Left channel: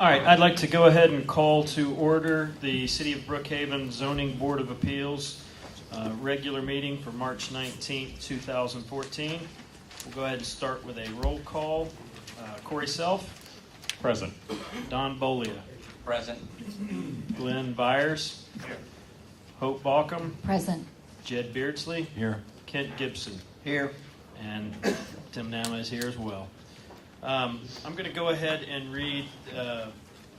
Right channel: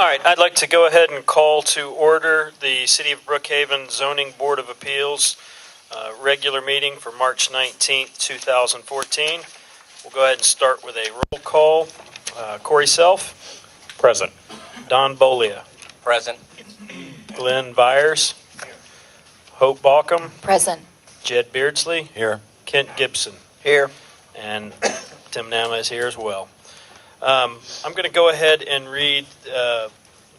All right, I'd like to go ahead and call to order the City of Brookhaven Zoning Board of Appeals regular meeting for March 19th, 2014. We'll go ahead and start with a roll call. Corey Self. Present. Don Bolia. Present. Glenn Byers. Hope Balcom. Present. Jed Beardsley. Here. Kent Gibson. Here. And Tim Nama is here as well. I'm going to go ahead and read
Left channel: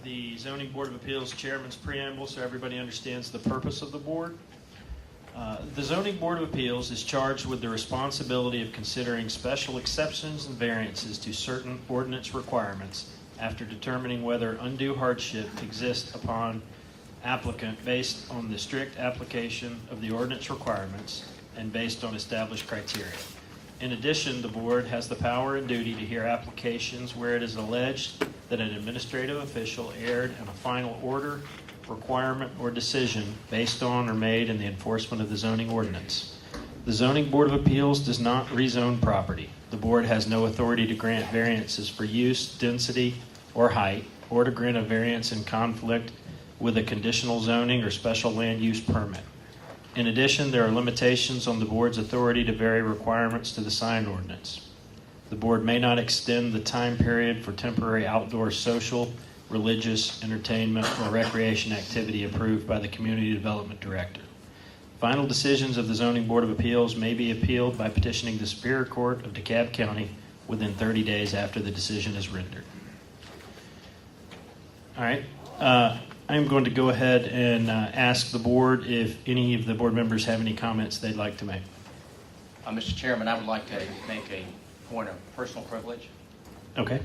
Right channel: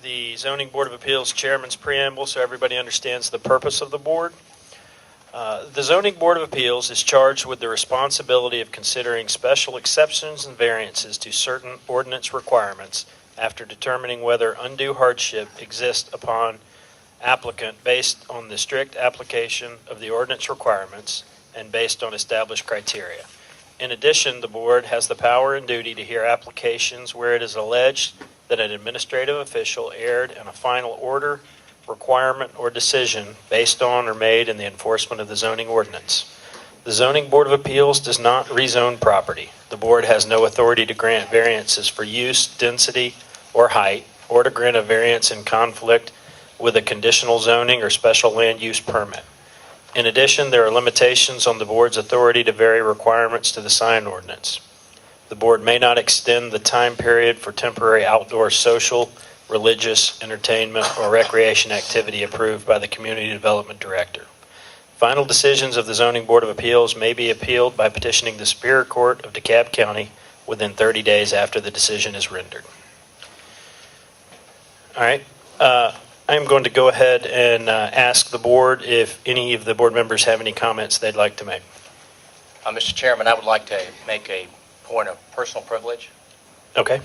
the Zoning Board of Appeals Chairman's preamble so everybody understands the purpose of the board. The Zoning Board of Appeals is charged with the responsibility of considering special exceptions and variances to certain ordinance requirements after determining whether undue hardship exists upon applicant based on the strict application of the ordinance requirements and based on established criteria. In addition, the board has the power and duty to hear applications where it is alleged that an administrative official erred in a final order, requirement, or decision based on or made in the enforcement of the zoning ordinance. The Zoning Board of Appeals does not rezone property. The board has no authority to grant variances for use, density, or height, or to grant a variance in conflict with a conditional zoning or special land use permit. In addition, there are limitations on the board's authority to vary requirements to the sign ordinance. The board may not extend the time period for temporary outdoor social, religious, entertainment, or recreation activity approved by the Community Development Director. Final decisions of the Zoning Board of Appeals may be appealed by petitioning the Superior Court of DeKalb County within 30 days after the decision is rendered. All right. I'm going to go ahead and ask the board if any of the board members have any comments they'd like to make. Mr. Chairman, I would like to make a point of personal privilege. Okay.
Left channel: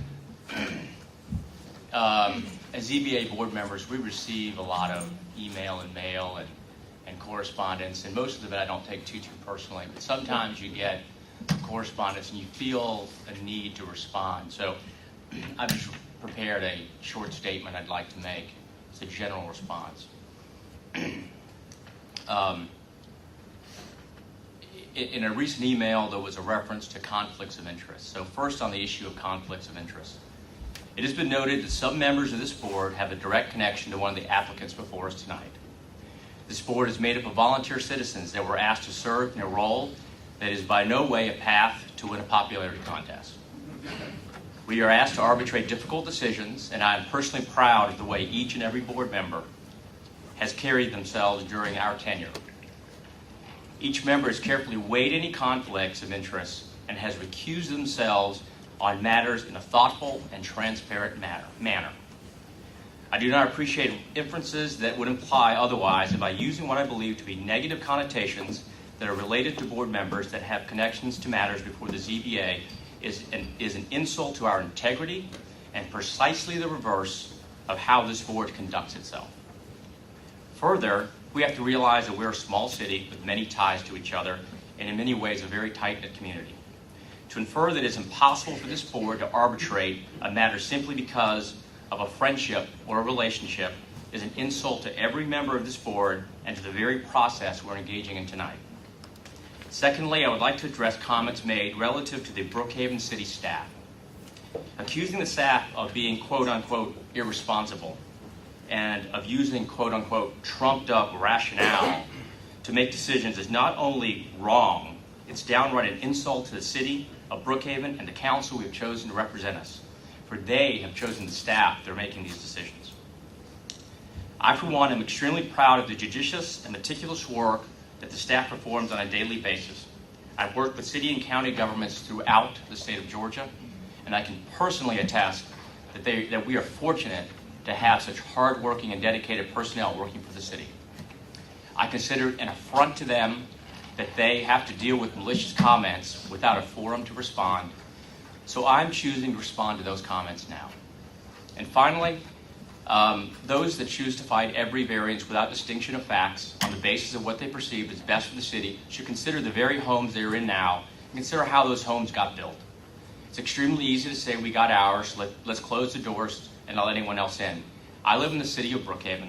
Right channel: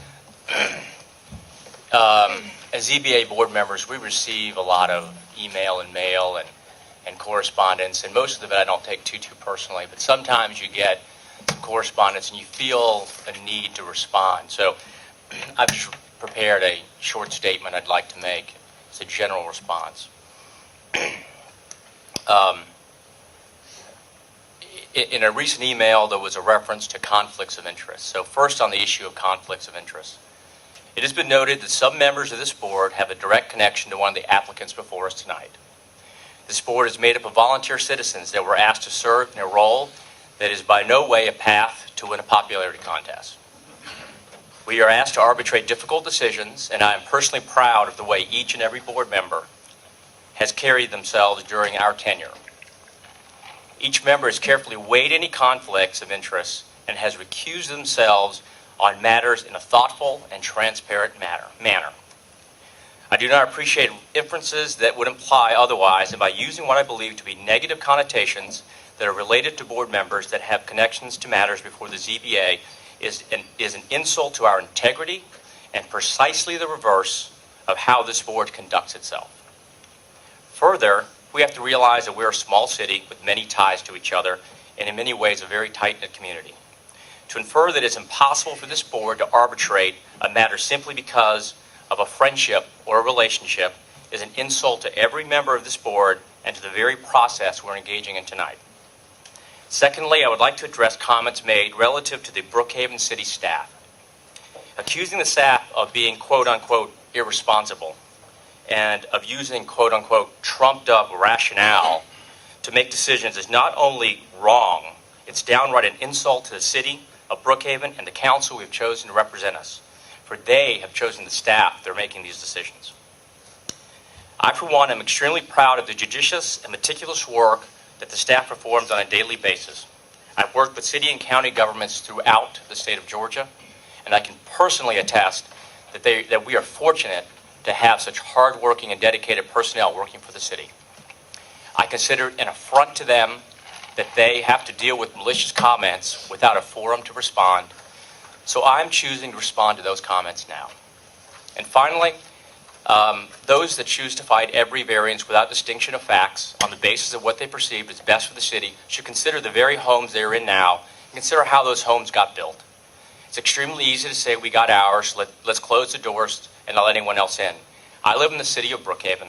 As ZBA board members, we receive a lot of email and mail and correspondence, and most of it I don't take too personally, but sometimes you get correspondence and you feel a need to respond. So I've just prepared a short statement I'd like to make. It's a general response. In a recent email, there was a reference to conflicts of interest. So first on the issue of conflicts of interest. It has been noted that some members of this board have a direct connection to one of the applicants before us tonight. This board is made up of volunteer citizens that were asked to serve in a role that is by no way a path to win a popularity contest. We are asked to arbitrate difficult decisions, and I am personally proud of the way each and every board member has carried themselves during our tenure. Each member has carefully weighed any conflicts of interest and has recused themselves on matters in a thoughtful and transparent manner. I do not appreciate inferences that would imply otherwise, and by using what I believe to be negative connotations that are related to board members that have connections to matters before the ZBA is an insult to our integrity and precisely the reverse of how this board conducts itself. Further, we have to realize that we're a small city with many ties to each other and in many ways a very tight-knit community. To infer that it's impossible for this board to arbitrate a matter simply because of a friendship or a relationship is an insult to every member of this board and to the very process we're engaging in tonight. Secondly, I would like to address comments made relative to the Brookhaven City staff. Accusing the staff of being quote-unquote irresponsible and of using quote-unquote trumped-up rationale to make decisions is not only wrong, it's downright an insult to the city of Brookhaven and the council we've chosen to represent us, for they have chosen the staff that are making these decisions. I, for one, am extremely proud of the judicious and meticulous work that the staff performs on a daily basis. I've worked with city and county governments throughout the state of Georgia, and I can personally attest that we are fortunate to have such hardworking and dedicated personnel working for the city. I consider it an affront to them that they have to deal with malicious comments without a forum to respond, so I'm choosing to respond to those comments now. And finally, those that choose to fight every variance without distinction of facts on the basis of what they perceive as best for the city should consider the very homes they are in now and consider how those homes got built. It's extremely easy to say we got ours, let's close the doors and not let anyone else in. I live in the city of Brookhaven,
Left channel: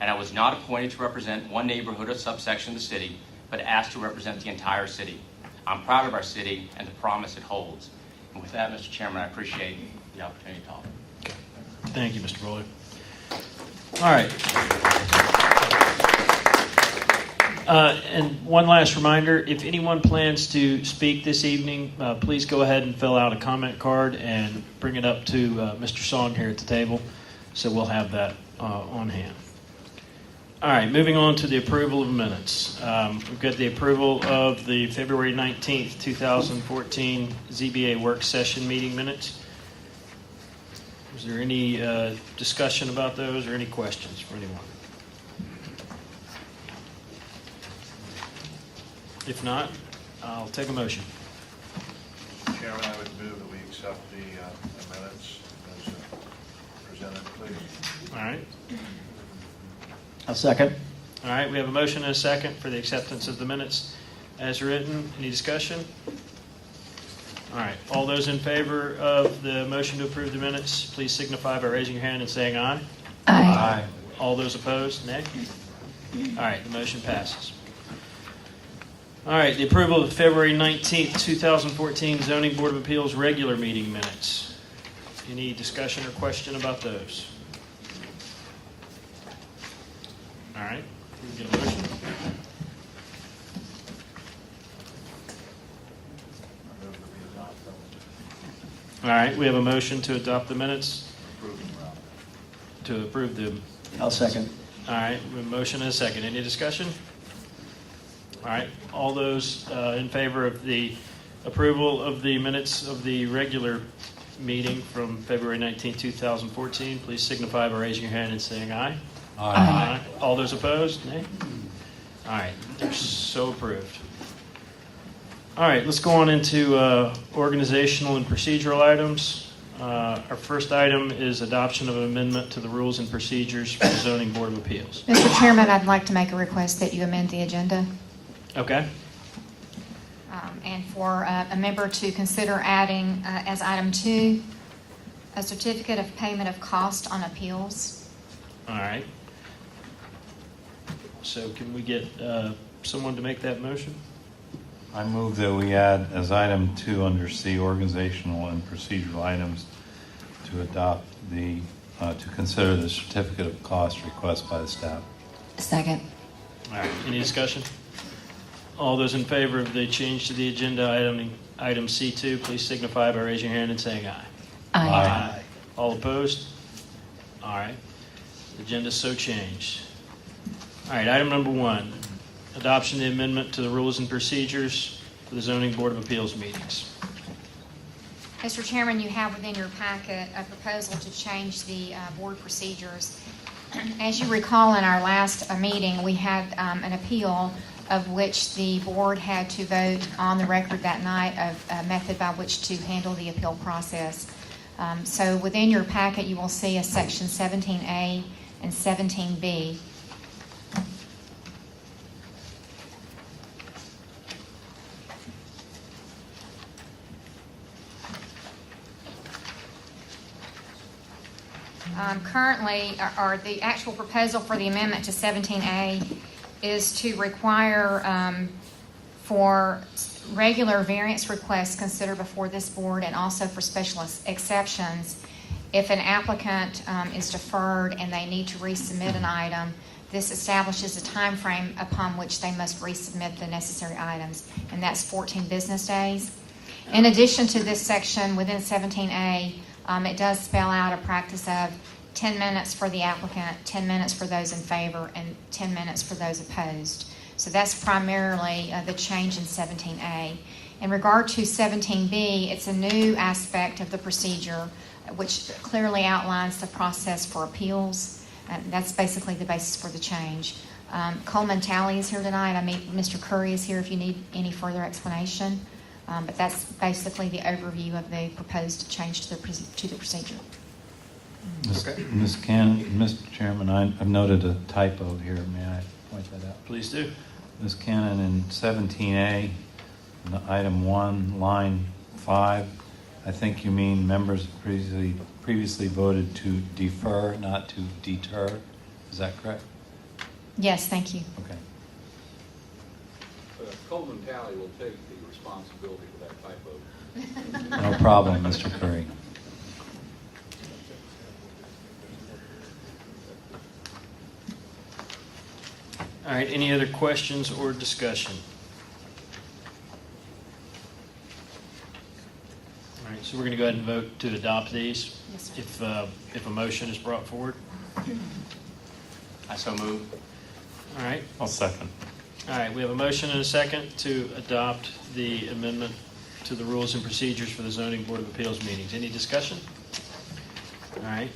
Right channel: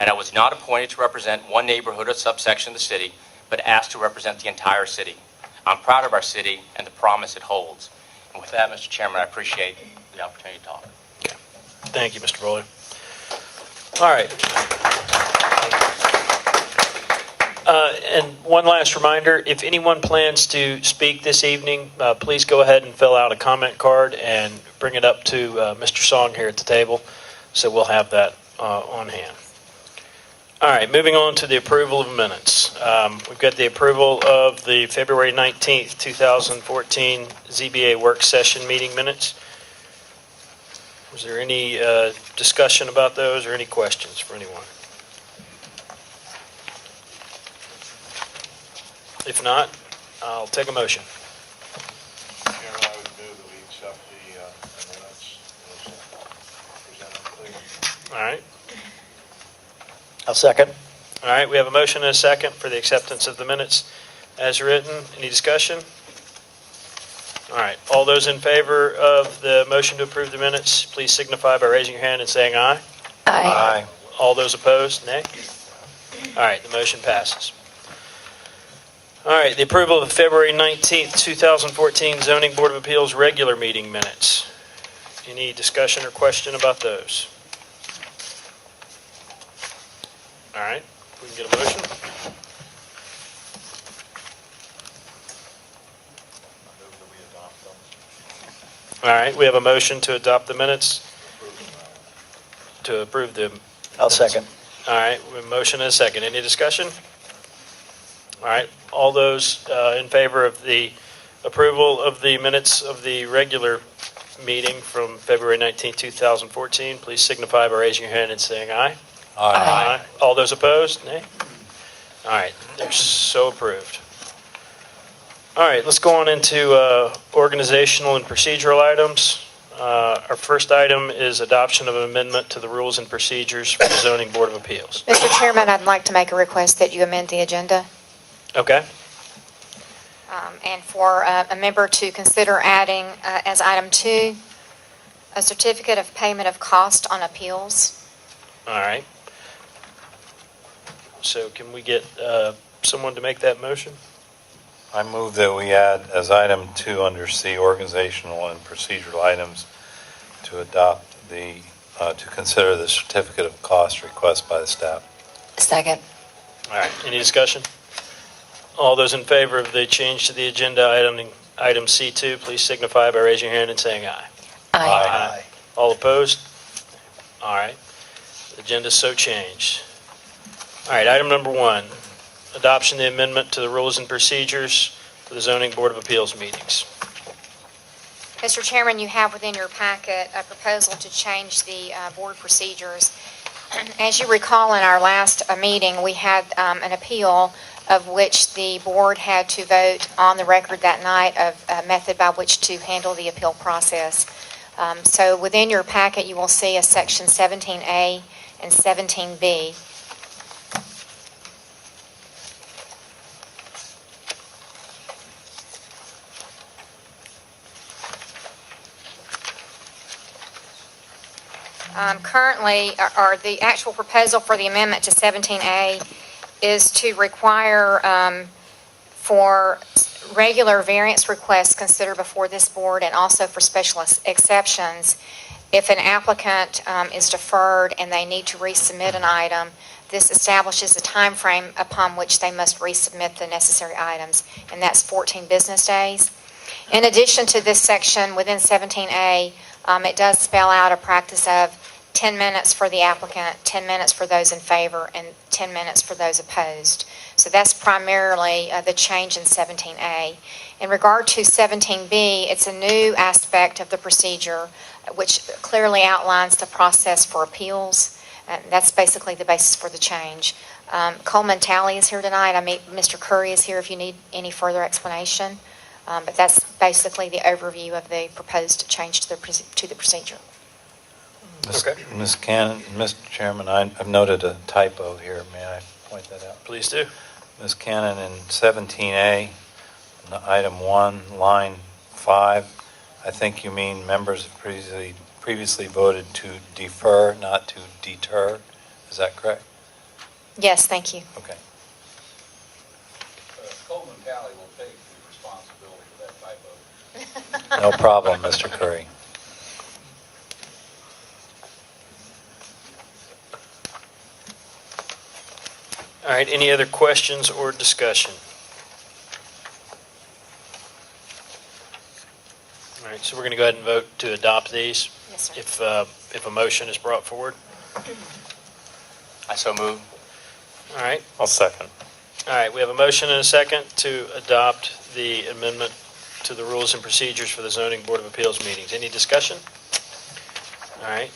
and I was not appointed to represent one neighborhood or subsection of the city, but asked to represent the entire city. I'm proud of our city and the promise it holds. And with that, Mr. Chairman, I appreciate the opportunity to talk. Thank you, Mr. Bowler. All right. And one last reminder, if anyone plans to speak this evening, please go ahead and fill out a comment card and bring it up to Mr. Song here at the table, so we'll have that on hand. All right, moving on to the approval of minutes. We've got the approval of the February 19th, 2014 ZBA work session meeting minutes. Was there any discussion about those or any questions for anyone? If not, I'll take a motion. Chairman, I would move that we accept the minutes as presented, please. All right. I'll second. All right, we have a motion and a second for the acceptance of the minutes as written. Any discussion? All right, all those in favor of the motion to approve the minutes, please signify by raising your hand and saying aye. Aye. All those opposed, nay? All right, the motion passes. All right, the approval of the February 19th, 2014 Zoning Board of Appeals regular meeting minutes. Any discussion or question about those? All right, we can get a motion. I move that we adopt them. All right, we have a motion to adopt the minutes, to approve them. I'll second. All right, we have a motion and a second. Any discussion? All right, all those in favor of the approval of the minutes of the regular meeting from February 19, 2014, please signify by raising your hand and saying aye. Aye. All those opposed, nay? All right, they're so approved. All right, let's go on into organizational and procedural items. Our first item is adoption of an amendment to the rules and procedures for the Zoning Board of Appeals. Mr. Chairman, I'd like to make a request that you amend the agenda. Okay? And for a member to consider adding as item 2, a certificate of payment of cost on appeals. All right. So can we get someone to make that motion? I move that we add as item 2 under C, organizational and procedural items, to adopt to consider the certificate of cost request by the staff. Second. All right, any discussion? All those in favor of the change to the agenda item C2, please signify by raising your hand and saying aye. Aye. All opposed? All right, the agenda's so changed. All right, item number 1, adoption of the amendment to the rules and procedures for the Zoning Board of Appeals meetings. Mr. Chairman, you have within your packet a proposal to change the board procedures. As you recall, in our last meeting, we had an appeal of which the board had to vote on the record that night of a method by which to handle the appeal process. So within your packet, you will see a section 17A and 17B. Currently, or the actual proposal for the amendment to 17A is to require for regular variance requests considered before this board and also for special exceptions, if an applicant is deferred and they need to resubmit an item, this establishes a time frame upon which they must resubmit the necessary items, and that's 14 business days. In addition to this section within 17A, it does spell out a practice of 10 minutes for the applicant, 10 minutes for those in favor, and 10 minutes for those opposed. So that's primarily the change in 17A. In regard to 17B, it's a new aspect of the procedure which clearly outlines the process for appeals. That's basically the basis for the change. Coleman Talley is here tonight. Mr. Curry is here if you need any further explanation. But that's basically the overview of the proposed change to the procedure. Okay. Ms. Cannon, Mr. Chairman, I've noted a typo here. May I point that out? Please do. Ms. Cannon, in 17A, item 1, line 5, I think you mean members have previously voted to defer, not to deter. Is that correct? Yes, thank you. Okay. Coleman Talley will take the responsibility for that typo. No problem, Mr. Curry. All right, any other questions or discussion? All right, so we're going to go ahead and vote to adopt these. Yes, sir. If a motion is brought forward. I so move. All right, I'll second. all right, we have a motion and a second to adopt the amendment to the rules and procedures for the zoning board of appeals meetings. Any discussion? All right,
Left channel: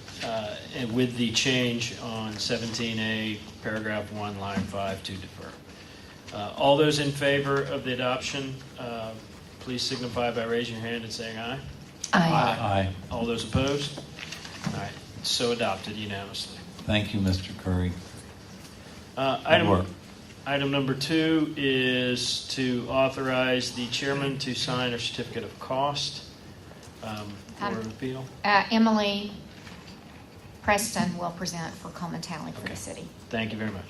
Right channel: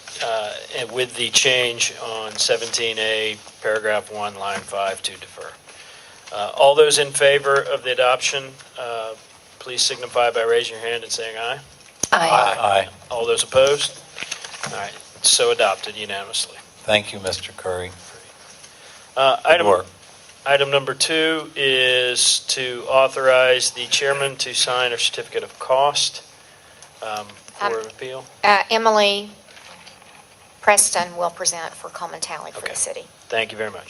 and with the change on 17A, paragraph 1, line 5, to defer. All those in favor of the adoption, please signify by raising your hand and saying aye. Aye. All those opposed? All right, so adopted unanimously. Thank you, Mr. Curry. Item work. Item number 2 is to authorize the chairman to sign a certificate of cost for appeal. Emily Preston will present for Coleman Tally for Okay. the city. Thank you very much.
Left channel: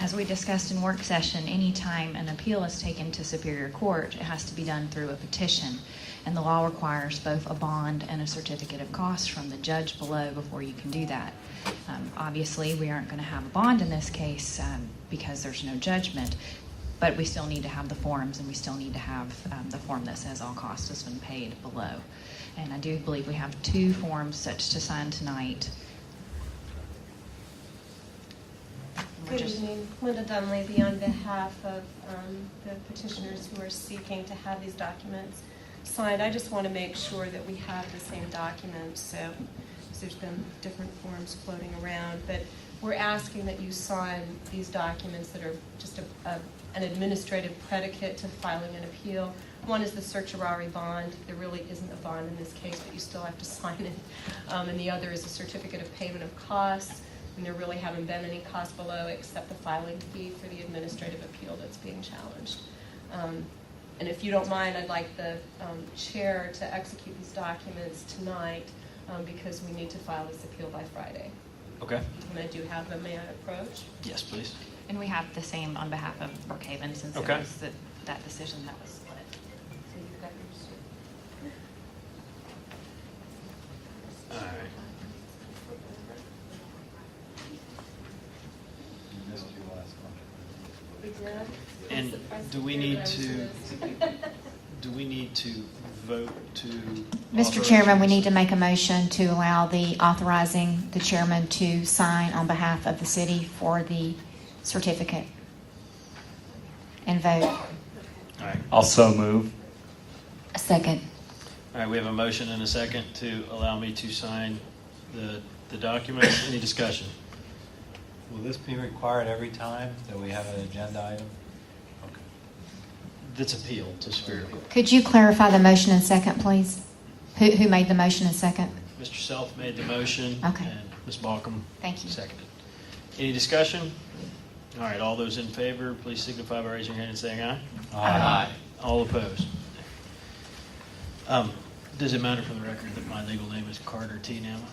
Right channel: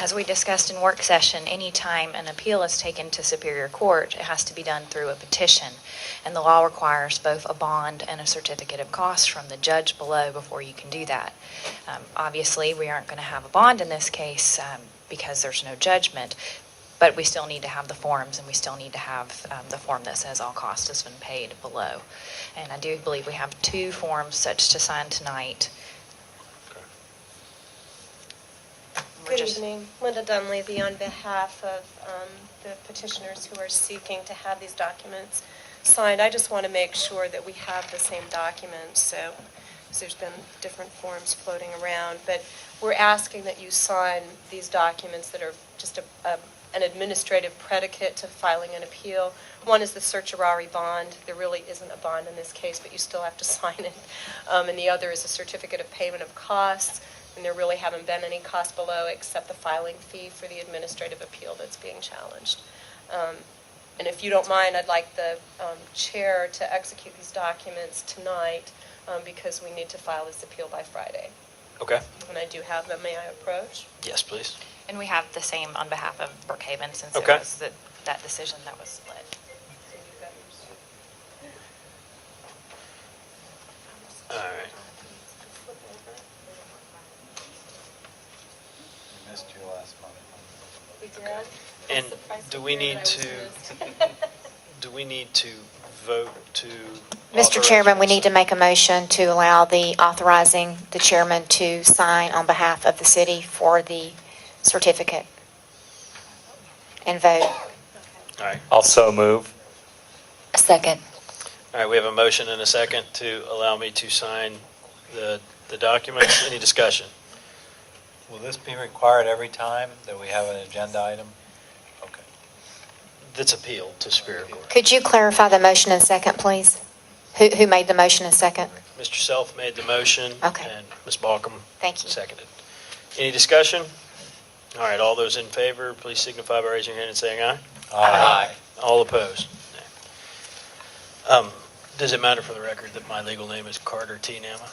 As we discussed in work session, anytime an appeal is taken to Superior Court, it has to be done through a petition. And the law requires both a bond and a certificate of cost from the judge below before you can do that. Obviously, we aren't going to have a bond in this case because there's no judgment, but we still need to have the forms, and we still need to have the form that says all cost has been paid below. And I do believe we have 2 forms such to sign tonight. We're Good just- evening. Linda Dunleavy on behalf of the petitioners who are seeking to have these documents signed. I just want to make sure that we have the same documents, so 'cause there's been different forms floating around. But we're asking that you sign these documents that are just an administrative predicate to filing an appeal. One is the certiorari bond. There really isn't a bond in this case, but you still have to sign it. And the other is a certificate of payment of costs. And there really haven't been any cost below except the filing fee for the administrative appeal that's being challenged. And if you don't mind, I'd like the chair to execute these documents tonight because we need to file this appeal by Friday. Okay. And I do have them. May I approach? Yes, please. And we have the same on behalf of Brookhaven, since it Okay. was that decision that was split. All right. Missed you last month. We did? And I'm surprised do to we hear need that I was to- missed. Do we need to vote to? Mr. authorize Chairman, we these? need to make a motion to allow the authorizing the chairman to sign on behalf of the city for the certificate and vote. All right. Also move. A second. All right, we have a motion and a second to allow me to sign the documents. Any discussion? Will this be required every time that we have an agenda item? Okay. That's appealed to Superior Court. Could you clarify the motion and second, please? Who made the motion and second? Mr. Self made the motion. Okay. And Ms. Balcom Thank you. seconded. Any discussion? All right, all those in favor, please signify by raising your hand and saying aye. Aye. All opposed? Does it matter for the record that my legal name is Carter T. Nama?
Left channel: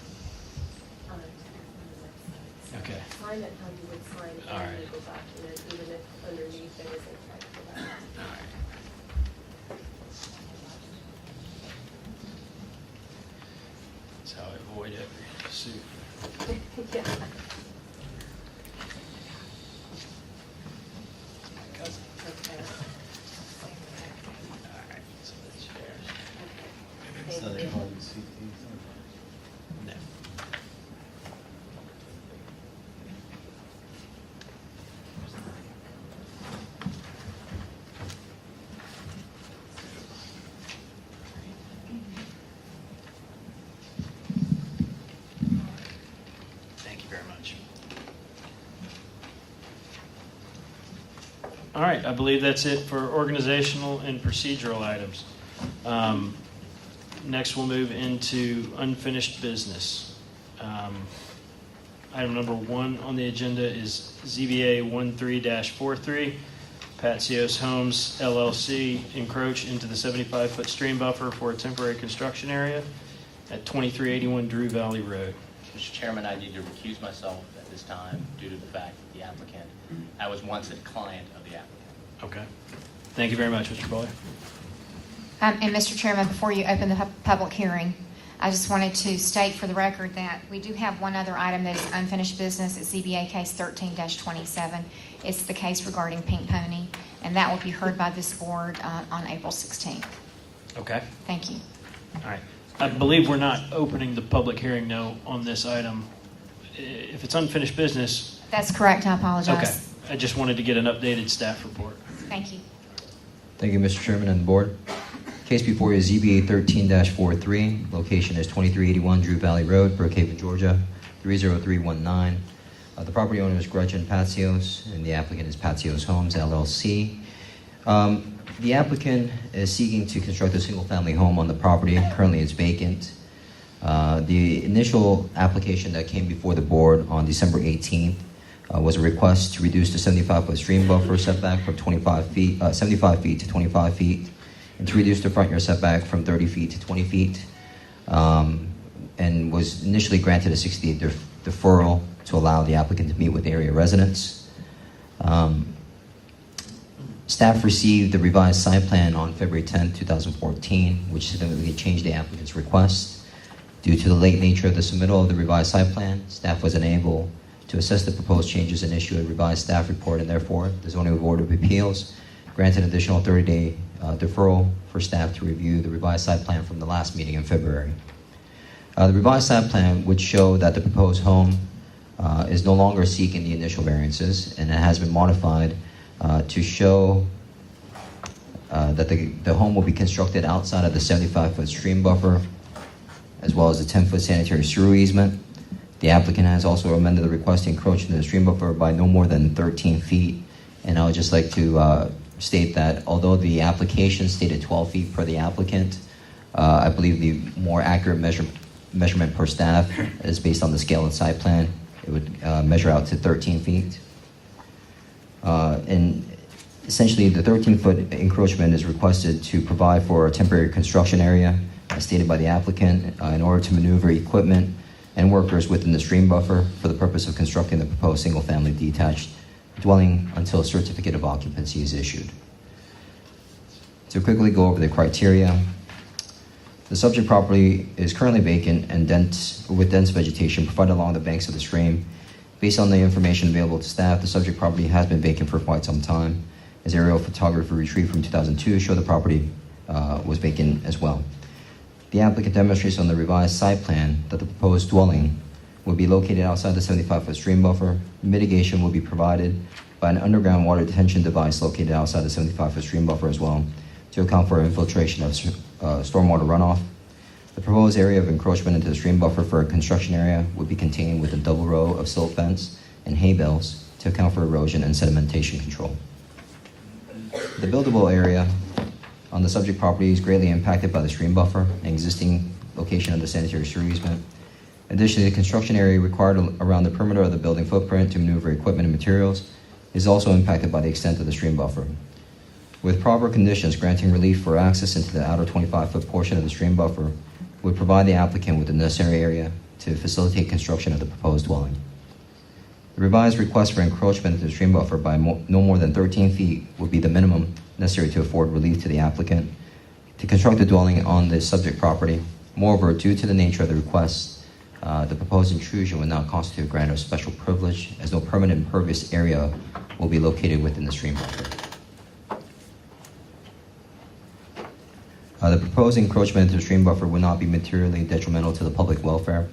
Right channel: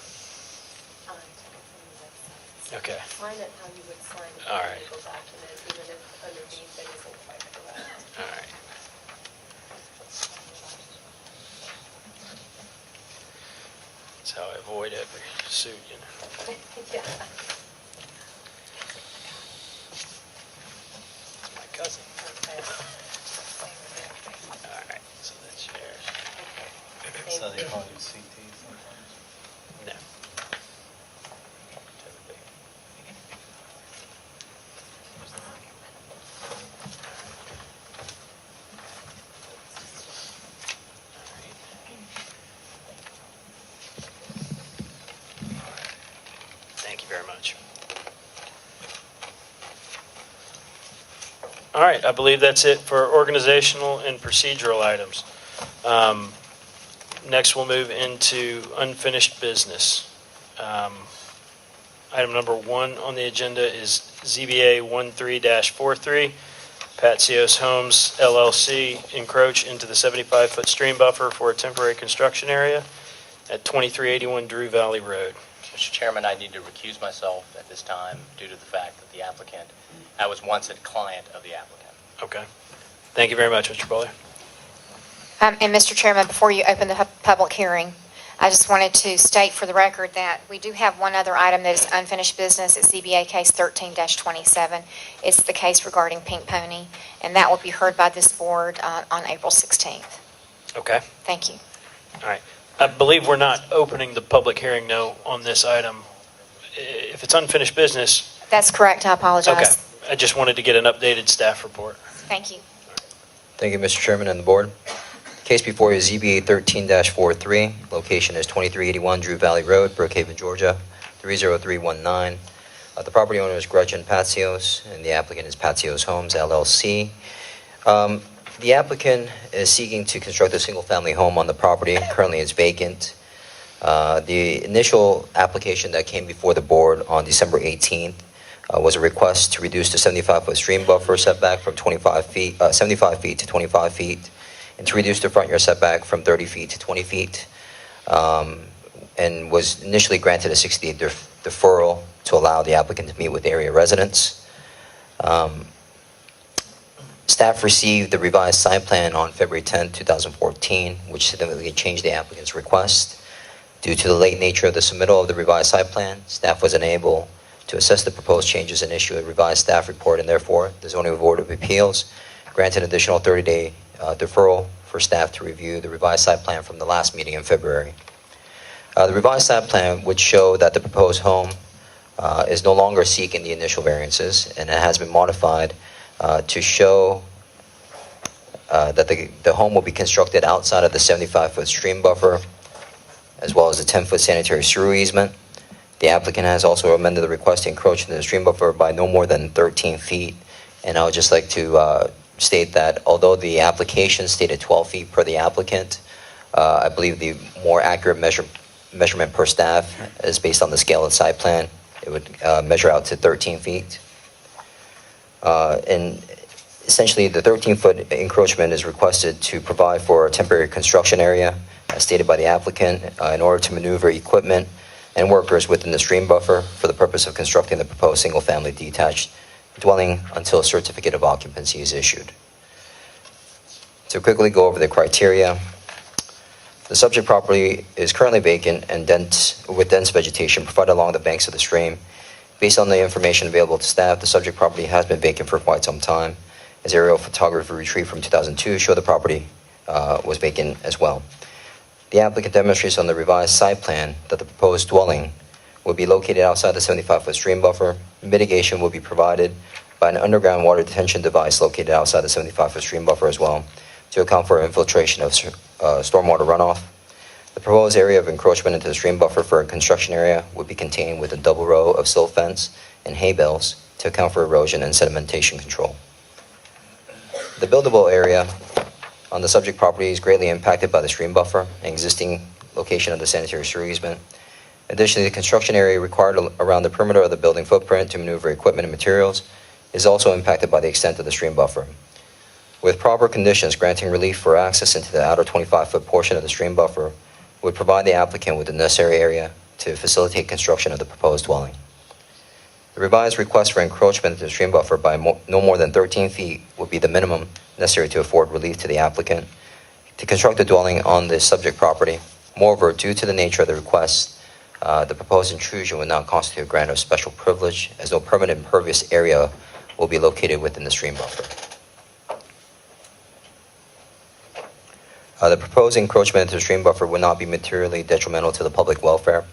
Okay. Sign it how you would sign All any right. legal document, even if underneath it isn't quite correct. All right. That's how I avoid every suit, you know. Yeah. It's my cousin. Okay. All right, so that's yours. Thank So they you. call you CT sometimes? No. Thank you very much. All right, I believe that's it for organizational and procedural items. Next, we'll move into unfinished business. Item number 1 on the agenda is ZBA 13-43, Patsios Homes LLC encroach into the 75-foot stream buffer for a temporary construction area at 2381 Drew Valley Road. Mr. Chairman, I need to recuse myself at this time due to the fact that the applicant, I was once a client of the applicant. Okay. Thank you very much, Mr. Bowler. And Mr. Chairman, before you open the public hearing, I just wanted to state for the record that we do have one other item that is unfinished business. It's ZBA case 13-27. It's the case regarding Pink Pony, and that will be heard by this board on April 16th. Okay, Thank you. all right. I believe we're not opening the public hearing, no, on this item. If it's unfinished business, That's correct. I apologize. okay. I just wanted to get an updated staff report. Thank you. Thank you, Mr. Chairman and the board. Case before you is ZBA 13-43. Location is 2381 Drew Valley Road, Brookhaven, Georgia, 30319. The property owner is Gretchen Patsios, and the applicant is Patsios Homes, LLC. The applicant is seeking to construct a single-family home on the property. Currently, it's vacant. The initial application that came before the board on December 18th was a request to reduce the 75-foot stream buffer setback from 75 feet to 25 feet, and to reduce the front yard setback from 30 feet to 20 feet, and was initially granted a 60-day deferral to allow the applicant to meet with area residents. Staff received the revised site plan on February 10, 2014, which significantly changed the applicant's request. Due to the late nature of the submittal of the revised site plan, staff was unable to assess the proposed changes and issue a revised staff report, and therefore, the Zoning Board of Appeals granted an additional 30-day deferral for staff to review the revised site plan from the last meeting in February. The revised site plan would show that the proposed home is no longer seeking the initial variances, and it has been modified to show that the home will be constructed outside of the 75-foot stream buffer, as well as a 10-foot sanitary sewer easement. The applicant has also amended the request to encroach into the stream buffer by no more than 13 feet. And I would just like to state that although the application stated 12 feet per the applicant, I believe the more accurate measurement per staff is based on the scale of the site plan. It would measure out to 13 feet. And essentially, the 13-foot encroachment is requested to provide for a temporary construction area, as stated by the applicant, in order to maneuver equipment and workers within the stream buffer for the purpose of constructing the proposed single-family detached dwelling until a certificate of occupancy is issued. To quickly go over the criteria, the subject property is currently vacant and with dense vegetation provided along the banks of the stream. Based on the information available to staff, the subject property has been vacant for quite some time, as aerial photography retrieved from 2002 show the property was vacant as well. The applicant demonstrates on the revised site plan that the proposed dwelling will be located outside the 75-foot stream buffer. Mitigation will be provided by an underground water detention device located outside the 75-foot stream buffer as well, to account for infiltration of stormwater runoff. The proposed area of encroachment into the stream buffer for a construction area would be contained with a double row of silt fence and hay bales to account for erosion and sedimentation control. The buildable area on the subject property is greatly impacted by the stream buffer and existing location of the sanitary sewer easement. Additionally, the construction area required around the perimeter of the building footprint to maneuver equipment and materials is also impacted by the extent of the stream buffer. With proper conditions, granting relief for access into the outer 25-foot portion of the stream buffer would provide the applicant with the necessary area to facilitate construction of the proposed dwelling. The revised request for encroachment into the stream buffer by no more than 13 feet would be the minimum necessary to afford relief to the applicant to construct the dwelling on the subject property. Moreover, due to the nature of the request, the proposed intrusion would not constitute a grant of special privilege, as no permanent impervious area will be located within the stream buffer. The proposed encroachment into the stream buffer would not be materially detrimental to the public welfare,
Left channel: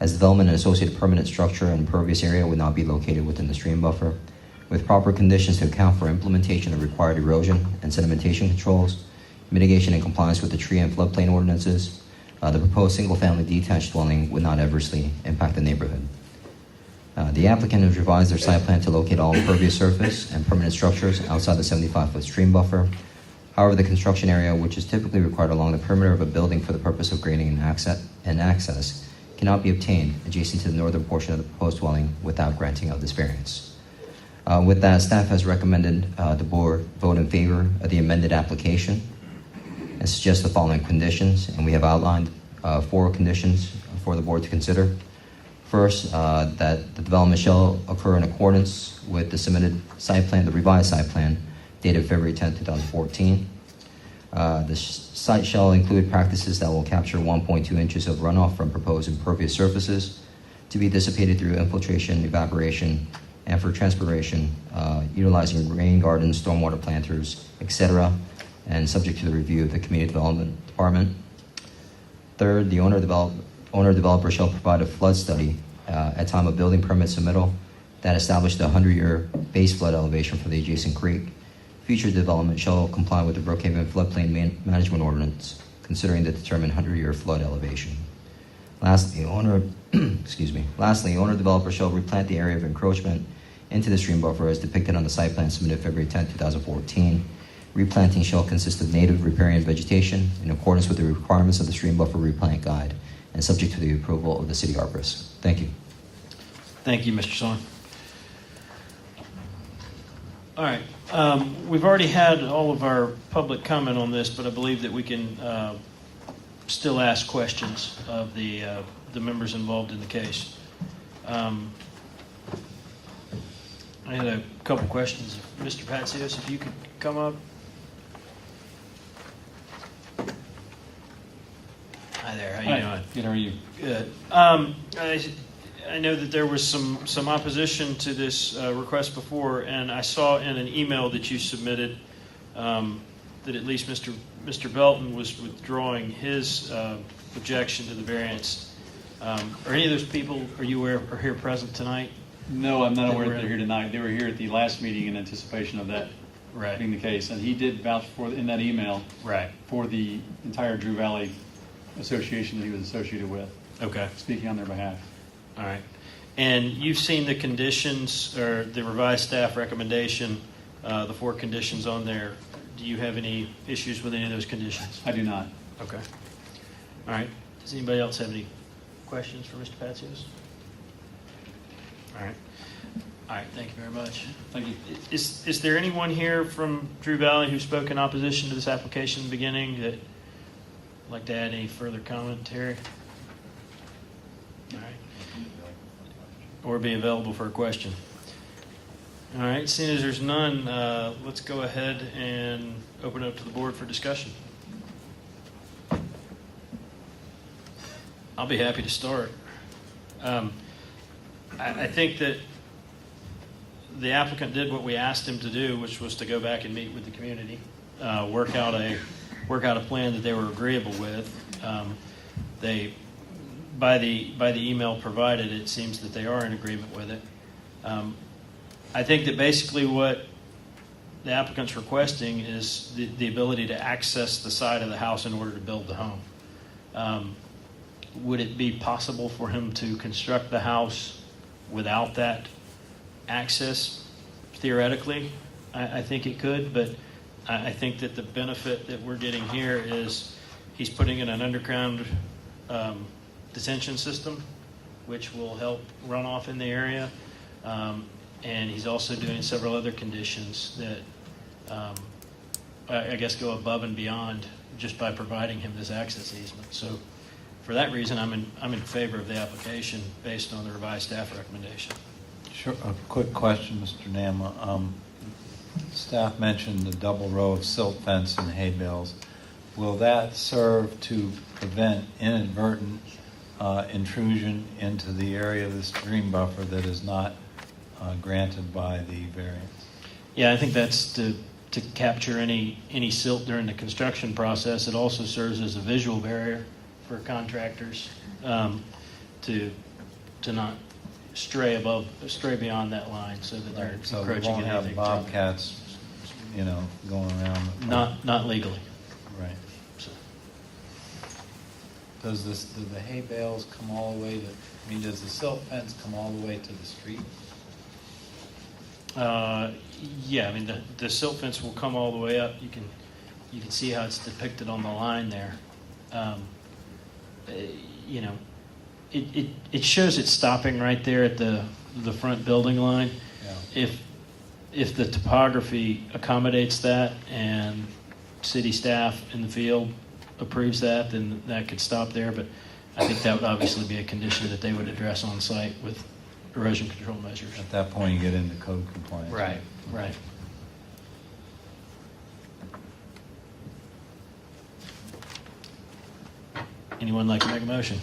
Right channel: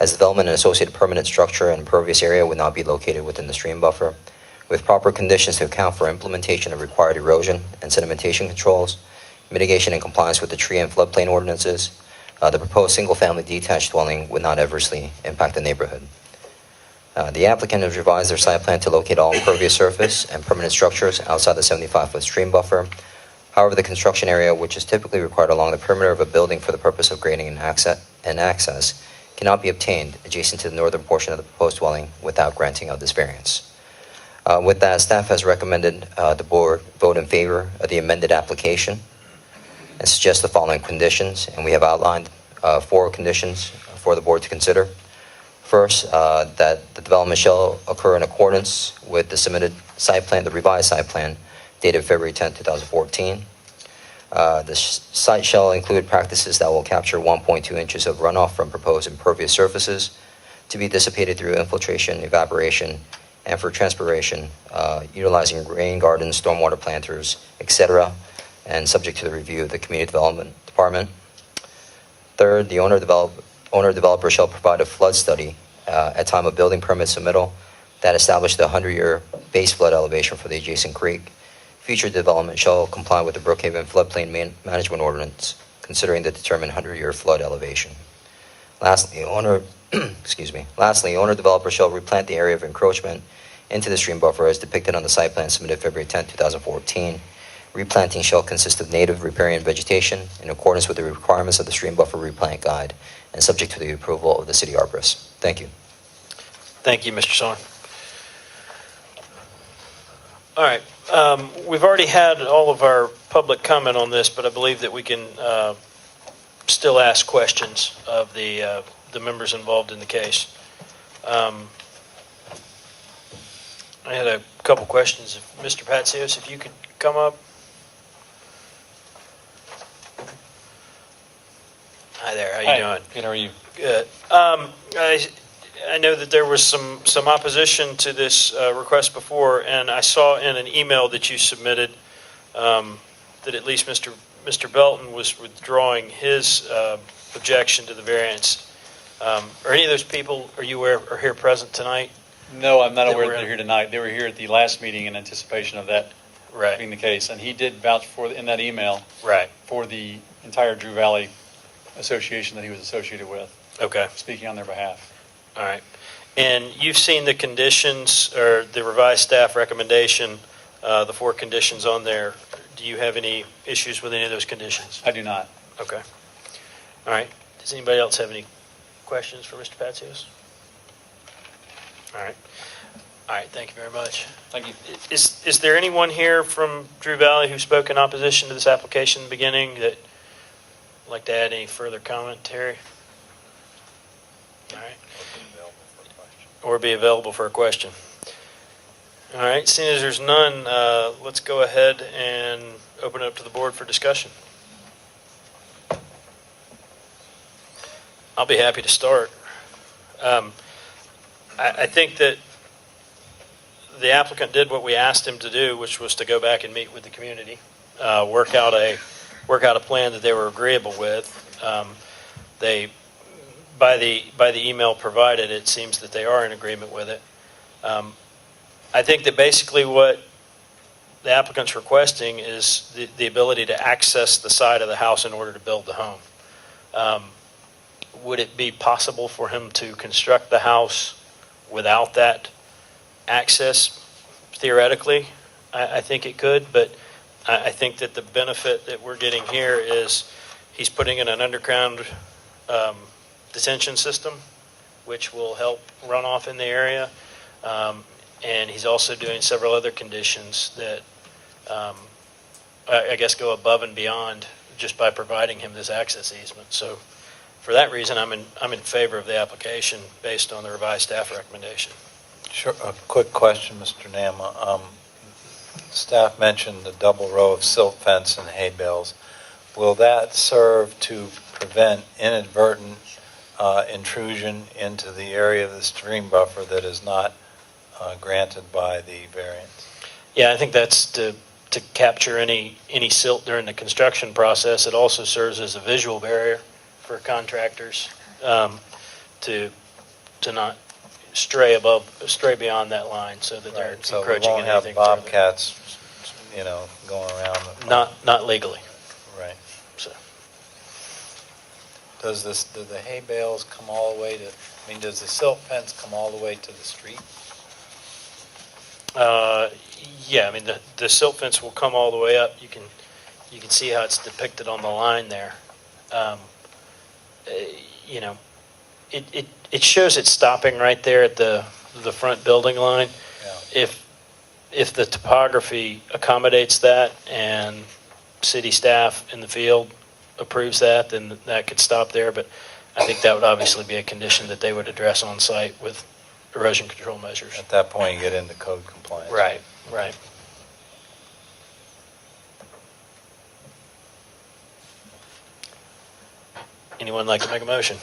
as development and associated permanent structure and impervious area would not be located within the stream buffer. With proper conditions to account for implementation of required erosion and sedimentation controls, mitigation and compliance with the tree and floodplain ordinances, the proposed single-family detached dwelling would not adversely impact the neighborhood. The applicant has revised their site plan to locate all impervious surface and permanent structures outside the 75-foot stream buffer. However, the construction area, which is typically required along the perimeter of a building for the purpose of grading and access, cannot be obtained adjacent to the northern portion of the proposed dwelling without granting of this variance. With that, staff has recommended the board vote in favor of the amended application and suggests the following conditions, and we have outlined 4 conditions for the board to consider. First, that the development shall occur in accordance with the submitted site plan, the revised site plan, dated February 10, 2014. Site shall include practices that will capture 1.2 inches of runoff from proposed impervious surfaces to be dissipated through infiltration, evaporation, and for transpiration, utilizing rain gardens, stormwater planters, etc., and subject to the review of the Community Development Department. Third, the owner-developer shall provide a flood study at time of building permit submittal that established the 100-year base flood elevation for the adjacent creek. Future development shall comply with the Brookhaven floodplain management ordinance, considering the determined 100-year flood elevation. Lastly, owner-developer shall replant the area of encroachment into the stream buffer as depicted on the site plan submitted February 10, 2014. Replanting shall consist of native riparian vegetation in accordance with the requirements of the stream buffer replant guide and subject to the approval of the city arborist. Thank you. Thank you, Mr. Sohn. All right. We've already had all of our public comment on this, but I believe that we can still ask questions of the members involved in the case. I had a couple questions. Mr. Patsios, if you could come up. Hi there. How you doing? Good, how are you? Good. I know that there was some opposition to this request before, and I saw in an email that you submitted that at least Mr. Belton was withdrawing his objection to the variance. Are any of those people, are you aware, are here present tonight? No, I'm not They aware were that they're here tonight. They were here at the last meeting in anticipation of that Right. being the case, and he did vouch for, in that email, Right. for the entire Drew Valley Association that he was associated with, Okay. speaking on their behalf. All right. And you've seen the conditions or the revised staff recommendation, the 4 conditions on there. Do you have any issues with any of those conditions? I do not. Okay. All right. Does anybody else have any questions for Mr. Patsios? All right. All right. Thank you very much. Thank you. Is there anyone here from Drew Valley who spoke in opposition to this application in the beginning that would like to add any further commentary? All right. Or be available for a question. All right, seeing as there's none, let's go ahead and open it up to the board for discussion. I'll be happy to start. I think that the applicant did what we asked him to do, which was to go back and meet with the community, work out a plan that they were agreeable with. By the email provided, it seems that they are in agreement with it. I think that basically what the applicant's requesting is the ability to access the side of the house in order to build the home. Would it be possible for him to construct the house without that access? Theoretically, I think it could, but I think that the benefit that we're getting here is he's putting in an underground detention system, which will help runoff in the area. And he's also doing several other conditions that I guess go above and beyond just by providing him this access easement. So for that reason, I'm in favor of the application based on the revised staff recommendation. Sure. A quick question, Mr. Nama. Staff mentioned the double row of silt fence and hay bales. Will that serve to prevent inadvertent intrusion into the area of the stream buffer that is not granted by the variance? Yeah, I think that's to capture any silt during the construction process. It also serves as a visual barrier for contractors to not stray beyond that line, so that they're So we encroaching won't in have anything. bobcats, going around. Not legally. Right. So. Do the hay bales come all the way to, does the silt fence come all the way to the street? Yeah, the silt fence will come all the way up. You can see how it's depicted on the line there. It shows it stopping right there at the front building line. Yeah. If the topography accommodates that and city staff in the field approves that, then that could stop there. But I think that would obviously be a condition that they would address on site with erosion control measures. At that point, you get into code compliance. Right. Anyone like to make a motion?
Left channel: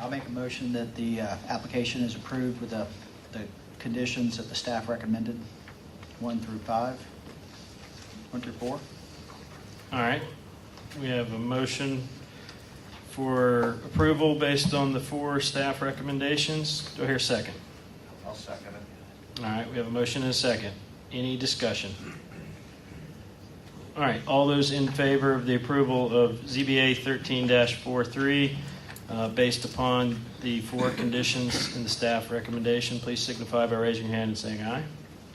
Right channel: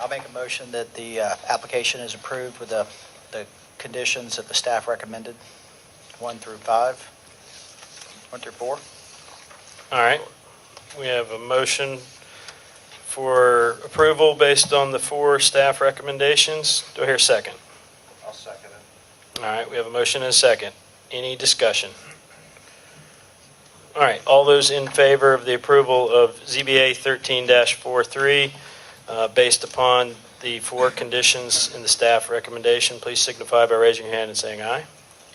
I'll make a motion that the application is approved with the conditions that the staff recommended, 1 through 5, 1 through 4. All right. We have a motion for approval based on the 4 staff recommendations. Do I hear a second? I'll second it. All right, we have a motion and a second. Any discussion? All right, all those in favor of the approval of ZBA 13-43, based upon the 4 conditions in the staff recommendation, please signify by raising your hand and saying aye.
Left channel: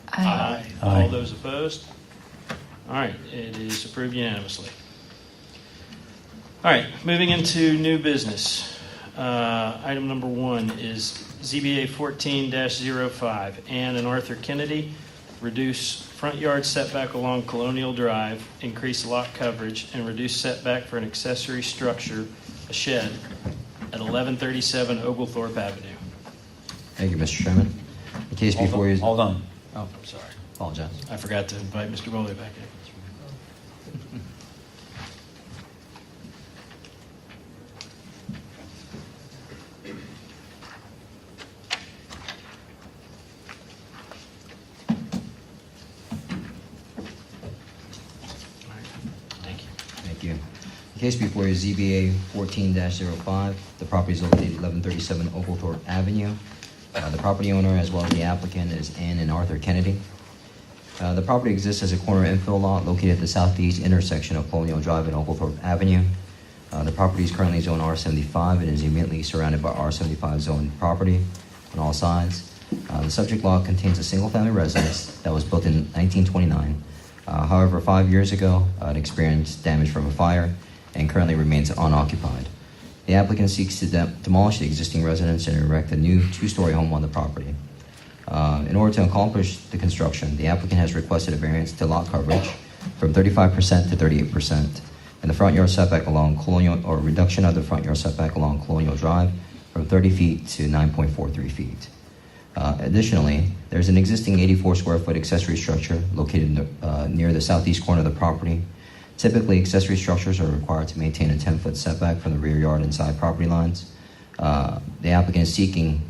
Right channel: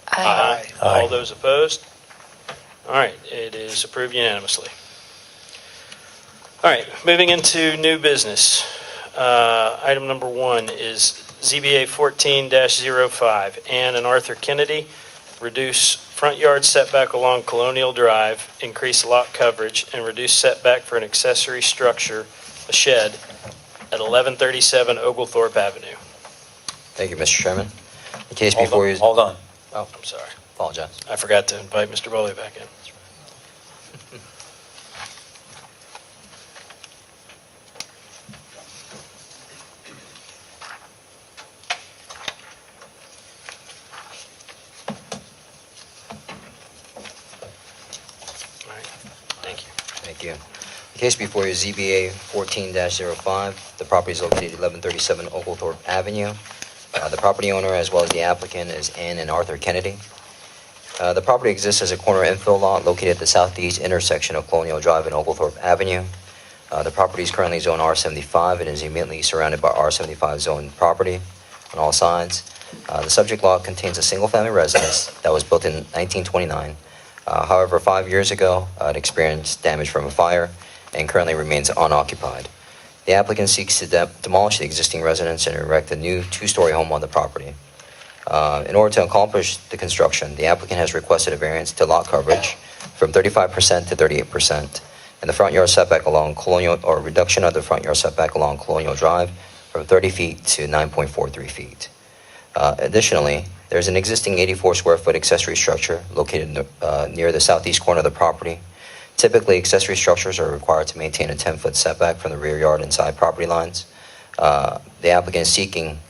Aye. All those opposed? All right, it is approved unanimously. All right, moving into new business. Item number 1 is ZBA 14-05. Ann and Arthur Kennedy, reduce front yard setback along Colonial Drive, increase lot coverage, and reduce setback for an accessory structure, a shed, at 1137 Oglethorpe Avenue. Thank you, Mr. Chairman. The case Hold before on, you... hold on. Oh, I'm sorry. apologize. I forgot to invite Mr. Bowley back in. All right. Thank you. Thank you. The case before you is ZBA 14-05. The property is located at 1137 Oglethorpe Avenue. The property owner, as well as the applicant, is Ann and Arthur Kennedy. The property exists as a corner infill lot located at the southeast intersection of Colonial Drive and Oglethorpe Avenue. The property is currently zoned R75 and is immediately surrounded by R75 zoned property on all sides. The subject lot contains a single-family residence that was built in 1929. However, 5 years ago, it experienced damage from a fire and currently remains unoccupied. The applicant seeks to demolish the existing residence and erect a new 2-story home on the property. In order to accomplish the construction, the applicant has requested a variance to lot coverage from 35% to 38%, and the front yard setback along Colonial, or reduction of the front yard setback along Colonial Drive from 30 feet to 9.43 feet. Additionally, there's an existing 84 square foot accessory structure located near the southeast corner of the property. Typically, accessory structures are required to maintain a 10-foot setback from the rear yard and side property lines. The applicant is seeking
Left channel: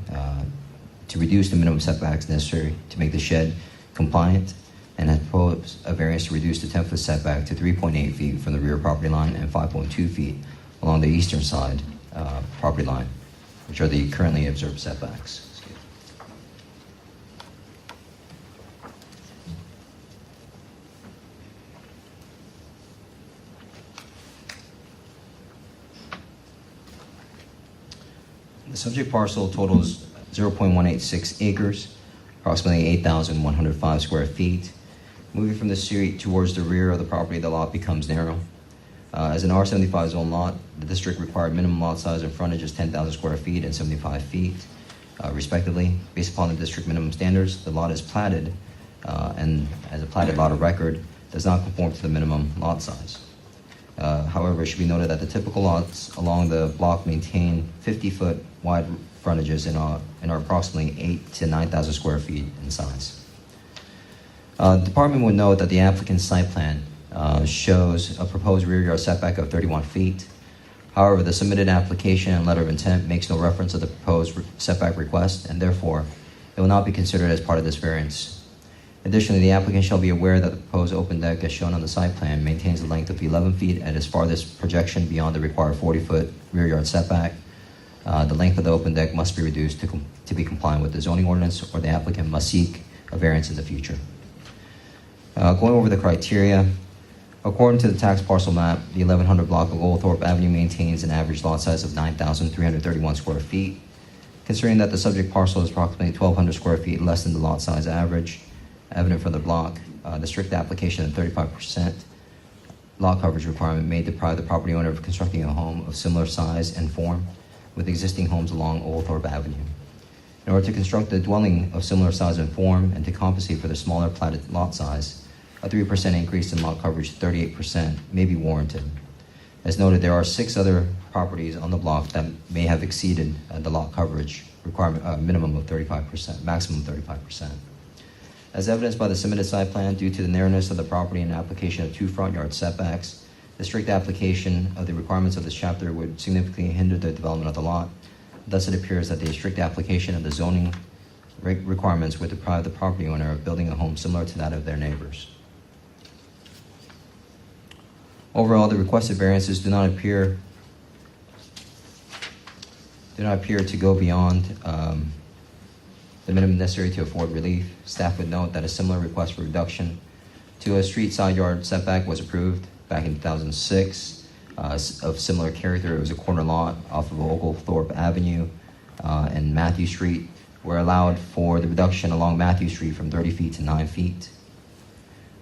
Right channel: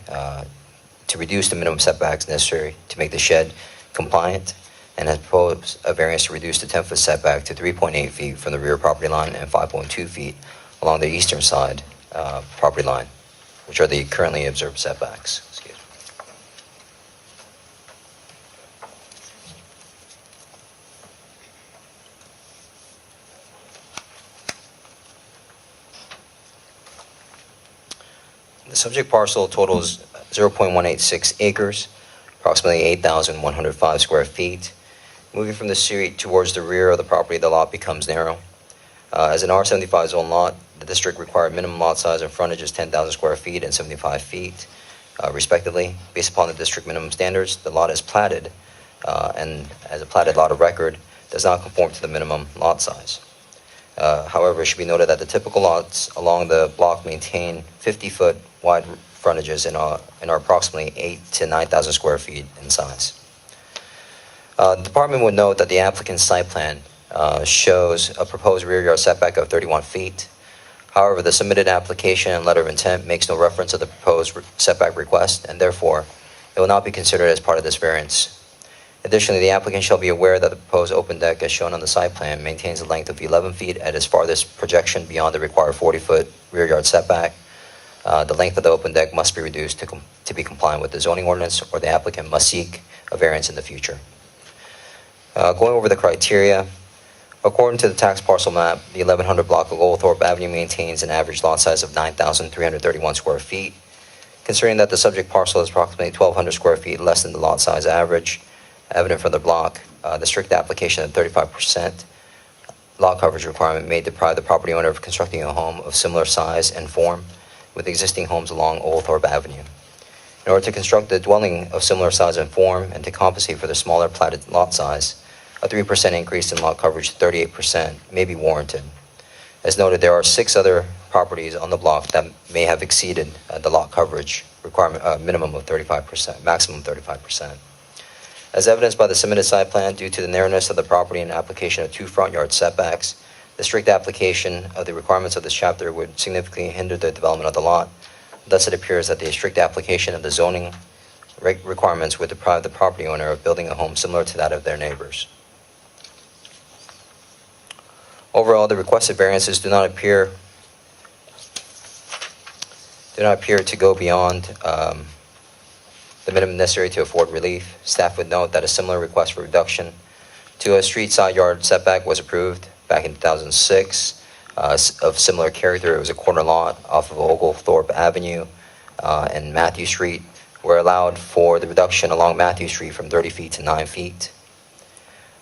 to reduce the minimum setbacks necessary to make the shed compliant and has proposed a variance to reduce the 10-foot setback to 3.8 feet from the rear property line and 5.2 feet along the eastern side property line, which are the currently observed setbacks. The subject parcel totals 0.186 acres, approximately 8,105 square feet. Moving from the street towards the rear of the property, the lot becomes narrow. As an R75 zone lot, the district required minimum lot size and frontage is 10,000 square feet and 75 feet, respectively. Based upon the district minimum standards, the lot is platted, and as a platted lot of record, does not conform to the minimum lot size. However, it should be noted that the typical lots along the block maintain 50-foot wide frontages and are approximately 8,000 to 9,000 square feet in size. The department would note that the applicant's site plan shows a proposed rear yard setback of 31 feet. However, the submitted application and letter of intent makes no reference to the proposed setback request, and therefore, it will not be considered as part of this variance. Additionally, the applicant shall be aware that the proposed open deck as shown on the site plan maintains a length of 11 feet at its farthest projection beyond the required 40-foot rear yard setback. The length of the open deck must be reduced to be compliant with the zoning ordinance, or the applicant must seek a variance in the future. Going over the criteria, according to the tax parcel map, the 1100 block of Oglethorpe Avenue maintains an average lot size of 9,331 square feet. Considering that the subject parcel is approximately 1,200 square feet less than the lot size average, evident from the block, the strict application of 35% lot coverage requirement may deprive the property owner of constructing a home of similar size and form with existing homes along Oglethorpe Avenue. In order to construct a dwelling of similar size and form and to compensate for the smaller platted lot size, a 3% increase in lot coverage to 38% may be warranted. As noted, there are 6 other properties on the block that may have exceeded the lot coverage requirement minimum of 35%, maximum 35%. As evidenced by the submitted site plan, due to the narrowness of the property and application of 2 front yard setbacks, the strict application of the requirements of this chapter would significantly hinder the development of the lot. Thus, it appears that the strict application of the zoning requirements would deprive the property owner of building a home similar to that of their neighbors. Overall, the requested variances do not appear to go beyond the minimum necessary to afford relief. Staff would note that a similar request for reduction to a street side yard setback was approved back in 2006. Of similar character, it was a corner lot off of Oglethorpe Avenue and Matthew Street, where allowed for the reduction along Matthew Street from 30 feet to 9 feet.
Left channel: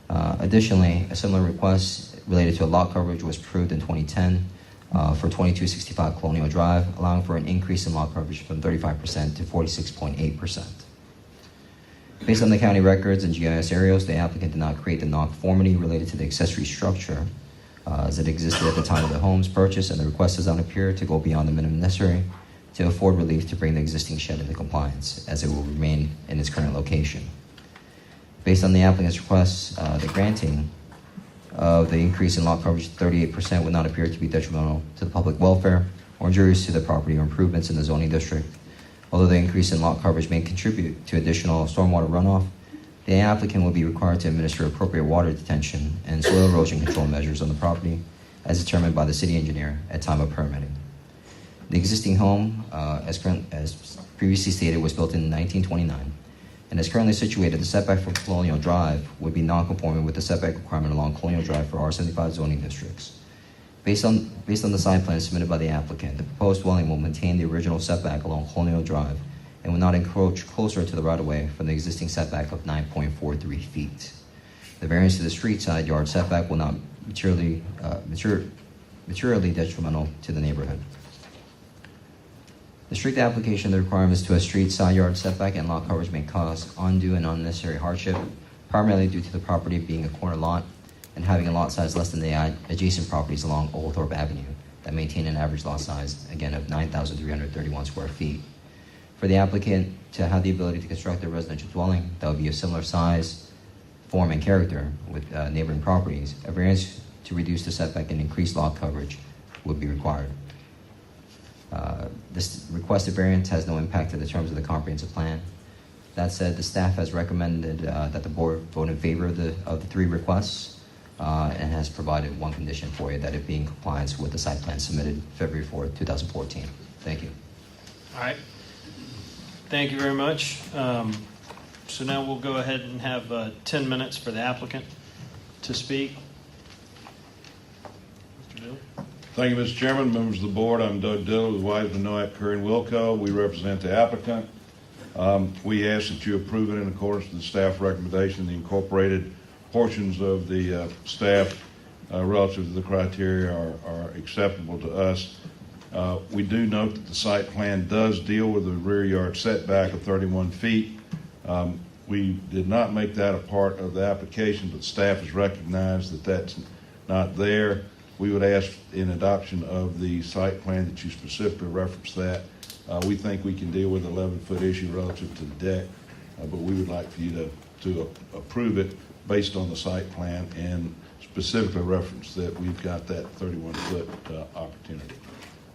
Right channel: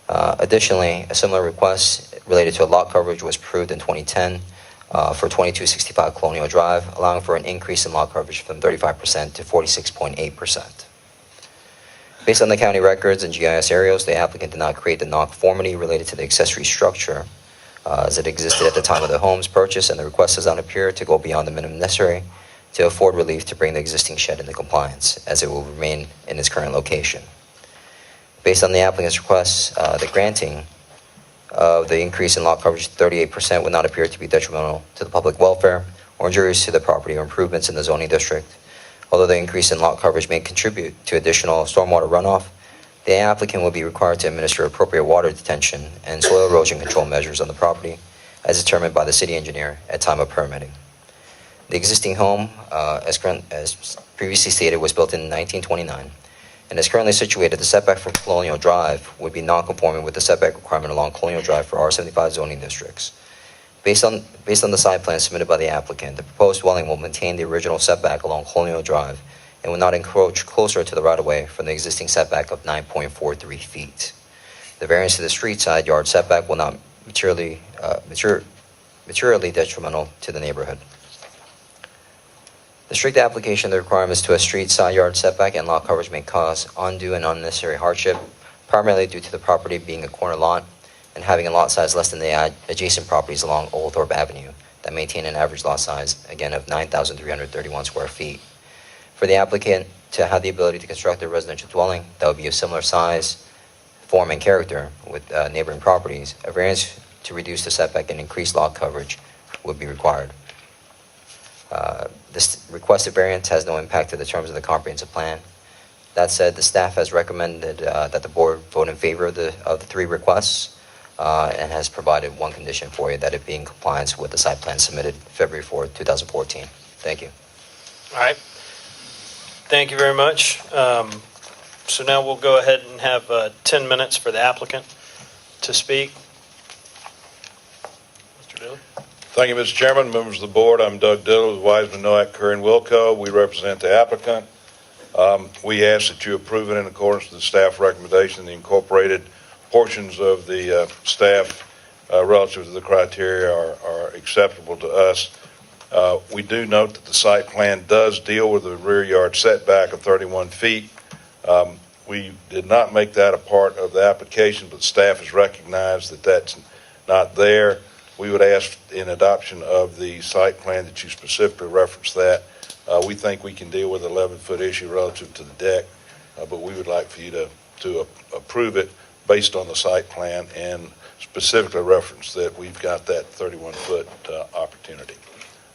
Additionally, a similar request related to a lot coverage was approved in 2010 for 2265 Colonial Drive, allowing for an increase in lot coverage from 35% to 46.8%. Based on the county records and GIS aerials, the applicant did not create the nonconformity related to the accessory structure as it existed at the time of the home's purchase, and the request does not appear to go beyond the minimum necessary to afford relief to bring the existing shed into compliance, as it will remain in its current location. Based on the applicant's request, the granting of the increase in lot coverage to 38% would not appear to be detrimental to the public welfare or injurious to the property or improvements in the zoning district. Although the increase in lot coverage may contribute to additional stormwater runoff, the applicant will be required to administer appropriate water detention and soil erosion control measures on the property as determined by the city engineer at time of permitting. The existing home, as previously stated, was built in 1929 and is currently situated. The setback from Colonial Drive would be non-conforming with the setback requirement along Colonial Drive for R75 zoning districts. Based on the site plan submitted by the applicant, the proposed dwelling will maintain the original setback along Colonial Drive and will not encroach closer to the right-of-way from the existing setback of 9.43 feet. The variance to the street side yard setback will not materially detrimental to the neighborhood. The strict application of the requirements to a street side yard setback and lot coverage may cause undue and unnecessary hardship, primarily due to the property being a corner lot and having a lot size less than the adjacent properties along Oglethorpe Avenue that maintain an average lot size, again, of 9,331 square feet. For the applicant to have the ability to construct a residential dwelling that would be of similar size, form, and character with neighboring properties, a variance to reduce the setback and increase lot coverage would be required. This requested variance has no impact to the terms of the comprehensive plan. That said, the staff has recommended that the board vote in favor of the 3 requests and has provided one condition for you, that it be in compliance with the site plan submitted February 4th, 2014. Thank you. All right. Thank you very much. So now we'll go ahead and have 10 minutes for the applicant to speak. Mr. Dillard? Thank you, Mr. Chairman, members of the board. I'm Doug Dillard with Wiseman, Noack, Curry, and Wilco. We represent the applicant. We ask that you approve it in accordance with the staff recommendation. The incorporated portions of the staff relative to the criteria are acceptable to us. We do note that the site plan does deal with the rear yard setback of 31 feet. We did not make that a part of the application, but staff has recognized that that's not there. We would ask in adoption of the site plan that you specifically reference that. We think we can deal with the 11-foot issue relative to the deck, but we would like for you to approve it based on the site plan and specifically reference that we've got that 31-foot opportunity.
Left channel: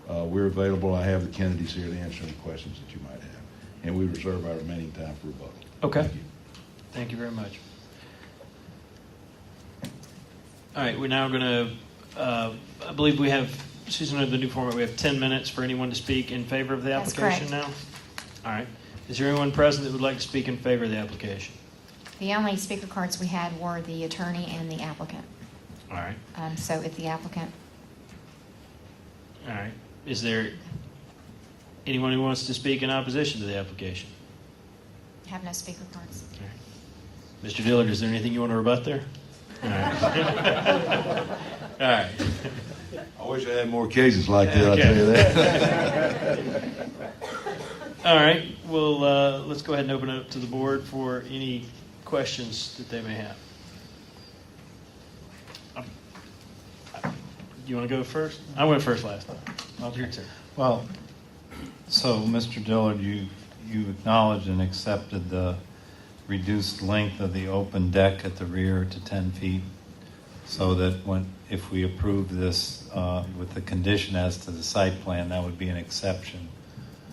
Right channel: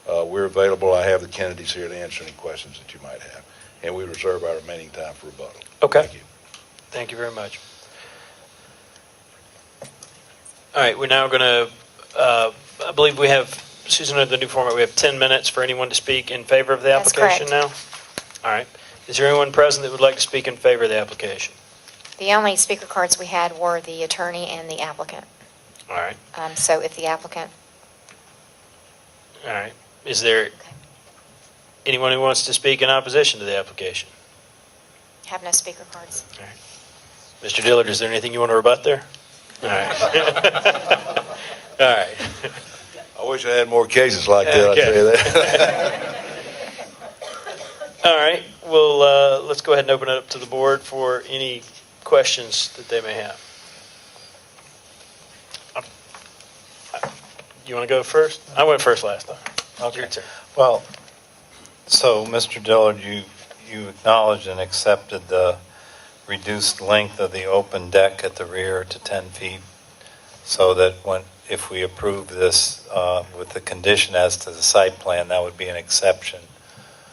We're available. I have the Kennedys here to answer any questions that you might have, and we reserve our remaining time for rebuttal. Okay. Thank you. Thank you very much. All right, we're now going to, I believe we have, Susan, under the new format, we have 10 minutes for anyone to speak in favor of the That's application correct. now? All right. Is there anyone present that would like to speak in favor of the application? The only speaker cards we had were the attorney and the applicant. All right. So if the applicant, All right. Is there anyone who wants to speak in opposition to the application? have no speaker cards. All right. Mr. Dillard, is there anything you want to rebut there? All right. All right. I wish I had more cases like that. I'll tell you that. All right. Well, let's go ahead and open it up to the board for any questions that they may have. You want to go first? I went first last time. Your turn. Well, so Mr. Dillard, you acknowledged and accepted the reduced length of the open deck at the rear to 10 feet, so that if we approve this with the condition as to the site plan, that would be an exception.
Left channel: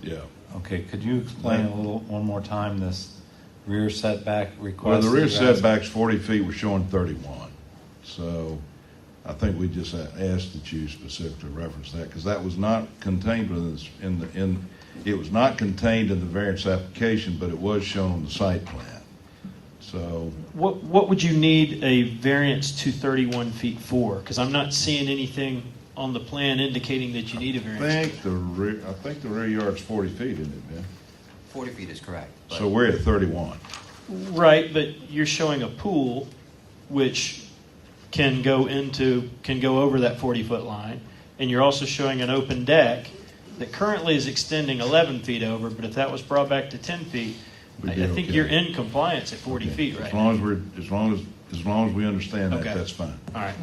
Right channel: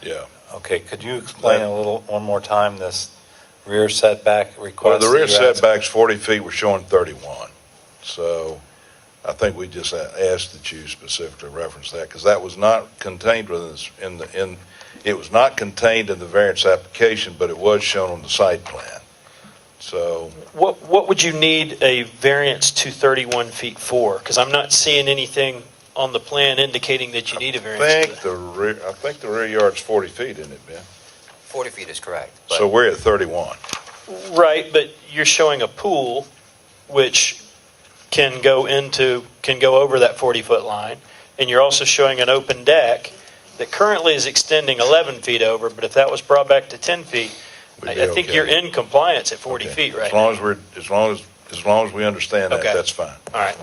Yeah. Okay, could you explain one more time this rear setback request? Well, the rear that you're asking? setback's 40 feet, we're showing 31. So I think we just asked that you specifically reference that, because that was not contained within this, it was not contained in the variance application, but it was shown on the site plan. So, What would you need a variance to 31 feet for? Because I'm not seeing anything on the plan indicating that you need a variance. I think the rear yard's 40 feet, isn't it, Ben? 40 feet is correct. So we're at 31. Right, but you're showing a pool which can go over that 40-foot line, and you're also showing an open deck that currently is extending 11 feet over, but if that was brought back to 10 feet, We'd I be think okay. you're in compliance at 40 Okay. feet right As long now. as we understand that, Okay. that's fine. All right.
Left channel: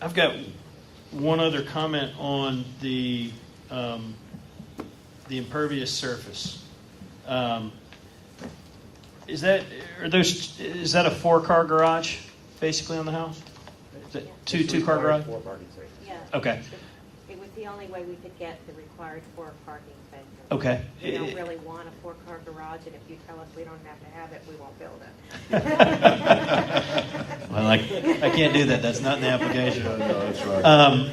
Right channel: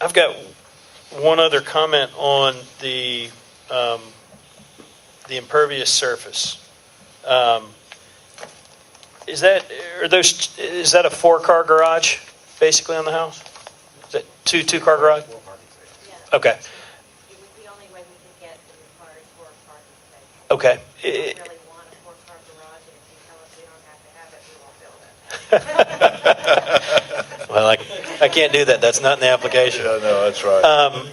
I've got one other comment on the impervious surface. Is that a 4-car garage basically on the house? Is that two-car garage? Yeah. Okay. It was the only way we could get the required 4 parking spaces. Okay. We don't really want a 4-car garage, and if you tell us we don't have to have it, we won't build it. Well, I can't do that. That's not in the application. Yeah, no, that's right.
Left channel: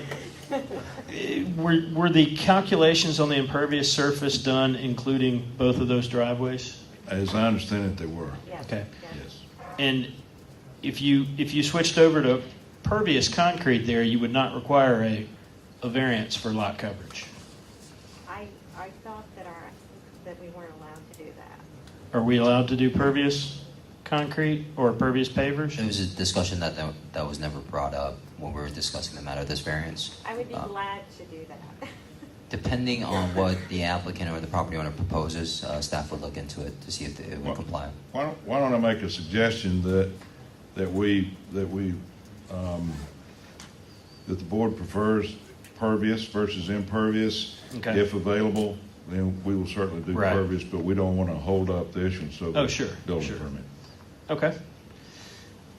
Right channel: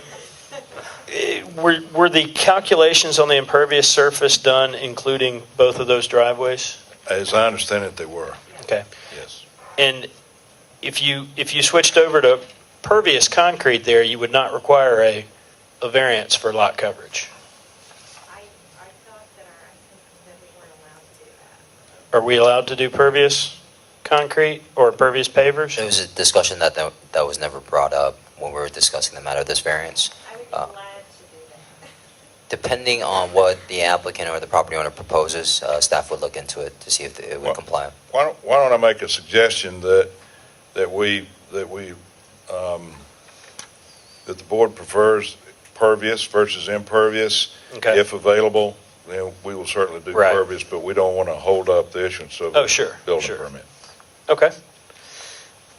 Were the calculations on the impervious surface done including both of those driveways? As I understand it, they were, Okay. yes. And if you switched over to pervious concrete there, you would not require a variance for lot coverage. I thought that we weren't allowed to do that. Are we allowed to do pervious concrete or pervious pavers? It was a discussion that was never brought up when we were discussing the matter of this variance. I would be glad to do that. Depending on what the applicant or the property owner proposes, staff would look into it to see if it would comply. Why don't I make a suggestion that the board prefers pervious versus impervious. Okay. If available, then we will certainly do Right. pervious, but we don't want to hold up the issuance of Oh, sure, building sure. permit. Okay.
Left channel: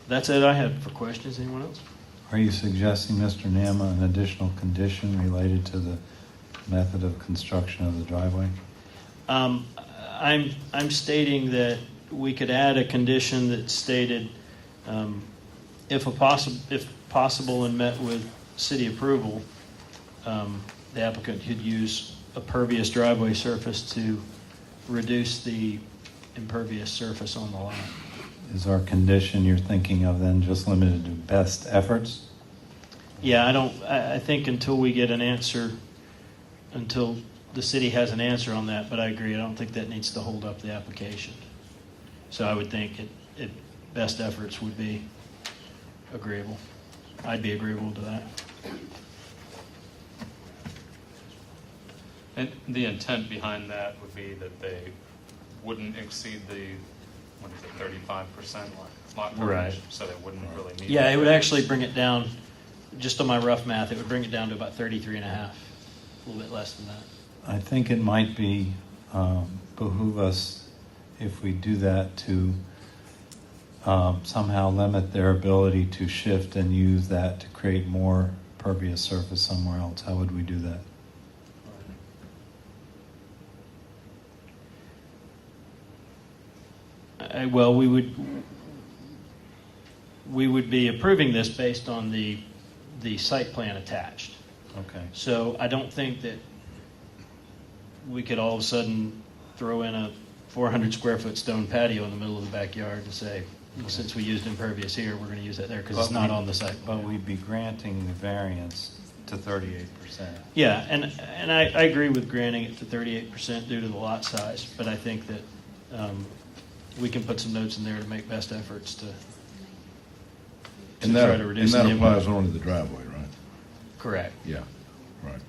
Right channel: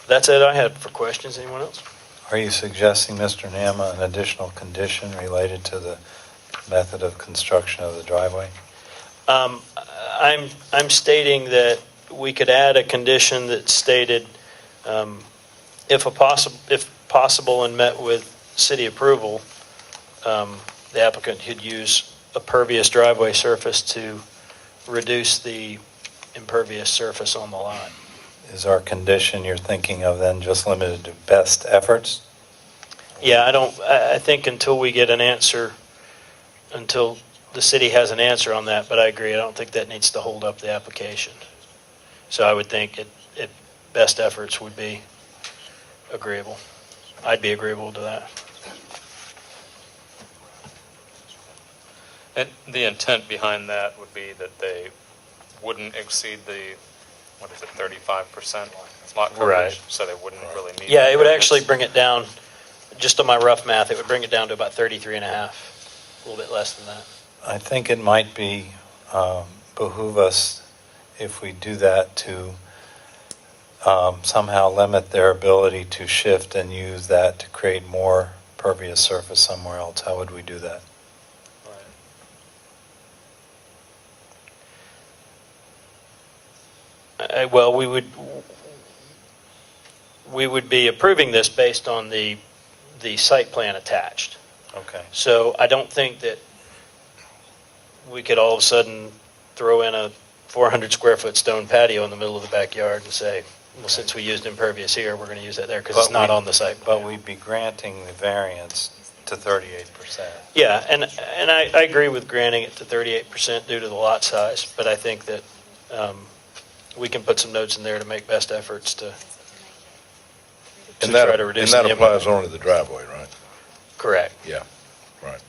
That's it I had for questions. Anyone else? Are you suggesting, Mr. Nama, an additional condition related to the method of construction of the driveway? I'm stating that we could add a condition that stated, if possible and met with city approval, the applicant could use a pervious driveway surface to reduce the impervious surface on the lot. Is our condition you're thinking of then just limited to best efforts? Yeah, I think until we get an answer, until the city has an answer on that, but I agree, I don't think that needs to hold up the application. So I would think it best efforts would be agreeable. I'd be agreeable to that. And the intent behind that would be that they wouldn't exceed the, 35% lot coverage? Right. So they wouldn't really need. Yeah, it would variance. actually bring it down, just on my rough math, it would bring it down to about 33 and a half, a little bit less than that. I think it might be behoove us, if we do that, to somehow limit their ability to shift and use that to create more pervious surface somewhere else. How would we do that? Well, we would be approving this based on the site plan attached. Okay. So I don't think that we could all of a sudden throw in a 400 square foot stone patio in the middle of the backyard and say, well, since we used impervious here, we're going to use that there because it's not on the site plan. But we'd be granting the variance to 38%. Yeah, and I agree with granting it to 38% due to the lot size, but I think that we can put some notes in there to make best efforts to try to reduce the And that applies impact. only to the driveway, right? Correct. Yeah, right.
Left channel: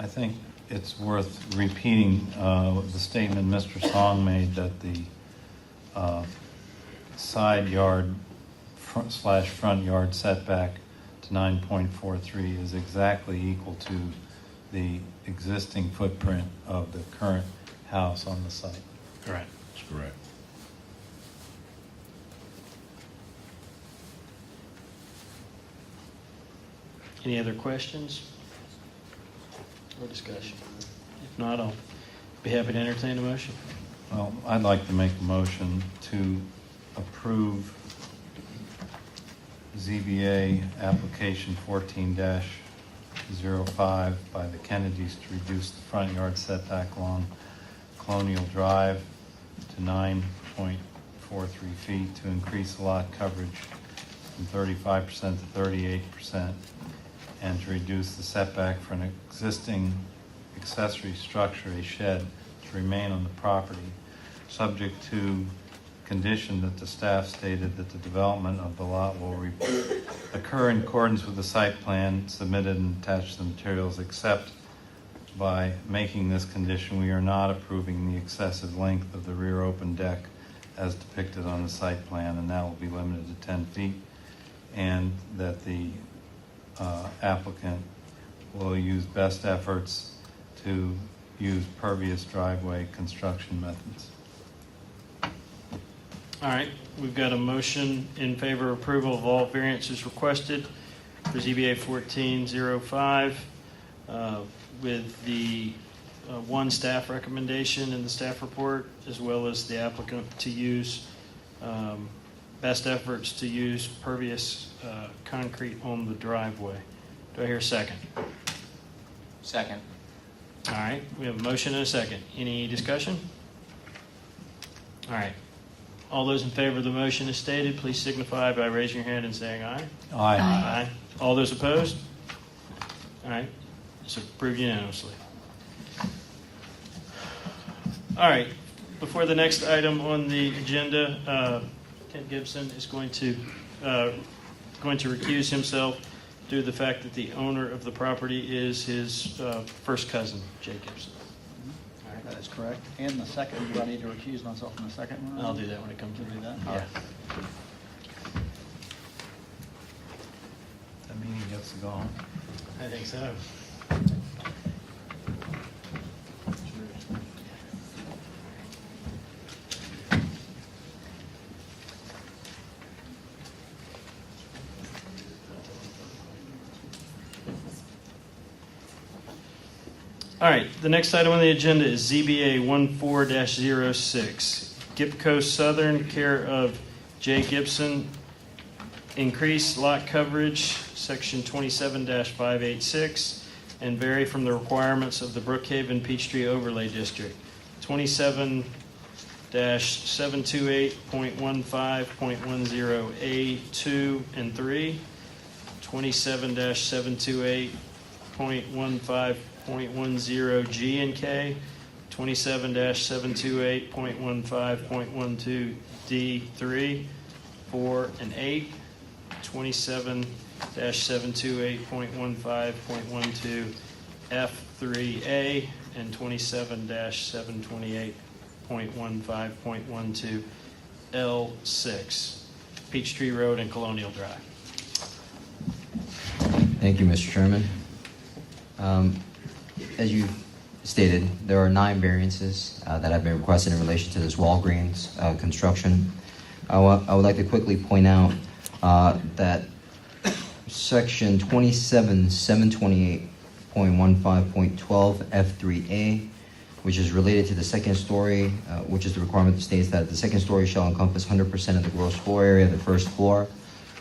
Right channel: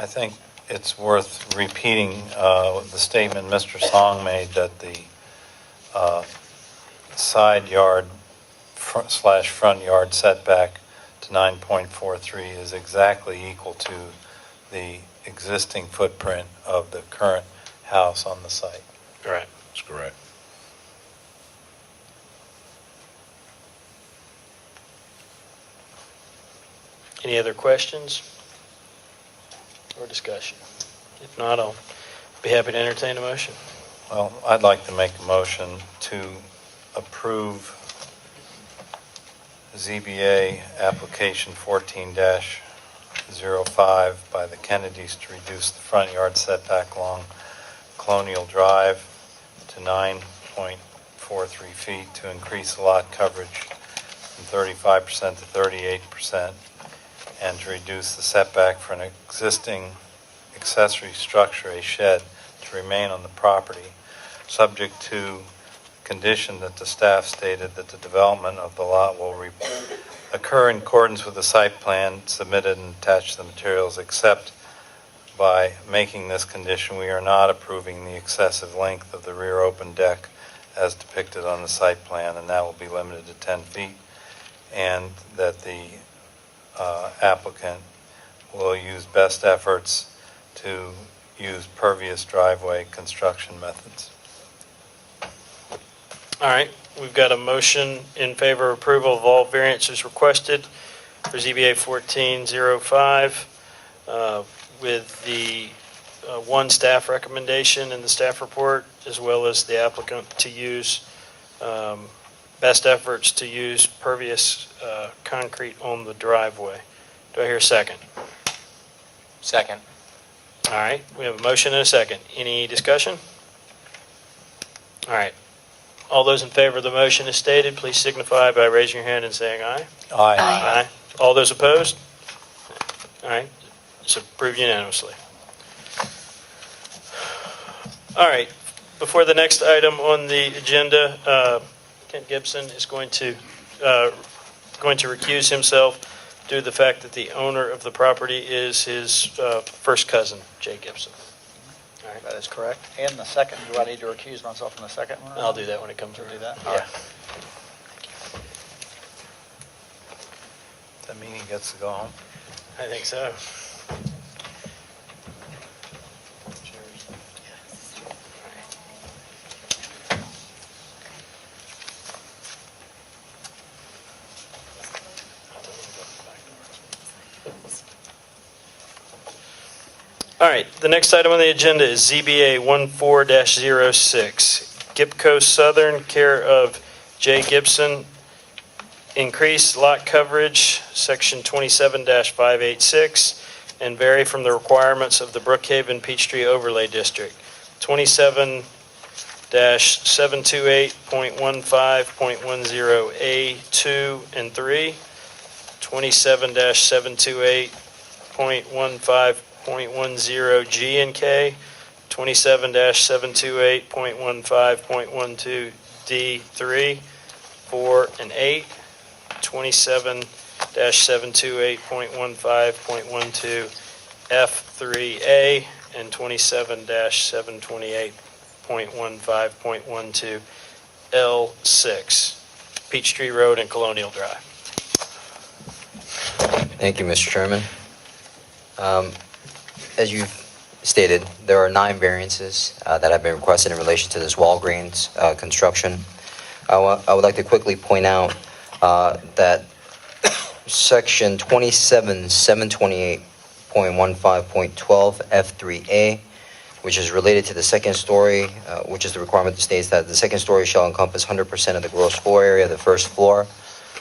I think it's worth repeating the statement Mr. Song made that the side yard front yard setback to 9.43 is exactly equal to the existing footprint of the current house on the site. Right. That's correct. Any other questions or discussion? If not, I'll be happy to entertain a motion. Well, I'd like to make a motion to approve ZBA application 14-05 by the Kennedys to reduce the front yard setback along Colonial Drive to 9.43 feet, to increase the lot coverage from 35% to 38%, and to reduce the setback for an existing accessory structure, a shed, to remain on the property, subject to condition that the staff stated that the development of the lot will occur in accordance with the site plan submitted and attached to the materials, except by making this condition, we are not approving the excessive length of the rear open deck as depicted on the site plan, and that will be limited to 10 feet, and that the applicant will use best efforts to use pervious driveway construction methods. All right, we've got a motion in favor of approval of all variances requested for ZBA 1405 with the one staff recommendation in the staff report, as well as the applicant to use best efforts to use pervious concrete on the driveway. Do I hear a second? Second. All right, we have a motion and a second. Any discussion? All right. All those in favor of the motion as stated, please signify by raising your hand and saying aye. Aye. Aye. All those opposed? All right, it's approved unanimously. All right, before the next item on the agenda, Kent Gibson is going to recuse himself due to the fact that the owner of the property is his first cousin, Jay Gibson. All right, That is correct. And the second, do I need to recuse myself from the second one? I'll do that when it comes We'll around. do that? Yeah. All right. Does that mean he gets to go home? I think so. All right, the next item on the agenda is ZBA 14-06, Gipco Southern, care of Jay Gibson. Increase lot coverage, section 27-586, and vary from the requirements of the Brookhaven Peachtree Overlay District. 27-728.15.10A2 and 3, 27-728.15.10G and K, 27-728.15.12D3, 4 and 8, 27-728.15.12 F3A, and 27-728.15.12 L6, Peachtree Road and Colonial Drive. Thank you, Mr. Chairman. As you stated, there are 9 variances that have been requested in relation to this Walgreens construction. I would like to quickly point out that section 27-728.15.12 F3A, which is related to the second story, which is the requirement that states that the second story shall encompass 100% of the gross floor area of the first floor.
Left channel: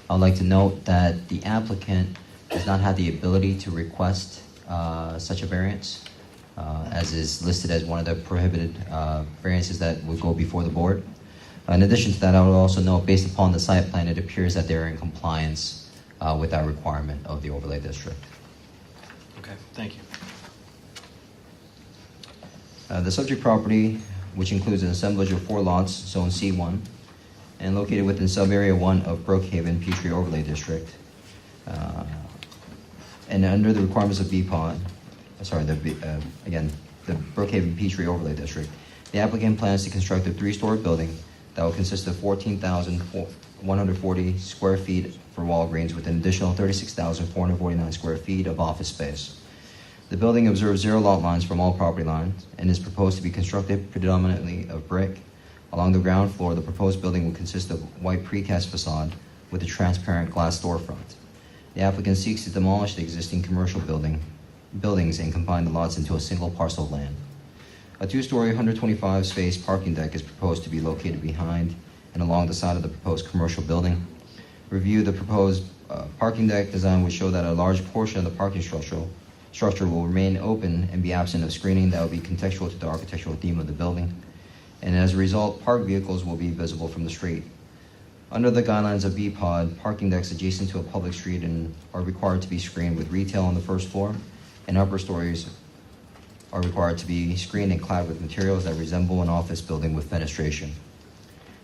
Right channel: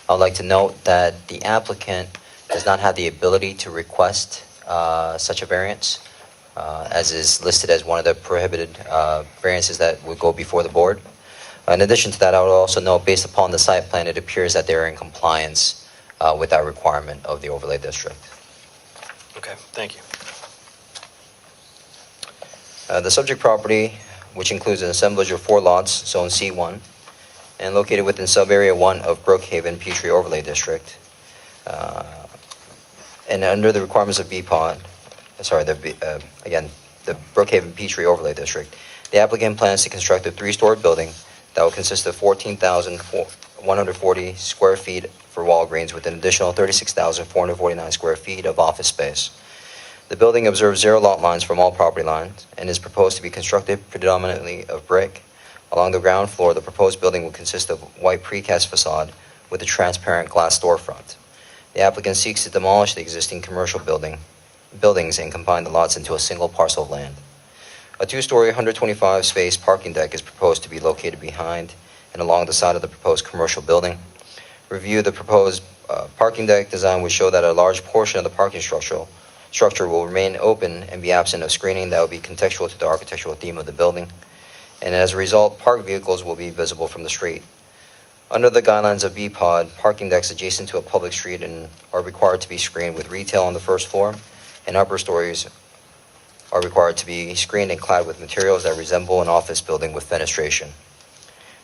I'd like to note that the applicant does not have the ability to request such a variance, as is listed as one of the prohibited variances that would go before the board. In addition to that, I would also note, based upon the site plan, it appears that they're in compliance with that requirement of the overlay district. Okay, thank you. The subject property, which includes an assemblage of 4 lots, zone C1, and located within sub-area 1 of Brookhaven Peachtree Overlay District, and under the requirements of BPOD, again, the Brookhaven Peachtree Overlay District, the applicant plans to construct a 3-story building that will consist of 14,140 square feet for Walgreens, with an additional 36,449 square feet of office space. The building observes zero lot lines from all property lines and is proposed to be constructed predominantly of brick. Along the ground floor, the proposed building will consist of white precast facade with a transparent glass storefront. The applicant seeks to demolish the existing commercial buildings and combine the lots into a single parcel of land. A two-story, 125-space parking deck is proposed to be located behind and along the side of the proposed commercial building. Review of the proposed parking deck design would show that a large portion of the parking structure will remain open and be absent of screening that will be contextual to the architectural theme of the building. And as a result, parked vehicles will be visible from the street. Under the guidelines of BPOD, parking decks adjacent to a public street are required to be screened with retail on the first floor, and upper stories are required to be screened and clad with materials that resemble an office building with fenestration.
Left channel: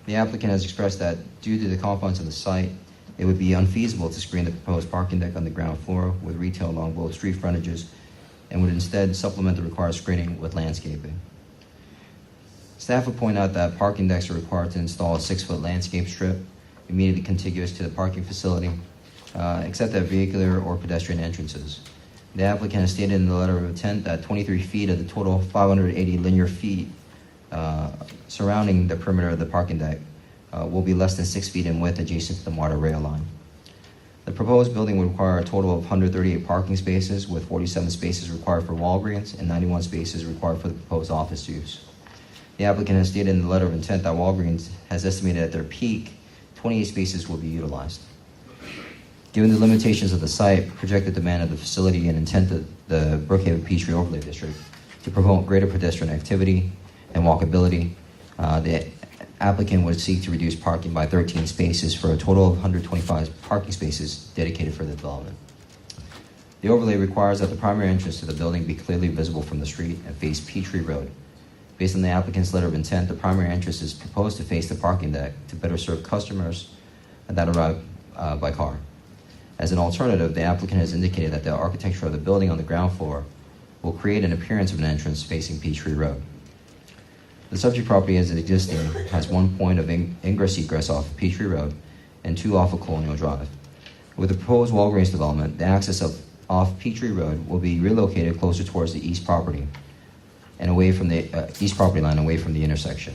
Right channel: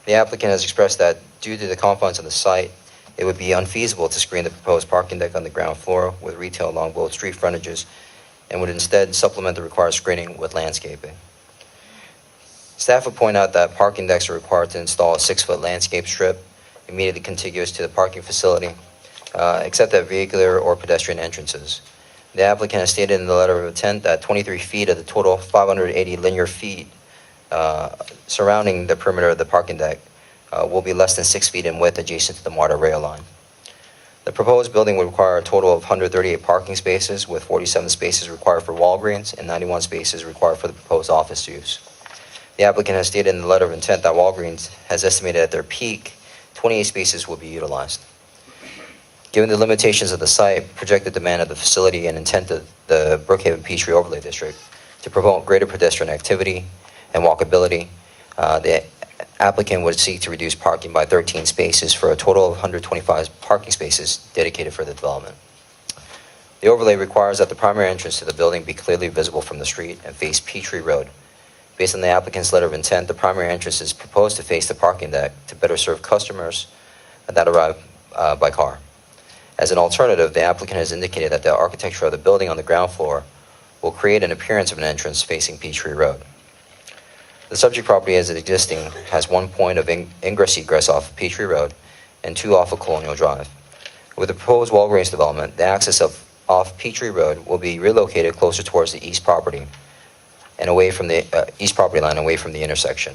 The applicant has expressed that due to the confines of the site, it would be unfeasible to screen the proposed parking deck on the ground floor with retail along both street frontages and would instead supplement the required screening with landscaping. Staff would point out that parking decks are required to install a 6-foot landscape strip immediately contiguous to the parking facility, except at vehicular or pedestrian entrances. The applicant has stated in the letter of intent that 23 feet of the total 580 linear feet surrounding the perimeter of the parking deck will be less than 6 feet in width adjacent to the MARTA rail line. The proposed building would require a total of 138 parking spaces, with 47 spaces required for Walgreens and 91 spaces required for the proposed office use. The applicant has stated in the letter of intent that Walgreens has estimated at their peak 28 spaces will be utilized. Given the limitations of the site, projected demand of the facility, and intent of the Brookhaven Peachtree Overlay District to promote greater pedestrian activity and walkability, the applicant would seek to reduce parking by 13 spaces for a total of 125 parking spaces dedicated for the development. The overlay requires that the primary entrance to the building be clearly visible from the street and face Peachtree Road. Based on the applicant's letter of intent, the primary entrance is proposed to face the parking deck to better serve customers that arrive by car. As an alternative, the applicant has indicated that the architecture of the building on the ground floor will create an appearance of an entrance facing Peachtree Road. The subject property as it existing has one point of ingress-egress off of Peachtree Road and two off of Colonial Drive. With the proposed Walgreens development, the access off Peachtree Road will be relocated closer towards the east property and away from the east property line, away from the intersection.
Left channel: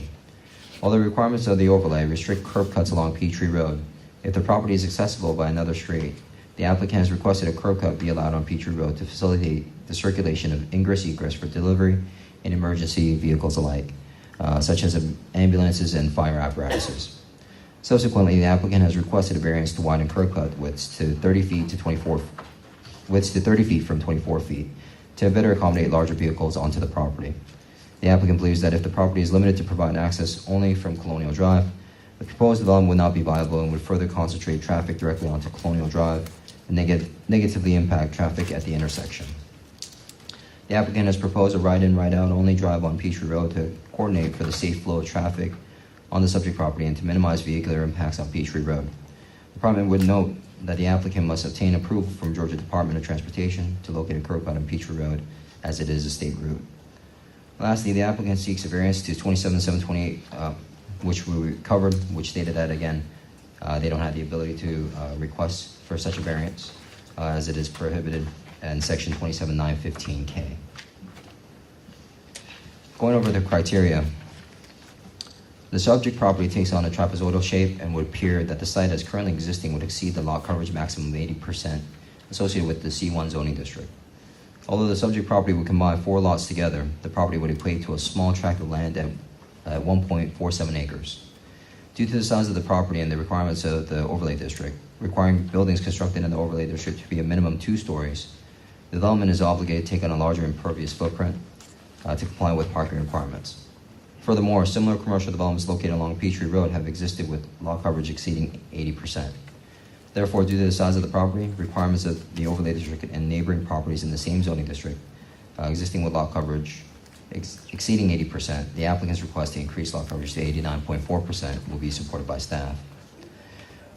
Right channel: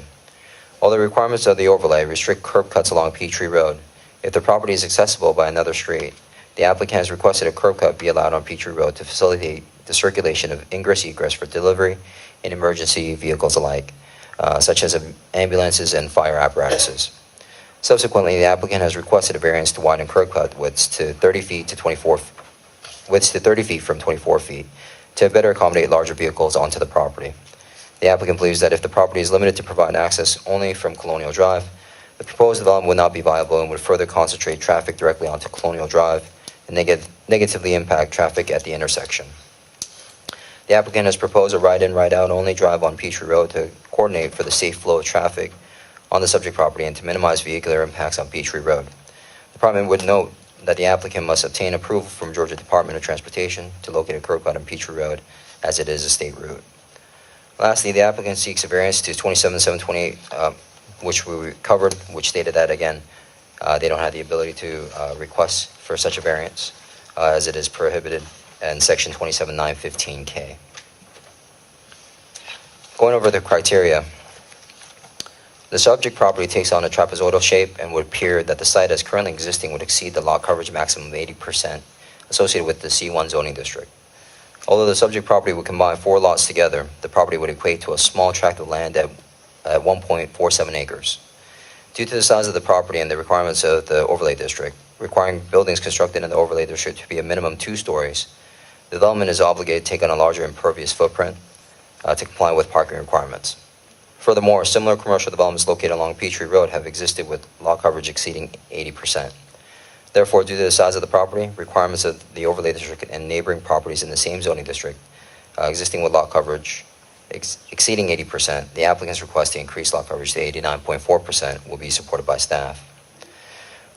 While the requirements of the overlay restrict curb cuts along Peachtree Road, if the property is accessible by another street, the applicant has requested a curb cut be allowed on Peachtree Road to facilitate the circulation of ingress-egress for delivery and emergency vehicles alike, such as ambulances and fire apparatuses. Subsequently, the applicant has requested a variance to widen curb cut widths to 30 feet from 24 feet to better accommodate larger vehicles onto the property. The applicant believes that if the property is limited to provide access only from Colonial Drive, the proposed development would not be viable and would further concentrate traffic directly onto Colonial Drive and negatively impact traffic at the intersection. The applicant has proposed a ride-in, ride-out only drive on Peachtree Road to coordinate for the safe flow of traffic on the subject property and to minimize vehicular impacts on Peachtree Road. The department would note that the applicant must obtain approval from Georgia Department of Transportation to locate a curb cut on Peachtree Road, as it is a state route. Lastly, the applicant seeks a variance to 27728, which we covered, which stated that, again, they don't have the ability to request for such a variance, as it is prohibited in Section 27915K. Going over the criteria, the subject property takes on a trapezoidal shape and would appear that the site as currently existing would exceed the lot coverage maximum of 80% associated with the C1 zoning district. Although the subject property would combine 4 lots together, the property would equate to a small tract of land at 1.47 acres. Due to the size of the property and the requirements of the overlay district, requiring buildings constructed in the overlay district to be a minimum 2 stories, the development is obligated to take on a larger impervious footprint to comply with parking requirements. Furthermore, similar commercial developments located along Peachtree Road have existed with lot coverage exceeding 80%. Therefore, due to the size of the property, requirements of the overlay district and neighboring properties in the same zoning district existing with lot coverage exceeding 80%, the applicant's request to increase lot coverage to 89.4% will be supported by staff.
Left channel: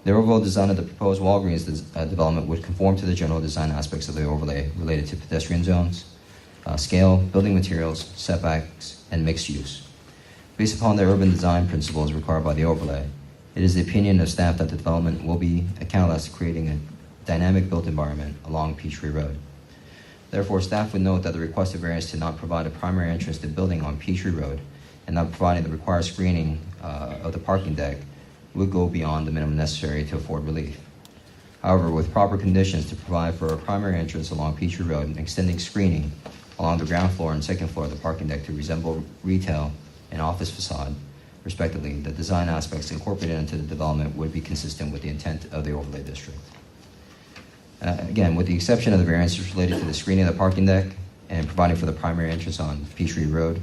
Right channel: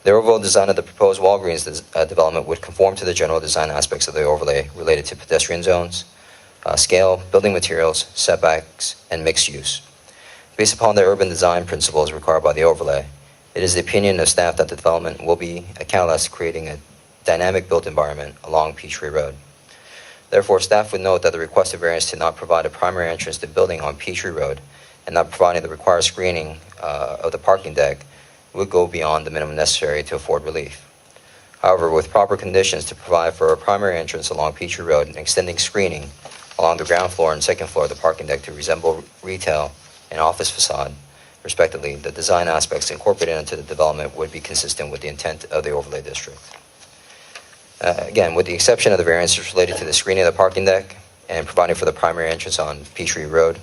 The overall design of the proposed Walgreens development would conform to the general design aspects of the overlay related to pedestrian zones, scale, building materials, setbacks, and mixed use. Based upon the urban design principles required by the overlay, it is the opinion of staff that the development will be a catalyst to creating a dynamic built environment along Peachtree Road. Therefore, staff would note that the requested variance to not provide a primary entrance to the building on Peachtree Road and not providing the required screening of the parking deck would go beyond the minimum necessary to afford relief. However, with proper conditions to provide for a primary entrance along Peachtree Road and extending screening along the ground floor and second floor of the parking deck to resemble retail and office facade, respectively, the design aspects incorporated into the development would be consistent with the intent of the overlay district. Again, with the exception of the variances related to the screening of the parking deck and providing for the primary entrance on Peachtree Road,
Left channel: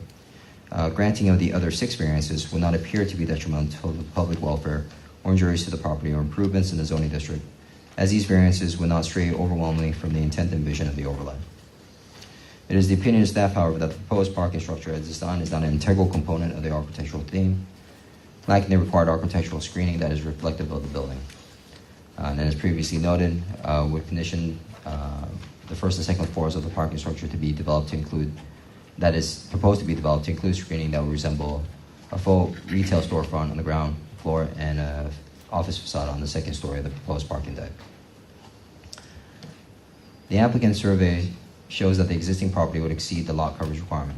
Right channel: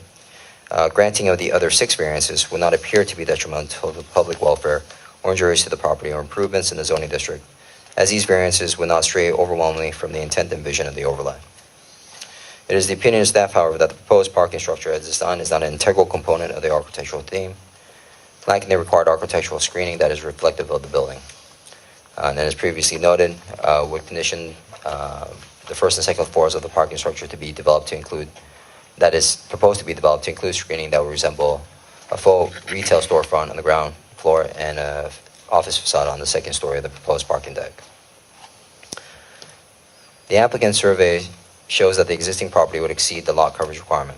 granting of the other 6 variances would not appear to be detrimental to public welfare or injurious to the property or improvements in the zoning district, as these variances would not stray overwhelmingly from the intent and vision of the overlay. It is the opinion of staff, however, that the proposed parking structure as designed is not an integral component of the architectural theme, lacking the required architectural screening that is reflective of the building. And as previously noted, would condition the first and second floors of the parking structure to be developed to include, that is proposed to be developed to include screening that will resemble a full retail storefront on the ground floor and an office facade on the second story of the proposed parking deck. The applicant survey shows that the existing property would exceed the lot coverage requirement.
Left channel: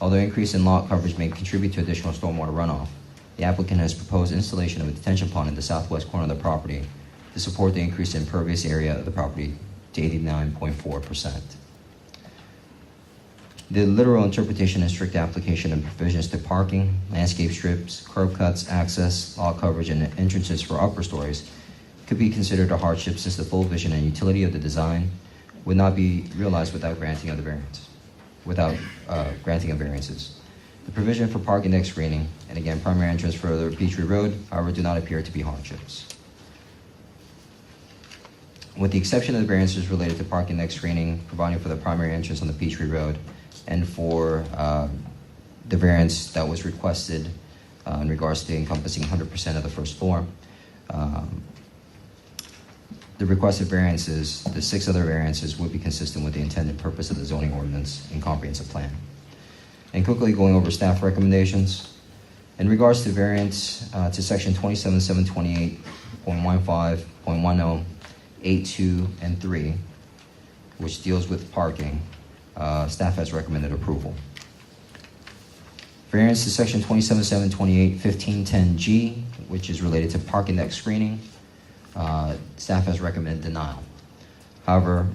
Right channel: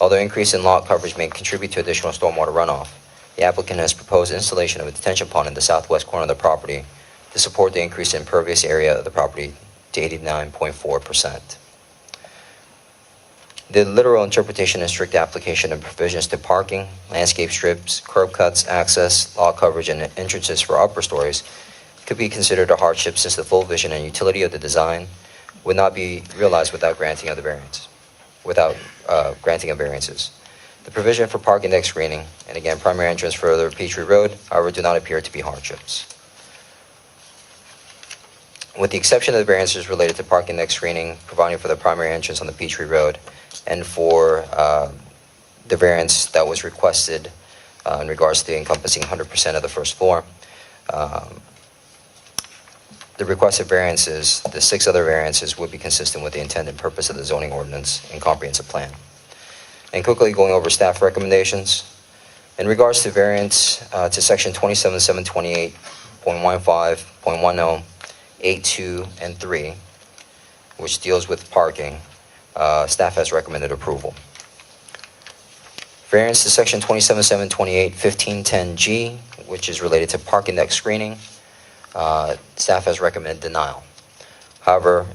Although increase in lot coverage may contribute to additional stormwater runoff, the applicant has proposed installation of a detention pond in the southwest corner of the property to support the increase in impervious area of the property to 89.4%. The literal interpretation and strict application of provisions to parking, landscape strips, curb cuts, access, lot coverage, and entrances for upper stories could be considered a hardship since the full vision and utility of the design would not be realized without granting of the variance, granting of variances. The provision for parking deck screening, and again, primary entrance for the Peachtree Road, however, do not appear to be hardships. With the exception of the variances related to parking deck screening, providing for the primary entrance on the Peachtree Road, and for the variance that was requested in regards to encompassing 100% of the first floor, the requested variances, the 6 other variances, would be consistent with the intent and purpose of the zoning ordinance and comprehensive plan. And quickly going over staff recommendations. In regards to variance to section 27728.15.10, 8, 2, and 3, which deals with parking, staff has recommended approval. Variance to section 27728.15.10G, which is related to parking deck screening, staff has recommended denial. However,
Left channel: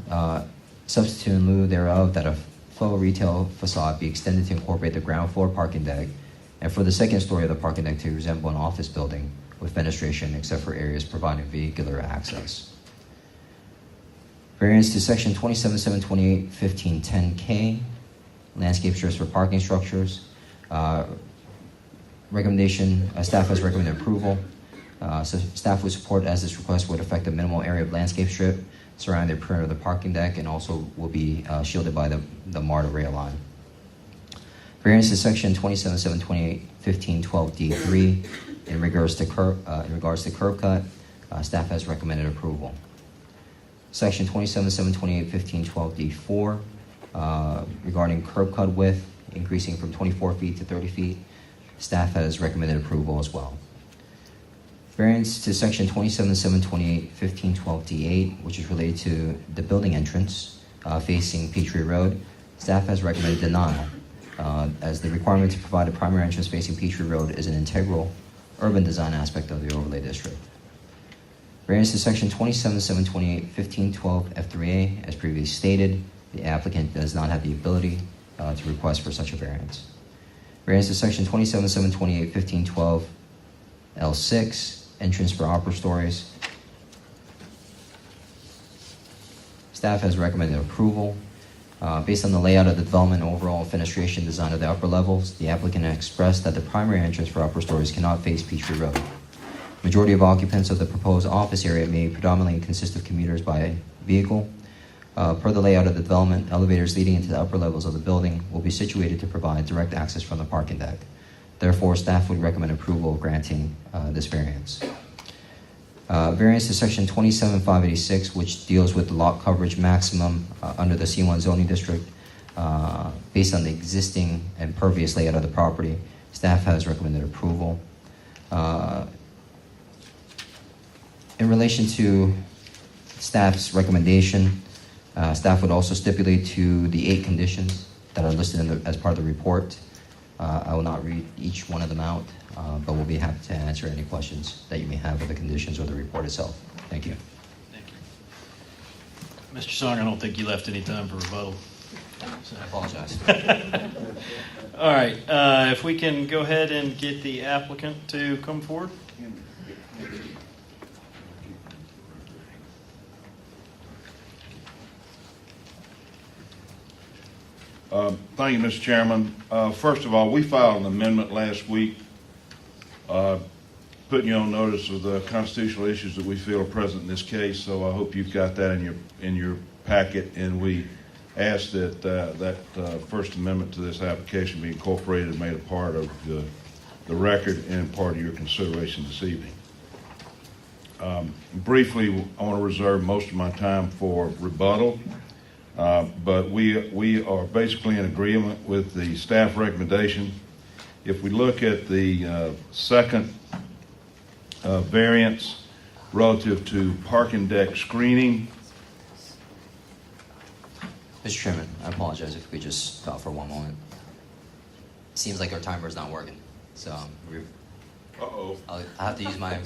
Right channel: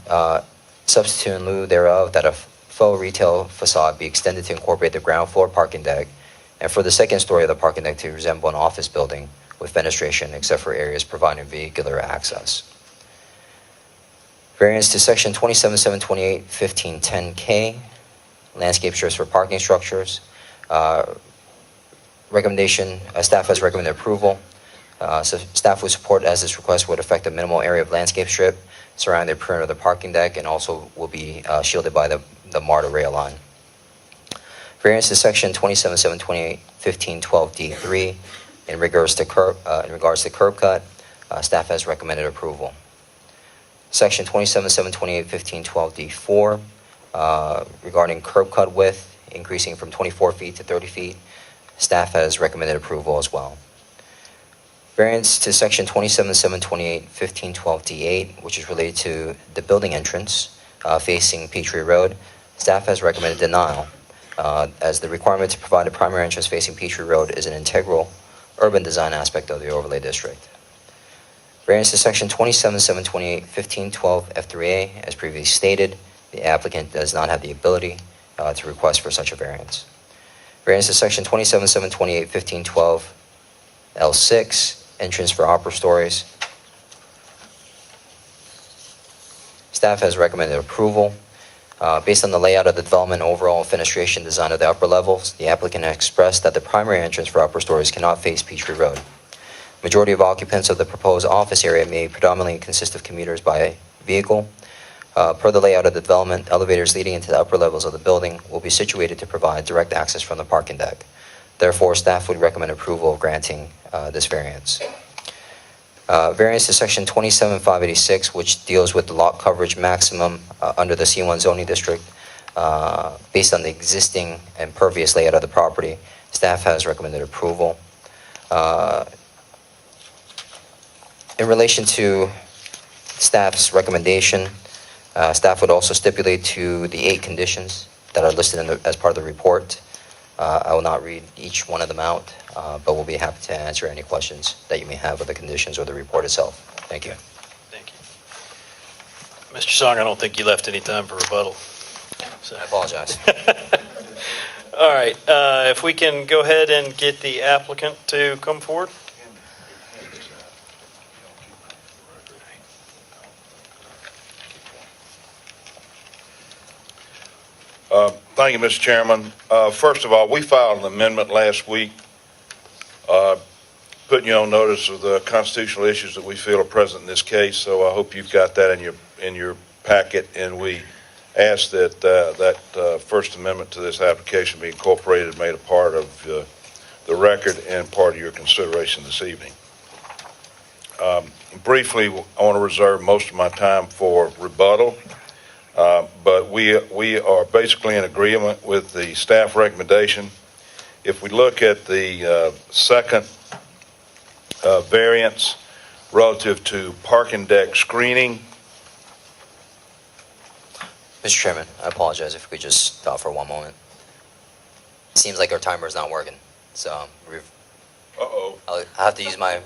substitute in lieu thereof that a faux retail facade be extended to incorporate the ground floor parking deck and for the second story of the parking deck to resemble an office building with fenestration except for areas providing vehicular access. Variance to section 27728.15.10K, landscape strips for parking structures. Staff has recommended approval. So staff would support as this request would affect a minimal area of landscape strip surrounding the perimeter of the parking deck and also will be shielded by the MARTA rail line. Variance to section 27728.15.12D3 in regards to curb cut, staff has recommended approval. Section 27728.15.12D4 regarding curb cut width increasing from 24 feet to 30 feet, staff has recommended approval as well. Variance to section 27728.15.12D8, which is related to the building entrance facing Peachtree Road, staff has recommended denial, as the requirement to provide a primary entrance facing Peachtree Road is an integral urban design aspect of the overlay district. Variance to section 27728.15.12F3A, as previously stated, the applicant does not have the ability to request for such a variance. Variance to section 27728.15.12L6, entrance for upper stories. Staff has recommended approval. Based on the layout of the development and overall fenestration design of the upper levels, the applicant has expressed that the primary entrance for upper stories cannot face Peachtree Road. Majority of occupants of the proposed office area may predominantly consist of commuters by vehicle. Per the layout of the development, elevators leading into the upper levels of the building will be situated to provide direct access from the parking deck. Therefore, staff would recommend approval of granting this variance. Variance to section 27586, which deals with the lot coverage maximum under the C1 zoning district, based on the existing impervious layout of the property, staff has recommended approval. In relation to staff's recommendation, Staff would also stipulate to the 8 conditions that are listed as part of the report. I will not read each one of them out, but we'll be happy to answer any questions that you may have of the conditions or the report itself. Thank you. Thank you. Mr. Song, I don't think you left any time for rebuttal. So. I apologize. All right, if we can go ahead and get the applicant to come forward. Thank you, Mr. Chairman. First of all, we filed an amendment last week putting you on notice of the constitutional issues that we feel are present in this case, so I hope you've got that in your packet, and we ask that that First Amendment to this application be incorporated and made a part of the record and part of your consideration this evening. Briefly, I want to reserve most of my time for rebuttal. But we are basically in agreement with the staff recommendation. If we look at the second variance relative to parking deck screening. Mr. Chairman, I apologize if we could just stop for one moment. It seems like our timer is not working, so Uh-oh. I'll have to use my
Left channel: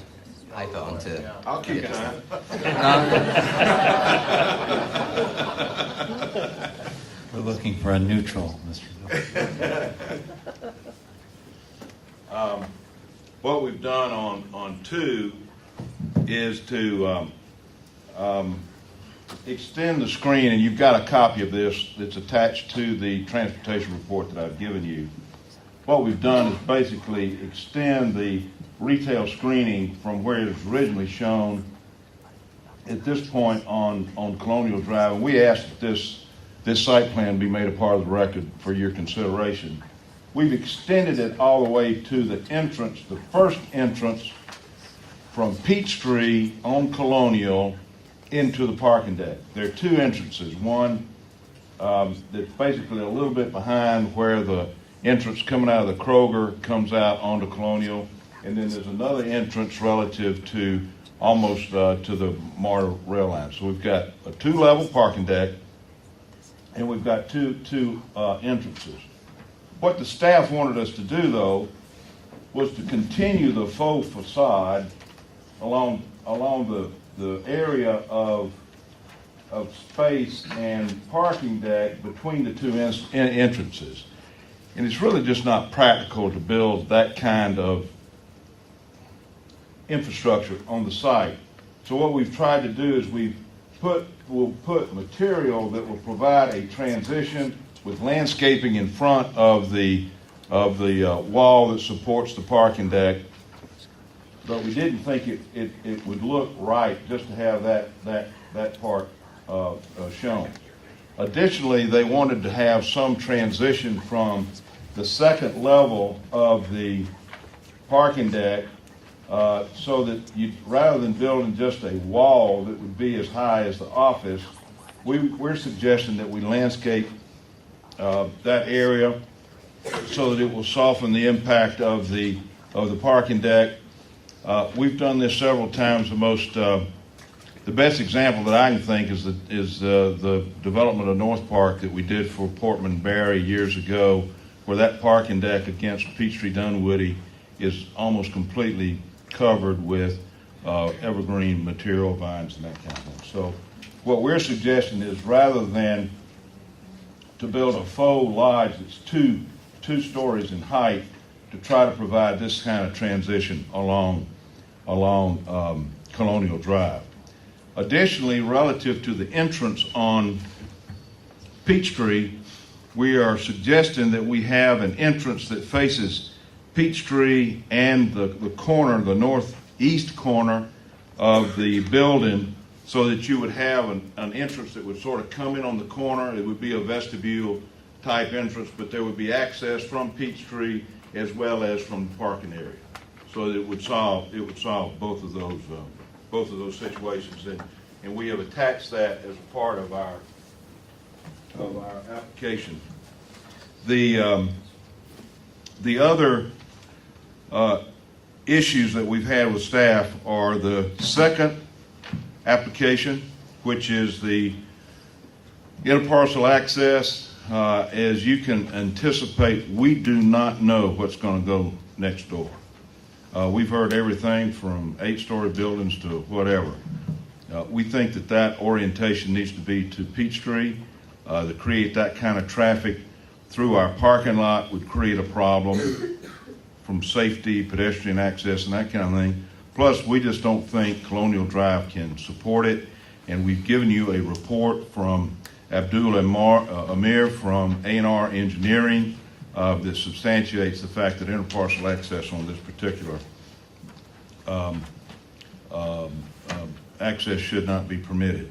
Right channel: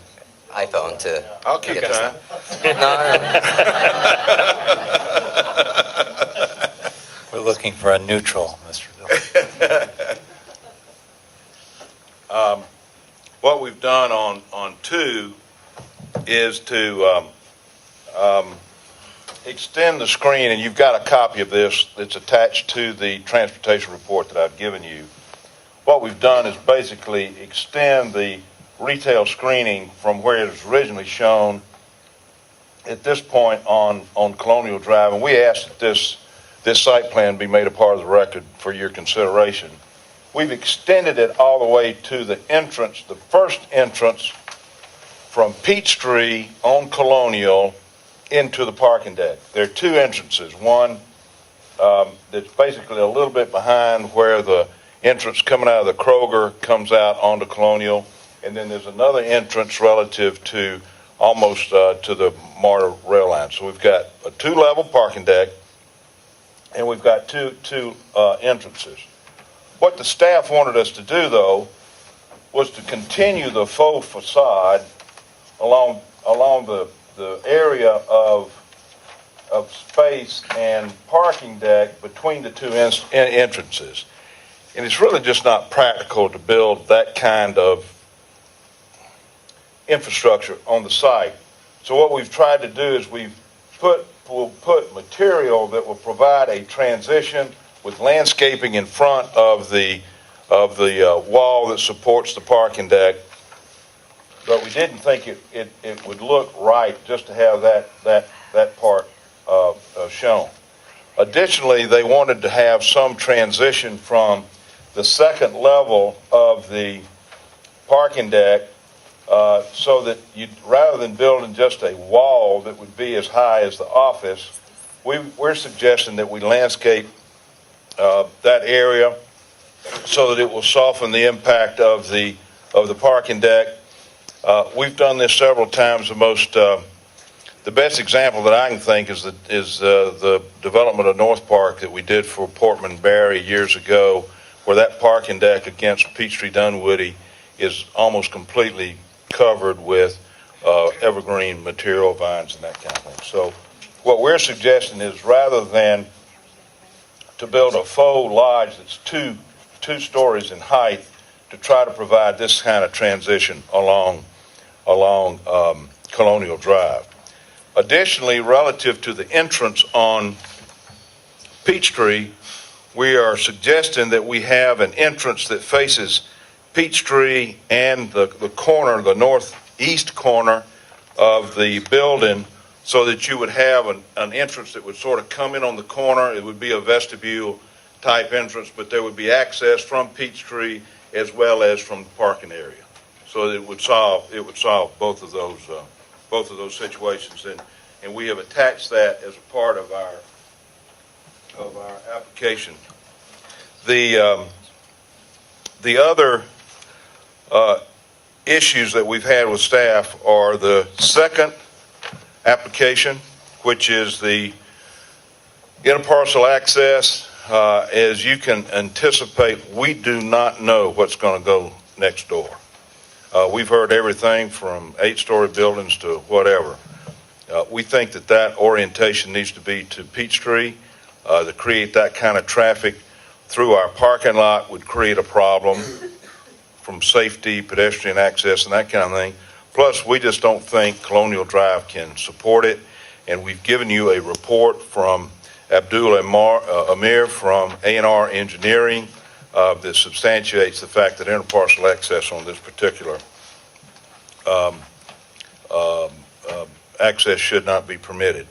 iPhone to. I'll keep get this time. done. No. We're looking for a neutral, Mr. Bill. What we've done on 2 is to extend the screen, and you've got a copy of this that's attached to the transportation report that I've given you. What we've done is basically extend the retail screening from where it was originally shown at this point on Colonial Drive, and we asked that this site plan be made a part of the record for your consideration. We've extended it all the way to the entrance, the first entrance from Peachtree on Colonial into the parking deck. There are 2 entrances. One that's basically a little bit behind where the entrance coming out of the Kroger comes out onto Colonial, and then there's another entrance relative to almost to the MARTA rail line. So we've got a 2-level parking deck, and we've got two entrances. What the staff wanted us to do, though, was to continue the faux facade along the area of space and parking deck between the 2 entrances. And it's really just not practical to build that kind of infrastructure on the site. So what we've tried to do is we'll put material that will provide a transition with landscaping in front of the wall that supports the parking deck. But we didn't think it would look right just to have that part shown. Additionally, they wanted to have some transition from the second level of the parking deck so that rather than building just a wall that would be as high as the office, we're suggesting that we landscape that area so that it will soften the impact of the parking deck. We've done this several times. The best example that I can think is the development of North Park that we did for Portman Barry years ago, where that parking deck against Peachtree Dunwoody is almost completely covered with evergreen material, vines, and that kind of thing. So what we're suggesting is rather than to build a faux lodge that's two stories in height, to try to provide this kind of transition along Colonial Drive. Additionally, relative to the entrance on Peachtree, we are suggesting that we have an entrance that faces Peachtree and the corner, the northeast corner of the building, so that you would have an entrance that would sort of come in on the corner. It would be a vestibule type entrance, but there would be access from Peachtree as well as from the parking area. So it would solve both of those situations, and we have attached that as a part of our application. The other issues that we've had with staff are the second application, which is the Interparcel access, as you can anticipate, we do not know what's going to go next door. We've heard everything from 8-story buildings to whatever. We think that that orientation needs to be to Peachtree. To create that kind of traffic through our parking lot would create a problem from safety, pedestrian access, and that kind of thing. Plus, we just don't think Colonial Drive can support it. And we've given you a report from Abdul Amir from A&R Engineering that substantiates the fact that interparcel access on this particular access should not be permitted.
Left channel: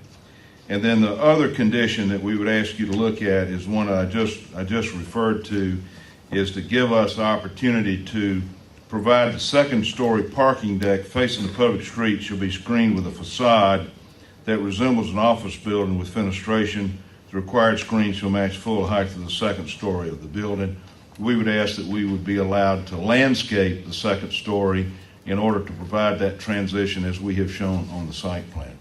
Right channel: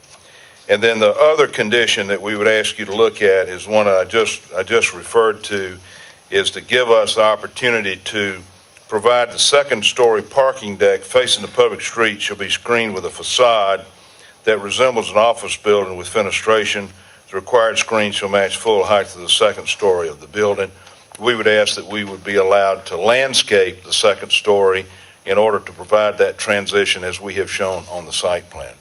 And then the other condition that we would ask you to look at is one I just referred to, is to give us the opportunity to provide the second-story parking deck facing the public street shall be screened with a facade that resembles an office building with fenestration. The required screen shall match full height of the second story of the building. We would ask that we would be allowed to landscape the second story in order to provide that transition as we have shown on the site plan.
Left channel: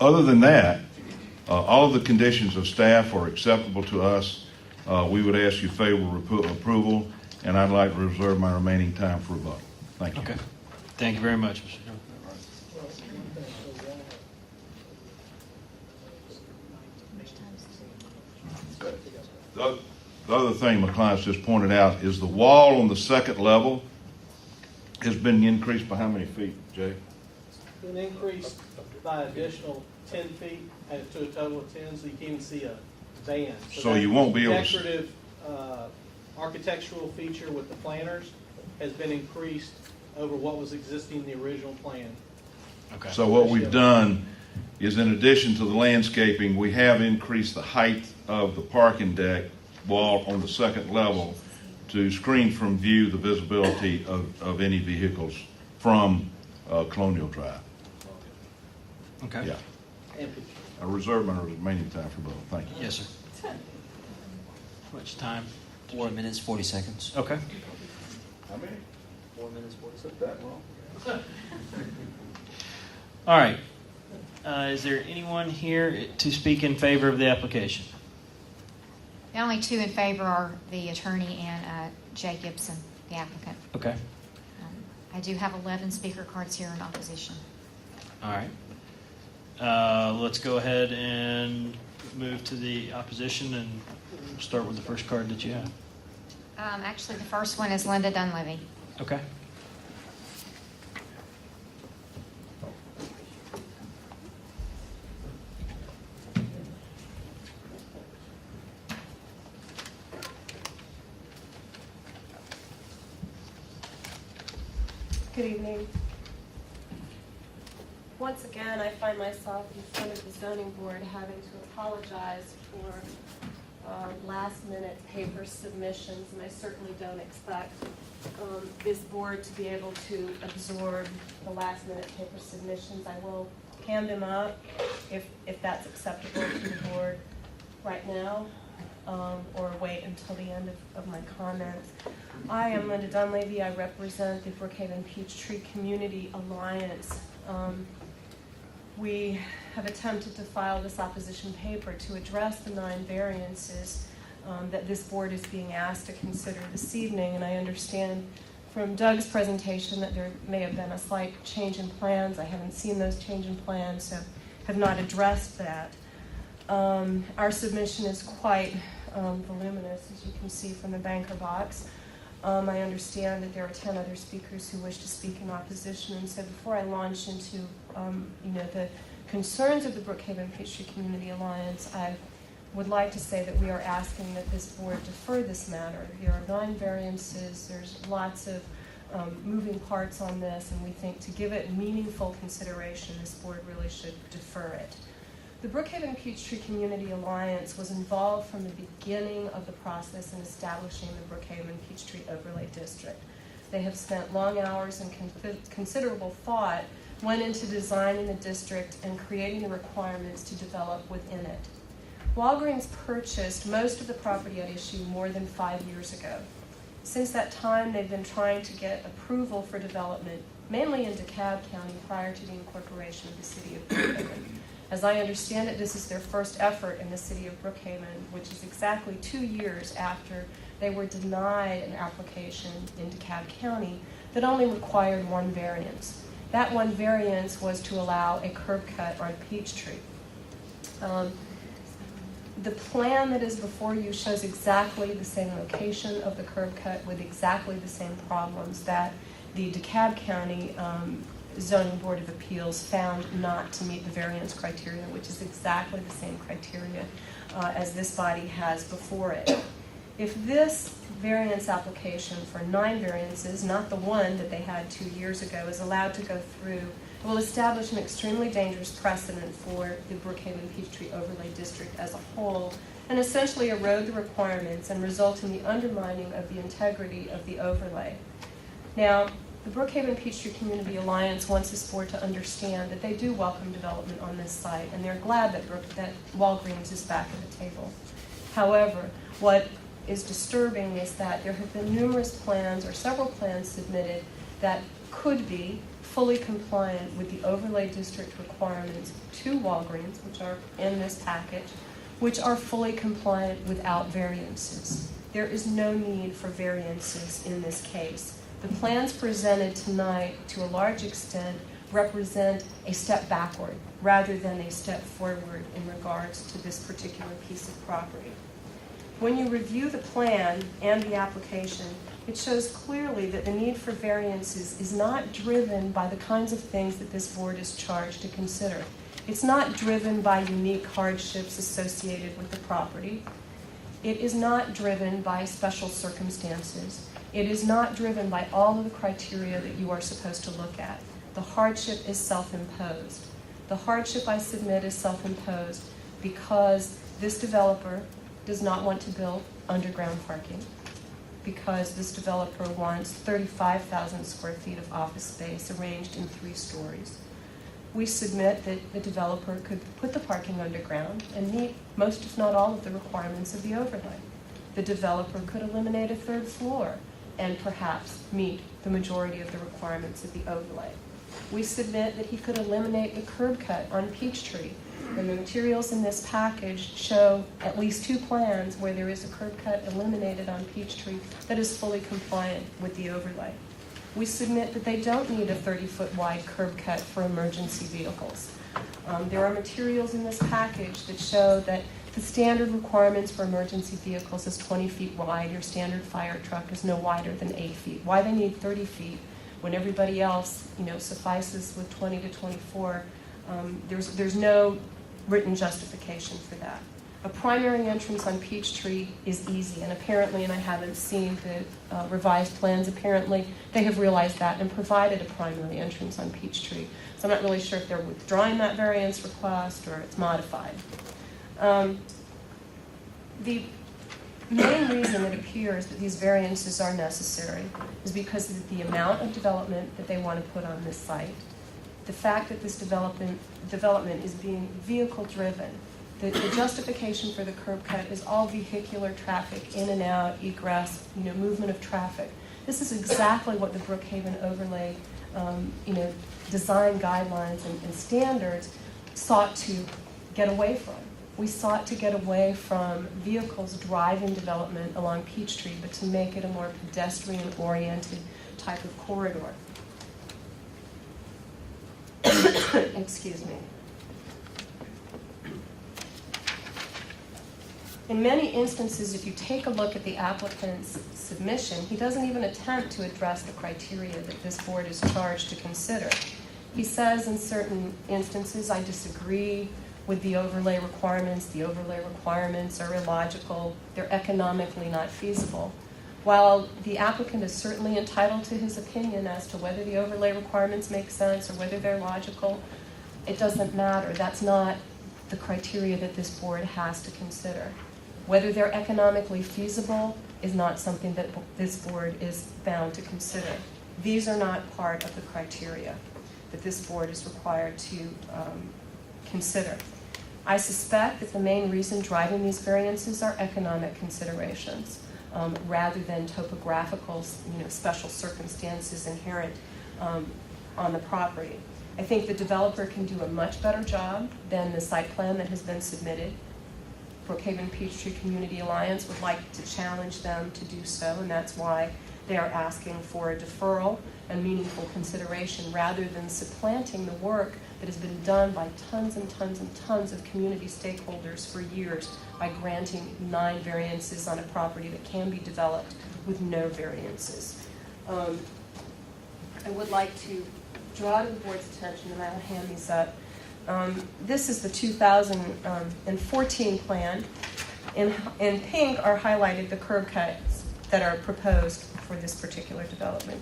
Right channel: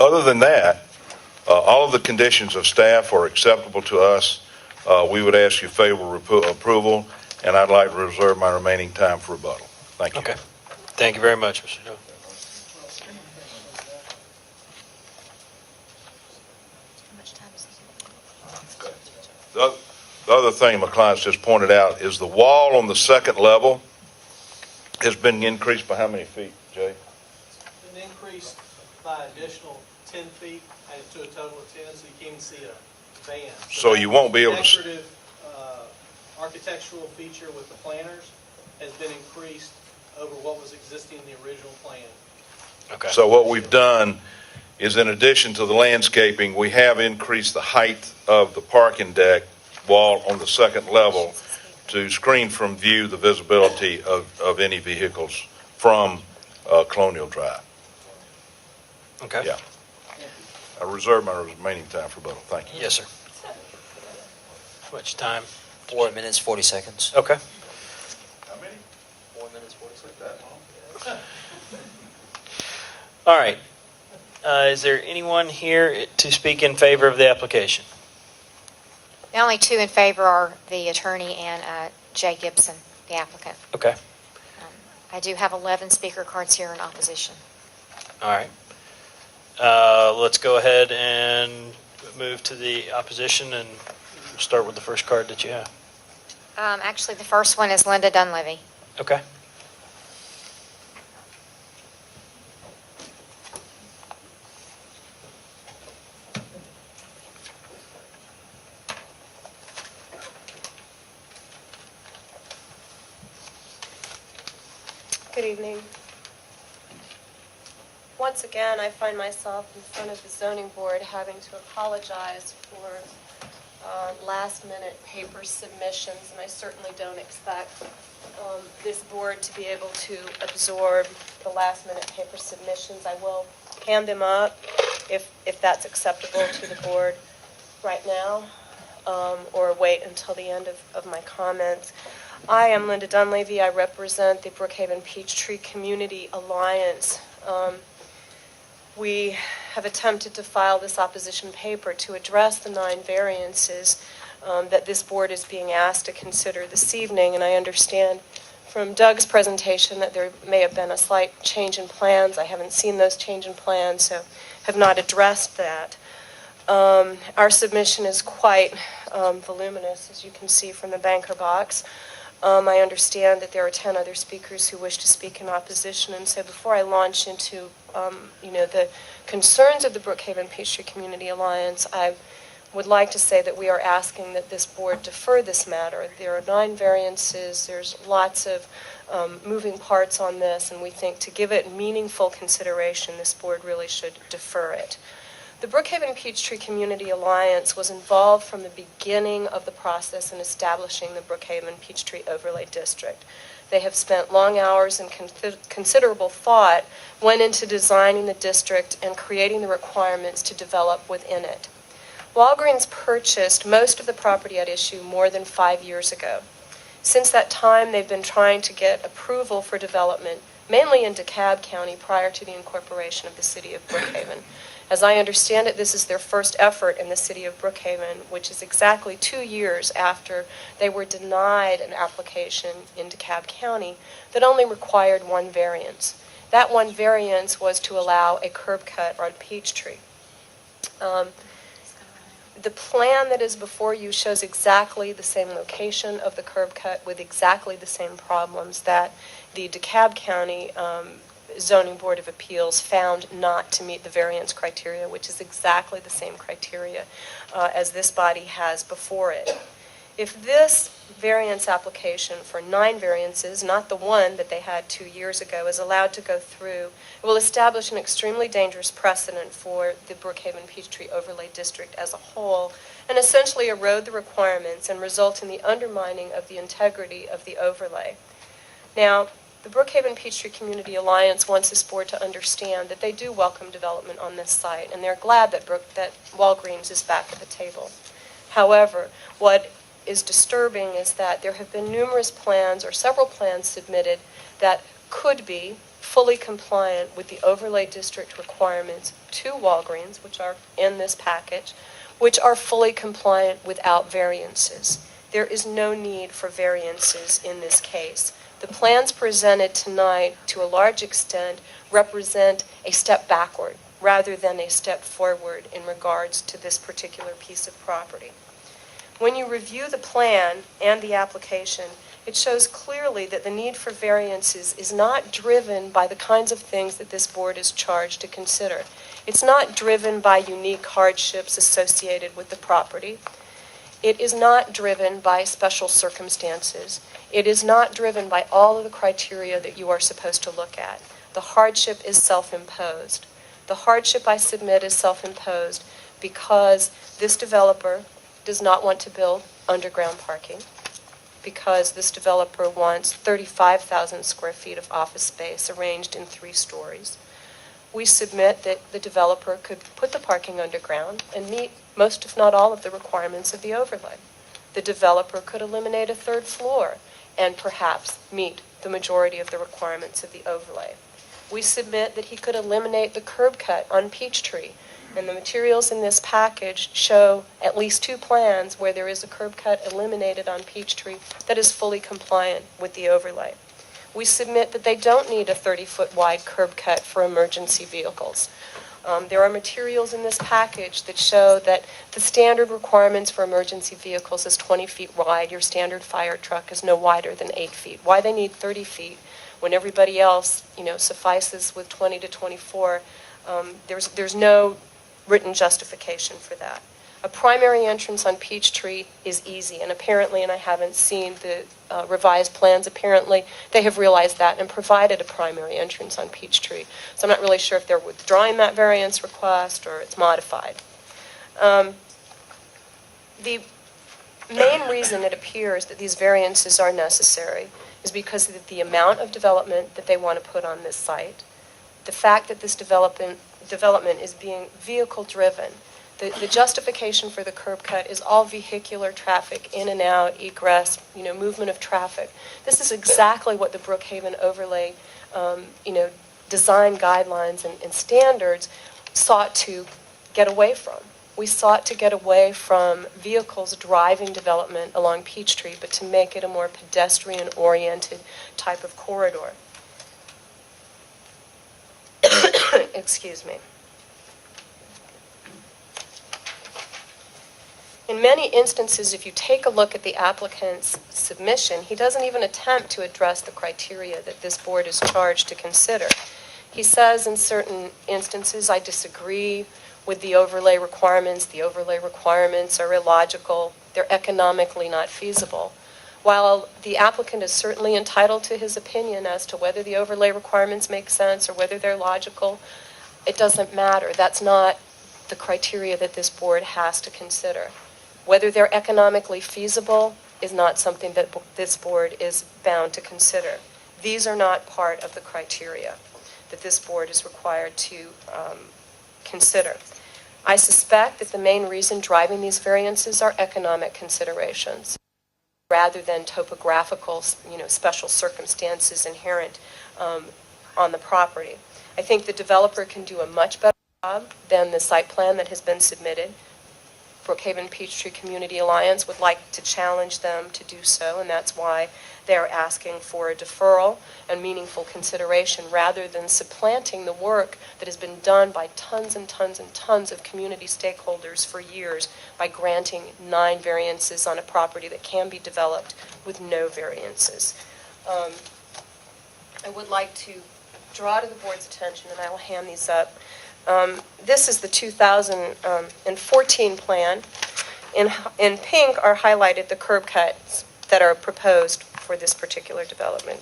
Other than that, all of the conditions of staff are acceptable to us. We would ask you favorable approval, and I'd like to reserve my remaining time for rebuttal. Thank you. Okay. Thank you very much, Mr. Jones. The other thing my clients just pointed out is the wall on the second level has been increased by how many feet, Jay? Been increased by additional 10 feet to a total of 10, so you can't even see a van. So you won't be able to see. Decorative architectural feature with the planters has been increased over what was existing in the original plan. Okay. So what we've done is, in addition to the landscaping, we have increased the height of the parking deck wall on the second level to screen from view the visibility of any vehicles from Colonial Drive. Okay. Yeah. I reserve my remaining time for rebuttal. Thank you. Yes, sir. How much time? 4 minutes, 40 seconds. Okay. How many? 4 minutes, 40 seconds. That long? All right. Is there anyone here to speak in favor of the application? The only two in favor are the attorney and Jay Gibson, the applicant. Okay. I do have 11 speaker cards here in opposition. All right. Let's go ahead and move to the opposition and start with the first card that you have. Actually, the first one is Linda Dunleavy. Okay. Good evening. Once again, I find myself in front of the zoning board having to apologize for last-minute paper submissions, and I certainly don't expect this board to be able to absorb the last-minute paper submissions. I will hand them up if that's acceptable to the board right now, or wait until the end of my comments. I am Linda Dunleavy. I represent the Brookhaven Peachtree Community Alliance. We have attempted to file this opposition paper to address the 9 variances that this board is being asked to consider this evening, and I understand from Doug's presentation that there may have been a slight change in plans. I haven't seen those change in plans, so have not addressed that. Our submission is quite voluminous, as you can see from the banker box. I understand that there are 10 other speakers who wish to speak in opposition, and so before I launch into the concerns of the Brookhaven Peachtree Community Alliance, I would like to say that we are asking that this board defer this matter. There are 9 variances. There's lots of moving parts on this, and we think to give it meaningful consideration, this board really should defer it. The Brookhaven Peachtree Community Alliance was involved from the beginning of the process in establishing the Brookhaven Peachtree Overlay District. They have spent long hours and considerable thought went into designing the district and creating the requirements to develop within it. Walgreens purchased most of the property at issue more than 5 years ago. Since that time, they've been trying to get approval for development, mainly in DeKalb County, prior to the incorporation of the city of Brookhaven. As I understand it, this is their first effort in the city of Brookhaven, which is exactly 2 years after they were denied an application in DeKalb County that only required one variance. That one variance was to allow a curb cut on Peachtree. The plan that is before you shows exactly the same location of the curb cut with exactly the same problems that the DeKalb County Zoning Board of Appeals found not to meet the variance criteria, which is exactly the same criteria as this body has before it. If this variance application for 9 variances, not the one that they had 2 years ago, is allowed to go through, it will establish an extremely dangerous precedent for the Brookhaven Peachtree Overlay District as a whole, and essentially erode the requirements and result in the undermining of the integrity of the overlay. Now, the Brookhaven Peachtree Community Alliance wants this board to understand that they do welcome development on this site, and they're glad that Walgreens is back at the table. However, what is disturbing is that there have been numerous plans or several plans submitted that could be fully compliant with the overlay district requirements to Walgreens, which are in this package, which are fully compliant without variances. There is no need for variances in this case. The plans presented tonight, to a large extent, represent a step backward rather than a step forward in regards to this particular piece of property. When you review the plan and the application, it shows clearly that the need for variances is not driven by the kinds of things that this board is charged to consider. It's not driven by unique hardships associated with the property. It is not driven by special circumstances. It is not driven by all of the criteria that you are supposed to look at. The hardship is self-imposed. The hardship I submit is self-imposed because this developer does not want to build underground parking, because this developer wants 35,000 square feet of office space arranged in 3 stories. We submit that the developer could put the parking underground and meet most, if not all, of the requirements of the overlay. The developer could eliminate a 3rd floor and perhaps meet the majority of the requirements of the overlay. We submit that he could eliminate the curb cut on Peachtree, and the materials in this package show at least 2 plans where there is a curb cut eliminated on Peachtree that is fully compliant with the overlay. We submit that they don't need a 30-foot wide curb cut for emergency vehicles. There are materials in this package that show that the standard requirements for emergency vehicles is 20 feet wide. Your standard fire truck is no wider than 8 feet. Why they need 30 feet when everybody else, suffices with 20 to 24, there's no written justification for that. A primary entrance on Peachtree is easy, and apparently, and I haven't seen the revised plans, apparently they have realized that and provided a primary entrance on Peachtree. So I'm not really sure if they're withdrawing that variance request or it's modified. The main reason it appears that these variances are necessary is because of the amount of development that they want to put on this site, the fact that this development is being vehicle-driven. The justification for the curb cut is all vehicular traffic, in and out, egress, movement of traffic. This is exactly what the Brookhaven overlay, design guidelines and standards sought to get away from. We sought to get away from vehicles driving development along Peachtree, but to make it a more pedestrian-oriented type of corridor. Excuse me. In many instances, if you take a look at the applicant's submission, he doesn't even attempt to address the criteria that this board is charged to consider. He says in certain instances, I disagree with the overlay requirements. The overlay requirements are illogical. They're economically not feasible. While the applicant is certainly entitled to his opinion as to whether the overlay requirements make sense or whether they're logical, it doesn't matter. That's not the criteria that this board has to consider. Whether they're economically feasible is not something that this board is bound to consider. These are not part of the criteria that this board is required to consider. I suspect that the main reason driving these variances are economic considerations rather than topographical, special circumstances inherent on the property. I think the developer can do a much better job than the site plan that has been submitted. Brookhaven Peachtree Community Alliance would like to challenge them to do so, and that's why they're asking for a deferral and meaningful consideration rather than supplanting the work that has been done by tons and tons and tons of community stakeholders for years by granting 9 variances on a property that can be developed with no variances. I would like to draw to the board's attention, and I will hand these up. This is the 2014 plan. In pink are highlighted the curb cuts that are proposed for this particular development.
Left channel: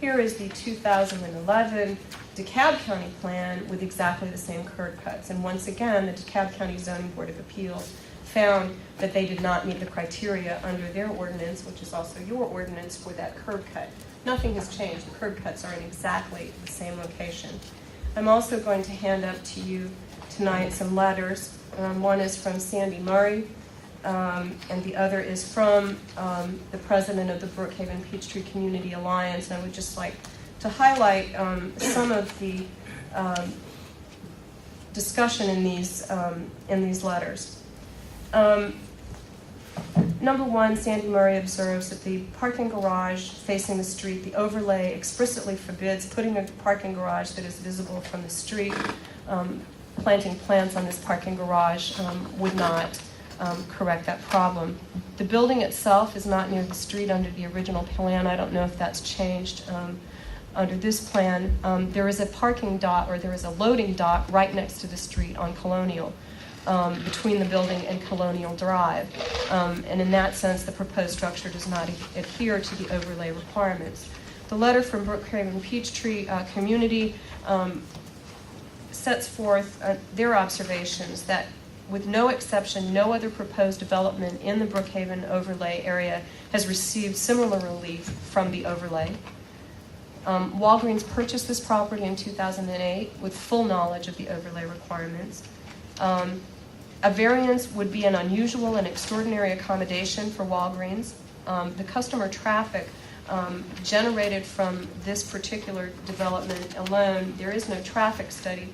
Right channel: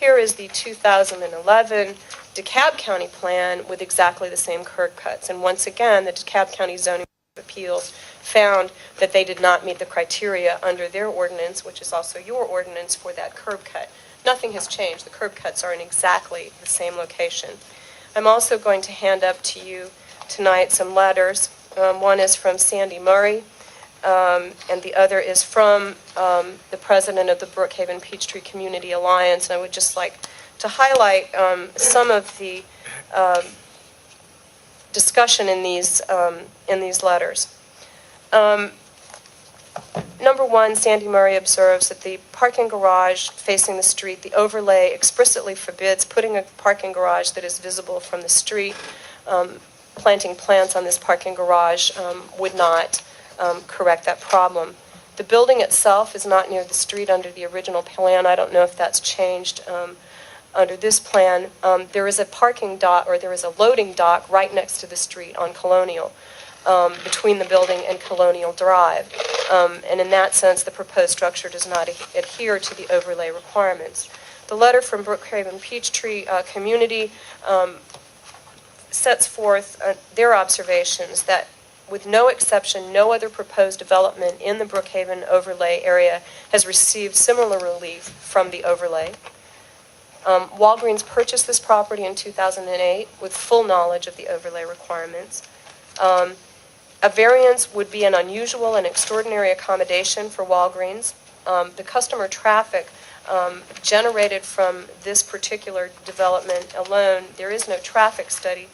Here is the 2011 DeKalb County plan with exactly the same curb cuts. And once again, the DeKalb County Zoning Board of Appeals found that they did not meet the criteria under their ordinance, which is also your ordinance, for that curb cut. Nothing has changed. The curb cuts are in exactly the same location. I'm also going to hand up to you tonight some letters. One is from Sandy Murray, and the other is from the president of the Brookhaven Peachtree Community Alliance. And I would just like to highlight some of the discussion in these letters. Number one, Sandy Murray observes that the parking garage facing the street, the overlay explicitly forbids putting a parking garage that is visible from the street. Planting plants on this parking garage would not correct that problem. The building itself is not near the street under the original plan. I don't know if that's changed under this plan. There is a parking dock, or there is a loading dock right next to the street on Colonial, between the building and Colonial Drive. And in that sense, the proposed structure does not adhere to the overlay requirements. The letter from Brookhaven Peachtree Community sets forth their observations that, with no exception, no other proposed development in the Brookhaven overlay area has received similar relief from the overlay. Walgreens purchased this property in 2008 with full knowledge of the overlay requirements. A variance would be an unusual and extraordinary accommodation for Walgreens. The customer traffic generated from this particular development alone, there is no traffic study.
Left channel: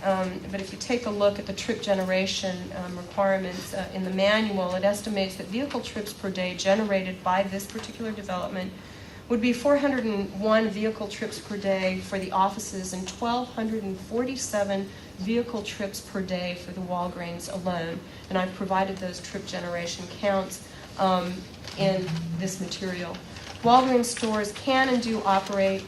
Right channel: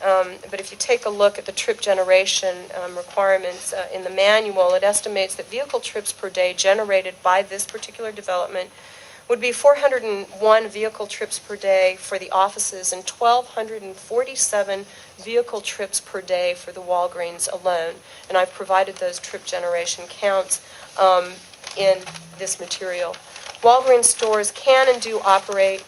But if you take a look at the trip generation requirements in the manual, it estimates that vehicle trips per day generated by this particular development would be 401 vehicle trips per day for the offices and 1,247 vehicle trips per day for the Walgreens alone. And I've provided those trip generation counts in this material. Walgreens stores can and do operate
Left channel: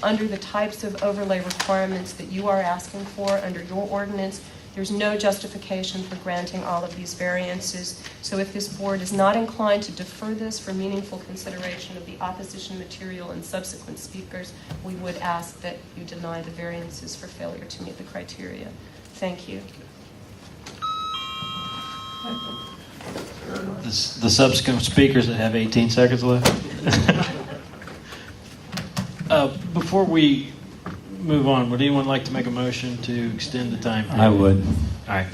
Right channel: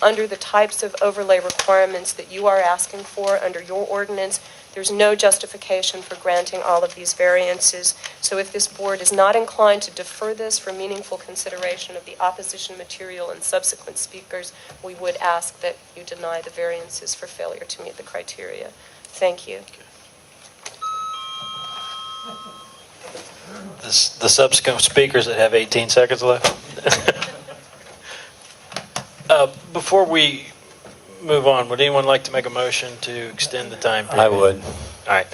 under the types of overlay requirements that you are asking for under your ordinance. There's no justification for granting all of these variances. So if this board is not inclined to defer this for meaningful consideration of the opposition material and subsequent speakers, we would ask that you deny the variances for failure to meet the criteria. Thank you. The subsequent speakers that have 18 seconds left. Before we move on, would anyone like to make a motion to extend the time period? I would. All right.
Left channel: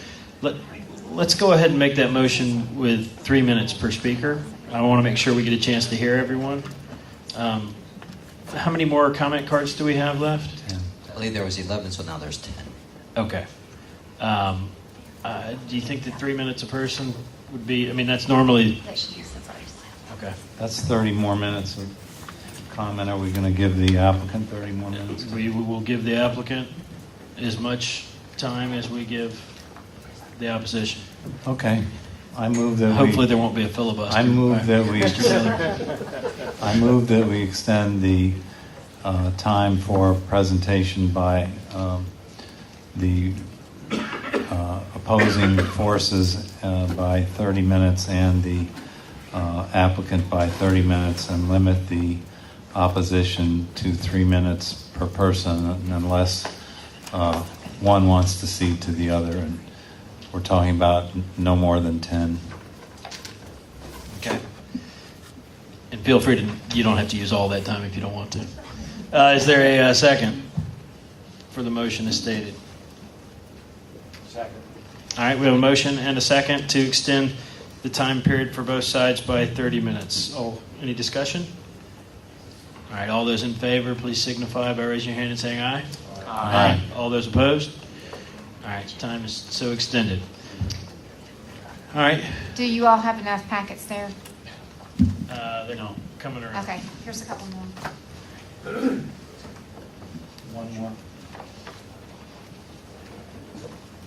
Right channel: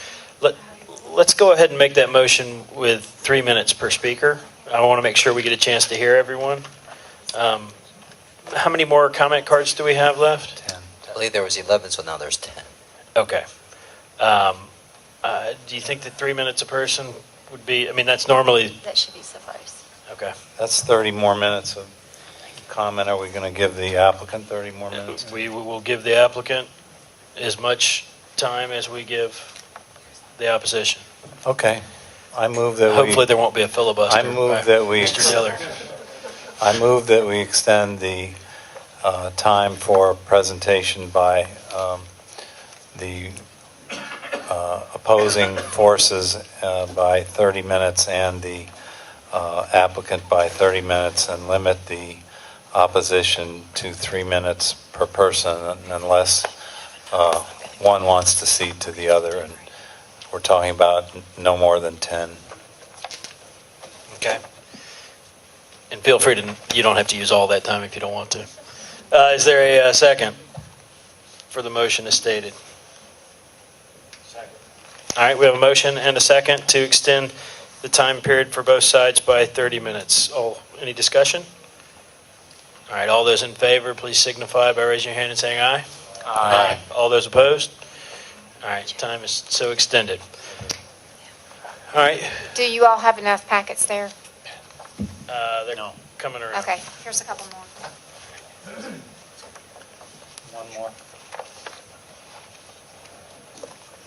Let's go ahead and make that motion with 3 minutes per speaker. I want to make sure we get a chance to hear everyone. How many more comment cards do we have left? 10. I believe there was 11, so now there's 10. Okay. Do you think that 3 minutes a person would be, I mean, that's normally, That should be suffice. okay. That's 30 more minutes of comment. Are we going to give the applicant 30 more minutes? We will give the applicant as much time as we give the opposition. Okay. I move that Hopefully there won't be a filibuster. I move that we Mr. Taylor. I move that we extend the time for presentation by the opposing forces by 30 minutes and the applicant by 30 minutes, and limit the opposition to 3 minutes per person unless one wants to cede to the other. And we're talking about no more than 10. Okay. And feel free to, you don't have to use all that time if you don't want to. Is there a second for the motion as stated? Second. All right, we have a motion and a second to extend the time period for both sides by 30 minutes. Any discussion? All right, all those in favor, please signify by raising your hand and saying aye. Aye. All those opposed? All right, time is so extended. All right, Do you all have enough packets there? they're coming around. Okay, here's a couple more. One more.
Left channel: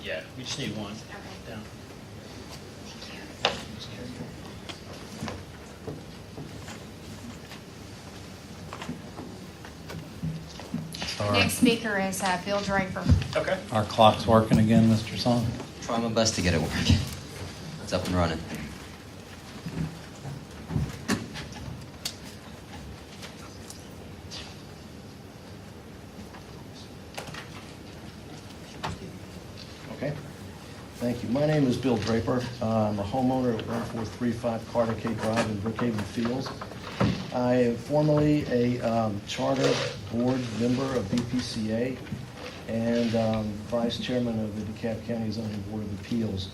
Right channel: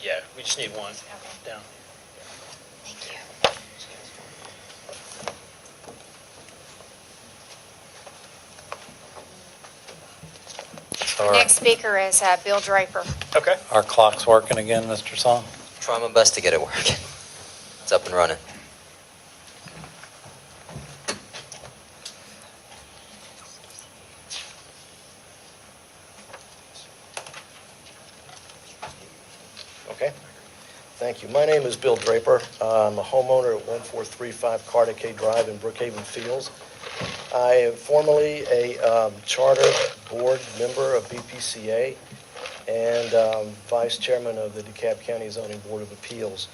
Yeah, we just need one. Down. Sorry. Next speaker is Bill Draper. Okay. Our clock's working again, Mr. Song? Try my best to get it working. It's up and running. Okay. Thank you. My name is Bill Draper. I'm a homeowner at 1435 Cardigan Drive in Brookhaven Fields. I am formerly a charter board member of BPCA and vice chairman of the DeKalb County Zoning Board of Appeals.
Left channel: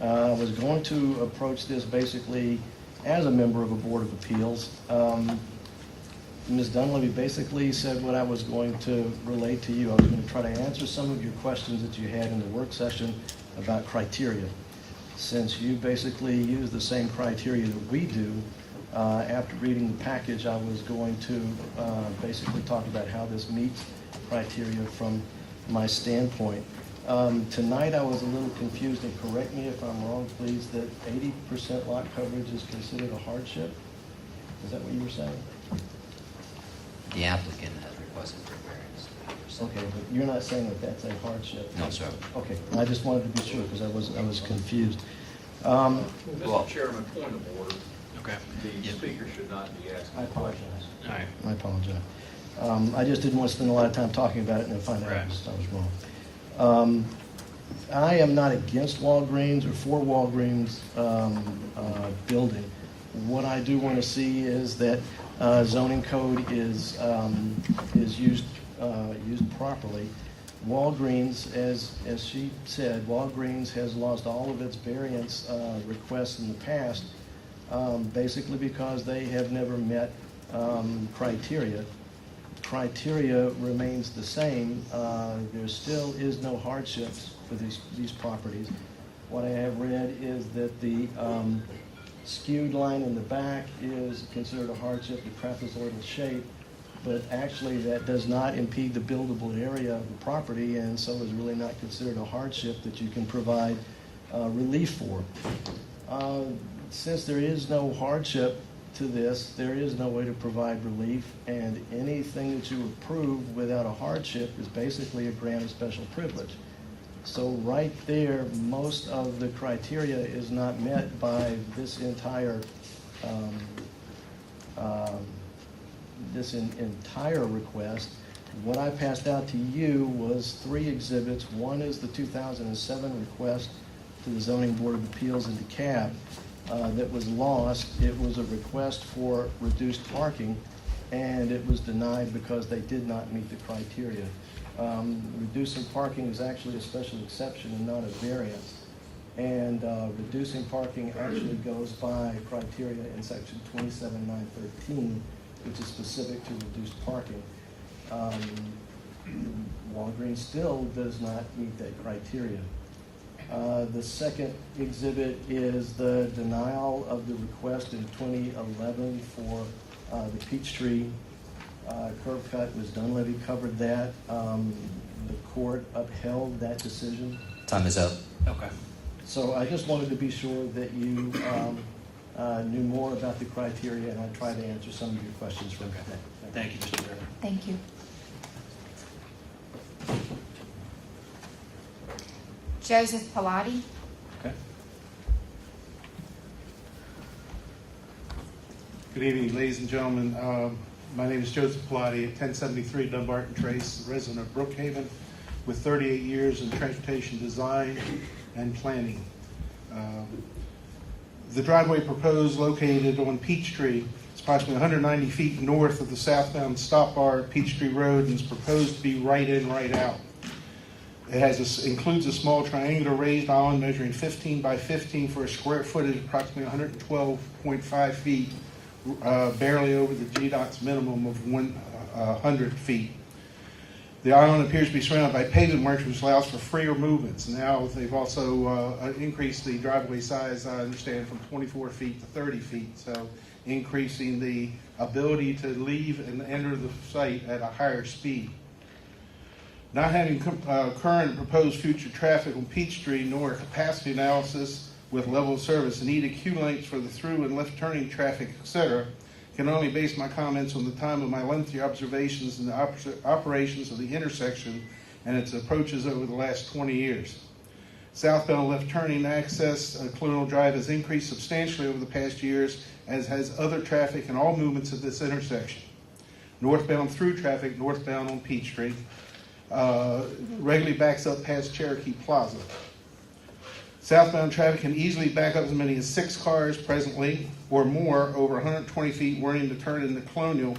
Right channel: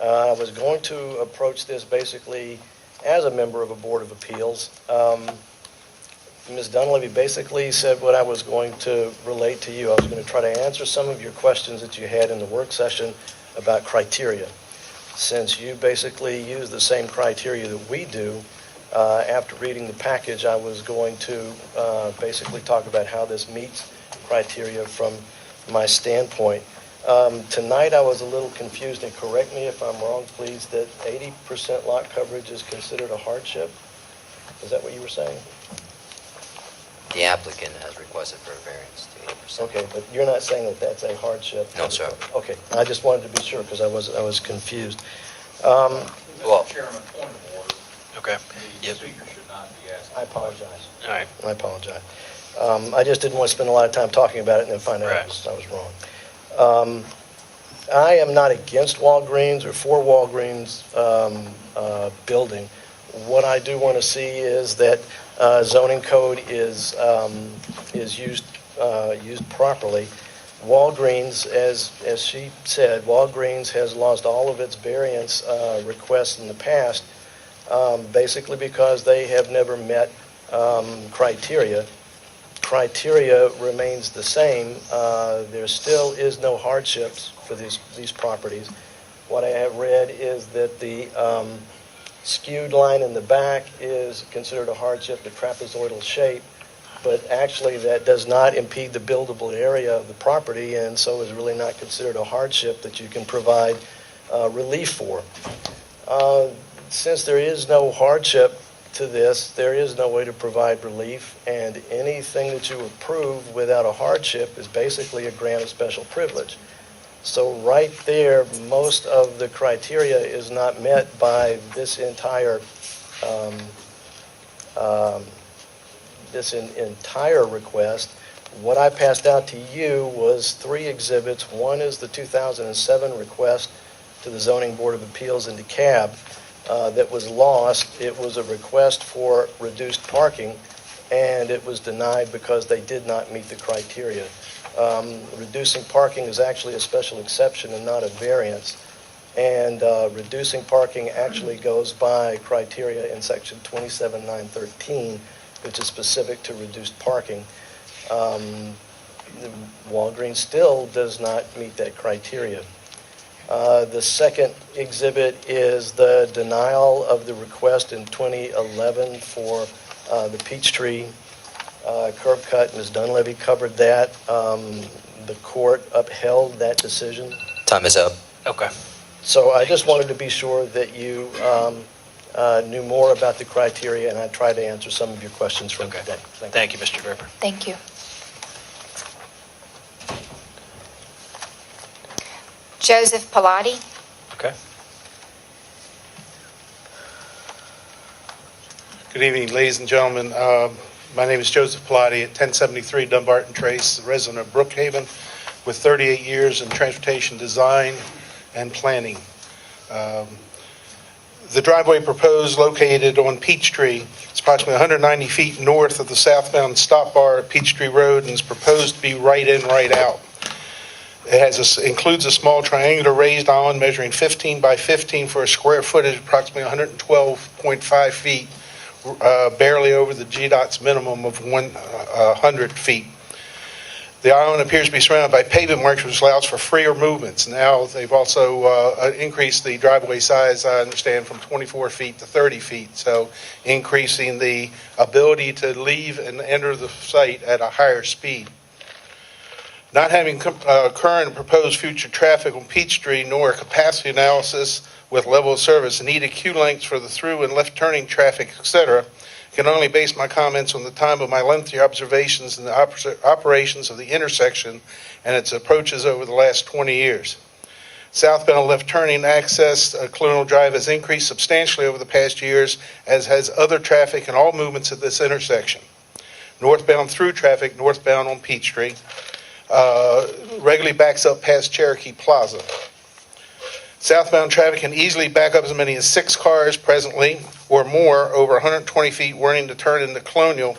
I was going to approach this basically as a member of a Board of Appeals. Ms. Dunleavy basically said what I was going to relate to you. I was going to try to answer some of your questions that you had in the work session about criteria. Since you basically use the same criteria that we do, after reading the package, I was going to basically talk about how this meets criteria from my standpoint. Tonight I was a little confused, and correct me if I'm wrong, please, that 80% lot coverage is considered a hardship? Is that what you were saying? The applicant has requested for a variance to 80%. Okay, but you're not saying that that's a hardship? No, sir. Okay, I just wanted to be sure because I was confused. Well- Mr. Chairman, point of order. Okay. The speaker should not be asking. I apologize. All right. I apologize. I just didn't want to spend a lot of time talking about it and then find out Right. I was wrong. I am not against Walgreens or for Walgreens building. What I do want to see is that zoning code is used properly. Walgreens, as she said, Walgreens has lost all of its variance requests in the past, basically because they have never met criteria. Criteria remains the same. There still is no hardships for these properties. What I have read is that the skewed line in the back is considered a hardship, the trapezoidal shape, but actually that does not impede the buildable area of the property, and so is really not considered a hardship that you can provide relief for. Since there is no hardship to this, there is no way to provide relief, and anything that you approve without a hardship is basically a grant of special privilege. So right there, most of the criteria is not met by this entire request. What I passed out to you was 3 exhibits. One is the 2007 request to the Zoning Board of Appeals in DeKalb that was lost. It was a request for reduced parking, and it was denied because they did not meet the criteria. Reducing parking is actually a special exception and not a variance. And reducing parking actually goes by criteria in section 27913, which is specific to reduced parking. Walgreens still does not meet that criteria. The second exhibit is the denial of the request in 2011 for the Peachtree curb cut. Ms. Dunleavy covered that. The court upheld that decision. Time is up. Okay. So I just wanted to be sure that you knew more about the criteria, and I tried to answer some of your questions from today. Thank you, Mr. Draper. Thank you. Joseph Pilati. Okay. Good evening, ladies and gentlemen. My name is Joseph Pilati at 1073 Dumbarton Trace, resident of Brookhaven, with 38 years in transportation design and planning. The driveway proposed located on Peachtree. It's approximately 190 feet north of the southbound stop bar at Peachtree Road and is proposed to be right in, right out. It includes a small triangular raised island measuring 15 by 15 for a square footage, approximately 112.5 feet, barely over the GDOT's minimum of 100 feet. The island appears to be surrounded by pavement marks, which allows for freer movements. Now, they've also increased the driveway size, I understand, from 24 feet to 30 feet, so increasing the ability to leave and enter the site at a higher speed. Not having current proposed future traffic on Peachtree nor a capacity analysis with level of service, needed queue lengths for the through and left turning traffic, etc., can only base my comments on the time of my lengthy observations in the operations of the intersection and its approaches over the last 20 years. Southbound left turning access Colonial Drive has increased substantially over the past years, as has other traffic and all movements at this intersection. Northbound through traffic, northbound on Peachtree, regularly backs up past Cherokee Plaza. Southbound traffic can easily back up as many as 6 cars presently or more over 120 feet wanting to turn into Colonial.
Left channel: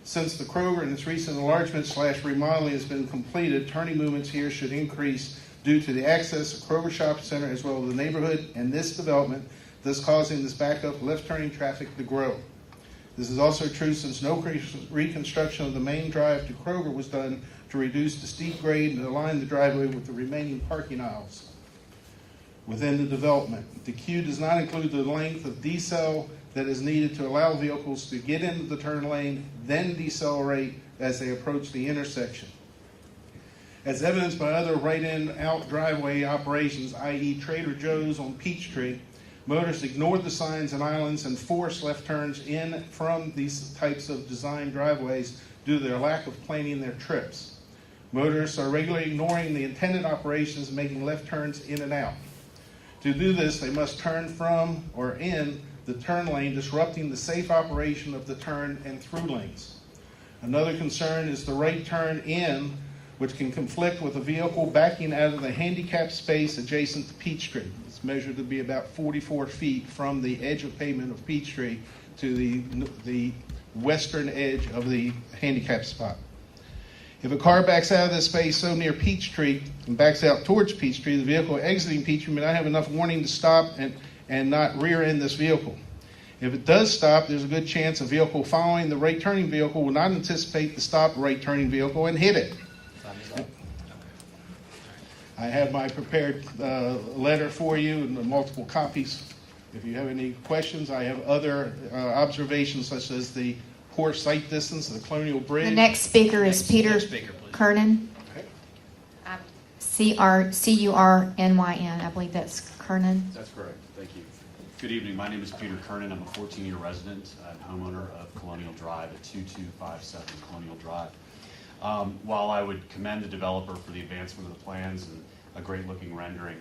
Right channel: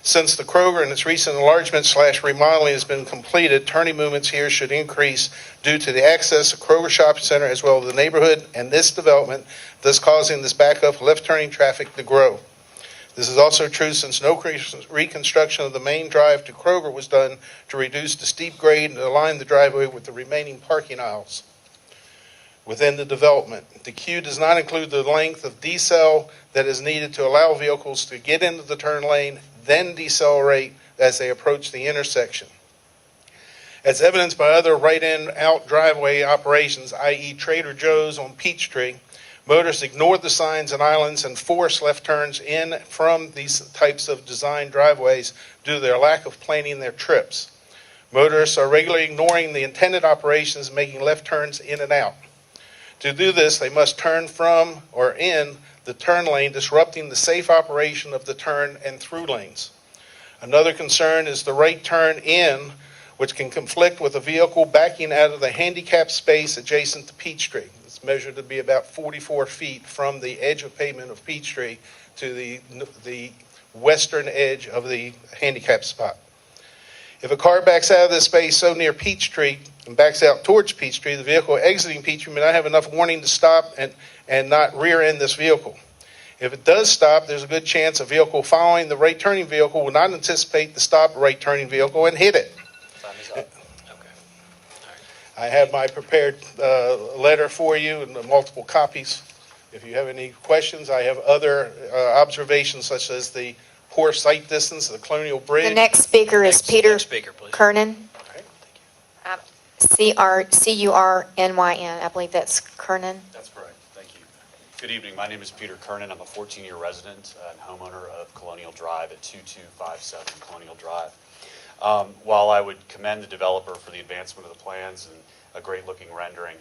Since the Kroger and its recent enlargement / remodeling has been completed, turning movements here should increase due to the access to Kroger Shopping Center as well as the neighborhood and this development, thus causing this backup left turning traffic to grow. This is also true since no reconstruction of the main drive to Kroger was done to reduce the steep grade and align the driveway with the remaining parking aisles within the development. The queue does not include the length of decel that is needed to allow vehicles to get into the turn lane, then decelerate as they approach the intersection. As evidenced by other right-in out driveway operations, i.e. Trader Joe's on Peachtree, motorists ignored the signs and islands and forced left turns in from these types of design driveways due to their lack of planning their trips. Motorists are regularly ignoring the intended operations, making left turns in and out. To do this, they must turn from or in the turn lane, disrupting the safe operation of the turn and through lanes. Another concern is the right turn in, which can conflict with a vehicle backing out of the handicap space adjacent to Peachtree. It's measured to be about 44 feet from the edge of pavement of Peachtree to the western edge of the handicap spot. If a car backs out of this space so near Peachtree and backs out towards Peachtree, the vehicle exiting Peachtree may not have enough warning to stop and not rear end this vehicle. If it does stop, there's a good chance a vehicle following the right turning vehicle will not anticipate the stopped right turning vehicle and hit it. I have my prepared letter for you and multiple copies. If you have any questions, I have other observations such as the poor sight distance of the Colonial Bridge. The next speaker is Peter Next speaker, please. Kernan. C-R-C-U-R-N-Y-N. I believe that's Kernan. That's correct. Thank you. Good evening. My name is Peter Kernan. I'm a 14-year resident and homeowner of Colonial Drive at 2257 Colonial Drive. While I would commend the developer for the advancement of the plans and a great-looking rendering,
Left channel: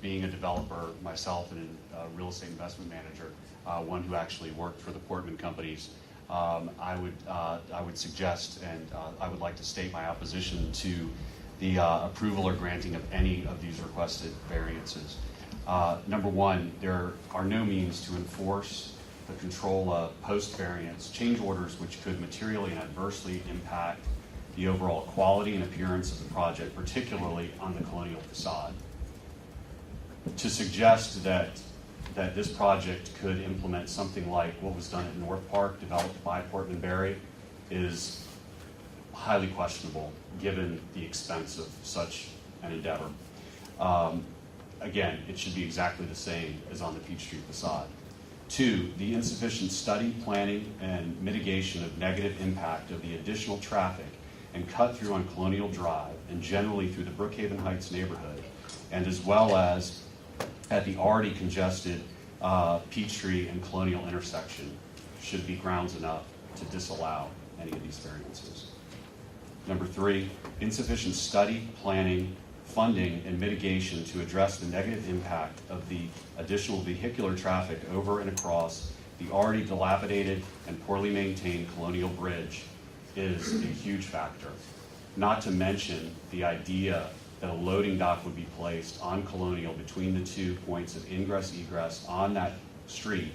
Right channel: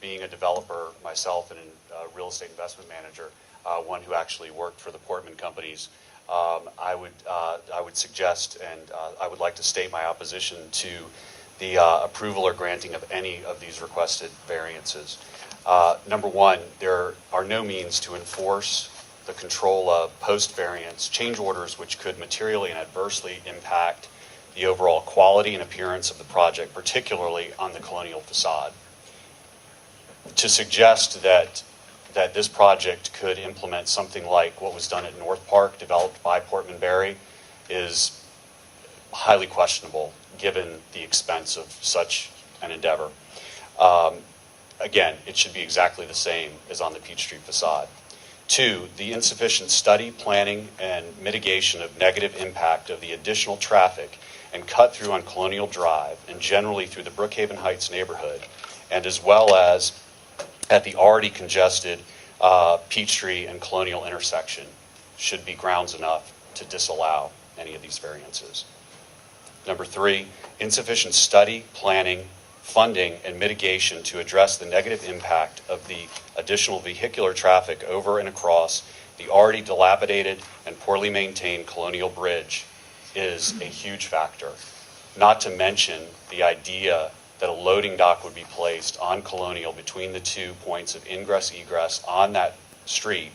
being a developer myself and a real estate investment manager, one who actually worked for the Portman companies, I would suggest and I would like to state my opposition to the approval or granting of any of these requested variances. Number one, there are no means to enforce the control of post-variance change orders which could materially and adversely impact the overall quality and appearance of the project, particularly on the Colonial facade. To suggest that this project could implement something like what was done at North Park, developed by Portman Berry, is highly questionable given the expense of such an endeavor. Again, it should be exactly the same as on the Peachtree facade. Two, the insufficient study, planning, and mitigation of negative impact of the additional traffic and cut through on Colonial Drive and generally through the Brookhaven Heights neighborhood, and as well as at the already congested Peachtree and Colonial intersection should be grounds enough to disallow any of these variances. Number three, insufficient study, planning, funding, and mitigation to address the negative impact of the additional vehicular traffic over and across the already dilapidated and poorly maintained Colonial Bridge is a huge factor. Not to mention the idea that a loading dock would be placed on Colonial between the 2 points of ingress-egress on that street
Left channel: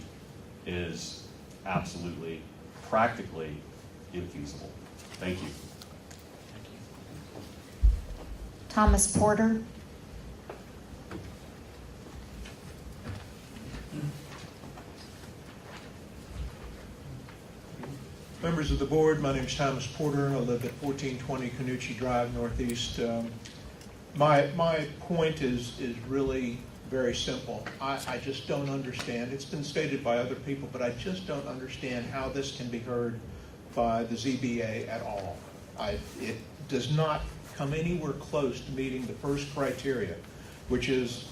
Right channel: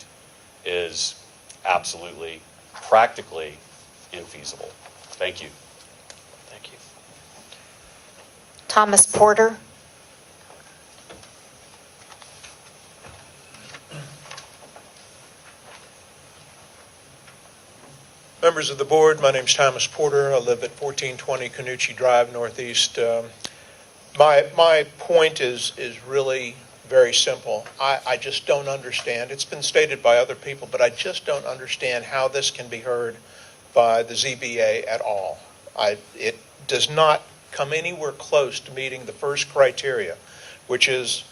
is absolutely, practically infeasible. Thank you. Thank you. Thomas Porter. Members of the board, my name's Thomas Porter. I live at 1420 Canucci Drive, Northeast. My point is really very simple. I just don't understand. It's been stated by other people, but I just don't understand how this can be heard by the ZBA at all. It does not come anywhere close to meeting the first criteria, which is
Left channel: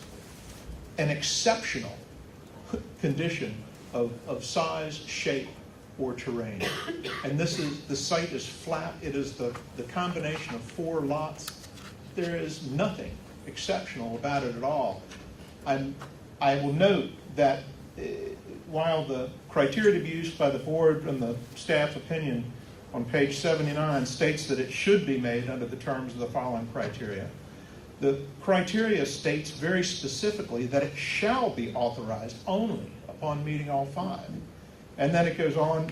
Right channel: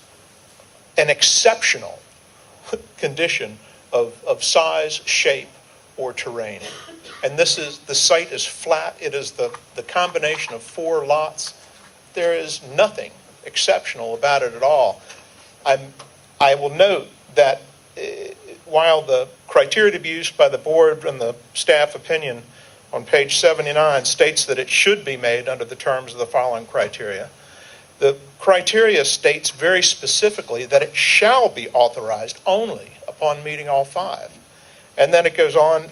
an exceptional condition of size, shape, or terrain. And the site is flat. It is the combination of 4 lots. There is nothing exceptional about it at all. I will note that while the criteria to be used by the board and the staff opinion on page 79 states that it should be made under the terms of the following criteria, the criteria states very specifically that it shall be authorized only upon meeting all 5. And then it goes on,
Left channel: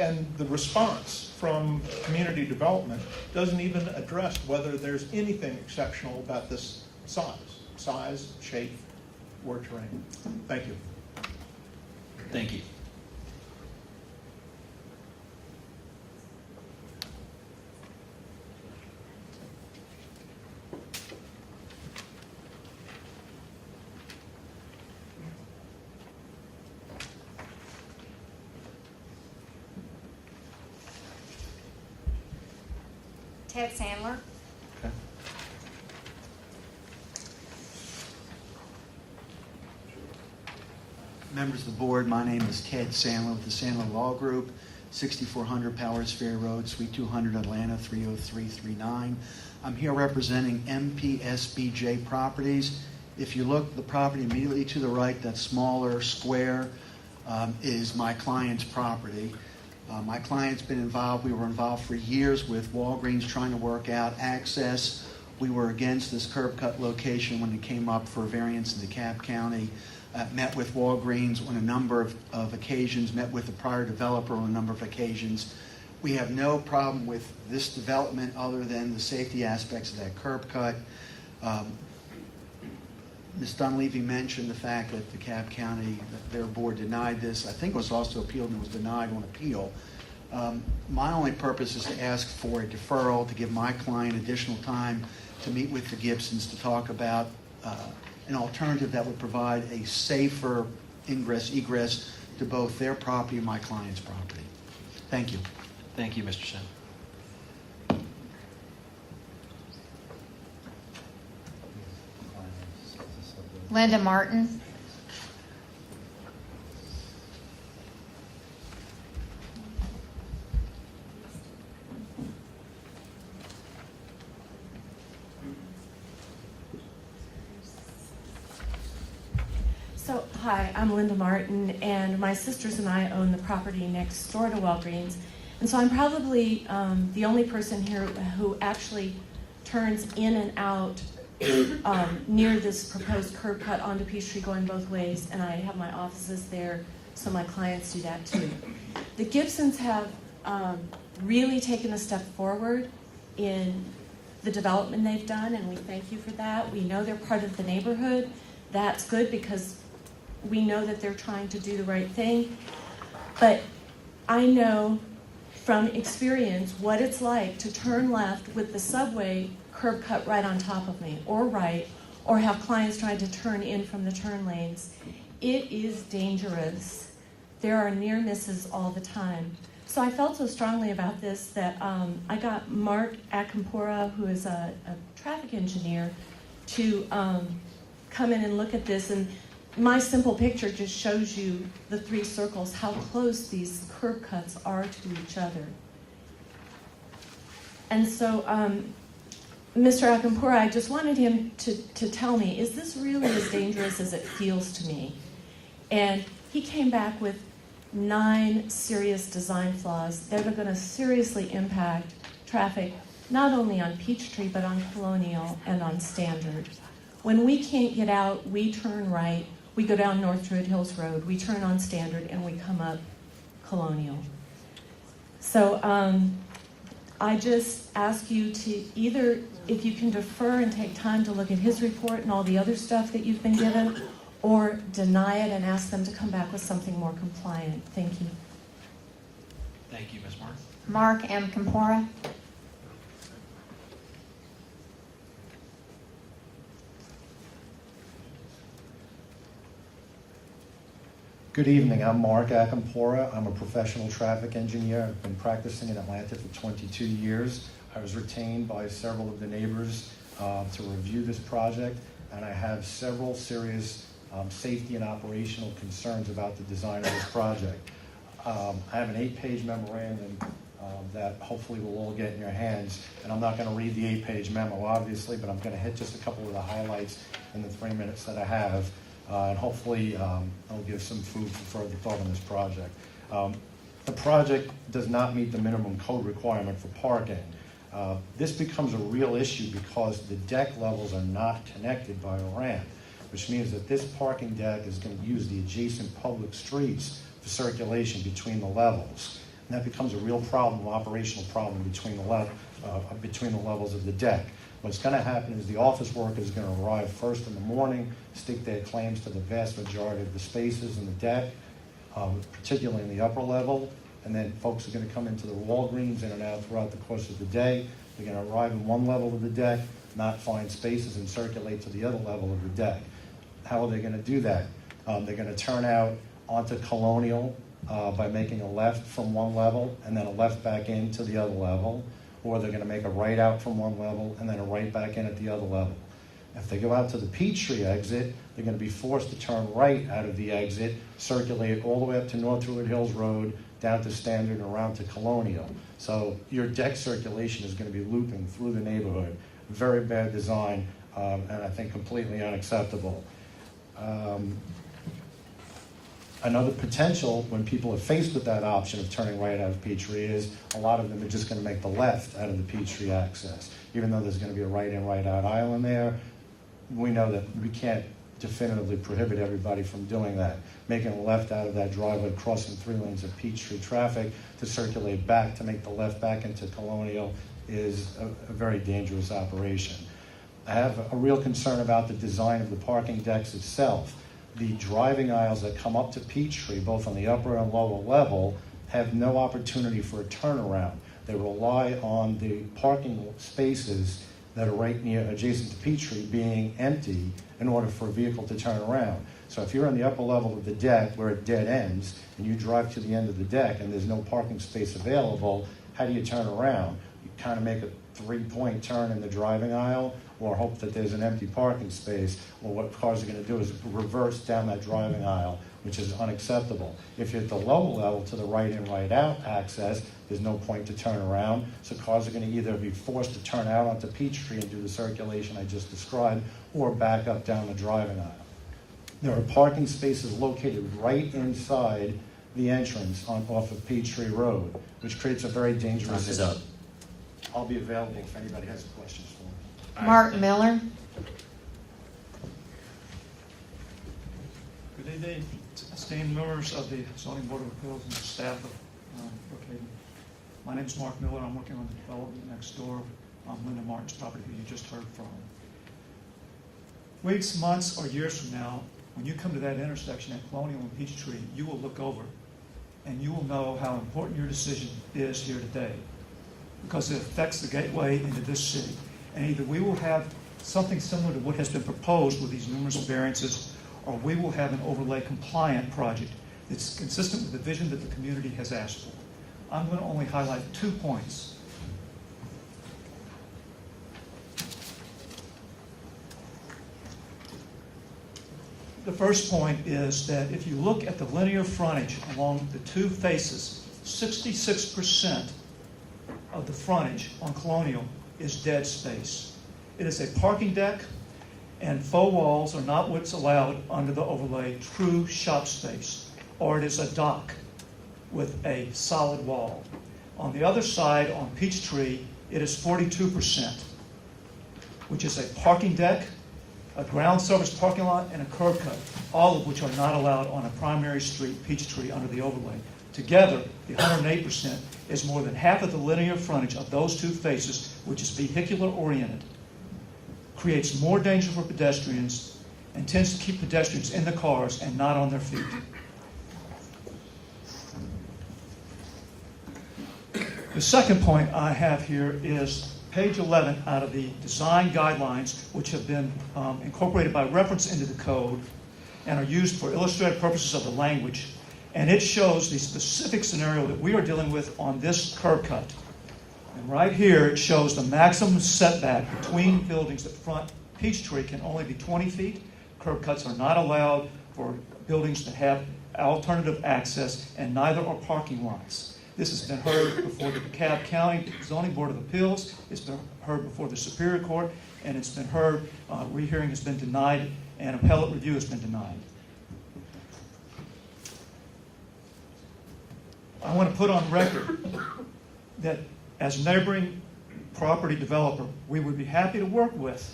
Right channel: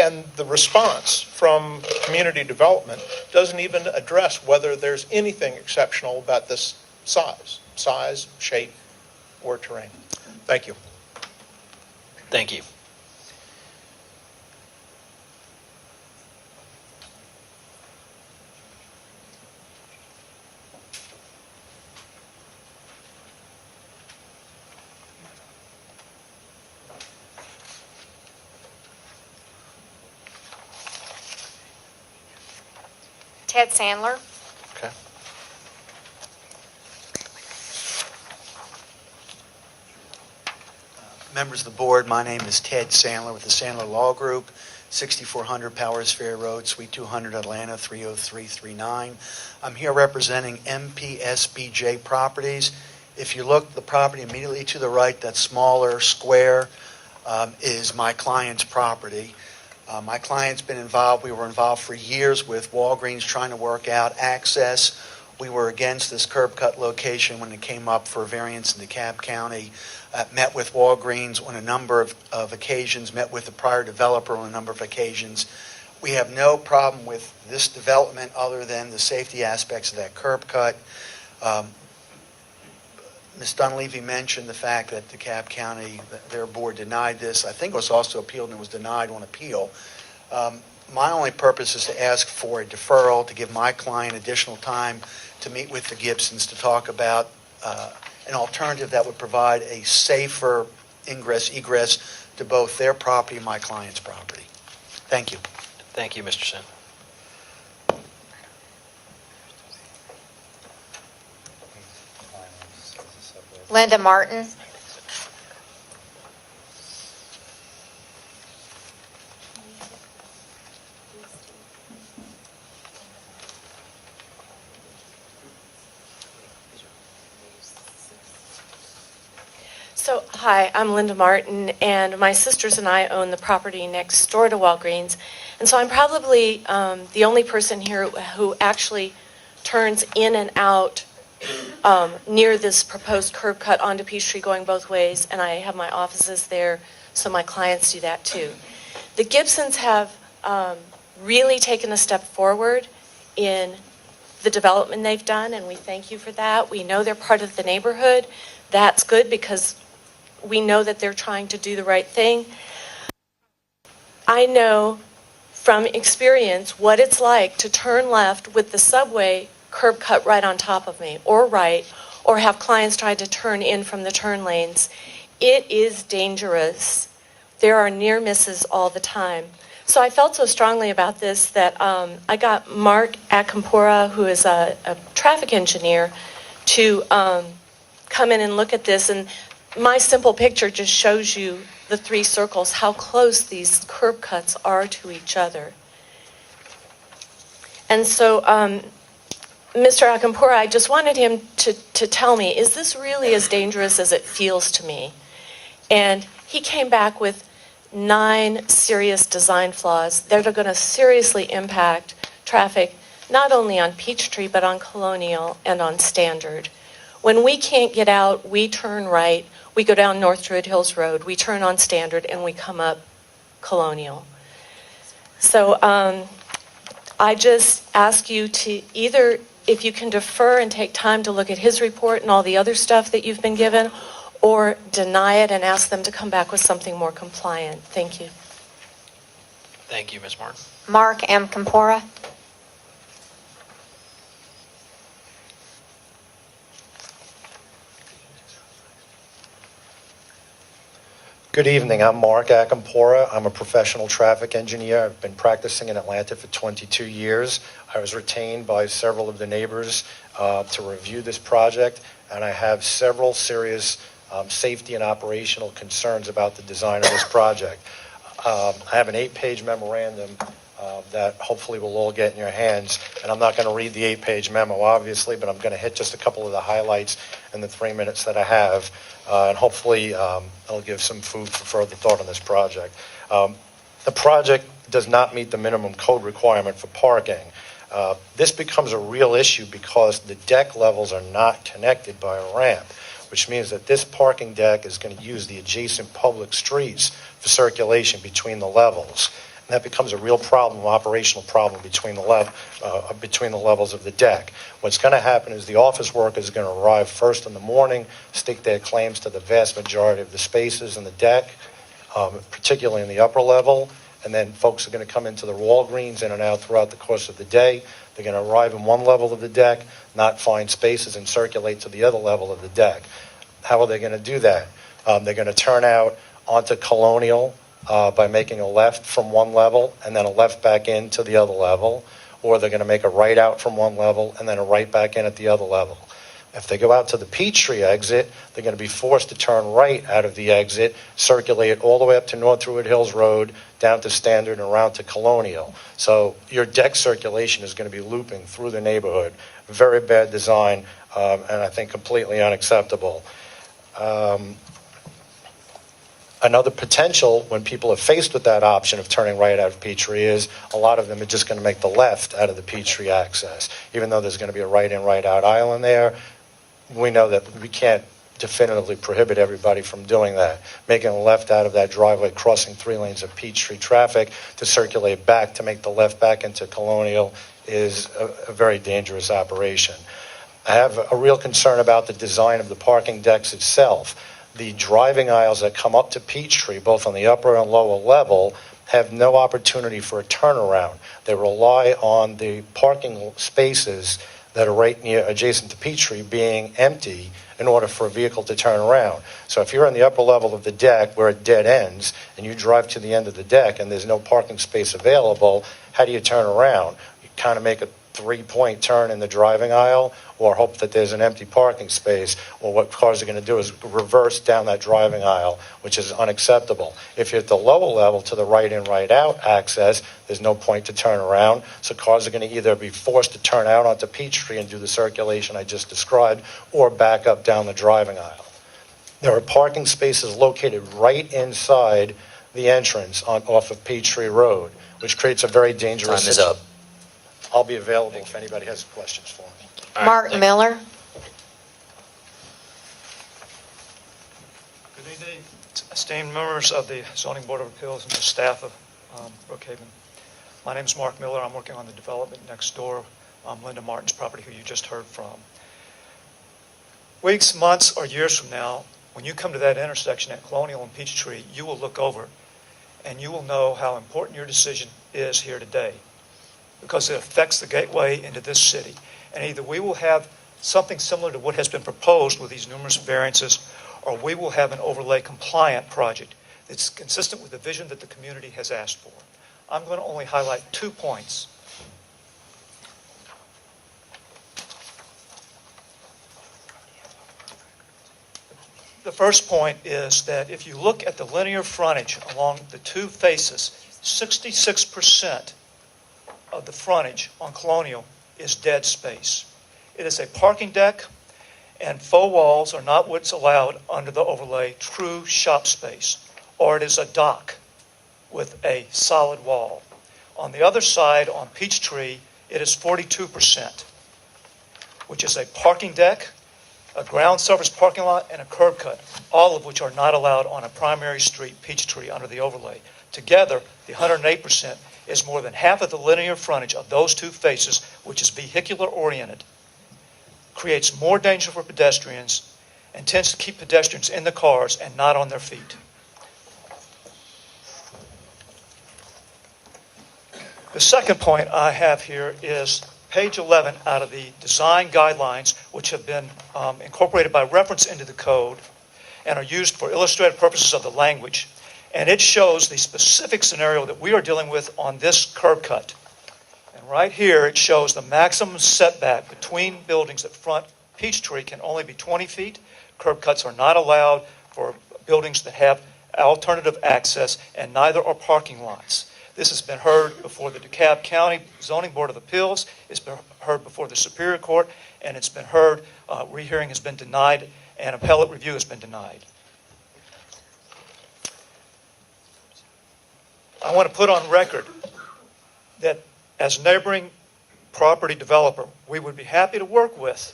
and the response from community development doesn't even address whether there's anything exceptional about this size, shape, or terrain. Thank you. Thank you. Ted Sandler. Okay. Members of the board, my name is Ted Sandler with the Sandler Law Group, 6400 Powers Fair Road, Suite 200, Atlanta, 30339. I'm here representing MPSBJ Properties. If you look, the property immediately to the right, that smaller square, is my client's property. My client's been involved. We were involved for years with Walgreens trying to work out access. We were against this curb cut location when it came up for variance in DeKalb County. Met with Walgreens on a number of occasions, met with the prior developer on a number of occasions. We have no problem with this development other than the safety aspects of that curb cut. Ms. Dunleavy mentioned the fact that DeKalb County, their board denied this. I think it was also appealed and it was denied on appeal. My only purpose is to ask for a deferral to give my client additional time to meet with the Gibsons to talk about an alternative that would provide a safer egress to both their property and my client's property. Thank you. Thank you, Mr. Sen. Linda Martin. So, hi, I'm Linda Martin, and my sisters and I own the property next door to Walgreens. And so I'm probably the only person here who actually turns in and out near this proposed curb cut onto Peachtree going both ways, and I have my offices there, so my clients do that too. The Gibsons have really taken a step forward in the development they've done, and we thank you for that. We know they're part of the neighborhood. That's good because we know that they're trying to do the right thing. But I know from experience what it's like to turn left with the subway curb cut right on top of me, or right, or have clients try to turn in from the turn lanes. It is dangerous. There are near misses all the time. So I felt so strongly about this that I got Mark Akampora, who is a traffic engineer, to come in and look at this. And my simple picture just shows you the 3 circles, how close these curb cuts are to each other. And so Mr. Akampora, I just wanted him to tell me, is this really as dangerous as it feels to me? And he came back with 9 serious design flaws that are going to seriously impact traffic, not only on Peachtree, but on Colonial and on Standard. When we can't get out, we turn right, we go down North Druid Hills Road, we turn on Standard, and we come up Colonial. So I just ask you to either, if you can defer and take time to look at his report and all the other stuff that you've been given, or deny it and ask them to come back with something more compliant. Thank you. Thank you, Ms. Martin. Mark M. Campora. Good evening. I'm Mark Acampora. I'm a professional traffic engineer. I've been practicing in Atlanta for 22 years. I was retained by several of the neighbors to review this project, and I have several serious safety and operational concerns about the design of this project. I have an 8-page memorandum that hopefully will all get in your hands, and I'm not going to read the 8-page memo, obviously, but I'm going to hit just a couple of the highlights in the 3 minutes that I have. And hopefully it'll give some food for further thought on this project. The project does not meet the minimum code requirement for parking. This becomes a real issue because the deck levels are not connected by a ramp, which means that this parking deck is going to use the adjacent public streets for circulation between the levels. And that becomes a real problem, operational problem between the levels of the deck. What's going to happen is the office workers are going to arrive first in the morning, stake their claims to the vast majority of the spaces in the deck, particularly in the upper level, and then folks are going to come into the Walgreens in and out throughout the course of the day. They're going to arrive in one level of the deck, not find spaces, and circulate to the other level of the deck. How are they going to do that? They're going to turn out onto Colonial, by making a left from one level and then a left back into the other level, or they're going to make a right out from one level and then a right back in at the other level. If they go out to the Peachtree exit, they're going to be forced to turn right out of the exit, circulate all the way up to North Druid Hills Road, down to Standard, and around to Colonial. So your deck circulation is going to be looping through the neighborhood. Very bad design, and I think completely unacceptable. Another potential when people are faced with that option of turning right out of Peachtree is a lot of them are just going to make the left out of the Peachtree access. Even though there's going to be a right in, right out aisle in there, we know that we can't definitively prohibit everybody from doing that. Making a left out of that driveway, crossing 3 lanes of Peachtree traffic to circulate back to make the left back into Colonial is a very dangerous operation. I have a real concern about the design of the parking decks itself. The driving aisles that come up to Peachtree, both on the upper and lower level, have no opportunity for a turnaround. They rely on the parking spaces that are right near adjacent to Peachtree being empty in order for a vehicle to turn around. So if you're on the upper level of the deck where it dead ends and you drive to the end of the deck and there's no parking space available, how do you turn around? You kind of make a 3-point turn in the driving aisle or hope that there's an empty parking space, or what cars are going to do is reverse down that driving aisle, which is unacceptable. If you're at the lower level to the right in, right out access, there's no point to turn around, so cars are going to either be forced to turn out onto Peachtree and do the circulation I just described, or back up down the driving aisle. There are parking spaces located right inside the entrance off of Peachtree Road, which creates a very dangerous Time is up. I'll be available if anybody has questions for me. Mark Miller. Good evening, esteemed members of the Zoning Board of Appeals and the staff of Brookhaven. My name is Mark Miller. I'm working on the development next door on Linda Martin's property, who you just heard from. Weeks, months, or years from now, when you come to that intersection at Colonial and Peachtree, you will look over and you will know how important your decision is here today, because it affects the gateway into this city. And either we will have something similar to what has been proposed with these numerous variances, or we will have an overlay compliant project that's consistent with the vision that the community has asked for. I'm going to only highlight 2 points. The first point is that if you look at the linear frontage along the 2 faces, 66% of the frontage on Colonial is dead space. It is a parking deck, and faux walls are not what's allowed under the overlay true shop space, or it is a dock with a solid wall. On the other side, on Peachtree, it is 42%, which is a parking deck, a ground service parking lot, and a curb cut, all of which are not allowed on a primary street, Peachtree, under the overlay. Together, the 108% is more than half of the linear frontage of those 2 faces, which is vehicular oriented, creates more danger for pedestrians, and tends to keep pedestrians in the cars and not on their feet. The second point I have here is page 11 out of the design guidelines, which have been incorporated by reference into the code and are used for illustrative purposes of the language. And it shows the specific scenario that we are dealing with on this curb cut. And right here, it shows the maximum setback between buildings that front Peachtree can only be 20 feet. Curb cuts are not allowed for buildings that have alternative access, and neither are parking lots. This has been heard before the DeKalb County Zoning Board of Appeals. It's been heard before the Superior Court, and it's been heard, rehearing has been denied, and appellate review has been denied. I want to put on record that as neighboring property developer, we would be happy to work with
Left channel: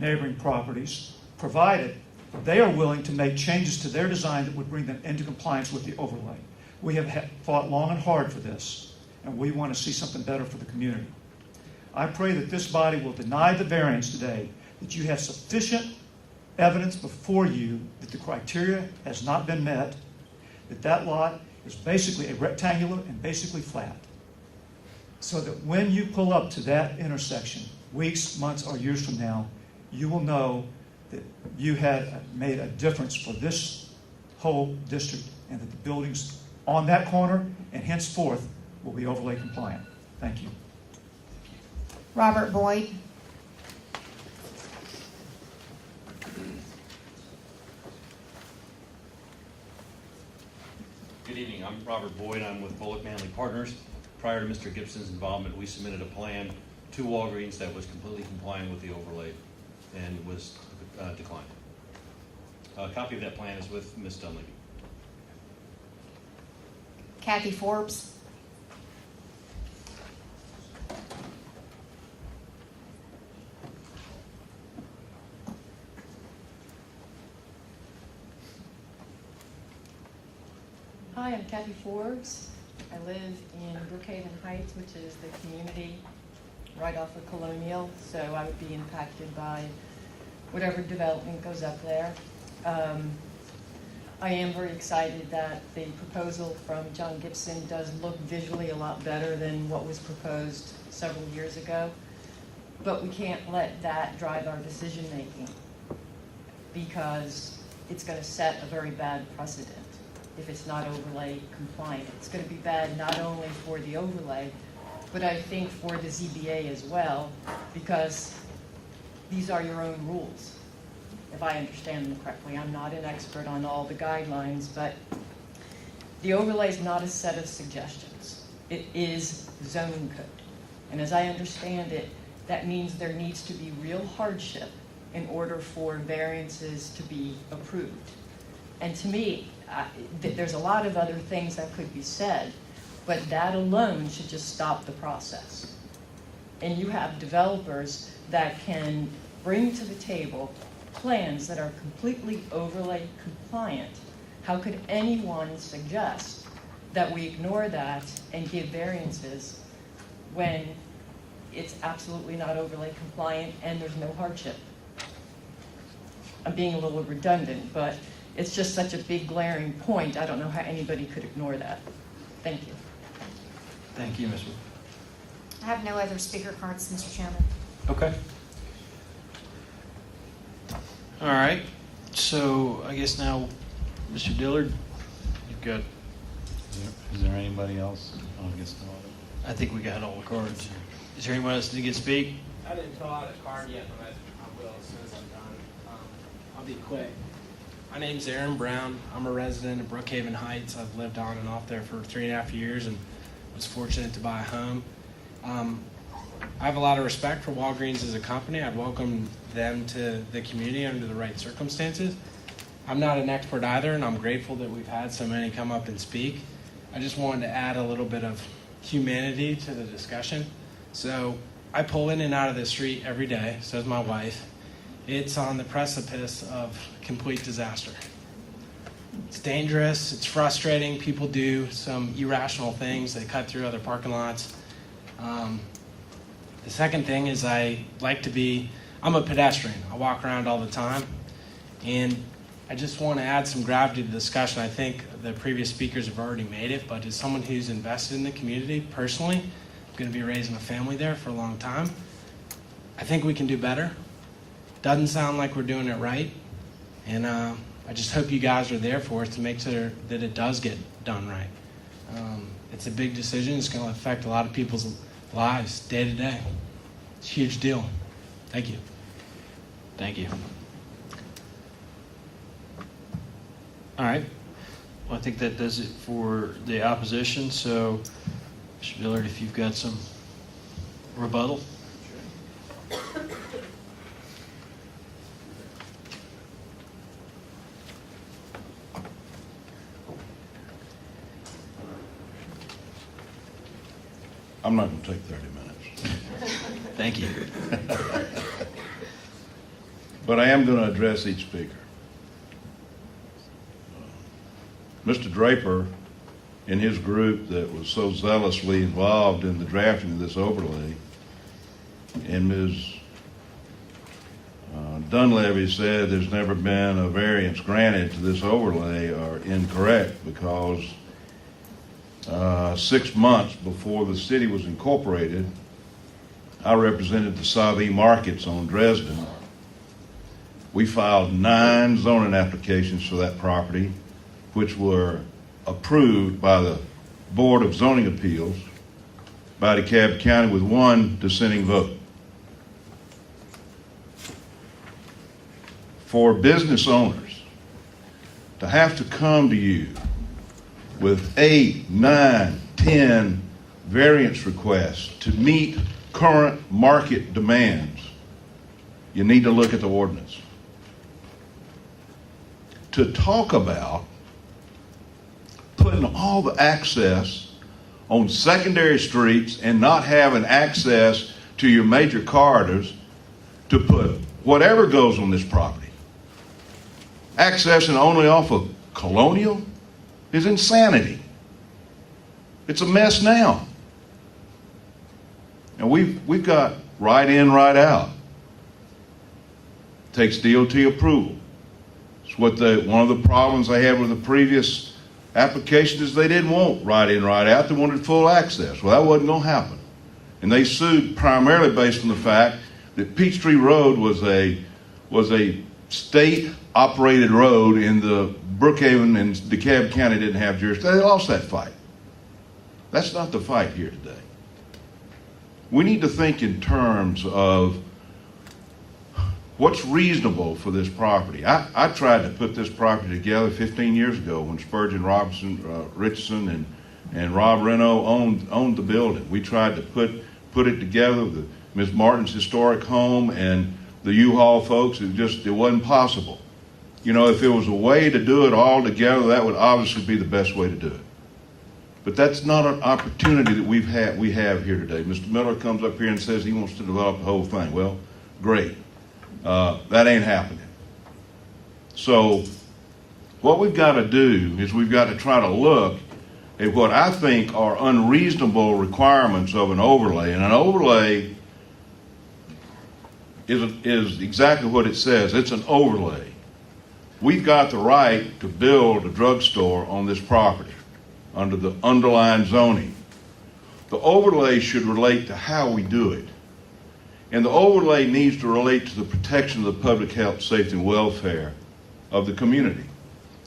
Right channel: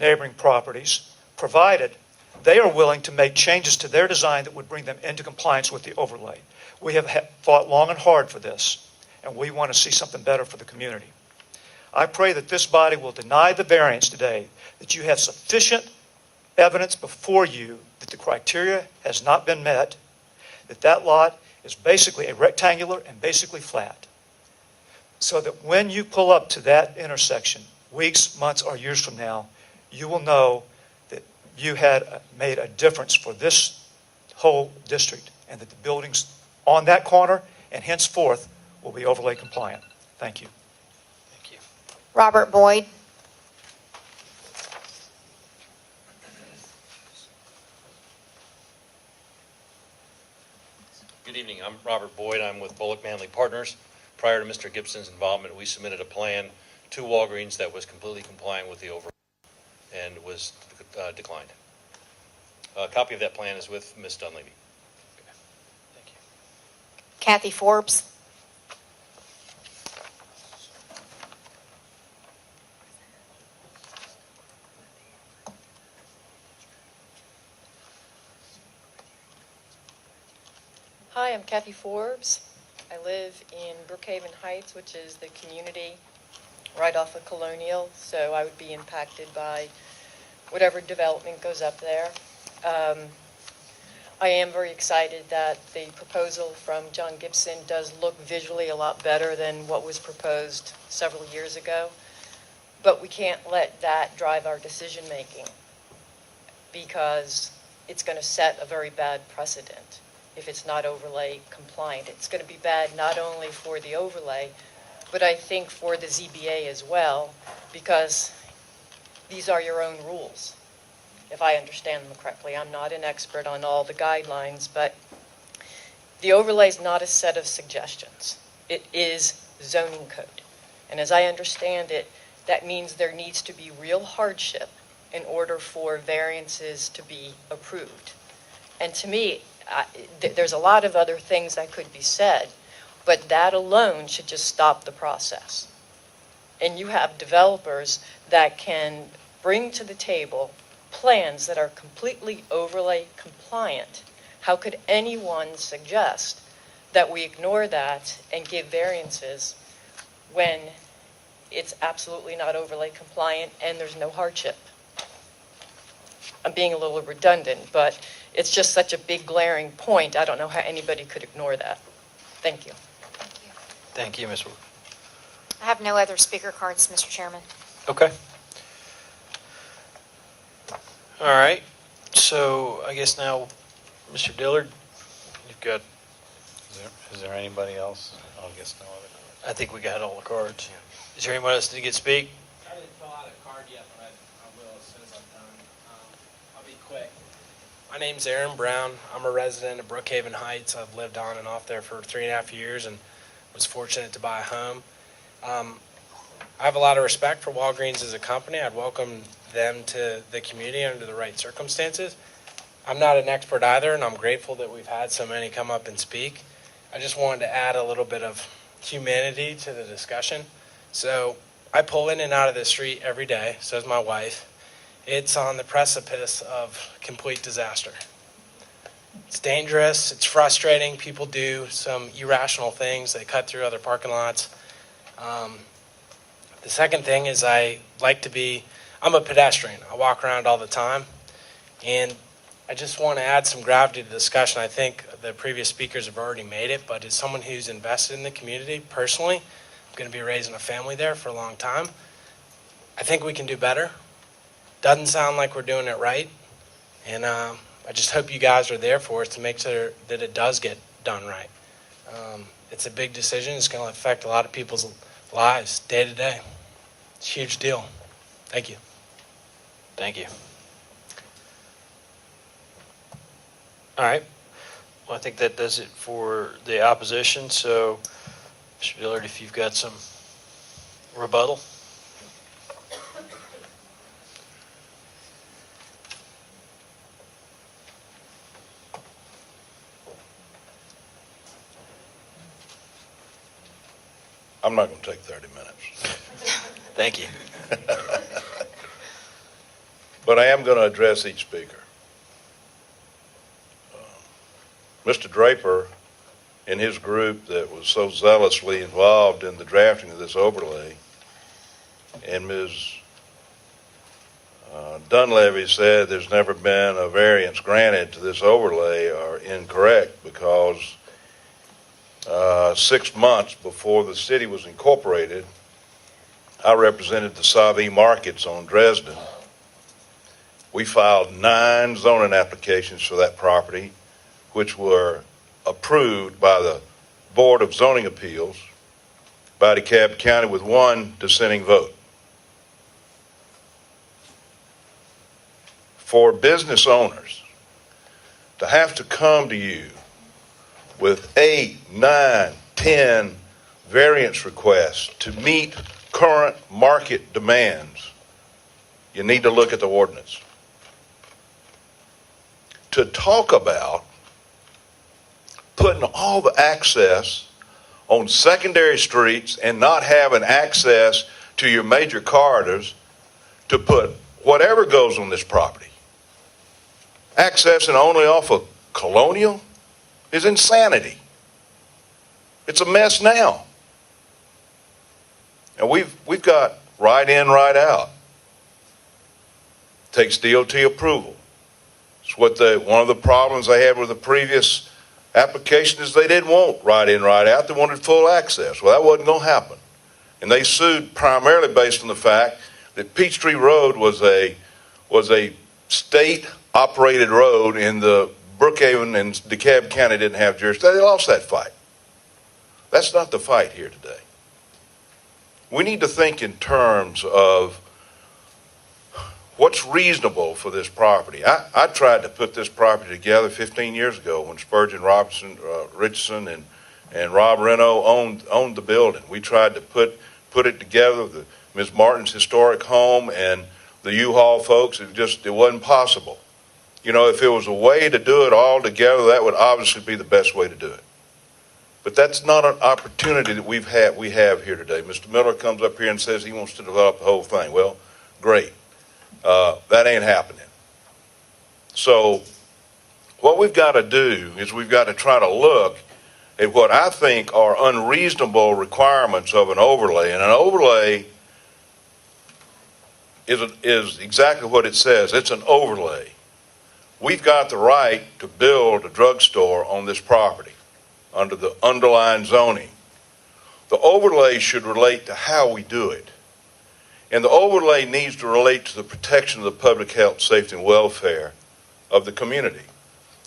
neighboring properties, provided they are willing to make changes to their design that would bring them into compliance with the overlay. We have fought long and hard for this, and we want to see something better for the community. I pray that this body will deny the variance today, that you have sufficient evidence before you that the criteria has not been met, that that lot is basically a rectangular and basically flat, so that when you pull up to that intersection, weeks, months, or years from now, you will know that you had made a difference for this whole district, and that the buildings on that corner and henceforth will be overlay compliant. Thank you. Robert Boyd. Good evening. I'm Robert Boyd. I'm with Bullock Manley Partners. Prior to Mr. Gibson's involvement, we submitted a plan to Walgreens that was completely compliant with the overlay and was declined. A copy of that plan is with Ms. Dunleavy. Kathy Forbes. Hi, I'm Kathy Forbes. I live in Brookhaven Heights, which is the community right off of Colonial, so I would be impacted by whatever development goes up there. I am very excited that the proposal from John Gibson does look visually a lot better than what was proposed several years ago, but we can't let that drive our decision-making, because it's going to set a very bad precedent if it's not overlay compliant. It's going to be bad not only for the overlay, but I think for the ZBA as well, because these are your own rules, if I understand them correctly. I'm not an expert on all the guidelines, but the overlay is not a set of suggestions. It is zoning code. And as I understand it, that means there needs to be real hardship in order for variances to be approved. And to me, there's a lot of other things that could be said, but that alone should just stop the process. And you have developers that can bring to the table plans that are completely overlay compliant. How could anyone suggest that we ignore that and give variances when it's absolutely not overlay compliant and there's no hardship? I'm being a little redundant, but it's just such a big glaring point. I don't know how anybody could ignore that. Thank you. Thank you, Ms. Wood. I have no other speaker cards, Mr. Chairman. Okay. All right. So I guess now, Mr. Dillard, you've got. Is there anybody else? Oh, I guess no other. I think we got all the cards. Is there anyone else that can speak? I didn't fill out a card yet, but I will as soon as I'm done. I'll be quick. My name's Aaron Brown. I'm a resident of Brookhaven Heights. I've lived on and off there for 3.5 years and was fortunate to buy a home. I have a lot of respect for Walgreens as a company. I'd welcome them to the community under the right circumstances. I'm not an expert either, and I'm grateful that we've had so many come up and speak. I just wanted to add a little bit of humanity to the discussion. So I pull in and out of the street every day, so does my wife. It's on the precipice of complete disaster. It's dangerous, it's frustrating. People do some irrational things. They cut through other parking lots. The second thing is I'm a pedestrian. I walk around all the time. And I just want to add some gravity to the discussion. I think the previous speakers have already made it, but as someone who's invested in the community personally, going to be raising a family there for a long time. I think we can do better. Doesn't sound like we're doing it right. And I just hope you guys are there for us to make sure that it does get done right. It's a big decision. It's going to affect a lot of people's lives day to day. It's a huge deal. Thank you. Thank you. All right. Well, I think that does it for the opposition. So, Mr. Dillard, if you've got some rebuttal. I'm not going to take 30 minutes. Thank you. But I am going to address each speaker. Mr. Draper and his group that was so zealously involved in the drafting of this overlay, and Ms. Dunleavy said there's never been a variance granted to this overlay, are incorrect, because 6 months before the city was incorporated, I represented the Savvy markets on Dresden. We filed 9 zoning applications for that property, which were approved by the Board of Zoning Appeals by DeKalb County with 1 dissenting vote. For business owners to have to come to you with 8, 9, 10 variance requests to meet current market demands, you need to look at the ordinance. To talk about putting all the access on secondary streets and not having access to your major corridors to put whatever goes on this property, accessing only off of Colonial, is insanity. It's a mess now. And we've got right in, right out. Takes DOT approval. It's what one of the problems I had with the previous application is they didn't want right in, right out. They wanted full access. Well, that wasn't going to happen. And they sued primarily based on the fact that Peachtree Road was a state-operated road, and the Brookhaven and DeKalb County didn't have jurisdiction. They lost that fight. That's not the fight here today. We need to think in terms of what's reasonable for this property. I tried to put this property together 15 years ago when Spurgeon Richardson and Rob Reno owned the building. We tried to put it together, Ms. Martin's historic home and the U-Haul folks. It wasn't possible. You know, if it was a way to do it all together, that would obviously be the best way to do it. But that's not an opportunity that we have here today. Mr. Miller comes up here and says he wants to develop the whole thing. Well, great. That ain't happening. So what we've got to do is we've got to try to look at what I think are unreasonable requirements of an overlay. And an overlay is exactly what it says. It's an overlay. We've got the right to build a drugstore on this property under the underlying zoning. The overlay should relate to how we do it. And the overlay needs to relate to the protection of the public health, safety, and welfare of the community.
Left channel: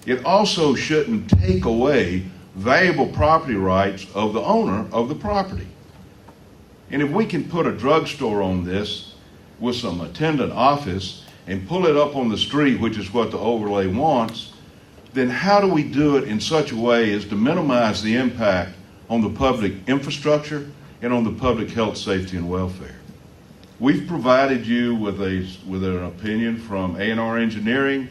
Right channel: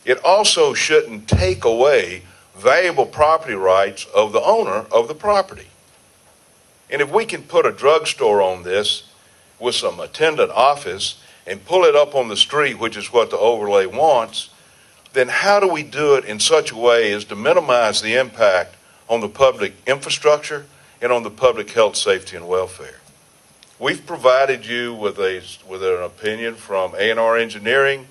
It also shouldn't take away valuable property rights of the owner of the property. And if we can put a drugstore on this with some attendant office and pull it up on the street, which is what the overlay wants, then how do we do it in such a way as to minimize the impact on the public infrastructure and on the public health, safety, and welfare? We've provided you with an opinion from A&R Engineering,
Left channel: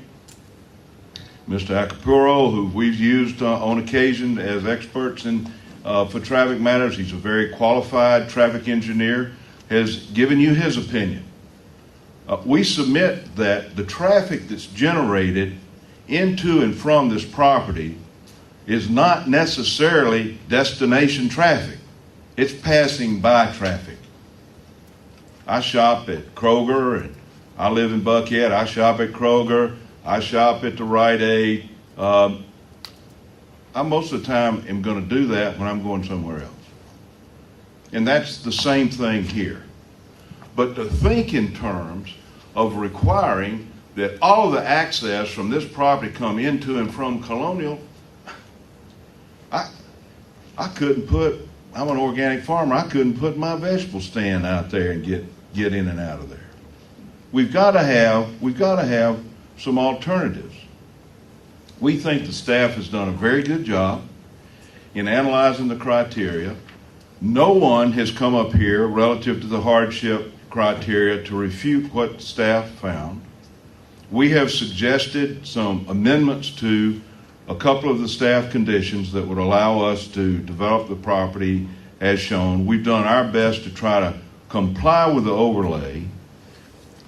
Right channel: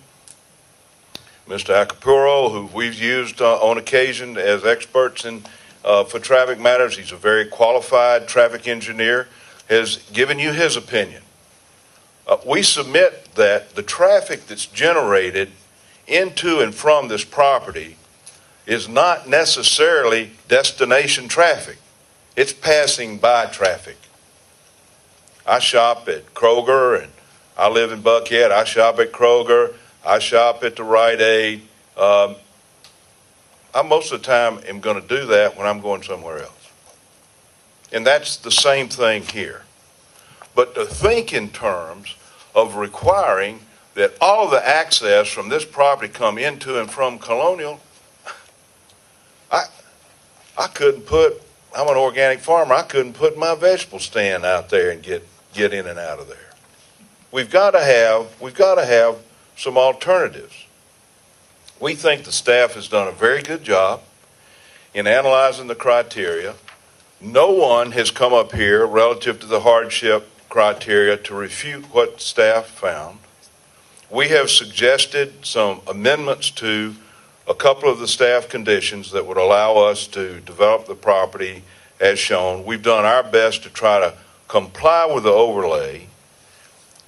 Mr. Acapuro, who we've used on occasion as experts for traffic matters. He's a very qualified traffic engineer, has given you his opinion. We submit that the traffic that's generated into and from this property is not necessarily destination traffic. It's passing by traffic. I shop at Kroger, and I live in Buckhead. I shop at Kroger. I shop at the Rite Aid. I most of the time am going to do that when I'm going somewhere else. And that's the same thing here. But to think in terms of requiring that all of the access from this property come into and from Colonial, I couldn't put, I'm an organic farmer, I couldn't put my vegetable stand out there and get in and out of there. We've got to have some alternatives. We think the staff has done a very good job in analyzing the criteria. No one has come up here relative to the hardship criteria to refute what staff found. We have suggested some amendments to a couple of the staff conditions that would allow us to develop the property as shown. We've done our best to try to comply with the overlay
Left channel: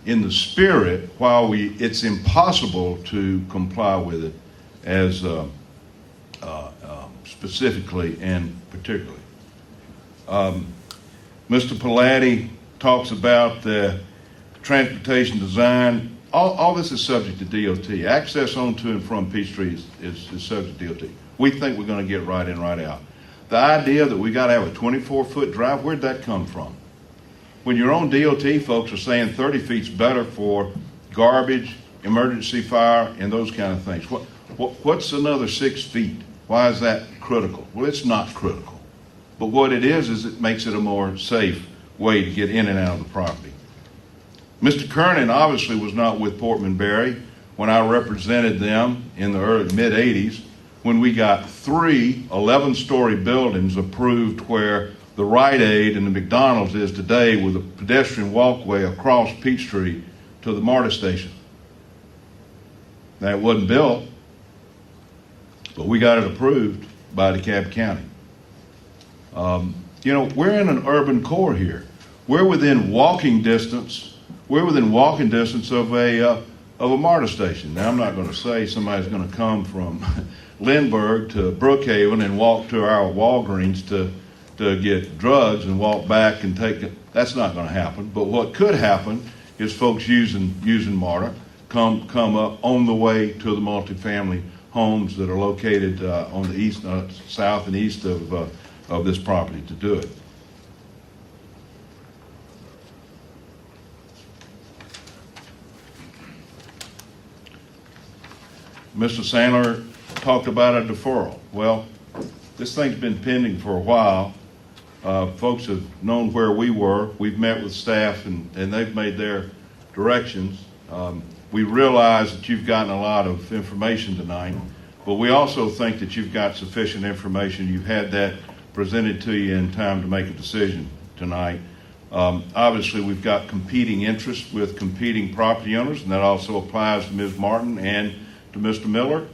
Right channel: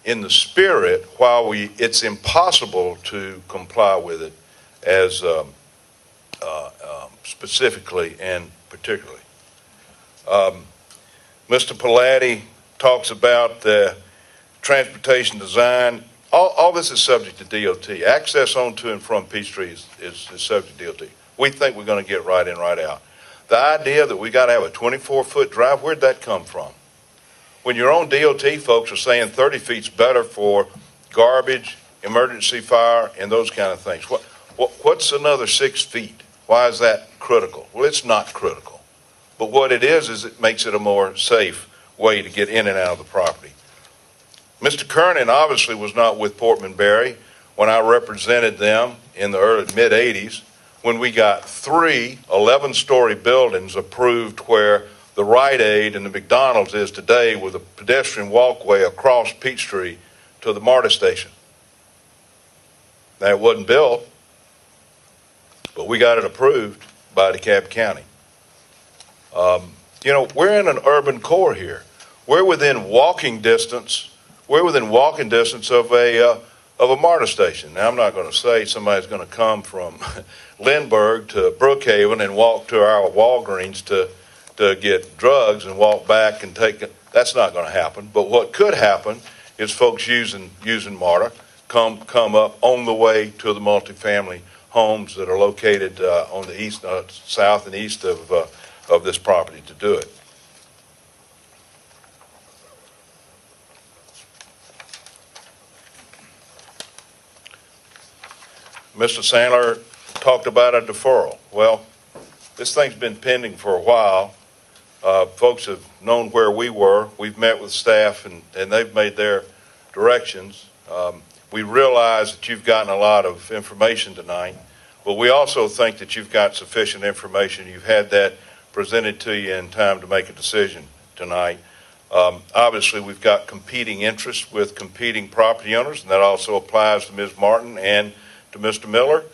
in the spirit, while it's impossible to comply with it as specifically and particularly. Mr. Palladdy talks about the transportation design. All this is subject to DOT. Access on to and from Peachtree is subject to DOT. We think we're going to get right in, right out. The idea that we got to have a 24-foot drive, where'd that come from? When your own DOT folks are saying 30 feet's better for garbage, emergency fire, and those kind of things. What's another 6 feet? Why is that critical? Well, it's not critical. But what it is it makes it a more safe way to get in and out of the property. Mr. Kernan obviously was not with Portman Berry when I represented them in the early mid-'80s when we got 3 11-story buildings approved where the Rite Aid and the McDonald's is today, with a pedestrian walkway across Peachtree to the MARTA station. That wasn't built, but we got it approved by DeKalb County. We're in an urban core here. We're within walking distance of a MARTA station. Now, I'm not going to say somebody's going to come from Lindbergh to Brookhaven and walk to our Walgreens to get drugs and walk back and take it. That's not going to happen. But what could happen is folks using MARTA come up on the way to the multifamily homes that are located on the east, south and east of this property to do it. Mr. Sandler talked about a deferral. Well, this thing's been pending for a while. Folks have known where we were. We've met with staff, and they've made their directions. We realize that you've gotten a lot of information tonight, but we also think that you've got sufficient information. You've had that presented to you in time to make a decision tonight. Obviously, we've got competing interests with competing property owners, and that also applies to Ms. Martin and to Mr. Miller.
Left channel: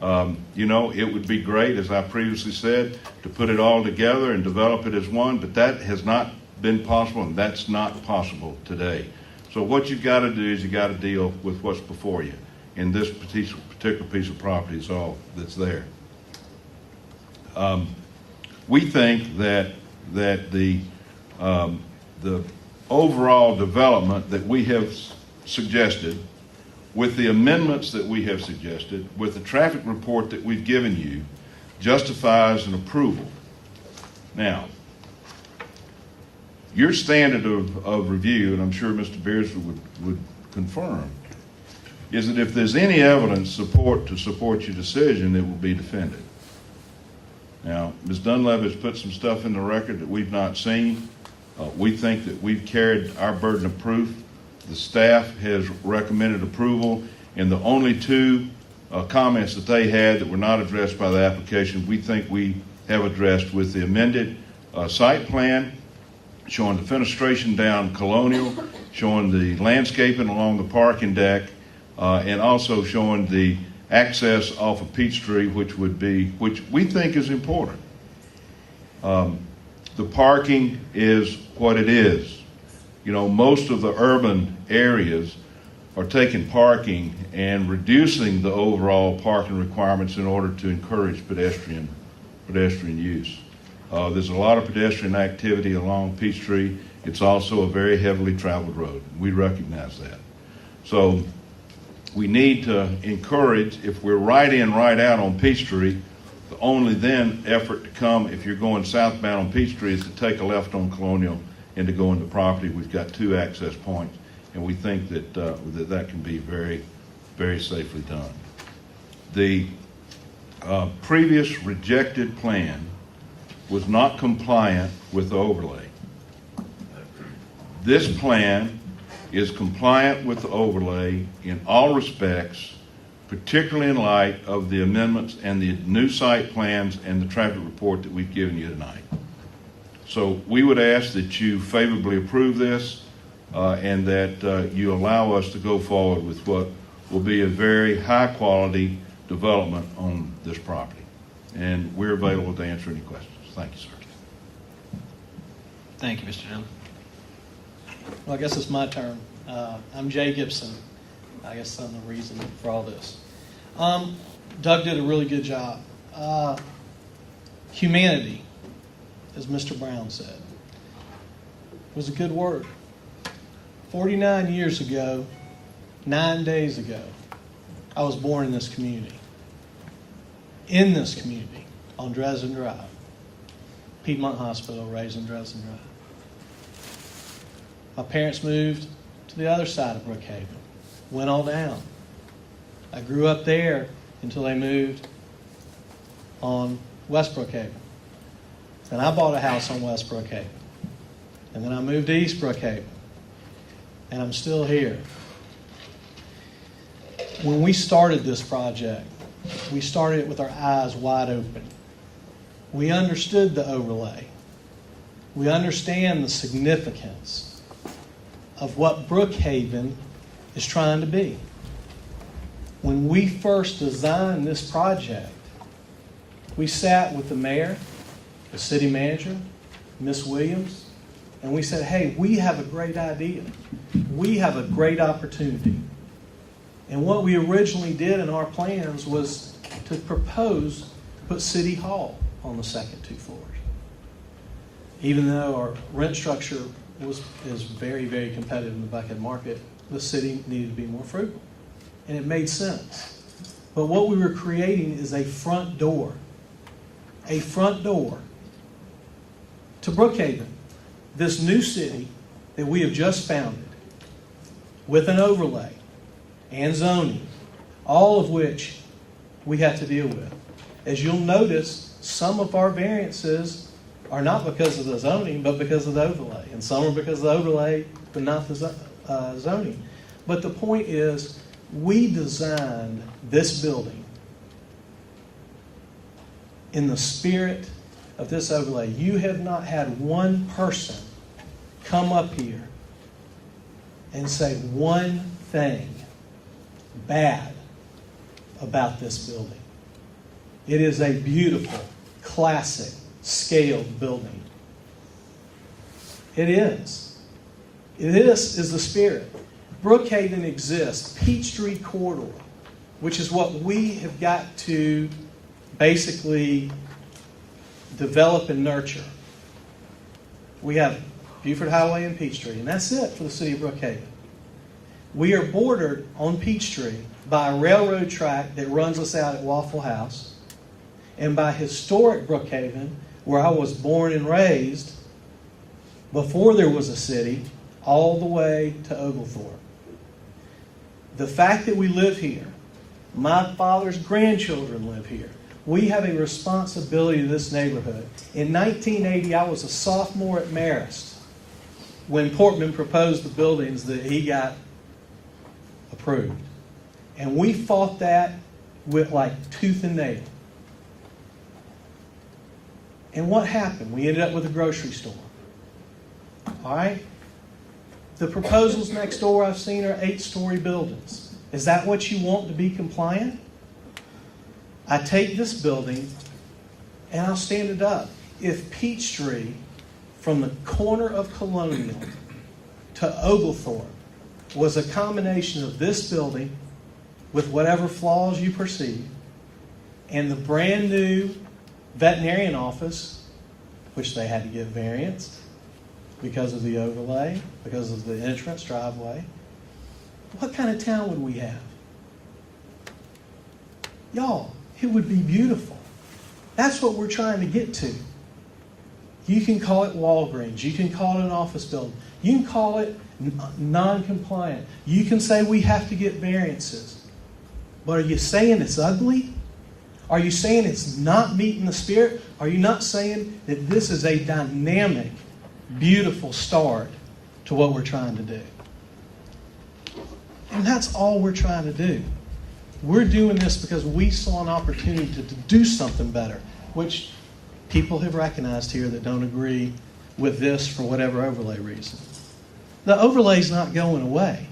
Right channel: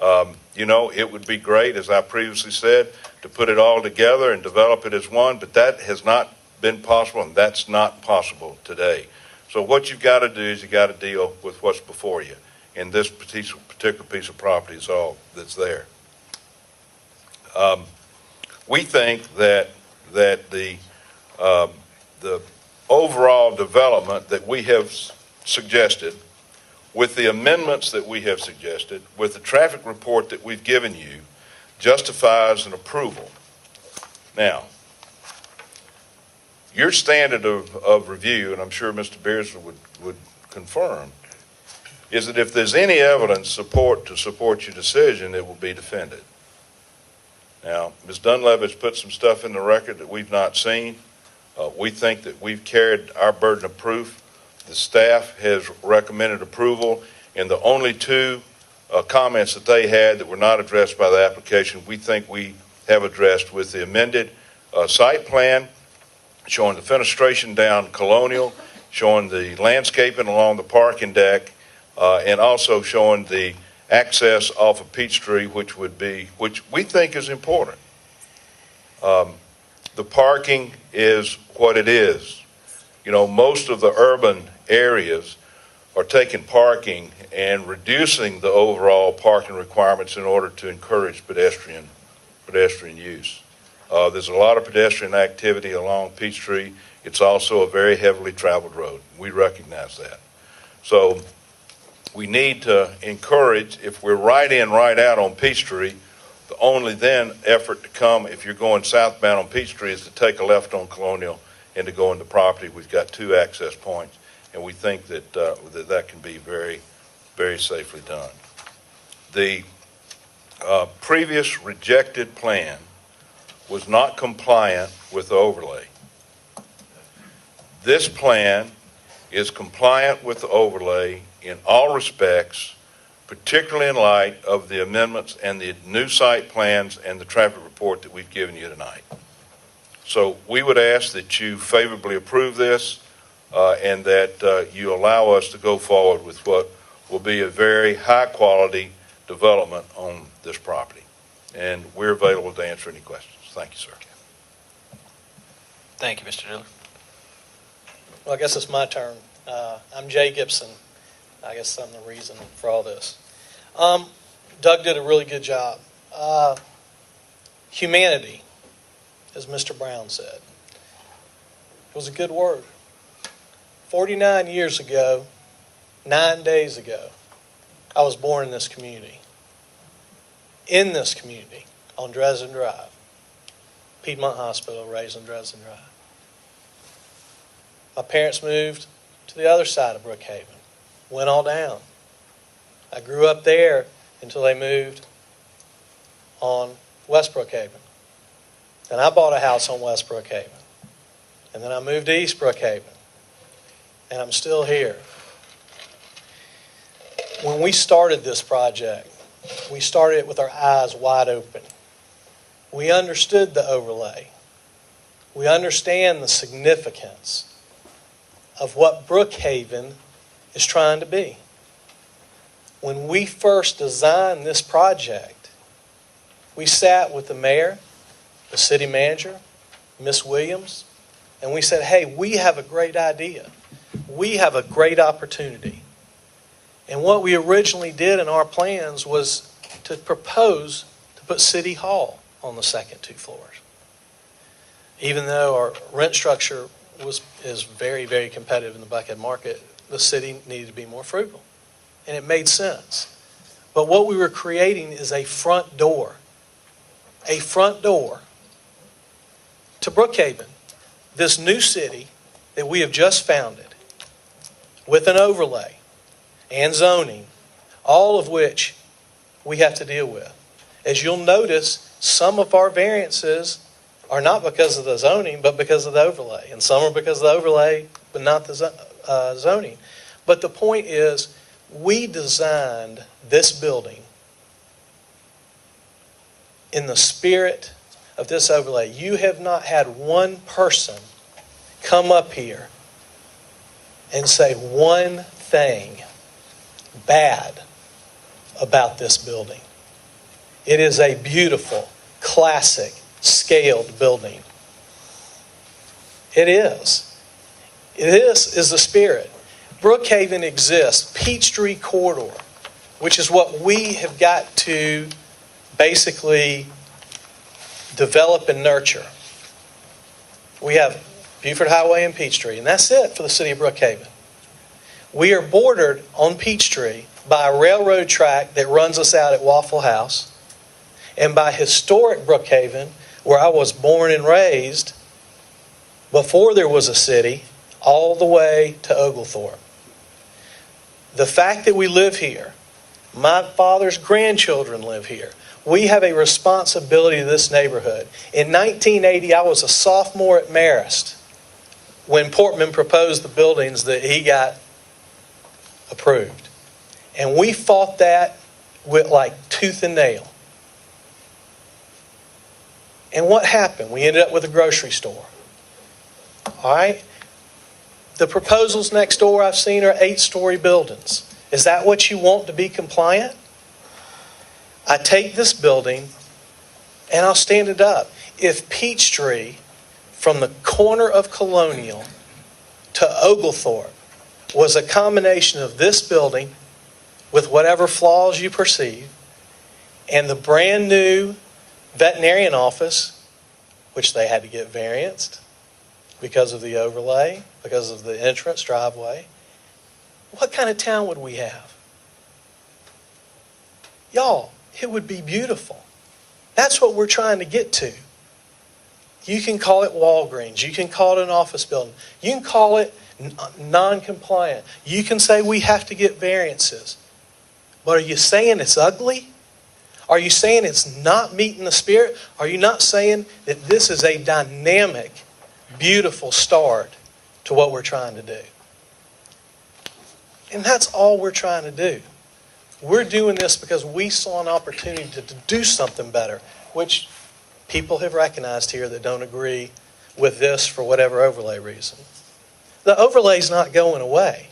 It would be great, as I previously said, to put it all together and develop it as one, but that has not been possible, and that's not possible today. So what you've got to do is you've got to deal with what's before you, and this particular piece of property is all that's there. We think that the overall development that we have suggested, with the amendments that we have suggested, with the traffic report that we've given you, justifies an approval. Now, your standard of review, and I'm sure Mr. Beardsley would confirm, is that if there's any evidence to support your decision, it will be defended. Now, Ms. Dunleavy's put some stuff in the record that we've not seen. We think that we've carried our burden of proof. The staff has recommended approval, and the only 2 comments that they had that were not addressed by the application, we think we have addressed with the amended site plan, showing the fenestration down Colonial, showing the landscaping along the parking deck, and also showing the access off of Peachtree, which we think is important. The parking is what it is. Most of the urban areas are taking parking and reducing the overall parking requirements in order to encourage pedestrian use. There's a lot of pedestrian activity along Peachtree. It's also a very heavily traveled road. We recognize that. So we need to encourage, if we're right in, right out on Peachtree, The only then effort to come, if you're going southbound on Peachtree, is to take a left on Colonial and to go into property. We've got 2 access points, and we think that that can be very, very safely done. The previous rejected plan was not compliant with the overlay. This plan is compliant with the overlay in all respects, particularly in light of the amendments and the new site plans and the traffic report that we've given you tonight. So we would ask that you favorably approve this and that you allow us to go forward with what will be a very high-quality development on this property. And we're available to answer any questions. Thank you, sir. Thank you, Mr. Dillon. Well, I guess it's my turn. I'm Jay Gibson. I guess I'm the reason for all this. Doug did a really good job. Humanity, as Mr. Brown said, was a good word. 49 years ago, 9 days ago, I was born in this community. In this community, on Dresden Drive. Piedmont Hospital, raised on Dresden Drive. My parents moved to the other side of Brookhaven. Went all down. I grew up there until they moved on West Brookhaven. And I bought a house on West Brookhaven. And then I moved to East Brookhaven. And I'm still here. When we started this project, we started it with our eyes wide open. We understood the overlay. We understand the significance of what Brookhaven is trying to be. When we first designed this project, we sat with the mayor, the city manager, Miss Williams, and we said, hey, we have a great idea. We have a great opportunity. And what we originally did in our plans was to propose to put City Hall on the second 2 floors. Even though our rent structure is very, very competitive in the Buckhead market, the city needed to be more frugal. And it made sense. But what we were creating is a front door to Brookhaven, this new city that we have just founded, with an overlay and zoning, all of which we have to deal with. As you'll notice, some of our variances are not because of the zoning, but because of the overlay. And some are because of the overlay, but not the zoning. But the point is, we designed this building in the spirit of this overlay. You have not had one person come up here and say one thing bad about this building. It is a beautiful, classic, scaled building. It is. It is the spirit. Brookhaven exists. Peachtree Corridor, which is what we have got to basically develop and nurture. We have Buford Highway and Peachtree, and that's it for the city of Brookhaven. We are bordered on Peachtree by a railroad track that runs us out at Waffle House, and by historic Brookhaven, where I was born and raised before there was a city, all the way to Oglethorpe. The fact that we live here, my father's grandchildren live here, we have a responsibility to this neighborhood. In 1980, I was a sophomore at Marist when Portman proposed the buildings that he got approved. And we fought that with like tooth and nail. And what happened? We ended up with a grocery store. All right? The proposals next door I've seen are 8-story buildings. Is that what you want to be compliant? I take this building and I'll stand it up. If Peachtree, from the corner of Colonial to Oglethorpe, was a combination of this building with whatever flaws you perceive and the brand new veterinarian office, which they had to get varianced because of the overlay, because of the entrance driveway, what kind of town would we have? Y'all, it would be beautiful. That's what we're trying to get to. You can call it Walgreens. You can call it an office building. You can call it non-compliant. You can say we have to get variances. But are you saying it's ugly? Are you saying it's not meeting the spirit? Are you not saying that this is a dynamic, beautiful start to what we're trying to do? And that's all we're trying to do. We're doing this because we saw an opportunity to do something better, which people have recognized here that don't agree with this for whatever overlay reason. The overlay's not going away.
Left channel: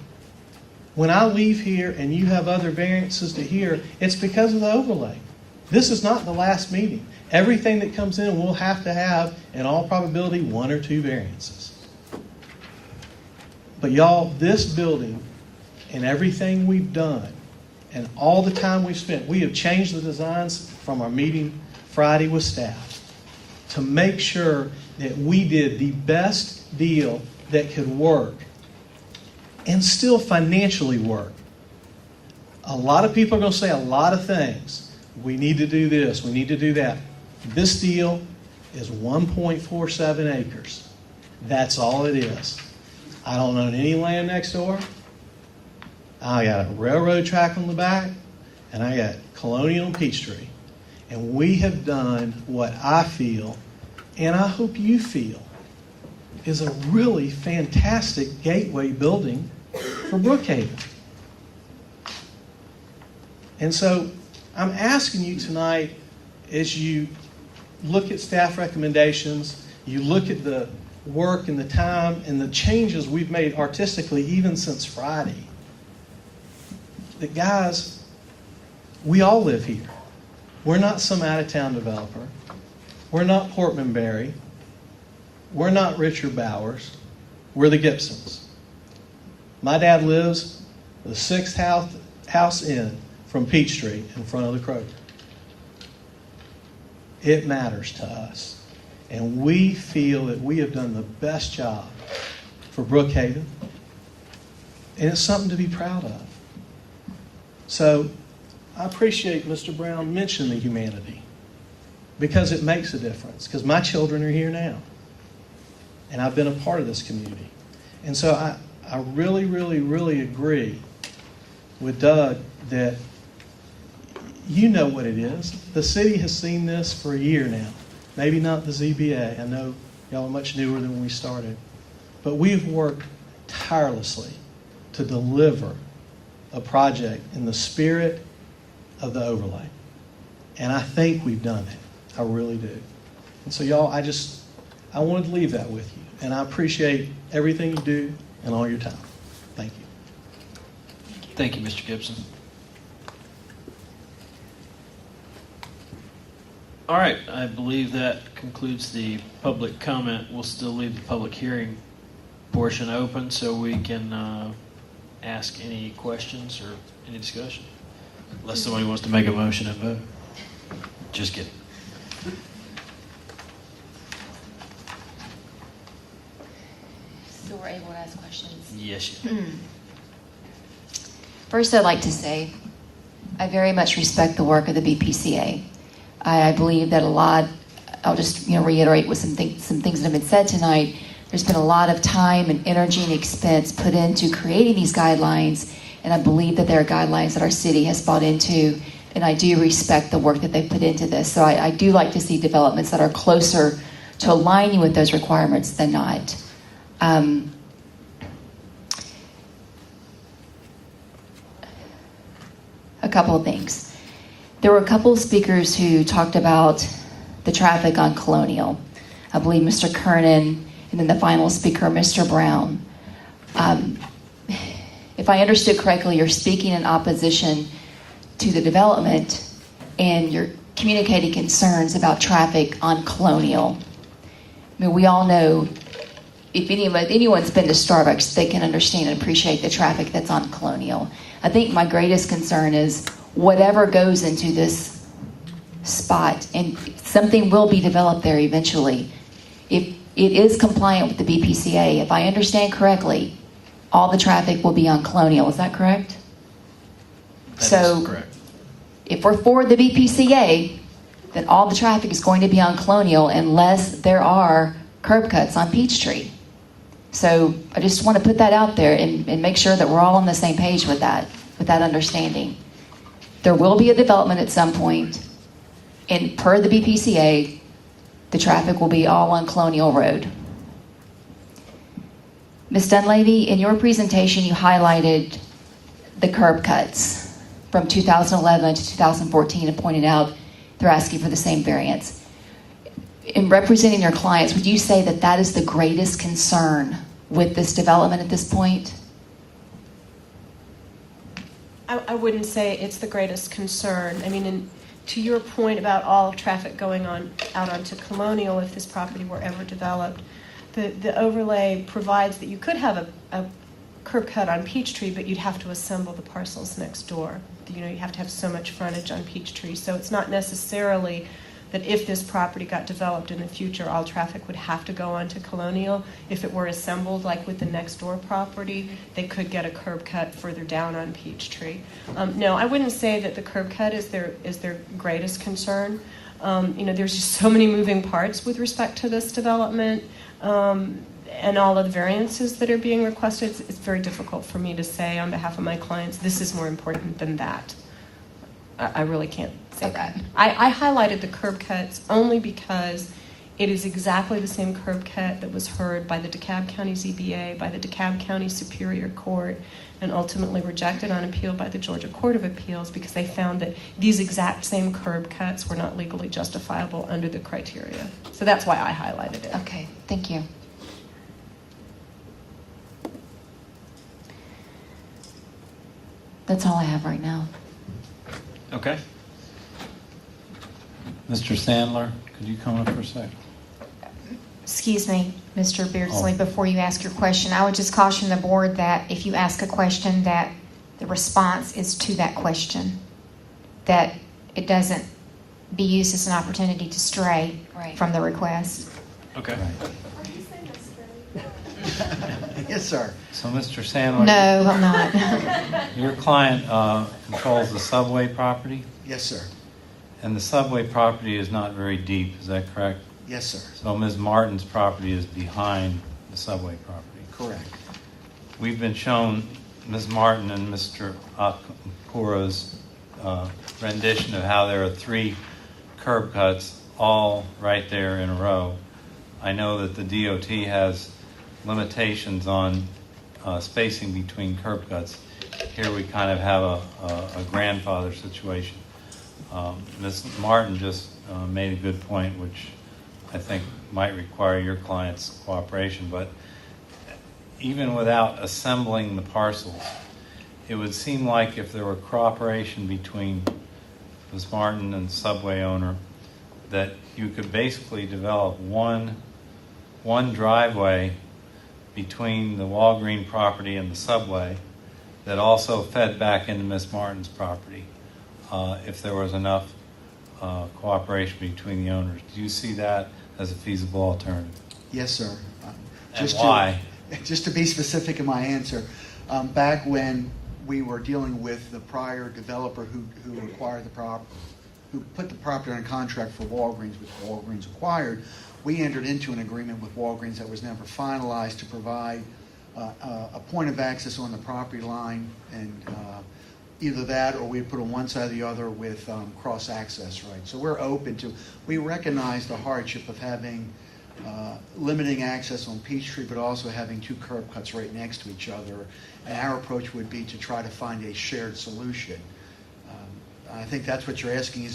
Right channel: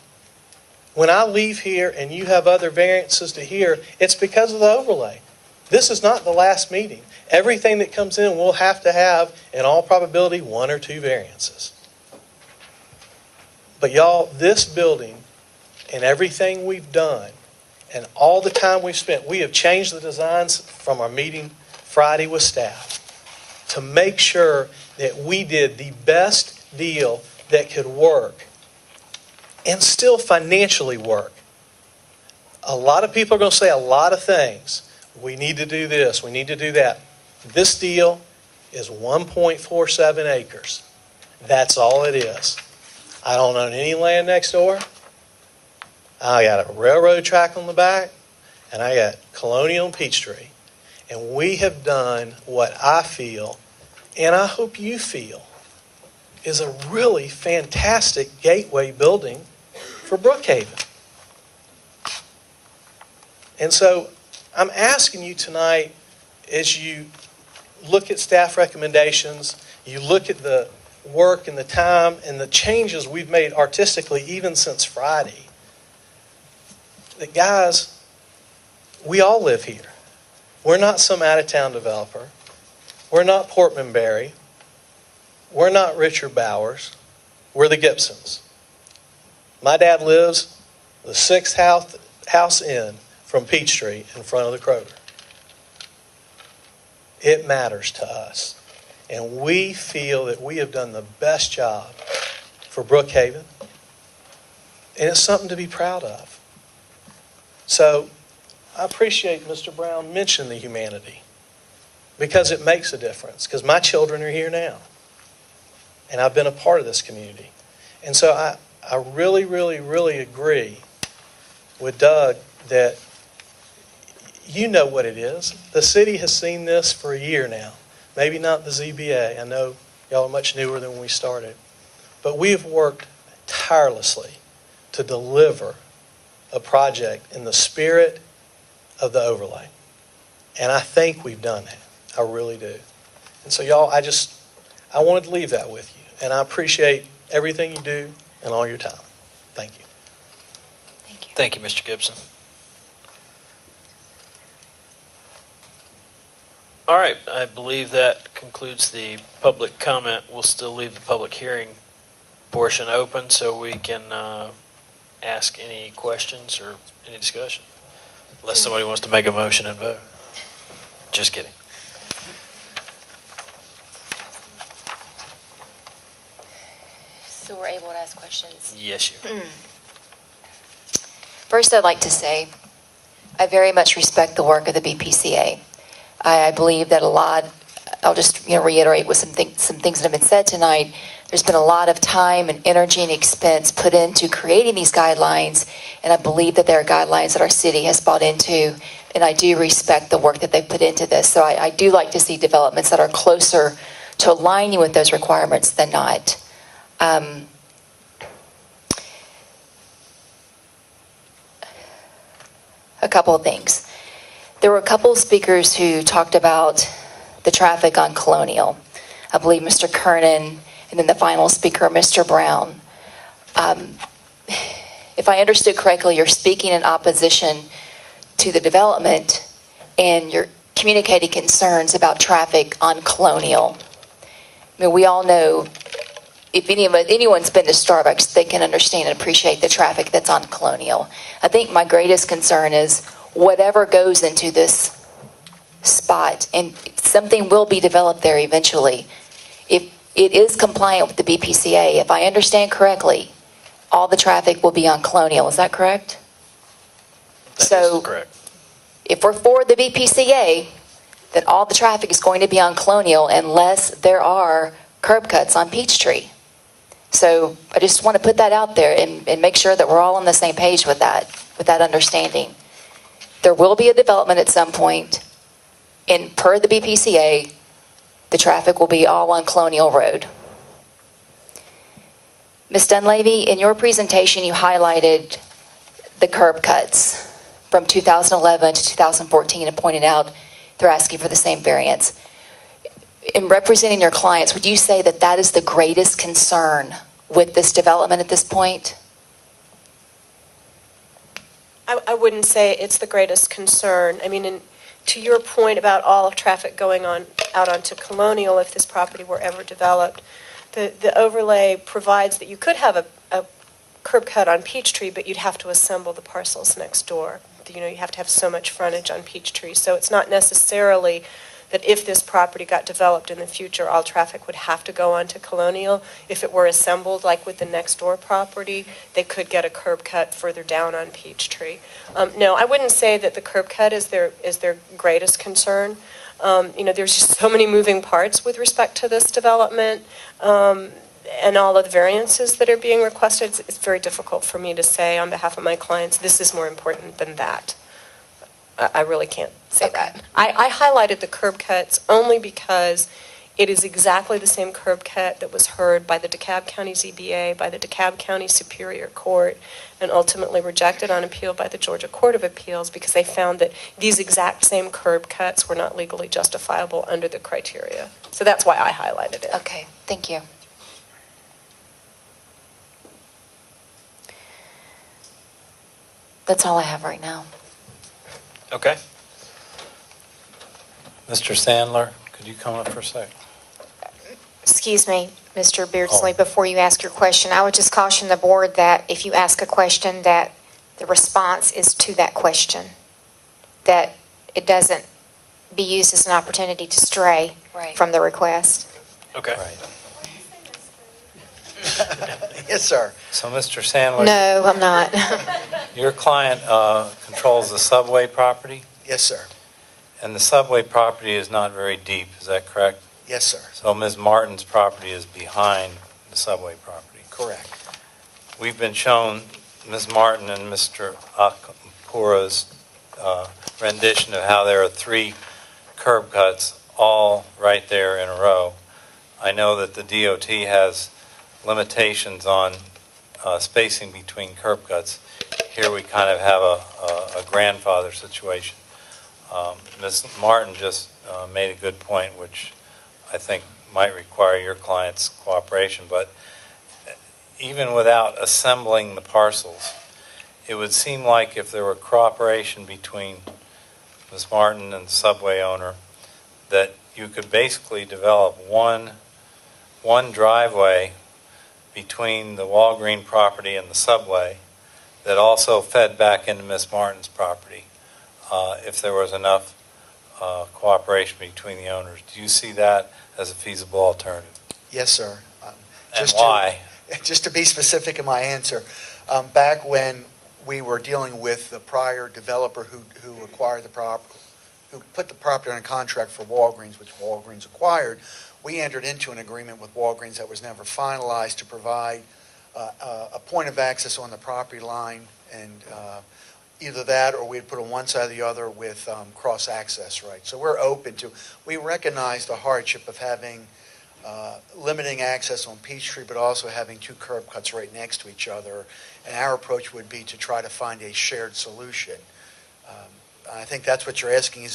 When I leave here and you have other variances to hear, it's because of the overlay. This is not the last meeting. Everything that comes in will have to have, in all probability, 1 or 2 variances. But y'all, this building and everything we've done and all the time we've spent, we have changed the designs from our meeting Friday with staff to make sure that we did the best deal that could work and still financially work. A lot of people are going to say a lot of things. We need to do this. We need to do that. This deal is 1.47 acres. That's all it is. I don't own any land next door. I got a railroad track on the back, and I got Colonial and Peachtree. And we have done what I feel, and I hope you feel, is a really fantastic gateway building for Brookhaven. And so I'm asking you tonight, as you look at staff recommendations, you look at the work and the time and the changes we've made artistically even since Friday, that guys, we all live here. We're not some out-of-town developer. We're not Portman Berry. We're not Richard Bowers. We're the Gibsons. My dad lives the 6th house in from Peachtree in front of the Kroger. It matters to us. And we feel that we have done the best job for Brookhaven. And it's something to be proud of. So I appreciate Mr. Brown mentioning the humanity, because it makes a difference, because my children are here now. And I've been a part of this community. And so I really, really, really agree with Doug that you know what it is. The city has seen this for a year now. Maybe not the ZBA. I know y'all are much newer than when we started. But we have worked tirelessly to deliver a project in the spirit of the overlay. And I think we've done that. I really do. And so y'all, I wanted to leave that with you. And I appreciate everything you do and all your time. Thank you. Thank you, Mr. Gibson. All right, I believe that concludes the public comment. We'll still leave the public hearing portion open so we can ask any questions or any discussion. Unless somebody wants to make a motion and vote. Just kidding. So we're able to ask questions? Yes, you are. First, I'd like to say I very much respect the work of the BPCA. I believe that I'll just reiterate with some things that have been said tonight. There's been a lot of time and energy and expense put into creating these guidelines, and I believe that there are guidelines that our city has bought into, and I do respect the work that they've put into this. So I do like to see developments that are closer to aligning with those requirements than not. A couple of things. There were a couple of speakers who talked about the traffic on Colonial. I believe Mr. Kernan, and then the final speaker, Mr. Brown. If I understood correctly, you're speaking in opposition to the development, and you're communicating concerns about traffic on Colonial. I mean, we all know, if anyone's been to Starbucks, they can understand and appreciate the traffic that's on Colonial. I think my greatest concern is whatever goes into this spot, and something will be developed there eventually. If it is compliant with the BPCA, if I understand correctly, all the traffic will be on Colonial. Is that correct? That is correct. If we're for the BPCA, then all the traffic is going to be on Colonial unless there are curb cuts on Peachtree. So I just want to put that out there and make sure that we're all on the same page with that understanding. There will be a development at some point, and per the BPCA, the traffic will be all on Colonial Road. Ms. Dunleavy, in your presentation, you highlighted the curb cuts from 2011 to 2014 and pointed out they're asking for the same variance. In representing your clients, would you say that that is the greatest concern with this development at this point? I wouldn't say it's the greatest concern. I mean, to your point about all traffic going on out onto Colonial, if this property were ever developed, the overlay provides that you could have a curb cut on Peachtree, but you'd have to assemble the parcels next door. You know, you have to have so much frontage on Peachtree. So it's not necessarily that if this property got developed in the future, all traffic would have to go onto Colonial. If it were assembled, like with the next door property, they could get a curb cut further down on Peachtree. No, I wouldn't say that the curb cut is their greatest concern. You know, there's just so many moving parts with respect to this development, and all of the variances that are being requested. It's very difficult for me to say on behalf of my clients, this is more important than that. I really can't say that. I highlighted the curb cuts only because it is exactly the same curb cut that was heard by the DeKalb County ZBA, by the DeKalb County Superior Court, and ultimately rejected on appeal by the Georgia Court of Appeals because they found that these exact same curb cuts were not legally justifiable under the criteria. So that's why I highlighted it. Okay, thank you. That's all I have right now. Okay. Mr. Sandler, could you come up for a second? Excuse me, Mr. Beardsley, Oh. before you ask your question, I would just caution the board that if you ask a question, that the response is to that question, that it doesn't be used as an opportunity to stray from the request. Okay. Yes, sir. So, Mr. Sandler? No, I'm not. Your client controls the subway property? Yes, sir. And the subway property is not very deep, is that correct? Yes, sir. So Ms. Martin's property is behind the subway property? Correct. We've been shown Ms. Martin and Mr. Akpura's rendition of how there are 3 curb cuts all right there in a row. I know that the DOT has limitations on spacing between curb cuts. Here we kind of have a grandfather situation. Ms. Martin just made a good point, which I think might require your client's cooperation, but even without assembling the parcels, it would seem like if there were cooperation between Ms. Martin and the subway owner, that you could basically develop one driveway between the Walgreen property and the subway that also fed back into Ms. Martin's property if there was enough cooperation between the owners. Do you see that as a feasible alternative? Yes, sir. And why? Just to be specific in my answer, back when we were dealing with the prior developer who acquired the property, who put the property on a contract for Walgreens, which Walgreens acquired, we entered into an agreement with Walgreens that was never finalized to provide a point of access on the property line, and either that or we'd put on one side or the other with cross-access rights. So we're open to, we recognize the hardship of having limiting access on Peachtree, but also having 2 curb cuts right next to each other. And our approach would be to try to find a shared solution. I think that's what you're asking.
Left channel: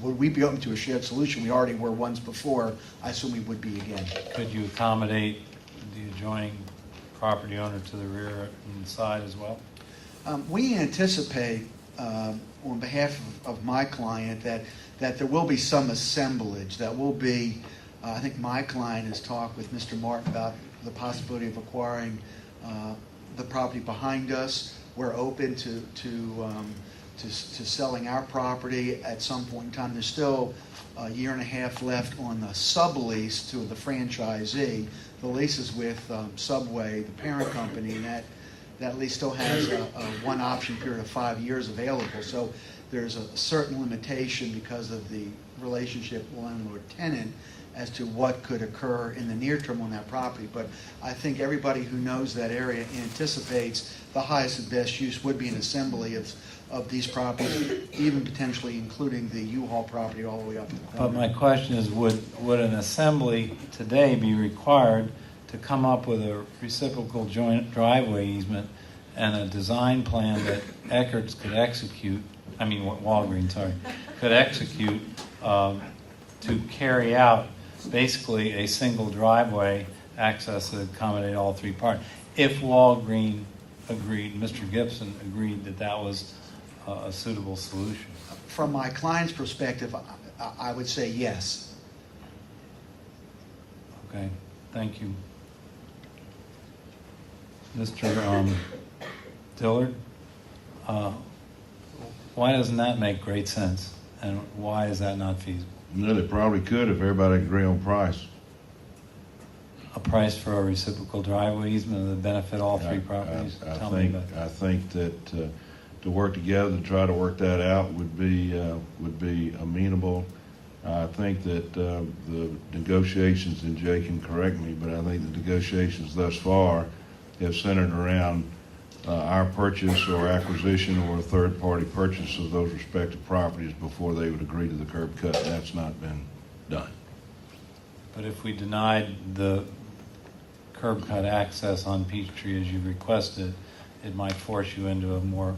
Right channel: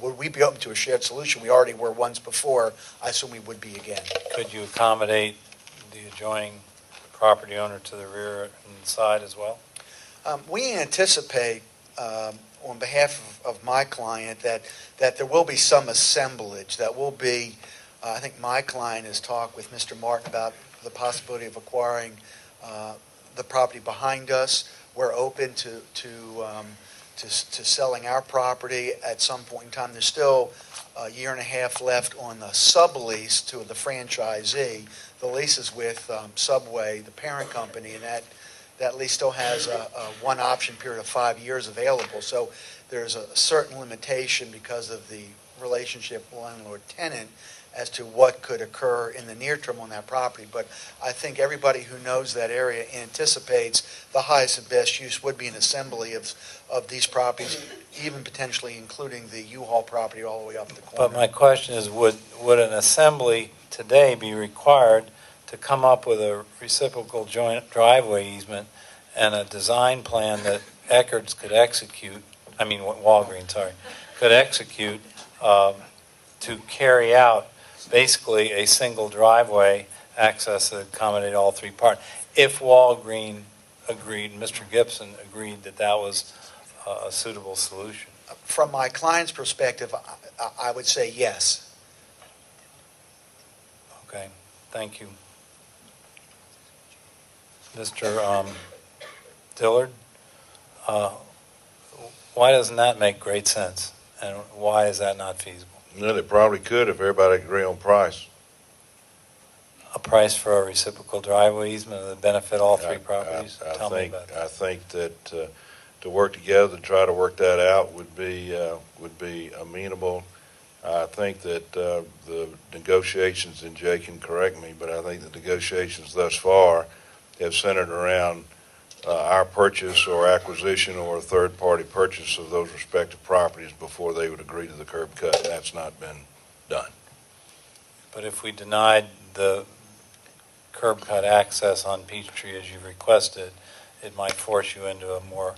Would we be open to a shared solution? We already were once before. I assume we would be again. Could you accommodate the adjoining property owner to the rear and side as well? We anticipate, on behalf of my client, that there will be some assemblage. That will be, I think my client has talked with Mr. Martin about the possibility of acquiring the property behind us. We're open to selling our property at some point in time. There's still a year and a half left on the sublease to the franchisee. The lease is with Subway, the parent company, and that lease still has a one option period of 5 years available. So there's a certain limitation because of the relationship landlord-tenant as to what could occur in the near term on that property. But I think everybody who knows that area anticipates the highest and best use would be an assembly of these properties, even potentially including the U-Haul property all the way up the corner. But my question is, would an assembly today be required to come up with a reciprocal joint driveway easement and a design plan that Eckert's could execute, Walgreens, sorry, could execute to carry out basically a single driveway access that accommodate all three parties? If Walgreen agreed, Mr. Gibson agreed that that was a suitable solution. From my client's perspective, I would say yes. Okay, thank you. Mr. Dillard, why doesn't that make great sense? And why is that not feasible? No, they probably could if everybody agree on price. A price for a reciprocal driveway easement that benefit all three properties? Tell me about that. I think that to work together, to try to work that out would be amenable. I think that the negotiations, and Jay can correct me, but I think the negotiations thus far have centered around our purchase or acquisition or a third-party purchase of those respective properties before they would agree to the curb cut. That's not been done. But if we denied the curb cut access on Peachtree as you requested, it might force you into a more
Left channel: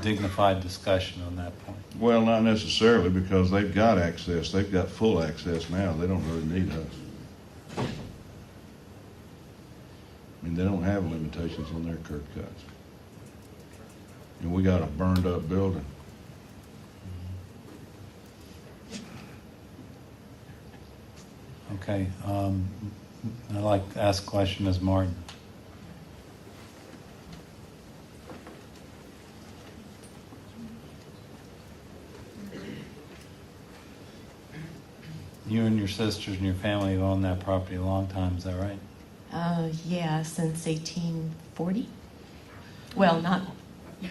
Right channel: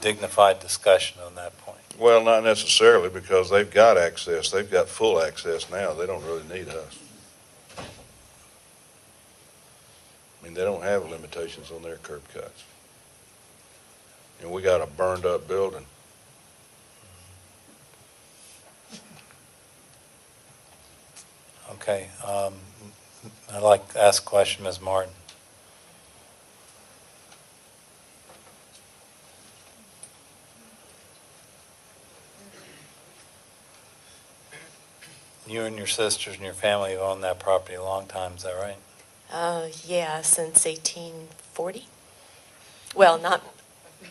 dignified discussion on that point. Well, not necessarily, because they've got access. They've got full access now. They don't really need us. They don't have limitations on their curb cuts. And we got a burned up building. Okay, I'd like to ask a question, Ms. Martin. You and your sisters and your family have owned that property a long time, is that right? Yeah, since 1840. Well, not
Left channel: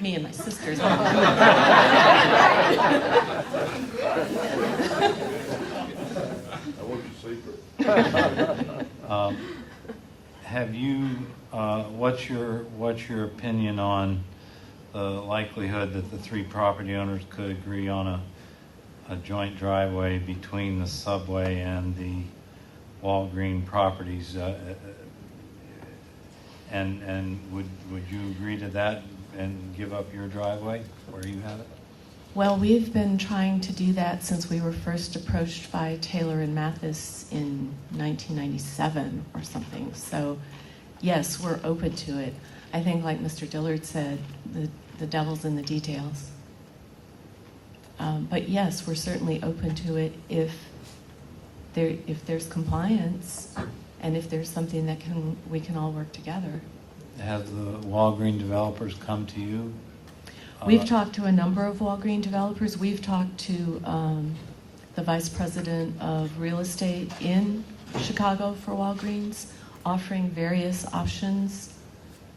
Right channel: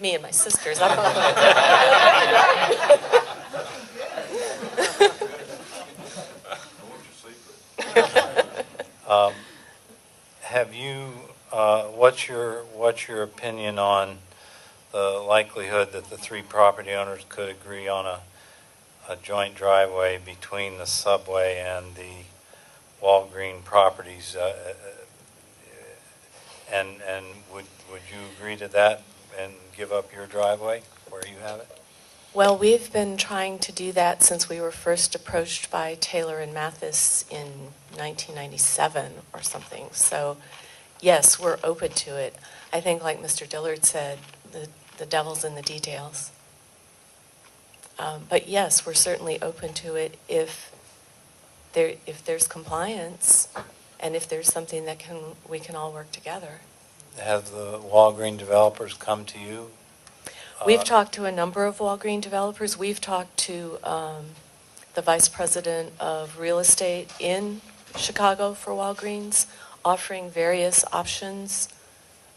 me and my sisters. Have you, what's your opinion on the likelihood that the three property owners could agree on a joint driveway between the Subway and the Walgreen properties? And would you agree to that and give up your driveway where you have it? Well, we've been trying to do that since we were first approached by Taylor and Mathis in 1997 or something. So, yes, we're open to it. I think, like Mr. Dillard said, the devil's in the details. But yes, we're certainly open to it if there's compliance and if there's something that we can all work together. Have the Walgreen developers come to you? We've talked to a number of Walgreen developers. We've talked to the vice president of real estate in Chicago for Walgreens, offering various options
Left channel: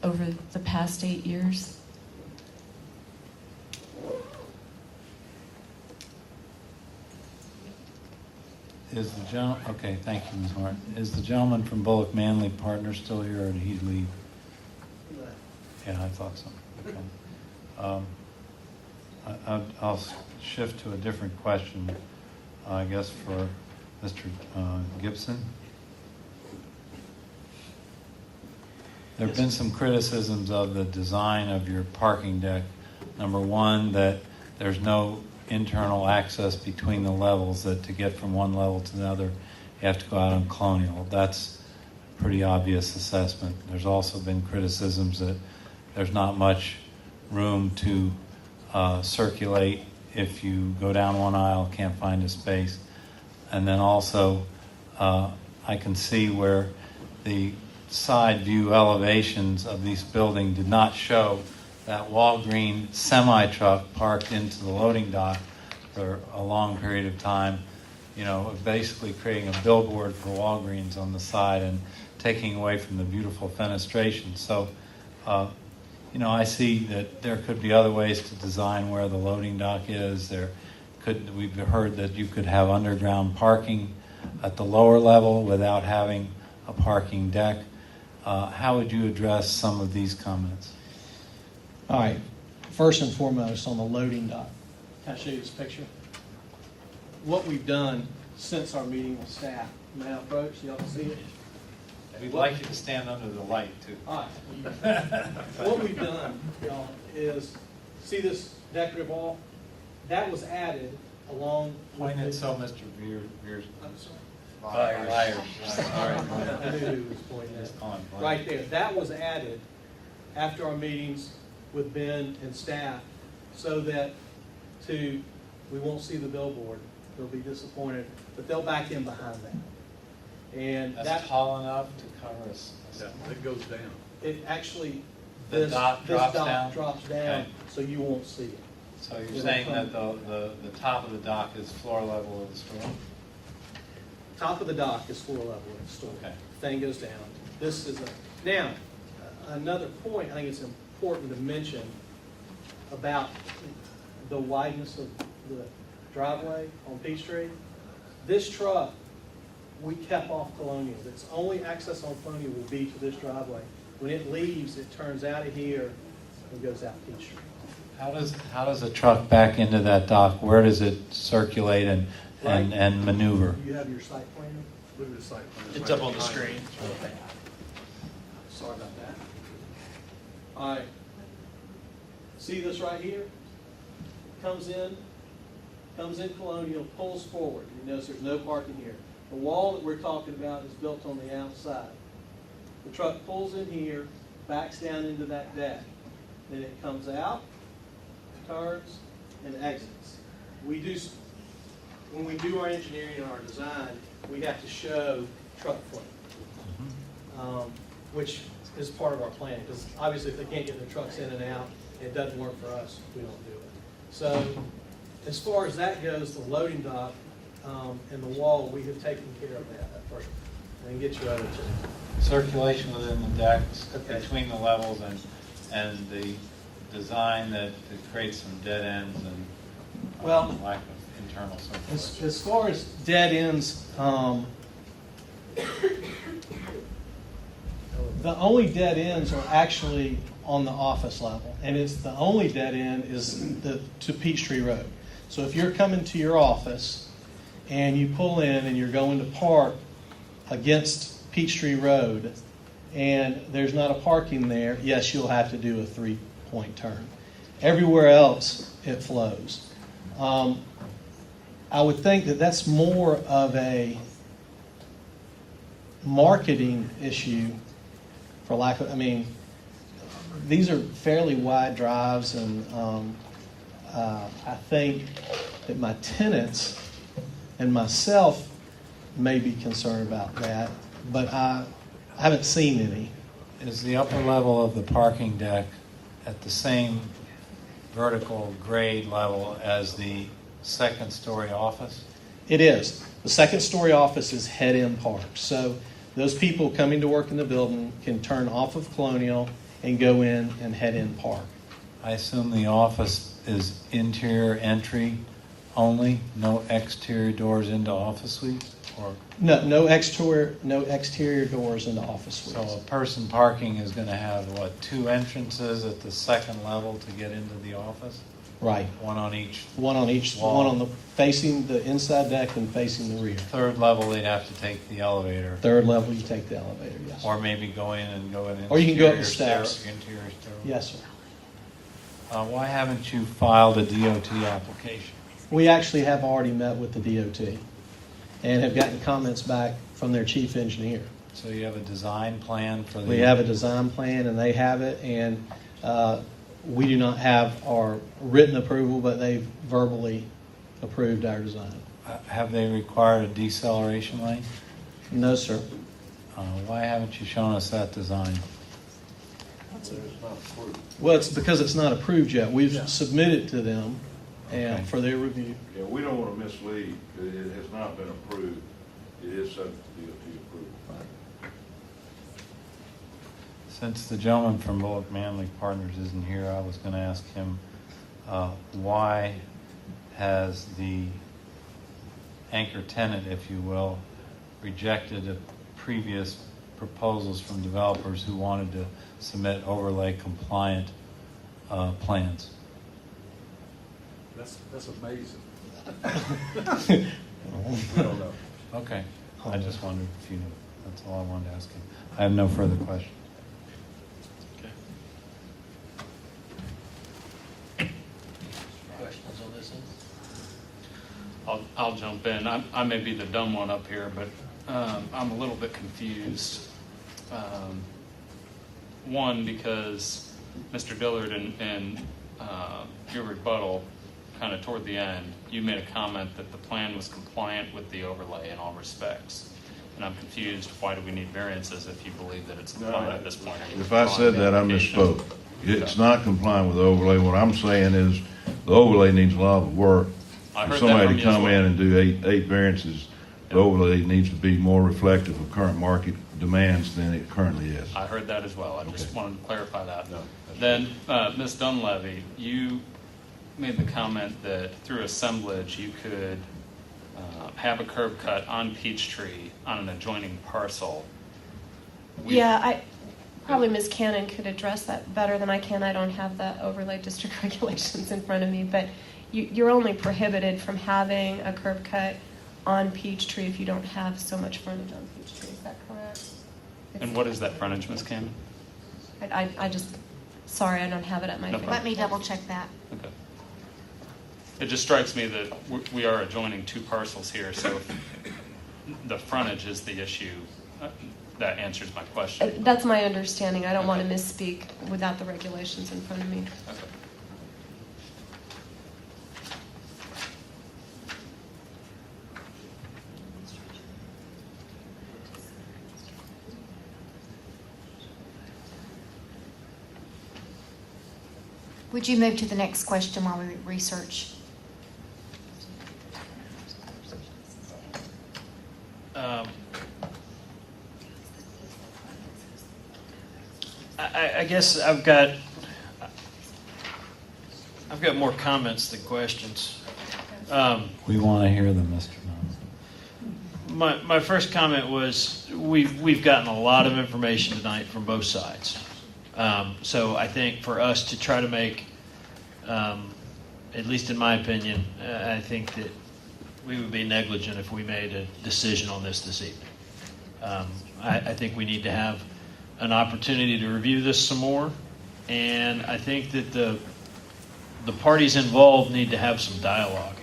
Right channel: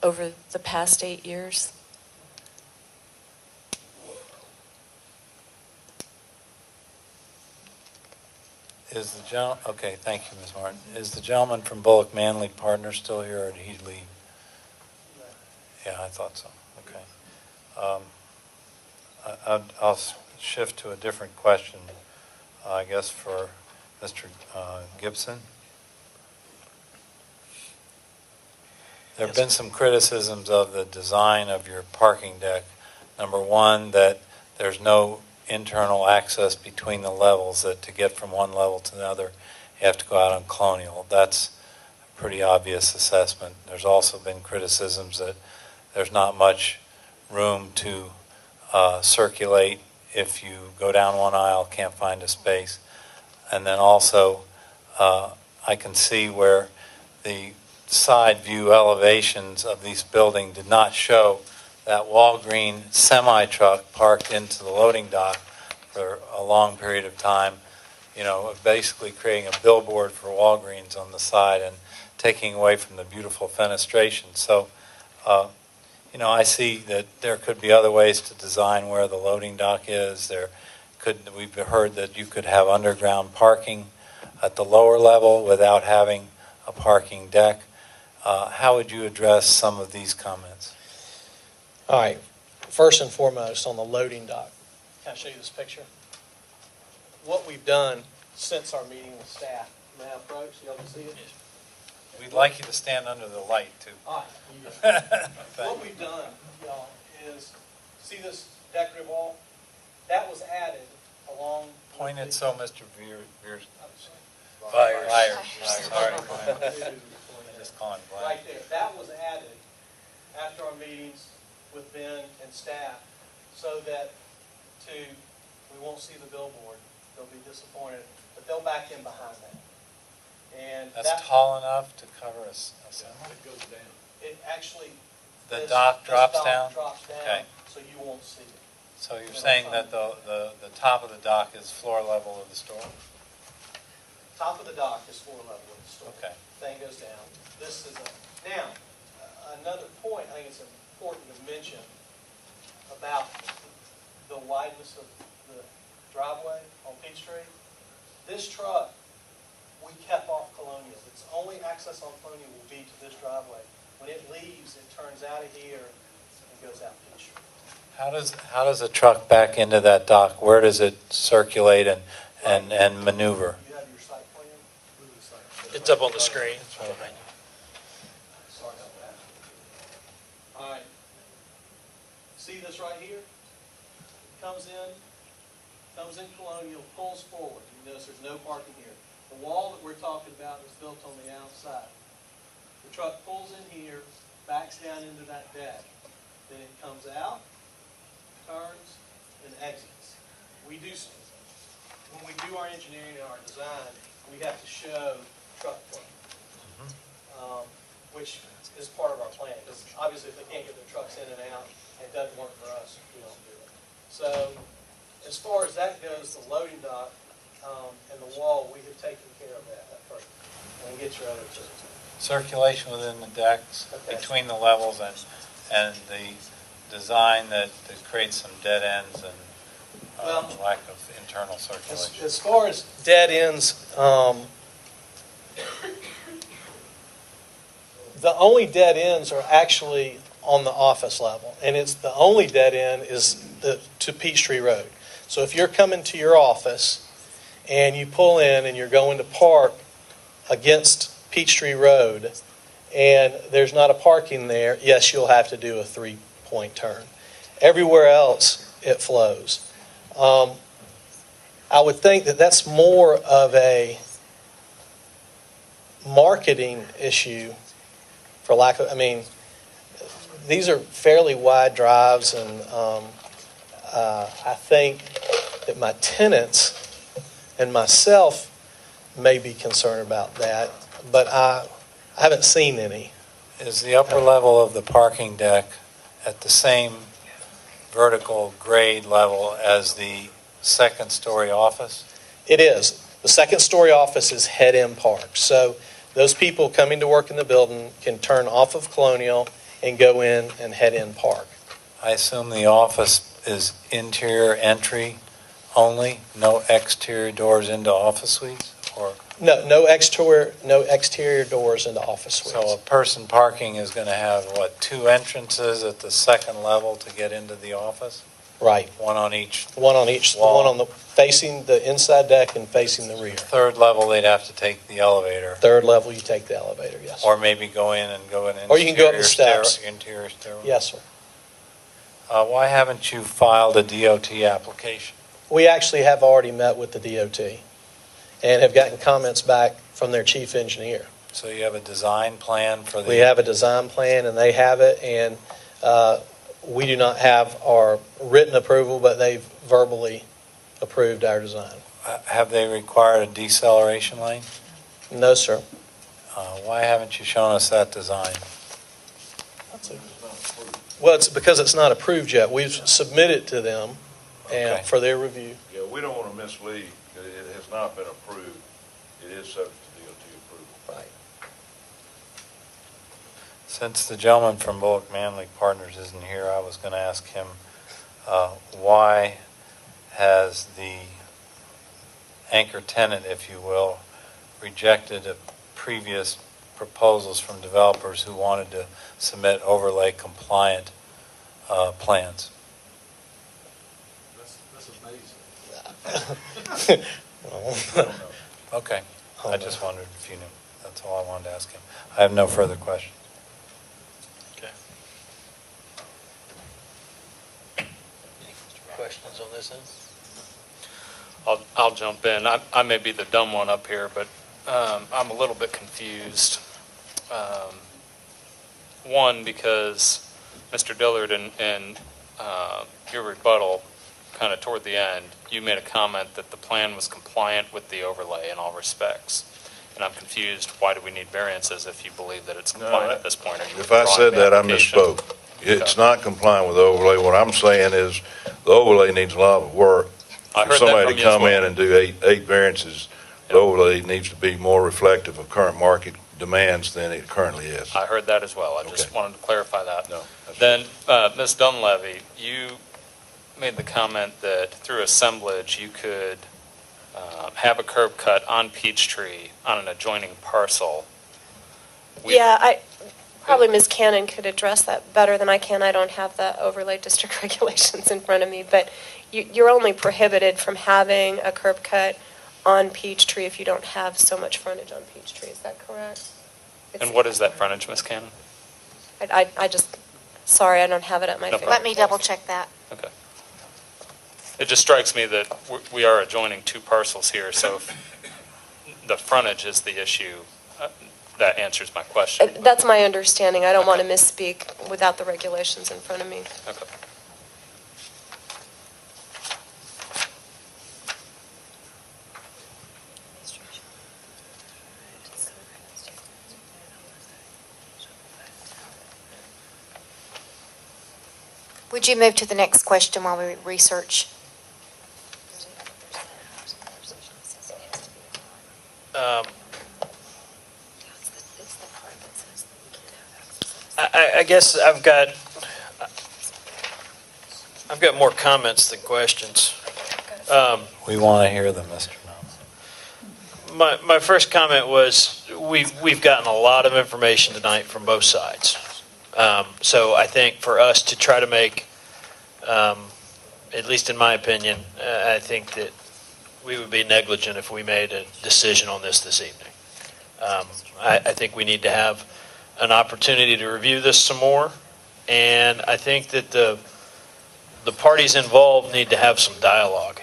over the past 8 years. Is the gentleman, okay, thank you, Ms. Martin. Is the gentleman from Bullock Manley Partners still here, or did he leave? Yeah, I thought so. Okay. I'll shift to a different question, I guess, for Mr. Gibson. There have been some criticisms of the design of your parking deck. Number one, that there's no internal access between the levels, that to get from one level to another, you have to go out on Colonial. That's a pretty obvious assessment. There's also been criticisms that there's not much room to circulate. If you go down one aisle, can't find a space. And then also, I can see where the side view elevations of this building did not show that Walgreen semi-truck parked into the loading dock for a long period of time, basically creating a billboard for Walgreens on the side and taking away from the beautiful fenestration. So, I see that there could be other ways to design where the loading dock is. There we've heard that you could have underground parking at the lower level without having a parking deck. How would you address some of these comments? All right, first and foremost, on the loading dock, can I show you this picture? What we've done since our meeting with staff, may I approach, y'all see it? We'd like you to stand under the light, too. All right. What we've done, y'all, is, see this decorative wall? That was added along. Point it so Mr. Veers. Byers. All right. Just call him Byers. Right there, that was added after our meetings with Ben and staff, so that we won't see the billboard. They'll be disappointed, but they'll back in behind that. And That's tall enough to cover us. It goes down. It actually. The dock drops down? Drops down, Okay. so you won't see it. So you're saying that the top of the dock is floor level of the store? Top of the dock is floor level of the store. Okay. Thing goes down. This is now, another point I think it's important to mention about the wideness of the driveway on Peachtree. This truck, we kept off Colonial. Its only access on Colonial will be to this driveway. When it leaves, it turns out of here and goes out Peachtree. How does a truck back into that dock? Where does it circulate and maneuver? You have your site plan? Look at the site plan. It's up on the screen. Sorry about that. All right. See this right here? Comes in Colonial, pulls forward. You notice there's no parking here. The wall that we're talking about is built on the outside. The truck pulls in here, backs down into that deck. Then it comes out, turns, and exits. When we do our engineering and our design, we have to show truck plane, which is part of our plan. Because obviously, if they can't get their trucks in and out, it doesn't work for us. We don't do it. So, as far as that goes, the loading dock and the wall, we have taken care of that first. And get your other changes. Circulation within the decks, Okay. between the levels, and the design that creates some dead ends and lack of internal circulation. As far as dead ends, the only dead ends are actually on the office level, and it's the only dead end is to Peachtree Road. So if you're coming to your office and you pull in and you're going to park against Peachtree Road and there's not a parking there, yes, you'll have to do a 3-point turn. Everywhere else, it flows. I would think that that's more of a marketing issue, for lack of, these are fairly wide drives, and I think that my tenants and myself may be concerned about that, but I haven't seen any. Is the upper level of the parking deck at the same vertical grade level as the second-story office? It is. The second-story office is head-in park. So those people coming to work in the building can turn off of Colonial and go in and head-in park. I assume the office is interior entry only, no exterior doors into office suites? Or No exterior doors into office suites. so a person parking is going to have, what, 2 entrances at the second level to get into the office? Right. One on each One on each, wall. one on the, facing the inside deck and facing the rear. Third level, they'd have to take the elevator. Third level, you take the elevator, yes. Or maybe go in and go in Or you can go up the steps. Interior stairwell. Yes, sir. Why haven't you filed a DOT application? We actually have already met with the DOT and have gotten comments back from their chief engineer. So you have a design plan for the... We have a design plan and they have it, and we do not have our written approval, but they've verbally approved our design. Have they required a deceleration lane? No, sir. Why haven't you shown us that design? Well, it's because it's not approved yet. We've submitted to them and Okay. for their review. Yeah, we don't want to mislead, because it has not been approved. It is subject to DOT approval. Right. Since the gentleman from Bullock Manley Partners isn't here, I was going to ask him why has the anchor tenant, if you will, rejected a previous proposals from developers who wanted to submit overlay compliant plans. That's amazing. I don't know. Okay, I just wondered if you knew. That's all I wanted to ask him. I have no further questions. Questions on this end? I'll jump in. I may be the dumb one up here, but I'm a little bit confused. One, because Mr. Dillard in your rebuttal, kind of toward the end, you made a comment that the plan was compliant with the overlay in all respects. And I'm confused, why do we need variances if you believe that it's compliant at this point? Are you If I withdrawing said the that, I application? misspoke. It's not complying with the overlay. What I'm saying is the overlay needs a lot of work. I For heard that somebody from to you as come well. in and do eight variances, the overlay needs to be more reflective of current market demands than it currently is. I heard that as well. I just Okay. wanted to clarify that. No, Then, Ms. Dunleavy, you made the comment that through assemblage, you could have a curb cut on Peachtree on an adjoining parcel. Yeah, probably Ms. Cannon could address that better than I can. I don't have the overlay district regulations in front of me, but you're only prohibited from having a curb cut on Peachtree if you don't have so much frontage on Peachtree. Is that correct? And what is that frontage, Ms. Cannon? I just, sorry, I don't have it at my No fingertips. problem. Let me double check that. Okay. It just strikes me that we are adjoining two parcels here, so if the frontage is the issue, that answers my question. That's my understanding. I don't want to misspeak without the regulations in front of me. Okay. Would you move to the next question while we research? I guess I've got more comments than questions. We want to hear them, Mr. Nunn. My first comment was, we've gotten a lot of information tonight from both sides. So I think for us to try to make, at least in my opinion, I think that we would be negligent if we made a decision on this evening. I think we need to have an opportunity to review this some more, and I think that the parties involved need to have some dialogue.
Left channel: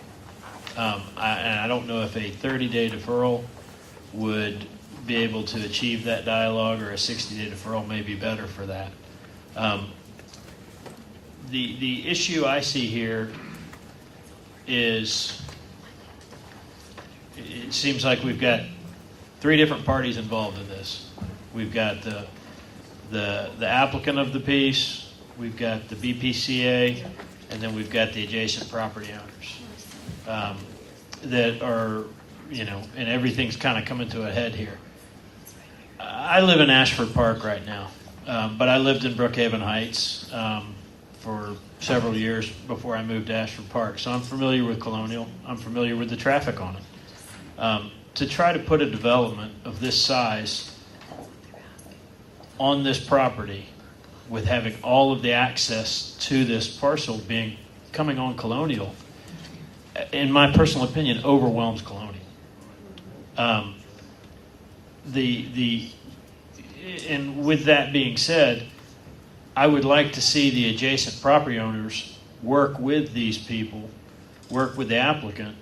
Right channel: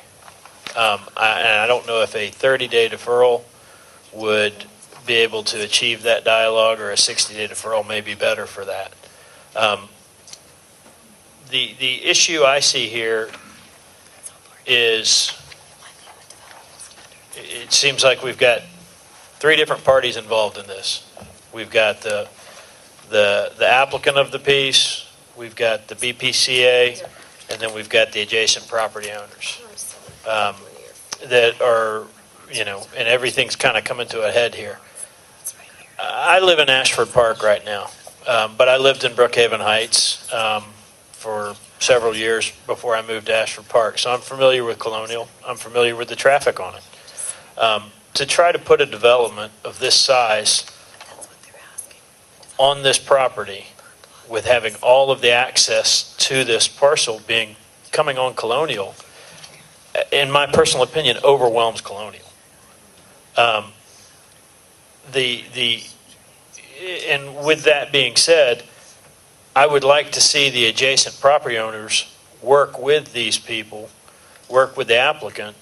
And I don't know if a 30-day deferral would be able to achieve that dialogue, or a 60-day deferral may be better for that. The issue I see here is, it seems like we've got three different parties involved in this. We've got the applicant of the piece, we've got the BPCA, and then we've got the adjacent property owners that are, and everything's kind of coming to a head here. I live in Ashford Park right now, but I lived in Brookhaven Heights for several years before I moved to Ashford Park, so I'm familiar with Colonial. I'm familiar with the traffic on it. To try to put a development of this size on this property, with having all of the access to this parcel coming on Colonial, in my personal opinion, overwhelms Colonial. And with that being said, I would like to see the adjacent property owners work with these people, work with the applicant,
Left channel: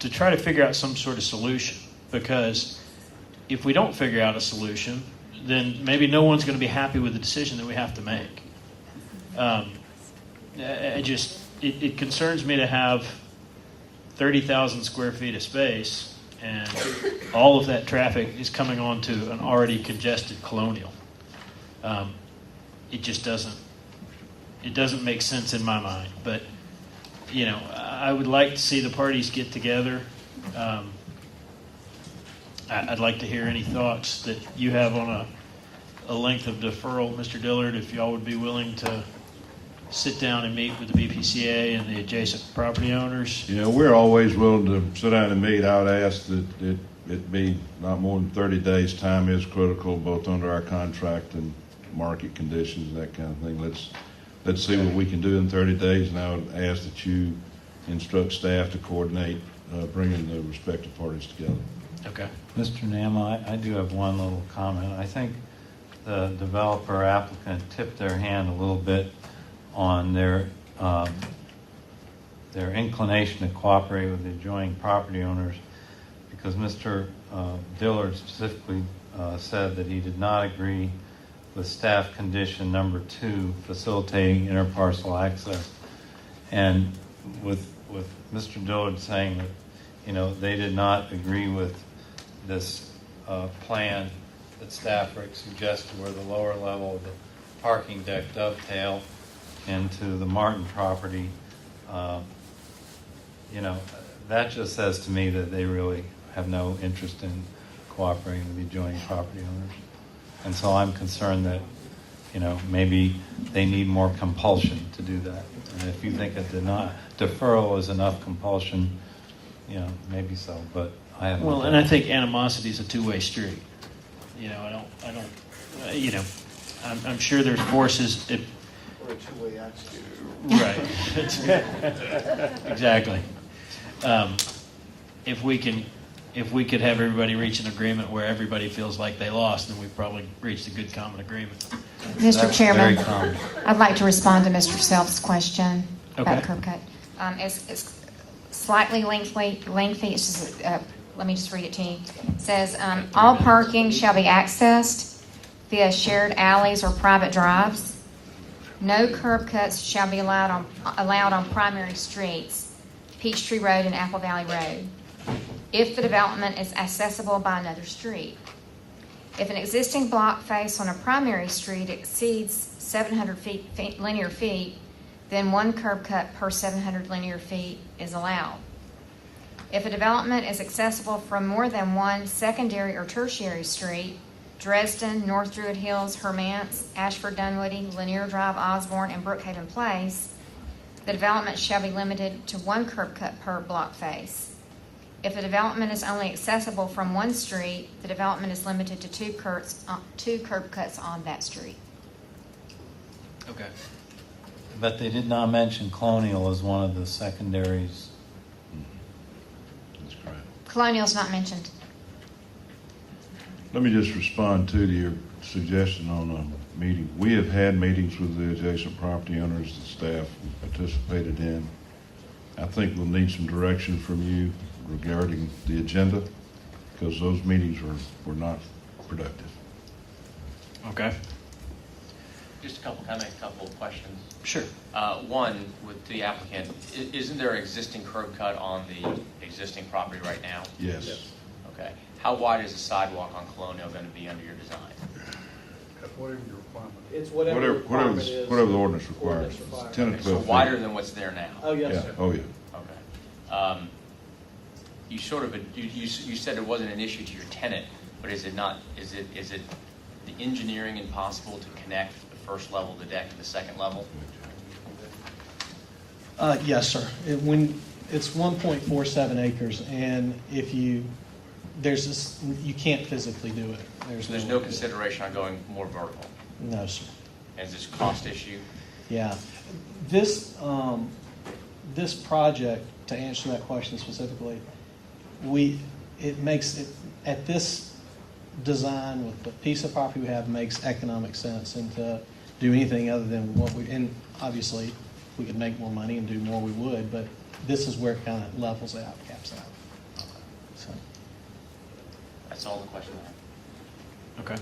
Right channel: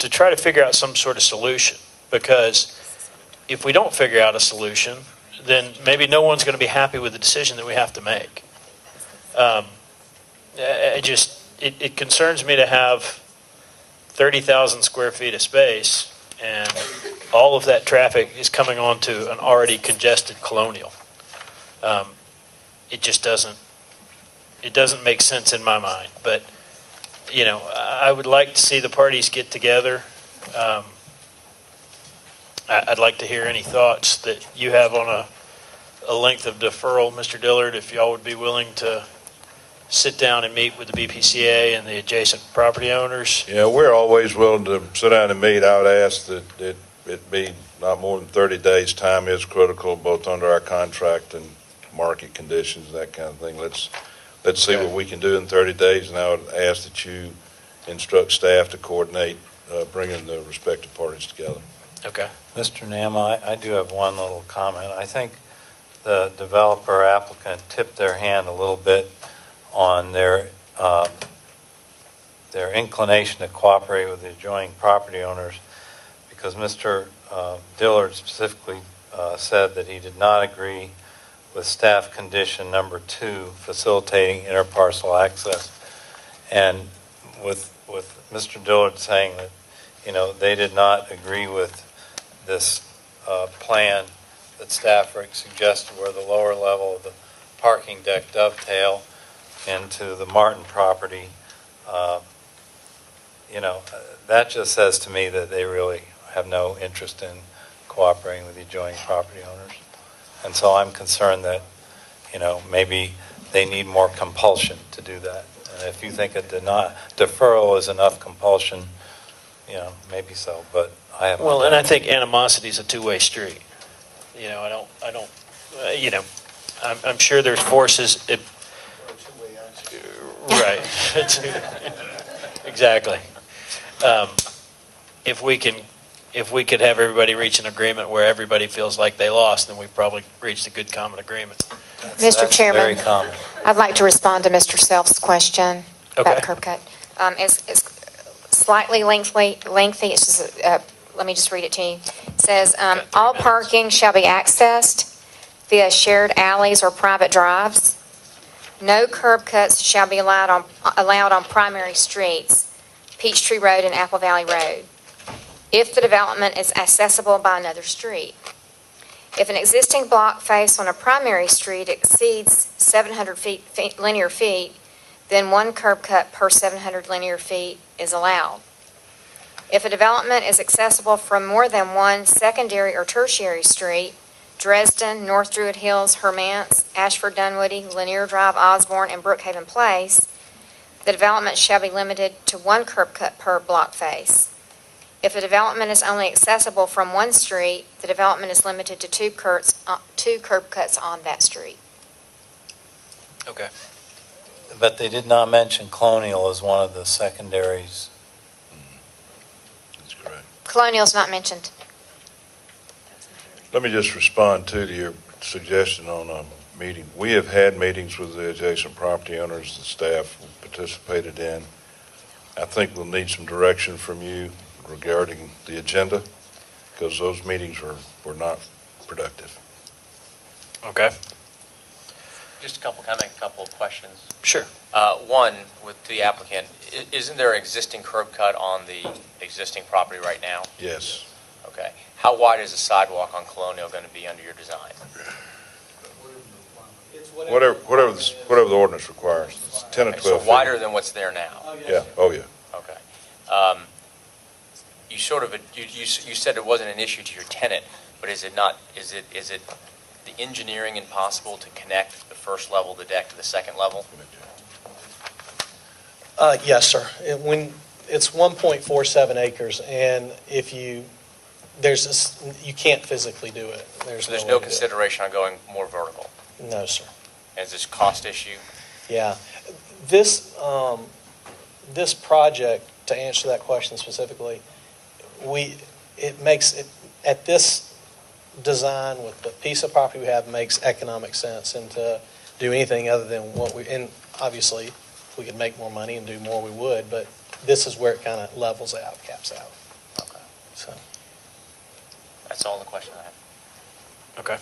to try to figure out some sort of solution. Because if we don't figure out a solution, then maybe no one's going to be happy with the decision that we have to make. It concerns me to have 30,000 square feet of space, and all of that traffic is coming onto an already congested Colonial. It just doesn't make sense in my mind. But, I would like to see the parties get together. I'd like to hear any thoughts that you have on a length of deferral, Mr. Dillard, if y'all would be willing to sit down and meet with the BPCA and the adjacent property owners? Yeah, we're always willing to sit down and meet. I would ask that it be not more than 30 days. Time is critical, both under our contract and market conditions, that kind of thing. Let's see what we can do in 30 days, and I would ask that you instruct staff to coordinate bringing the respective parties together. Okay. Mr. Nama, I do have one little comment. I think the developer applicant tipped their hand a little bit on their inclination to cooperate with the adjoining property owners, because Mr. Dillard specifically said that he did not agree with staff condition number 2, facilitating interparcel access. And with Mr. Dillard saying that, they did not agree with this plan that staff suggested, where the lower level of the parking deck dovetail into the Martin property, that just says to me that they really have no interest in cooperating with the adjoining property owners. And so I'm concerned that, maybe they need more compulsion to do that. And if you think a deferral is enough compulsion, maybe so, but I have. Well, and I think animosity is a two-way street. I'm sure there's forces. Right. Exactly. If we could have everybody reach an agreement where everybody feels like they lost, then we've probably reached a good common agreement. Mr. Chairman, Very common. I'd like to respond to Mr. Self's question about Okay. curb cut. It's slightly lengthy. It's just, let me just read it to you. It says, all parking shall be accessed via shared alleys or private drives. No curb cuts shall be allowed on primary streets, Peachtree Road and Apple Valley Road, if the development is accessible by another street. If an existing block face on a primary street exceeds 700 linear feet, then one curb cut per 700 linear feet is allowed. If a development is accessible from more than one secondary or tertiary street, Dresden, North Druid Hills, Hermance, Ashford, Dunwoody, Lanier Drive, Osborne, and Brookhaven Place, the development shall be limited to one curb cut per block face. If a development is only accessible from one street, the development is limited to two curb cuts on that street. Okay. But they did not mention Colonial as one of the secondaries. That's correct. Colonial's not mentioned. Let me just respond to your suggestion on a meeting. We have had meetings with the adjacent property owners that staff participated in. I think we'll need some direction from you regarding the agenda, because those meetings were not productive. Okay. Just a couple of questions. Sure. One, with the applicant, isn't there an existing curb cut on the existing property right now? Yes. Okay. How wide is the sidewalk on Colonial going to be under your design? Whatever the ordinance requires. It's 10 and 12 So feet. wider than what's there now? Oh, yes. Yeah. Oh, yeah. Okay. You said it wasn't an issue to your tenant, but is it the engineering impossible to connect the first level of the deck to the second level? Yes, sir. It's 1.47 acres, and you can't physically do it. So there's no consideration on going more vertical? No, sir. Is this cost issue? Yeah. This project, to answer that question specifically, at this design with the piece of property we have makes economic sense, and to do anything other than and obviously if we could make more money and do more, we would, but this is where it kind of levels out, caps out. Okay. So. That's all the question I have. Okay.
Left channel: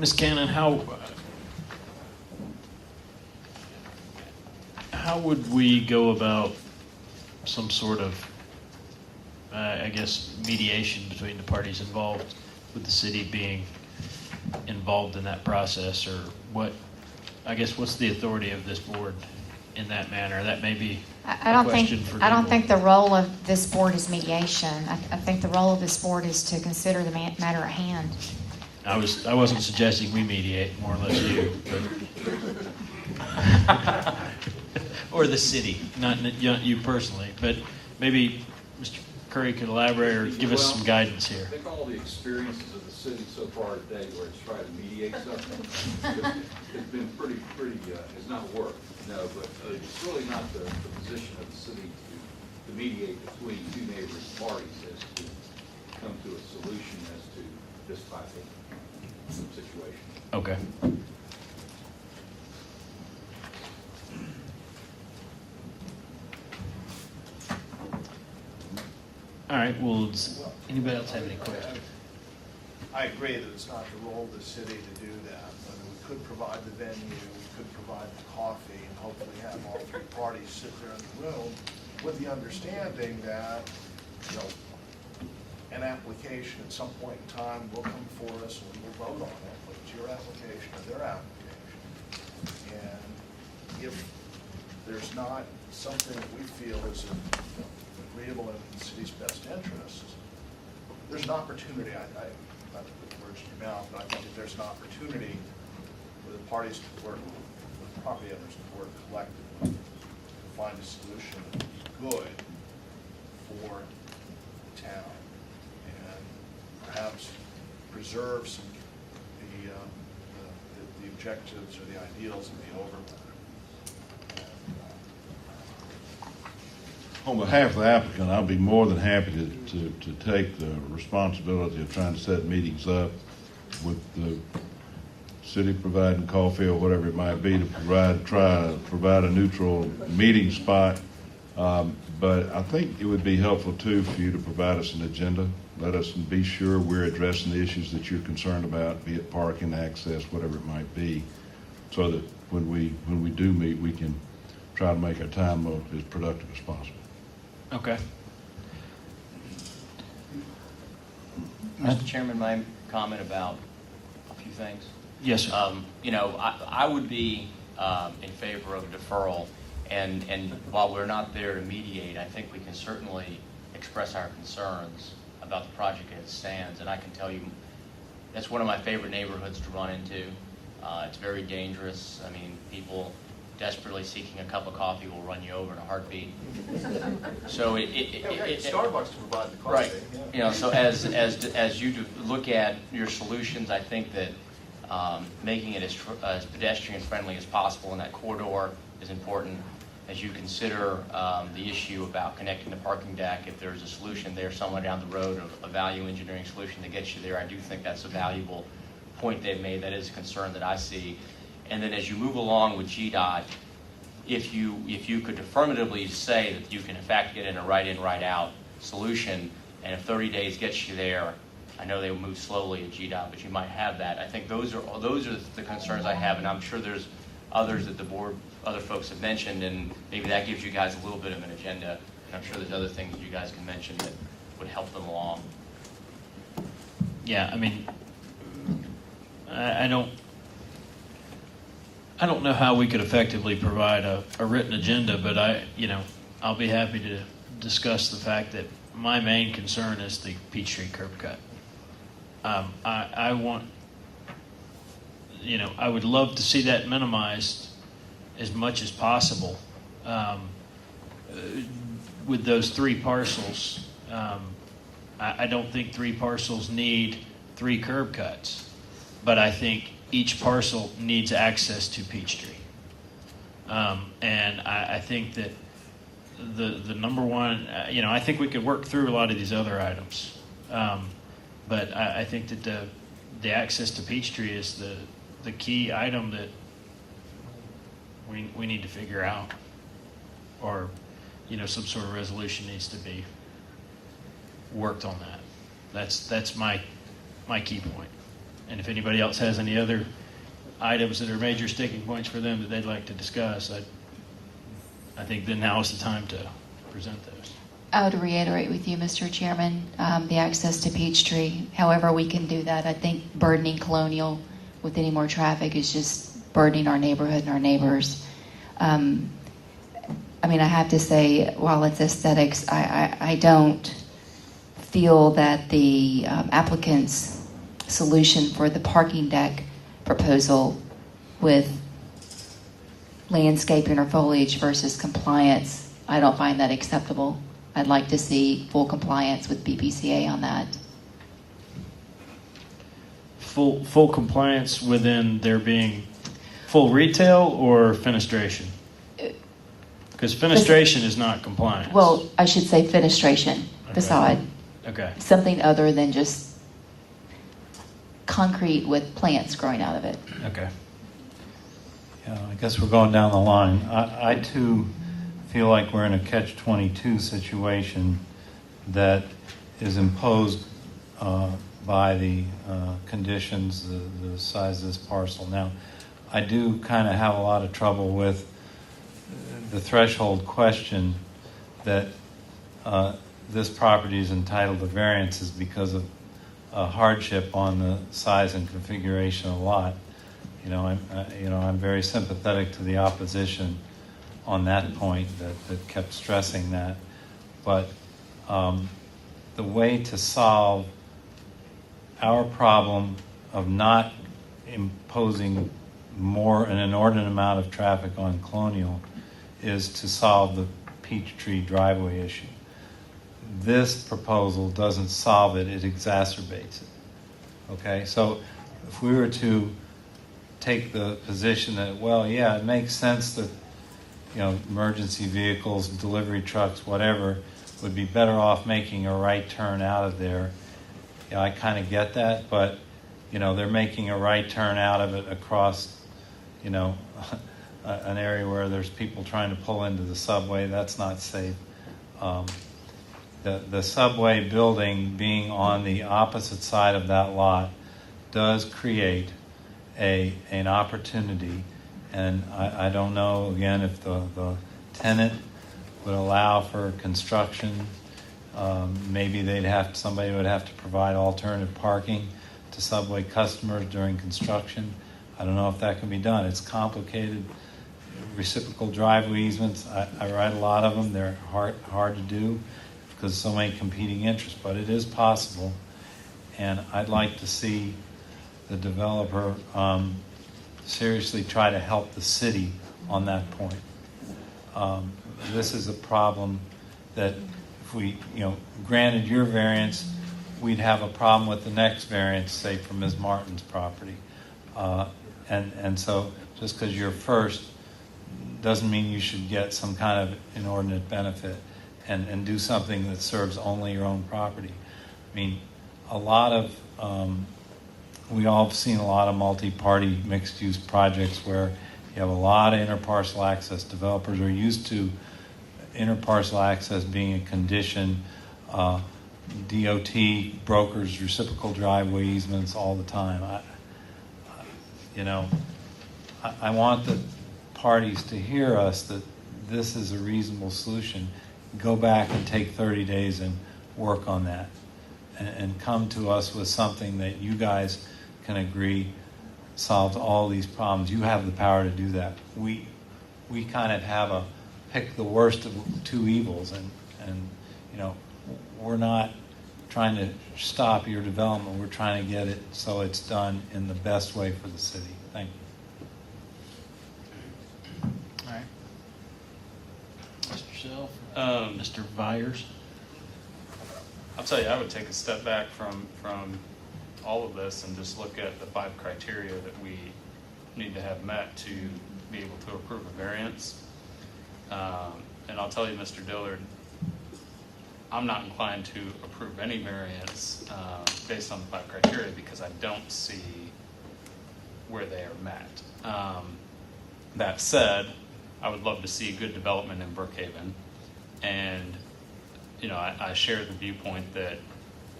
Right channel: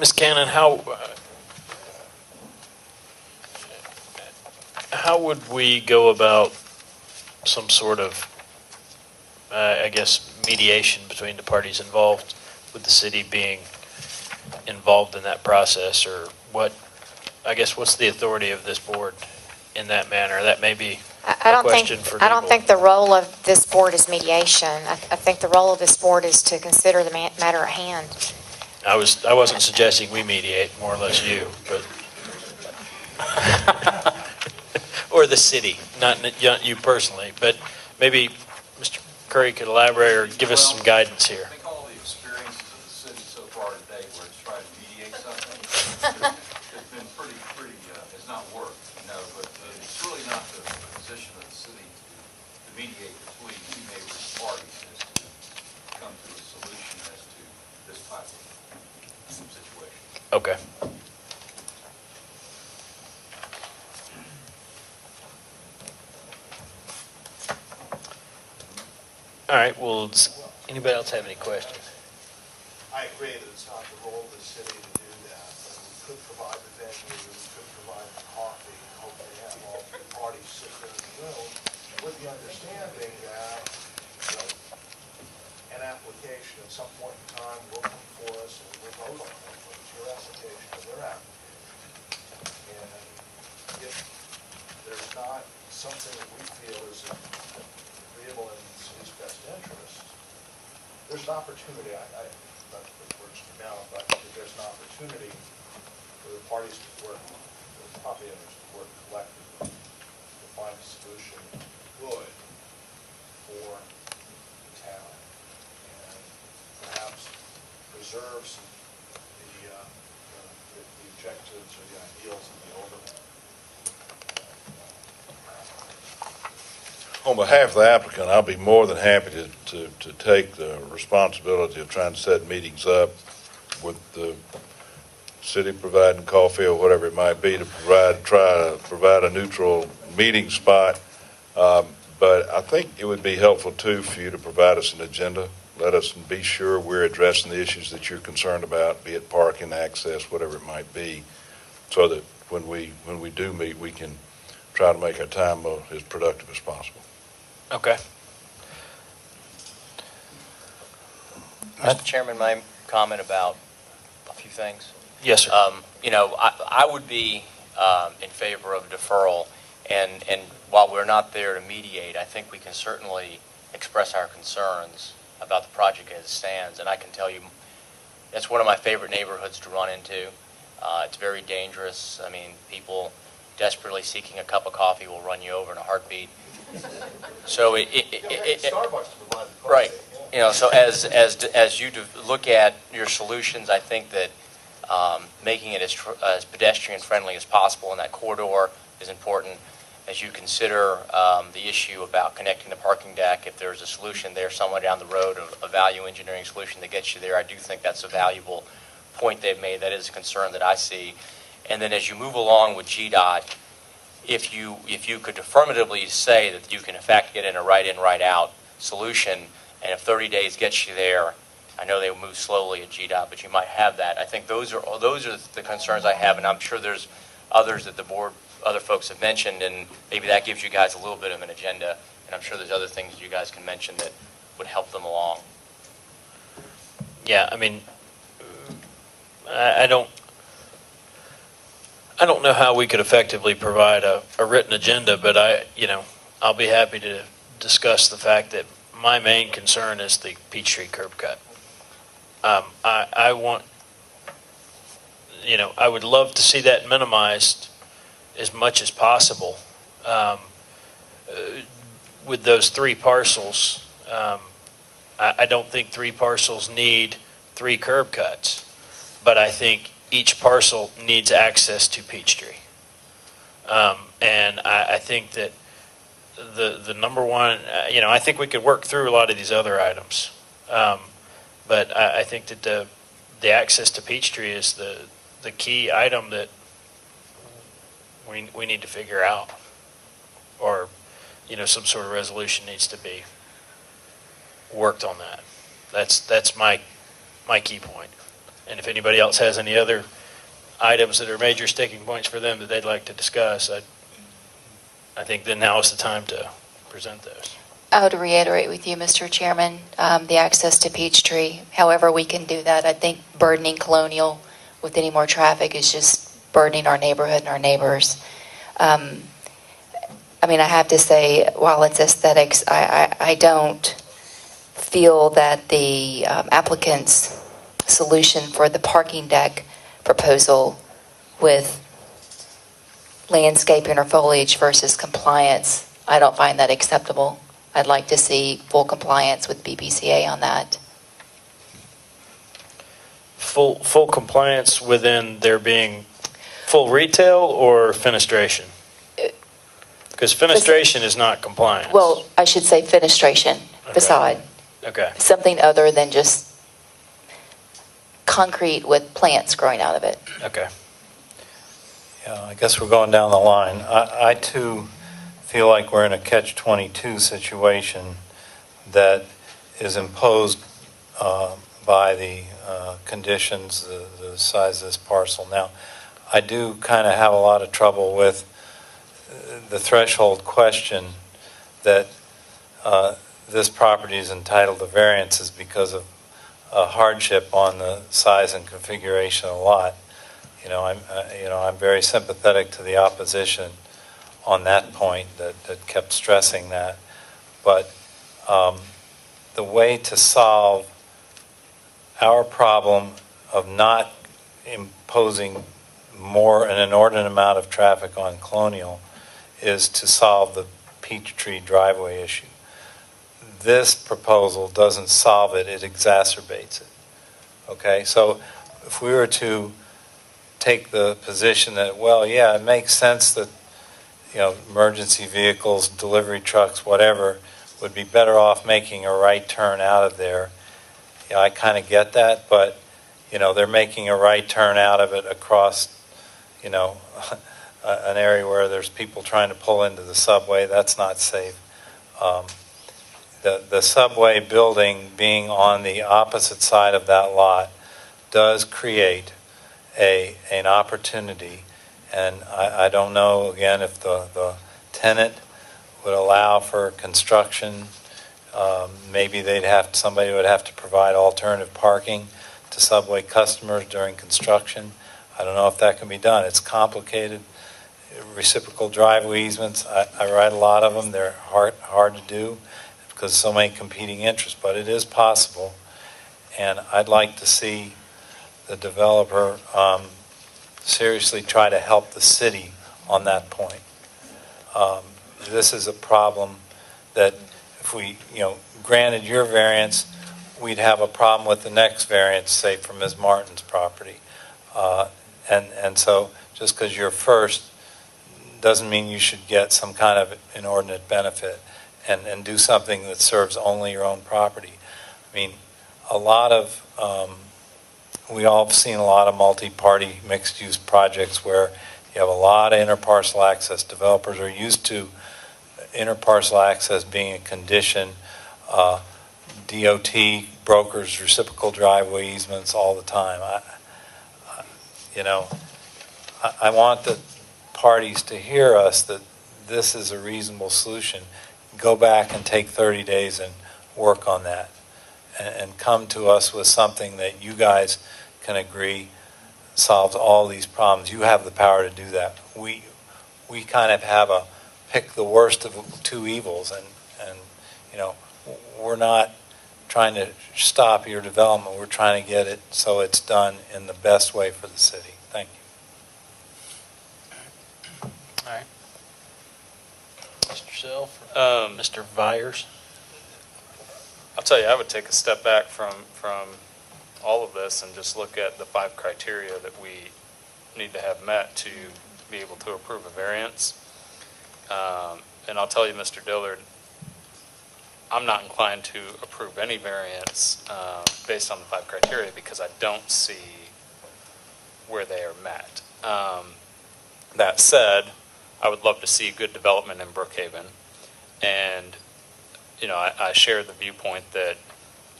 Ms. Cannon, how would we go about some sort of, mediation between the parties involved, with the city being involved in that process, or what's the authority of this board in that manner? That may be a question for I don't legal. think the role of this board is mediation. I think the role of this board is to consider the matter at hand. I wasn't suggesting we mediate, more or less you, but. Or the city, not you personally, but maybe Mr. Curry could elaborate or give us some guidance here. I think all the experiences of the city so far today where it's tried to mediate something, it's been pretty, has not worked, but it's really not the position of the city to mediate between two neighboring parties as to come to a solution as to this type of situation. Okay. All right, well, does anybody else have any questions? I agree that it's not the role of the city to do that, but we could provide the venue, we could provide the coffee, and hopefully have all three parties sit there in the room with the understanding that, an application at some point in time will come for us and we'll vote on it. It's your application or their application. And if there's not something that we feel is agreeable in the city's best interest, there's an opportunity, I not to put words in your mouth, but I think that there's an opportunity for the parties to work, the property owners to work collectively to find a solution good for the town and perhaps preserve some the objectives or the ideals of the overlay. On behalf of the applicant, I'll be more than happy to take the responsibility of trying to set meetings up with the city providing coffee or whatever it might be to try to provide a neutral meeting spot. But I think it would be helpful too for you to provide us an agenda. Let us be sure we're addressing the issues that you're concerned about, be it parking, access, whatever it might be, so that when we do meet, we can try to make our time as productive as possible. Okay. Mr. Chairman, my comment about a few things. Yes, sir. I would be in favor of deferral, and while we're not there to mediate, I think we can certainly express our concerns about the project as it stands. And I can tell you, it's one of my favorite neighborhoods to run into. It's very dangerous. I mean, people desperately seeking a cup of coffee will run you over in a heartbeat. So Starbucks to provide the coffee. Right. So as you look at your solutions, I think that making it as pedestrian friendly as possible in that corridor is important. As you consider the issue about connecting the parking deck, if there's a solution there somewhere down the road, a value engineering solution that gets you there, I do think that's a valuable point they've made. That is a concern that I see. And then as you move along with GDOT, if you could affirmatively say that you can in fact get in a right-in, right-out solution, and if 30 days gets you there, I know they move slowly at GDOT, but you might have that. I think those are the concerns I have, and I'm sure there's others that the board, other folks have mentioned, and maybe that gives you guys a little bit of an agenda, and I'm sure there's other things you guys can mention that would help them along. Yeah, I mean, I don't know how we could effectively provide a written agenda, but I'll be happy to discuss the fact that my main concern is the Peachtree curb cut. I would love to see that minimized as much as possible. With those three parcels, I don't think three parcels need three curb cuts, but I think each parcel needs access to Peachtree. And I think that the number one, I think we could work through a lot of these other items. But I think that the access to Peachtree is the key item that we need to figure out, or some sort of resolution needs to be worked on that. That's my key point. And if anybody else has any other items that are major sticking points for them that they'd like to discuss, I think then now is the time to present those. I would reiterate with you, Mr. Chairman, the access to Peachtree, however we can do that. I think burdening Colonial with any more traffic is just burdening our neighborhood and our neighbors. I have to say, while it's aesthetics, I don't feel that the applicant's solution for the parking deck proposal with landscaping or foliage versus compliance, I don't find that acceptable. I'd like to see full compliance with BPCA on that. Full compliance within there being full retail or fenestration? Because fenestration is not compliance. Well, I should say fenestration, facade. Okay. Something other than just concrete with plants growing out of it. Okay. Yeah, I guess we're going down the line. I too feel like we're in a catch-22 situation that is imposed by the conditions, the size of this parcel. Now, I do kind of have a lot of trouble with the threshold question that this property is entitled to variances because of a hardship on the size and configuration of the lot. I'm very sympathetic to the opposition on that point that kept stressing that. But the way to solve our problem of not imposing an inordinate amount of traffic on Colonial is to solve the Peachtree driveway issue. This proposal doesn't solve it, it exacerbates it. Okay, so if we were to take the position that, well, yeah, it makes sense that, emergency vehicles, delivery trucks, whatever, would be better off making a right turn out of there. I kind of get that, but, they're making a right turn out of it across, an area where there's people trying to pull into the subway. That's not safe. The subway building being on the opposite side of that lot does create an opportunity, and I don't know, again, if the tenant would allow for construction. Maybe somebody would have to provide alternative parking to subway customers during construction. I don't know if that can be done. It's complicated. Reciprocal driveway easements, I write a lot of them. They're hard to do because so many competing interests, but it is possible. And I'd like to see the developer seriously try to help the city on that point. This is a problem that if we, granted your variance, we'd have a problem with the next variance, say, for Ms. Martin's property. And so just because you're first doesn't mean you should get some kind of inordinate benefit and do something that serves only your own property. I mean, we all have seen a lot of multi-party mixed-use projects where you have a lot of interparcel access. Developers are used to interparcel access being a condition. DOT brokers reciprocal driveway easements all the time. I want the parties to hear us that this is a reasonable solution. Go back and take 30 days and work on that and come to us with something that you guys can agree solves all these problems. You have the power to do that. We kind of have a pick the worst of two evils, and we're not trying to stop your development. We're trying to get it so it's done in the best way for the city. Thank you. All right. Mr. Self, Mr. Vyers. I'll tell you, I would take a step back from all of this and just look at the 5 criteria that we need to have met to be able to approve a variance. And I'll tell you, Mr. Dillard, I'm not inclined to approve any variance based on the 5 criteria because I don't see where they are met. That said, I would love to see good development in Brookhaven. And, I share the viewpoint that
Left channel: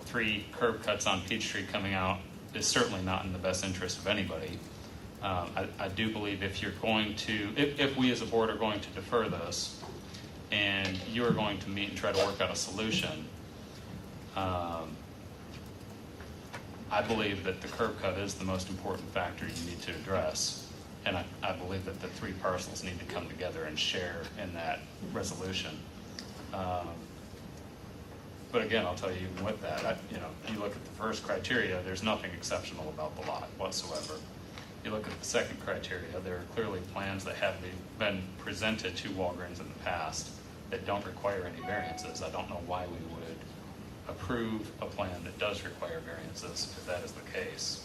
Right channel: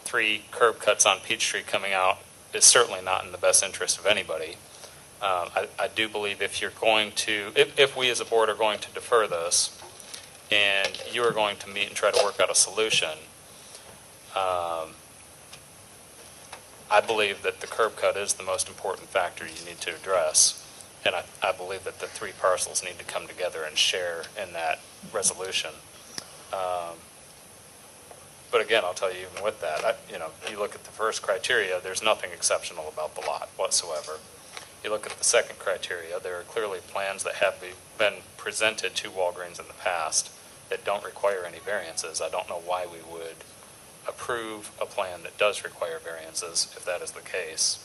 3 curb cuts on Peachtree coming out is certainly not in the best interest of anybody. I do believe if we as a board are going to defer this, and you are going to meet and try to work out a solution, I believe that the curb cut is the most important factor you need to address. And I believe that the 3 parcels need to come together and share in that resolution. But again, I'll tell you, even with that, you look at the first criteria, there's nothing exceptional about the lot whatsoever. You look at the second criteria, there are clearly plans that have been presented to Walgreens in the past that don't require any variances. I don't know why we would approve a plan that does require variances if that is the case.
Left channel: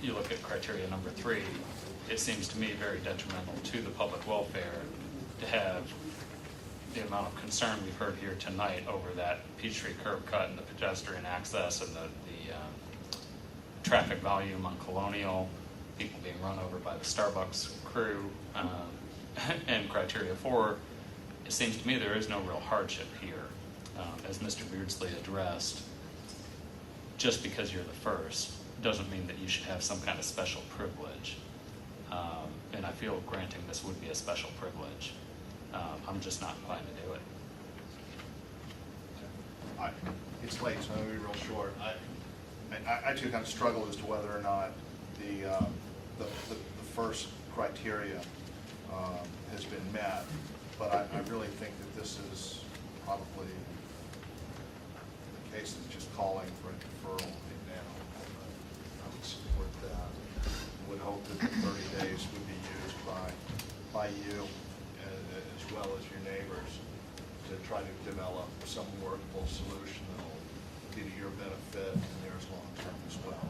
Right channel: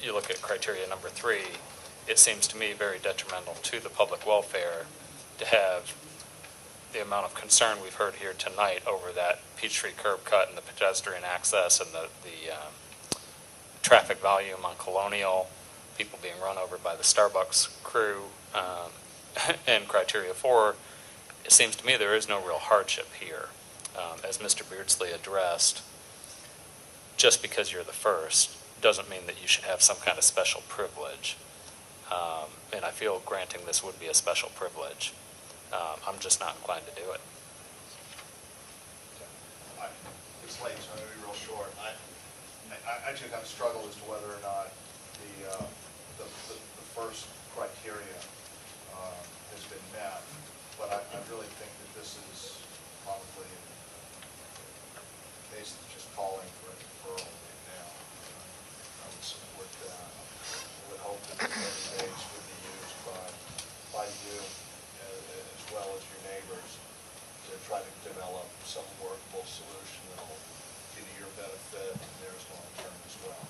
You look at criteria number 3, it seems to me very detrimental to the public welfare to have the amount of concern we've heard here tonight over that Peachtree curb cut and the pedestrian access and the traffic volume on Colonial, people being run over by the Starbucks crew, and criteria 4, it seems to me there is no real hardship here. As Mr. Beardsley addressed, just because you're the first doesn't mean that you should have some kind of special privilege. And I feel granting this would be a special privilege. I'm just not inclined to do it. It's late, so I'm going to be real short. I too kind of struggle as to whether or not the first criteria has been met, but I really think that this is probably a case that's just calling for a deferral right now. I would support that. Would hope that the 30 days would be used by you as well as your neighbors to try to develop some workable solution that'll be to your benefit and theirs long term as well.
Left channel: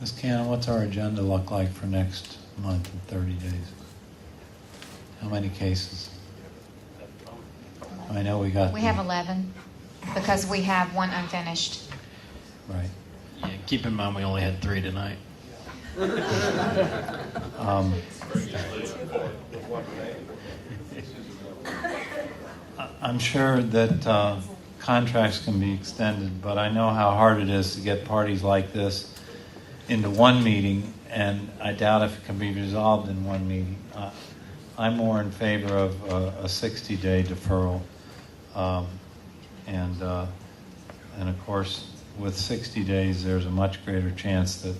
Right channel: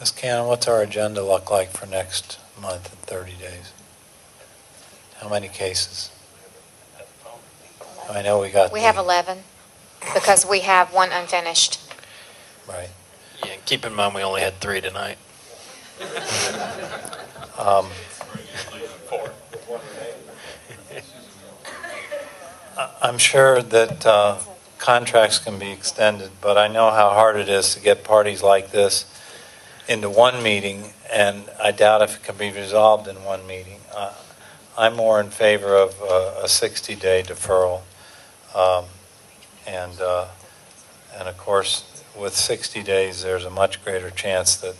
Ms. Cannon, what's our agenda look like for next month in 30 days? How many cases? I know we got. We have 11 because we have one unfinished. Right. Yeah, keep in mind we only had 3 tonight. I'm sure that contracts can be extended, but I know how hard it is to get parties like this into one meeting, and I doubt if it can be resolved in one meeting. I'm more in favor of a 60-day deferral, and of course, with 60 days, there's a much greater chance that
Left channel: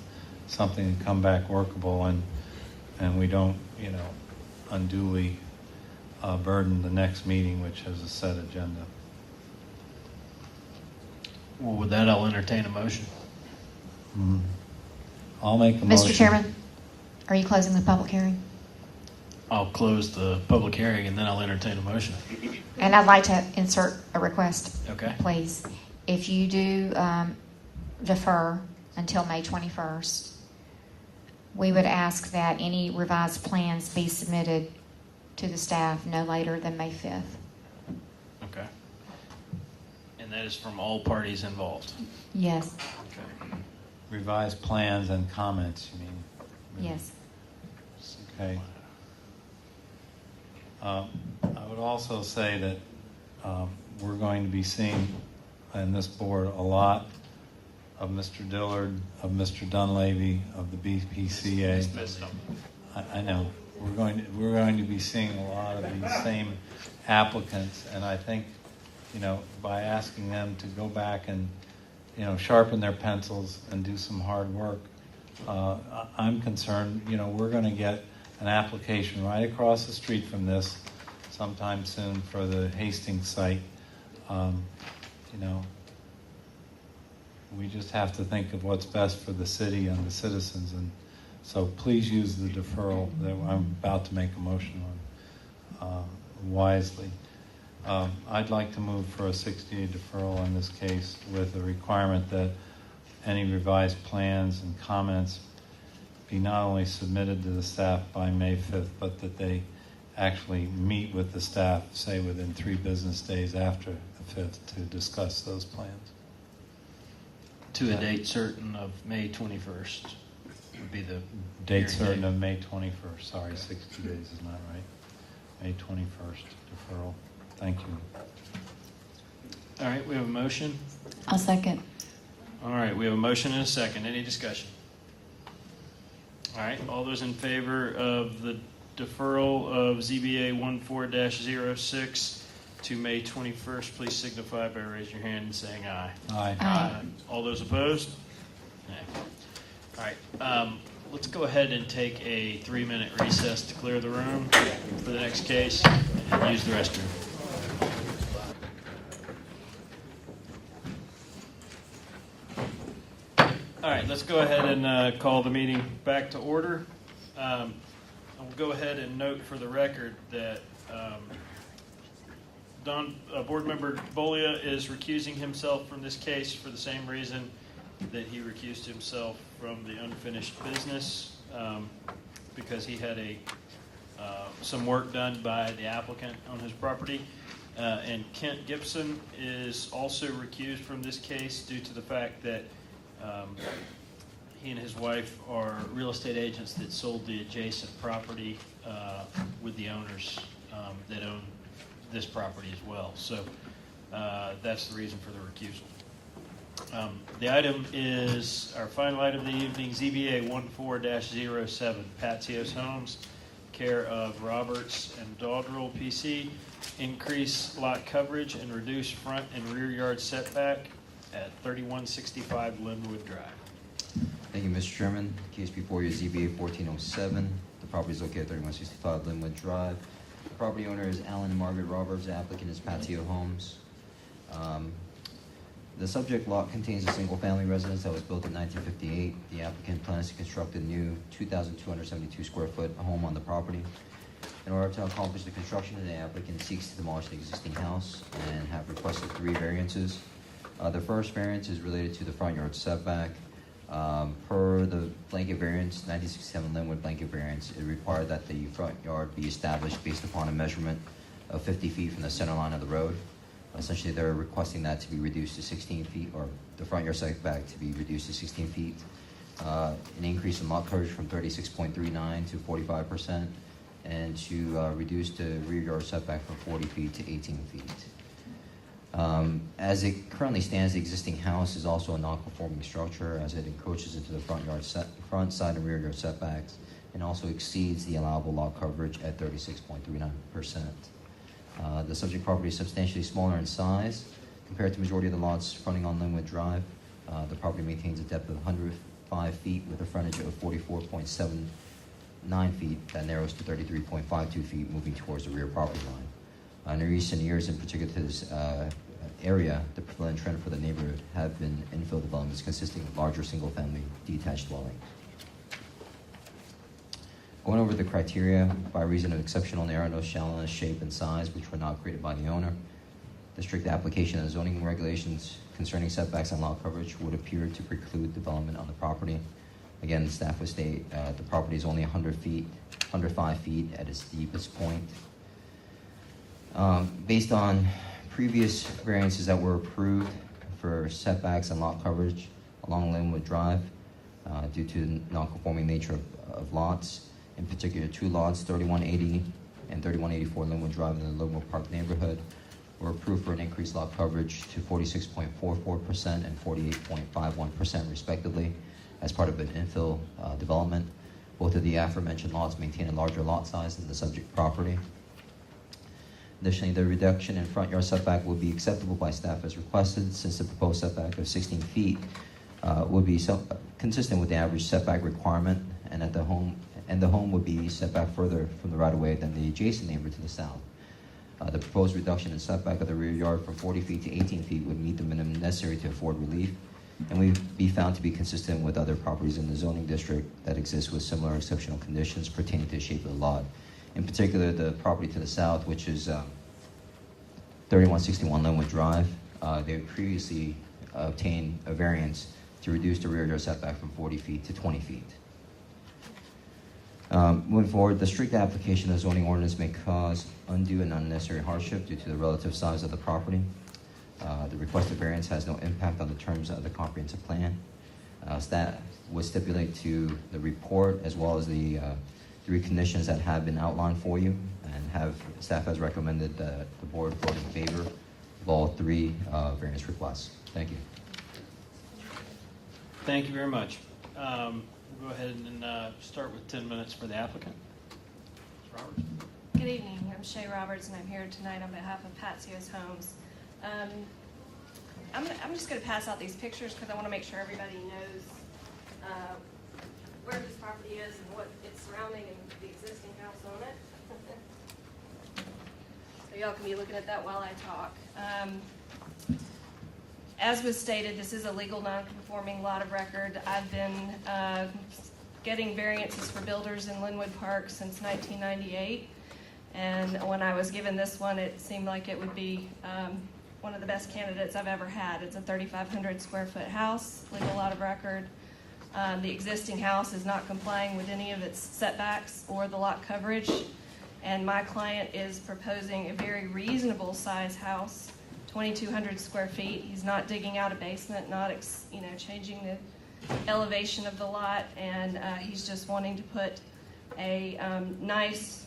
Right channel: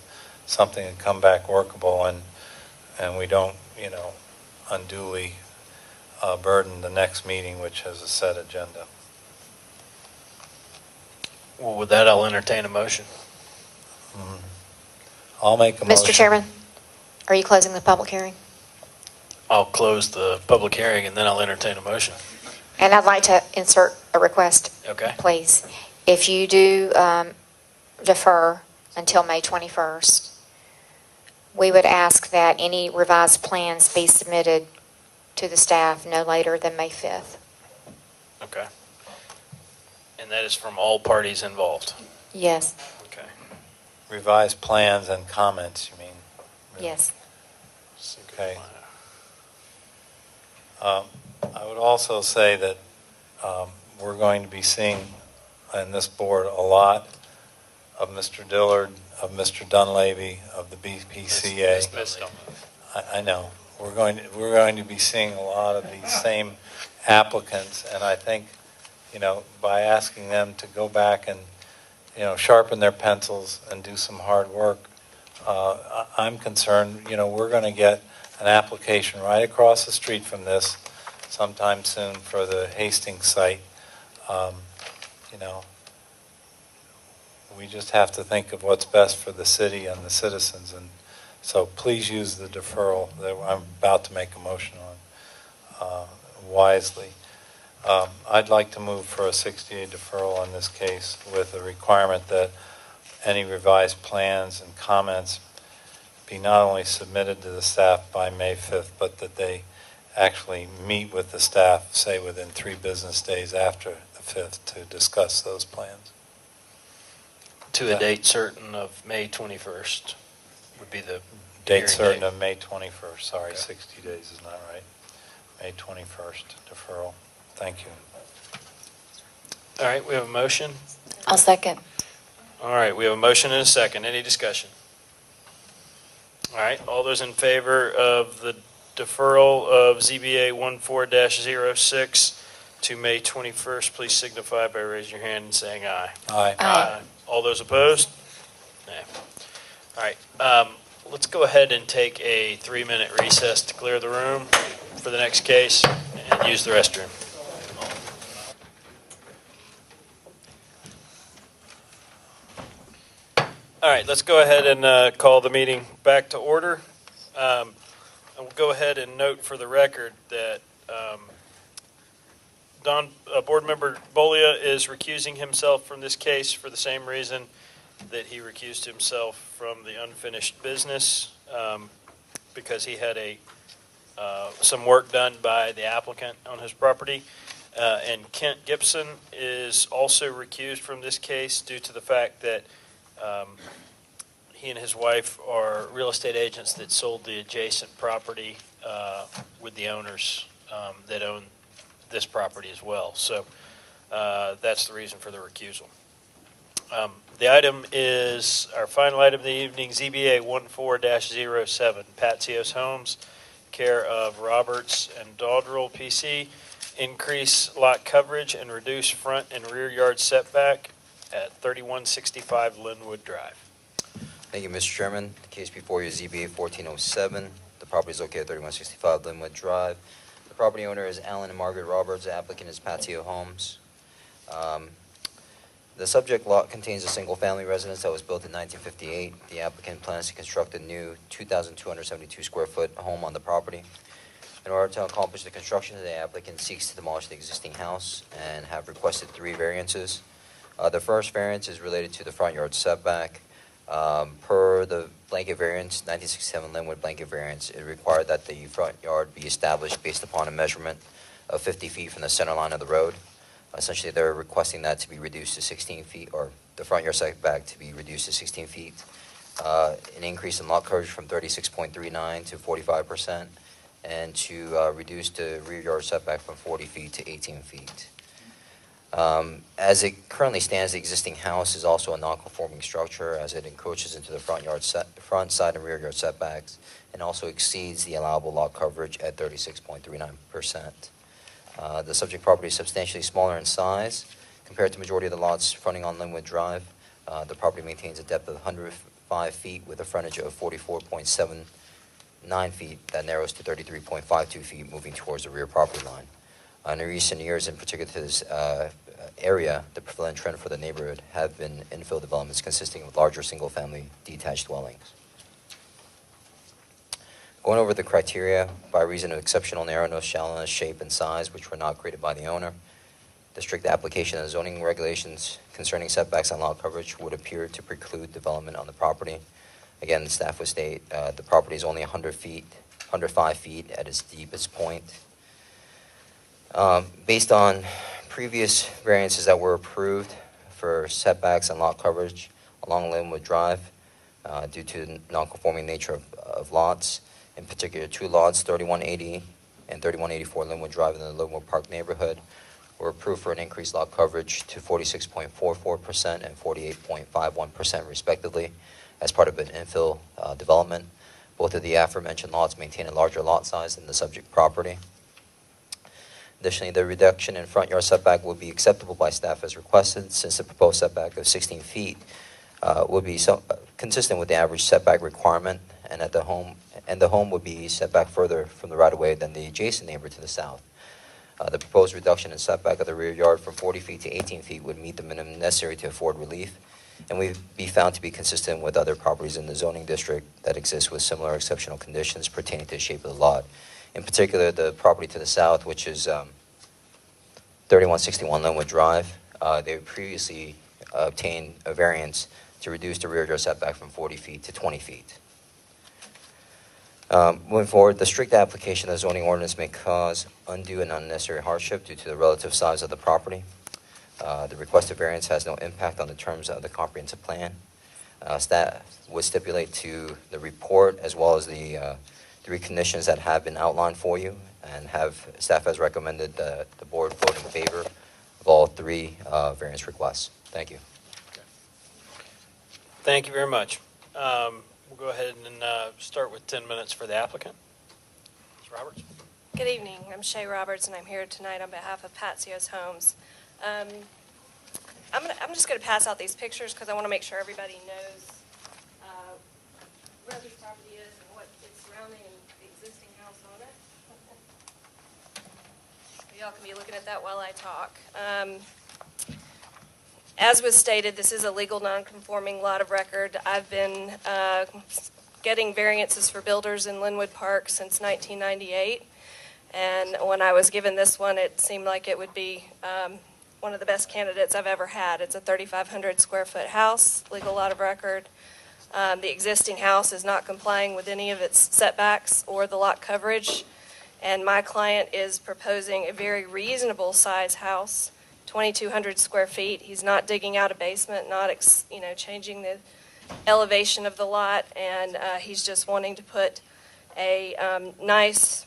something can come back workable, and we don't, unduly burden the next meeting, which has a set agenda. Well, with that, I'll entertain a motion. I'll make a motion. Mr. Chairman, are you closing the public hearing? I'll close the public hearing and then I'll entertain a motion. And I'd like to insert a request. Okay. Please. If you do defer until May 21st, we would ask that any revised plans be submitted to the staff no later than May 5th. Okay. And that is from all parties involved? Yes. Okay. Revised plans and comments, you mean? Yes. Okay. I would also say that we're going to be seeing in this board a lot of Mr. Dillard, of Mr. Dunleavy, of the BPCA. I know. We're going to be seeing a lot of these same applicants, and I think, by asking them to go back and, sharpen their pencils and do some hard work, I'm concerned, we're going to get an application right across the street from this sometime soon for the Hastings site. We just have to think of what's best for the city and the citizens, and so please use the deferral that I'm about to make a motion on wisely. I'd like to move for a 60-day deferral in this case with a requirement that any revised plans and comments be not only submitted to the staff by May 5th, but that they actually meet with the staff, say within 3 business days after the 5th, to discuss those plans. To a date certain of May 21st would be the Date hearing certain date. of May 21st. Sorry, 60 days is not right. May 21st deferral. Thank you. All right, we have a motion. I'll second. All right, we have a motion and a second. Any discussion? All right, all those in favor of the deferral of ZBA 14-06 to May 21st, please signify by raising your hand and saying aye. Aye. Aye. All those opposed? Nay. All right, let's go ahead and take a 3-minute recess to clear the room for the next case and use the restroom. right, let's go ahead and call the meeting back to order. And we'll go ahead and note for the record that Board Member Bolia is recusing himself from this case for the same reason that he recused himself from the unfinished business, because he had some work done by the applicant on his property. And Kent Gibson is also recused from this case due to the fact that he and his wife are real estate agents that sold the adjacent property with the owners that own this property as well. So that's the reason for the recusal. The item is our final item of the evening, ZBA 14-07, Patzios Homes, care of Roberts and Dodrell PC. Increase lot coverage and reduce front and rear yard setback at 3165 Linwood Drive. Thank you, Mr. Chairman. The case before you is ZBA 1407. The property is located at 3165 Linwood Drive. The property owner is Alan and Margaret Roberts. The applicant is Patio Homes. The subject lot contains a single-family residence that was built in 1958. The applicant plans to construct a new 2,272 square foot home on the property. In order to accomplish the construction, the applicant seeks to demolish the existing house and have requested 3 variances. The first variance is related to the front yard setback. Per the blanket variance, 1967 Linwood blanket variance, it required that the front yard be established based upon a measurement of 50 feet from the center line of the road. Essentially, they're requesting that to be reduced to 16 feet, or the front yard setback to be reduced to 16 feet. An increase in lot coverage from 36.39 to 45%, and to reduce the rear yard setback from 40 feet to 18 feet. As it currently stands, the existing house is also a non-conforming structure as it encroaches into the front side and rear yard setbacks, and also exceeds the allowable lot coverage at 36.39%. The subject property is substantially smaller in size compared to the majority of the lots fronting on Linwood Drive. The property maintains a depth of 105 feet with a frontage of 44.79 feet that narrows to 33.52 feet moving towards the rear property line. In recent years, in particular to this area, the prevalent trend for the neighborhood have been infill developments consisting of larger single-family detached dwellings. Going over the criteria, by reason of exceptional narrowness, shallowness, shape, and size, which were not created by the owner, the strict application of zoning regulations concerning setbacks and lot coverage would appear to preclude development on the property. Again, the staff would state the property is only 105 feet at its deepest point. Based on previous variances that were approved for setbacks and lot coverage along Linwood Drive, due to the non-conforming nature of lots, in particular 2 lots, 3180 and 3184 Linwood Drive in the Linwood Park neighborhood, were approved for an increased lot coverage to 46.44% and 48.51% respectively as part of an infill development. Both of the aforementioned lots maintain a larger lot size than the subject property. Additionally, the reduction in front yard setback will be acceptable by staff as requested, since the proposed setback of 16 feet would be consistent with the average setback requirement, and the home would be set back further from the right-of-way than the adjacent neighbor to the south. The proposed reduction in setback of the rear yard from 40 feet to 18 feet would meet the minimum necessary to afford relief, and would be found to be consistent with other properties in the zoning district that exist with similar exceptional conditions pertaining to the shape of the lot. In particular, the property to the south, which is 3161 Linwood Drive, they previously obtained a variance to reduce the rear yard setback from 40 feet to 20 feet. Moving forward, the strict application of the zoning ordinance may cause undue and unnecessary hardship due to the relative size of the property. The requested variance has no impact on the terms of the comprehensive plan. Staff would stipulate to the report as well as the 3 conditions that have been outlined for you, and staff has recommended the board vote in favor of all 3 variance requests. Thank you. Thank you very much. We'll go ahead and start with 10 minutes for the applicant. Ms. Roberts. Good evening. I'm Shay Roberts, and I'm here tonight on behalf of Patzios Homes. I'm just going to pass out these pictures because I want to make sure everybody knows where this property is and what it's surrounding and the existing house on it. So y'all can be looking at that while I talk. As was stated, this is a legal non-conforming lot of record. I've been getting variances for builders in Linwood Park since 1998. And when I was given this one, it seemed like it would be one of the best candidates I've ever had. It's a 3,500 square foot house, legal lot of record. The existing house is not complying with any of its setbacks or the lot coverage. And my client is proposing a very reasonable size house, 2,200 square feet. He's not digging out a basement, not changing the elevation of the lot, and he's just wanting to put a nice,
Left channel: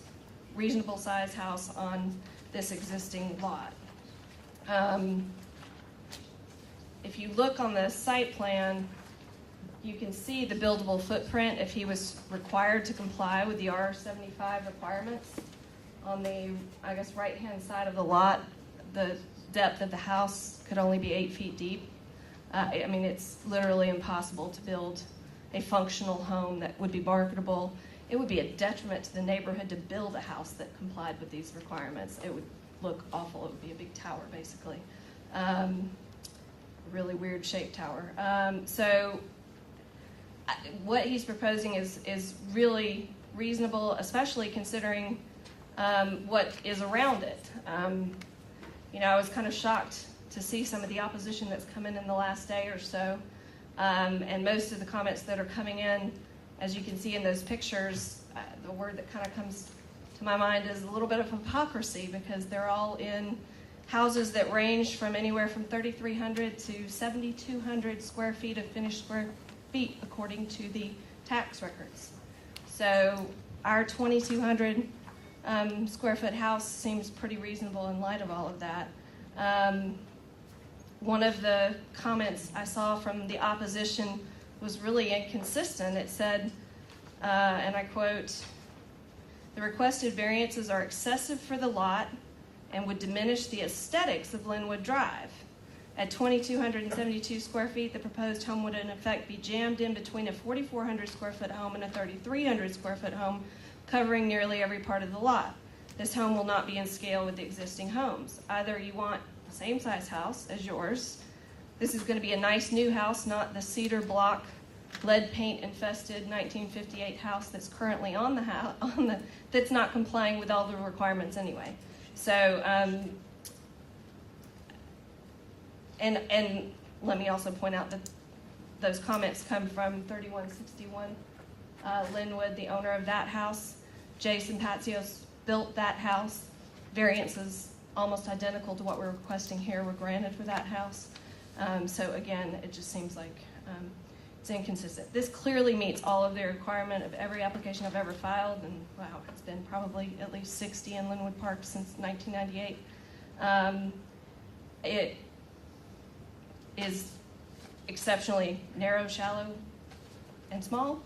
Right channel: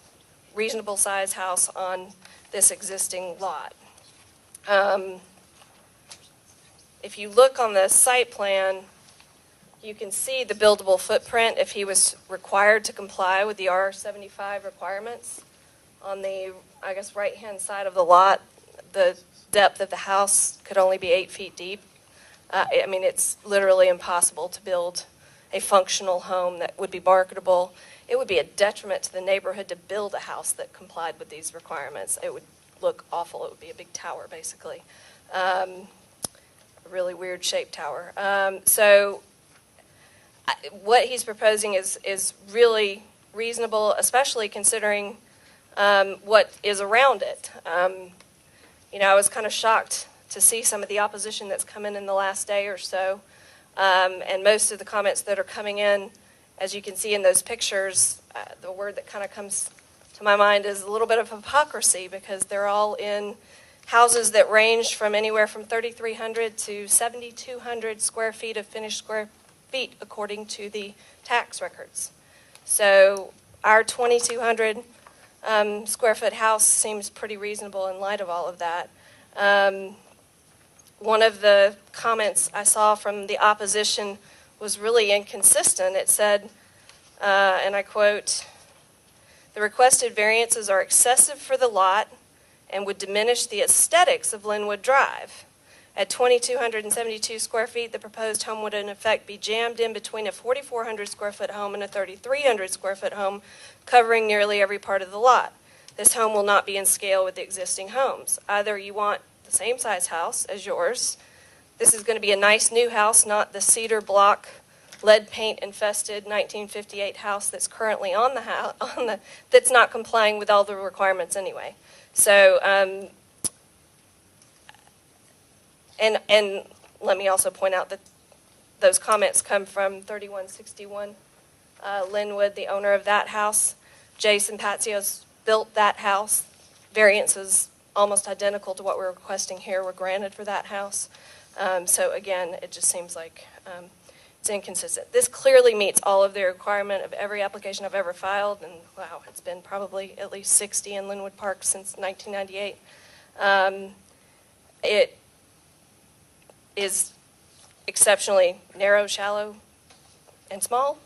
reasonable size house on this existing lot. If you look on the site plan, you can see the buildable footprint if he was required to comply with the R75 requirements. On the, I guess, right-hand side of the lot, the depth of the house could only be 8 feet deep. I mean, it's literally impossible to build a functional home that would be marketable. It would be a detriment to the neighborhood to build a house that complied with these requirements. It would look awful. It would be a big tower, basically. A really weird shaped tower. What he's proposing is really reasonable, especially considering what is around it. I was kind of shocked to see some of the opposition that's come in the last day or so. And most of the comments that are coming in, as you can see in those pictures, the word that kind of comes to my mind is a little bit of hypocrisy, because they're all in houses that range from anywhere from 3,300 to 7,200 square feet of finished square feet, according to the tax records. So our 2,200 square foot house seems pretty reasonable in light of all of that. One of the comments I saw from the opposition was really inconsistent. It said, and I quote, "The requested variances are excessive for the lot and would diminish the aesthetics of Linwood Drive. At 2,272 square feet, the proposed home would in effect be jammed in between a 4,400 square foot home and a 3,300 square foot home, covering nearly every part of the lot. This home will not be in scale with the existing homes. Either you want the same size house as yours. This is going to be a nice new house, not the cedar block, lead paint infested 1958 house that's currently on the house, that's not complying with all the requirements anyway." So, and let me also point out that those comments come from 3161 Linwood, the owner of that house. Jason Patzios built that house. Variances almost identical to what we're requesting here were granted for that house. So again, it just seems like it's inconsistent. This clearly meets all of the requirement of every application I've ever filed, and wow, it's been probably at least 60 in Linwood Park since 1998. It is exceptionally narrow, shallow, and small.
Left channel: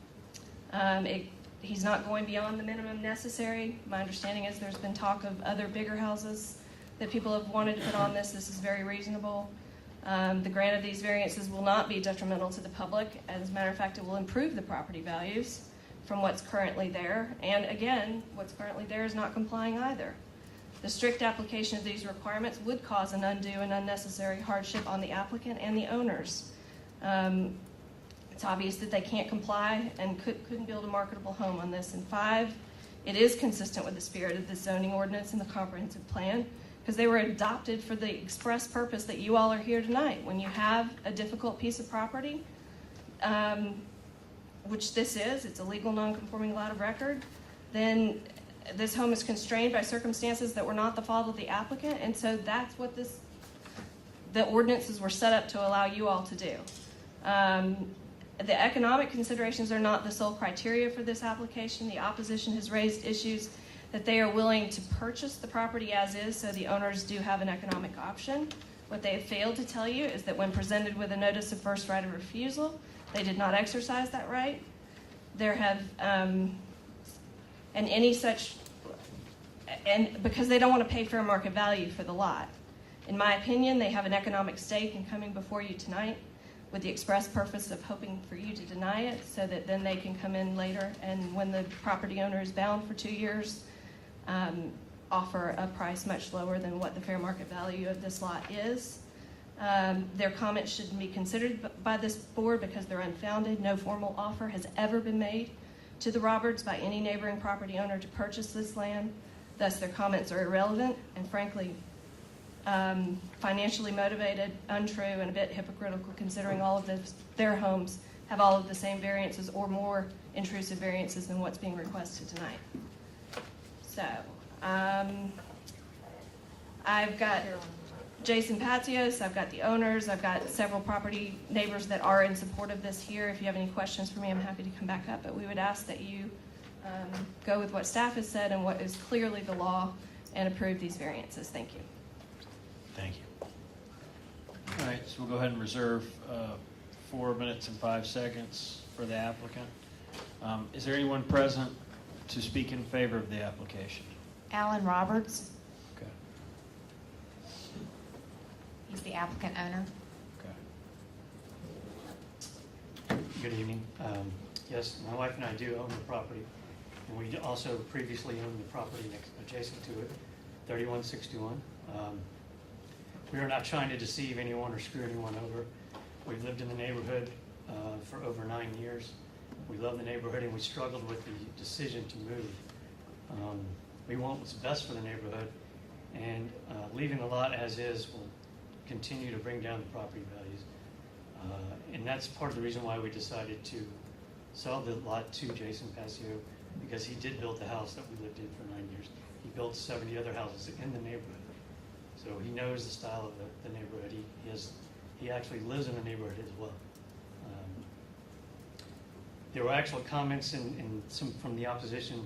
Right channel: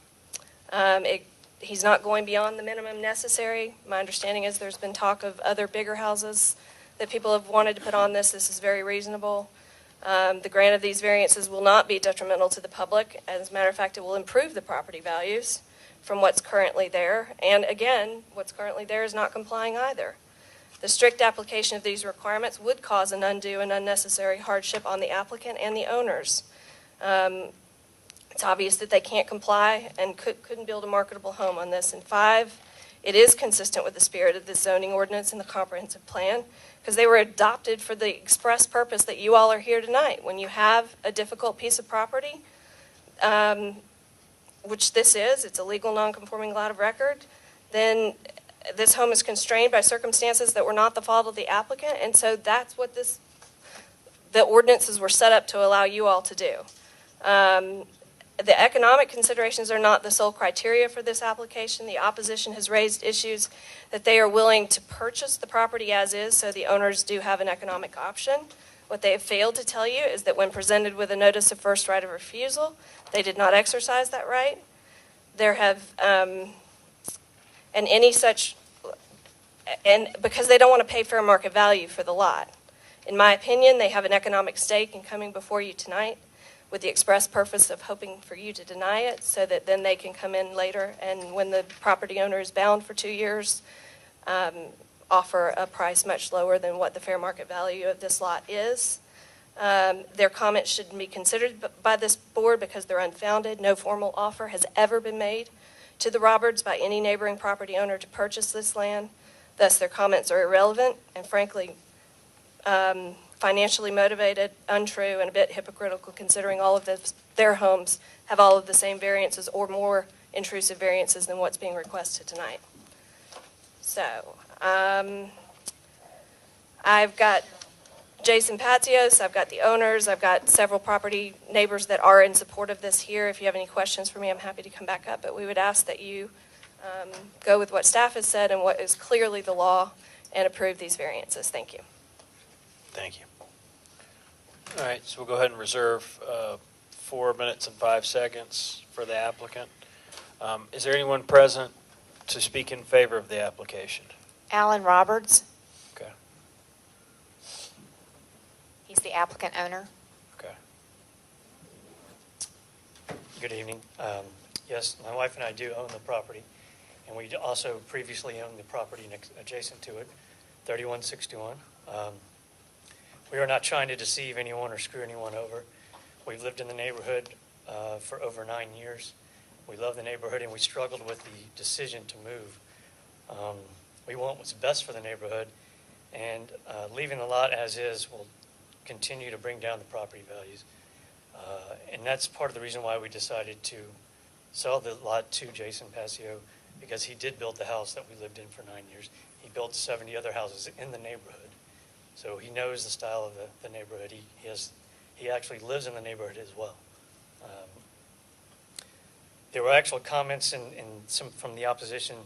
He's not going beyond the minimum necessary. My understanding is there's been talk of other bigger houses that people have wanted to put on this. This is very reasonable. The grant of these variances will not be detrimental to the public. As a matter of fact, it will improve the property values from what's currently there. And again, what's currently there is not complying either. The strict application of these requirements would cause an undue and unnecessary hardship on the applicant and the owners. It's obvious that they can't comply and couldn't build a marketable home on this. And 5, it is consistent with the spirit of the zoning ordinance and the comprehensive plan, because they were adopted for the express purpose that you all are here tonight. When you have a difficult piece of property, which this is, it's a legal non-conforming lot of record, then this home is constrained by circumstances that were not the fault of the applicant, and so that's what the ordinances were set up to allow you all to do. The economic considerations are not the sole criteria for this application. The opposition has raised issues that they are willing to purchase the property as is, so the owners do have an economic option. What they have failed to tell you is that when presented with a notice of first right of refusal, they did not exercise that right. There have, and because they don't want to pay fair market value for the lot. In my opinion, they have an economic stake in coming before you tonight with the express purpose of hoping for you to deny it, so that then they can come in later and when the property owner is bound for 2 years, offer a price much lower than what the fair market value of this lot is. Their comments shouldn't be considered by this board because they're unfounded. No formal offer has ever been made to the Roberts by any neighboring property owner to purchase this land. Thus, their comments are irrelevant and frankly financially motivated, untrue, and a bit hypocritical considering all of their homes have all of the same variances or more intrusive variances than what's being requested tonight. So, I've got Jason Patios, I've got the owners, I've got several property neighbors that are in support of this here. If you have any questions for me, I'm happy to come back up, but we would ask that you go with what staff has said and what is clearly the law and approve these variances. Thank you. Thank you. All right, so we'll go ahead and reserve 4 minutes and 5 seconds for the applicant. Is there anyone present to speak in favor of the application? Alan Roberts. Okay. He's the applicant owner. Okay. Good evening. Yes, my wife and I do own the property, and we also previously owned the property adjacent to it, 3161. We are not trying to deceive anyone or screw anyone over. We've lived in the neighborhood for over 9 years. We love the neighborhood, and we struggled with the decision to move. We want what's best for the neighborhood, and leaving the lot as is will continue to bring down the property values. And that's part of the reason why we decided to sell the lot to Jason Passio, because he did build the house that we lived in for 9 years. He built 70 other houses in the neighborhood. So he knows the style of the neighborhood. He actually lives in the neighborhood as well. There were actual comments in some from the opposition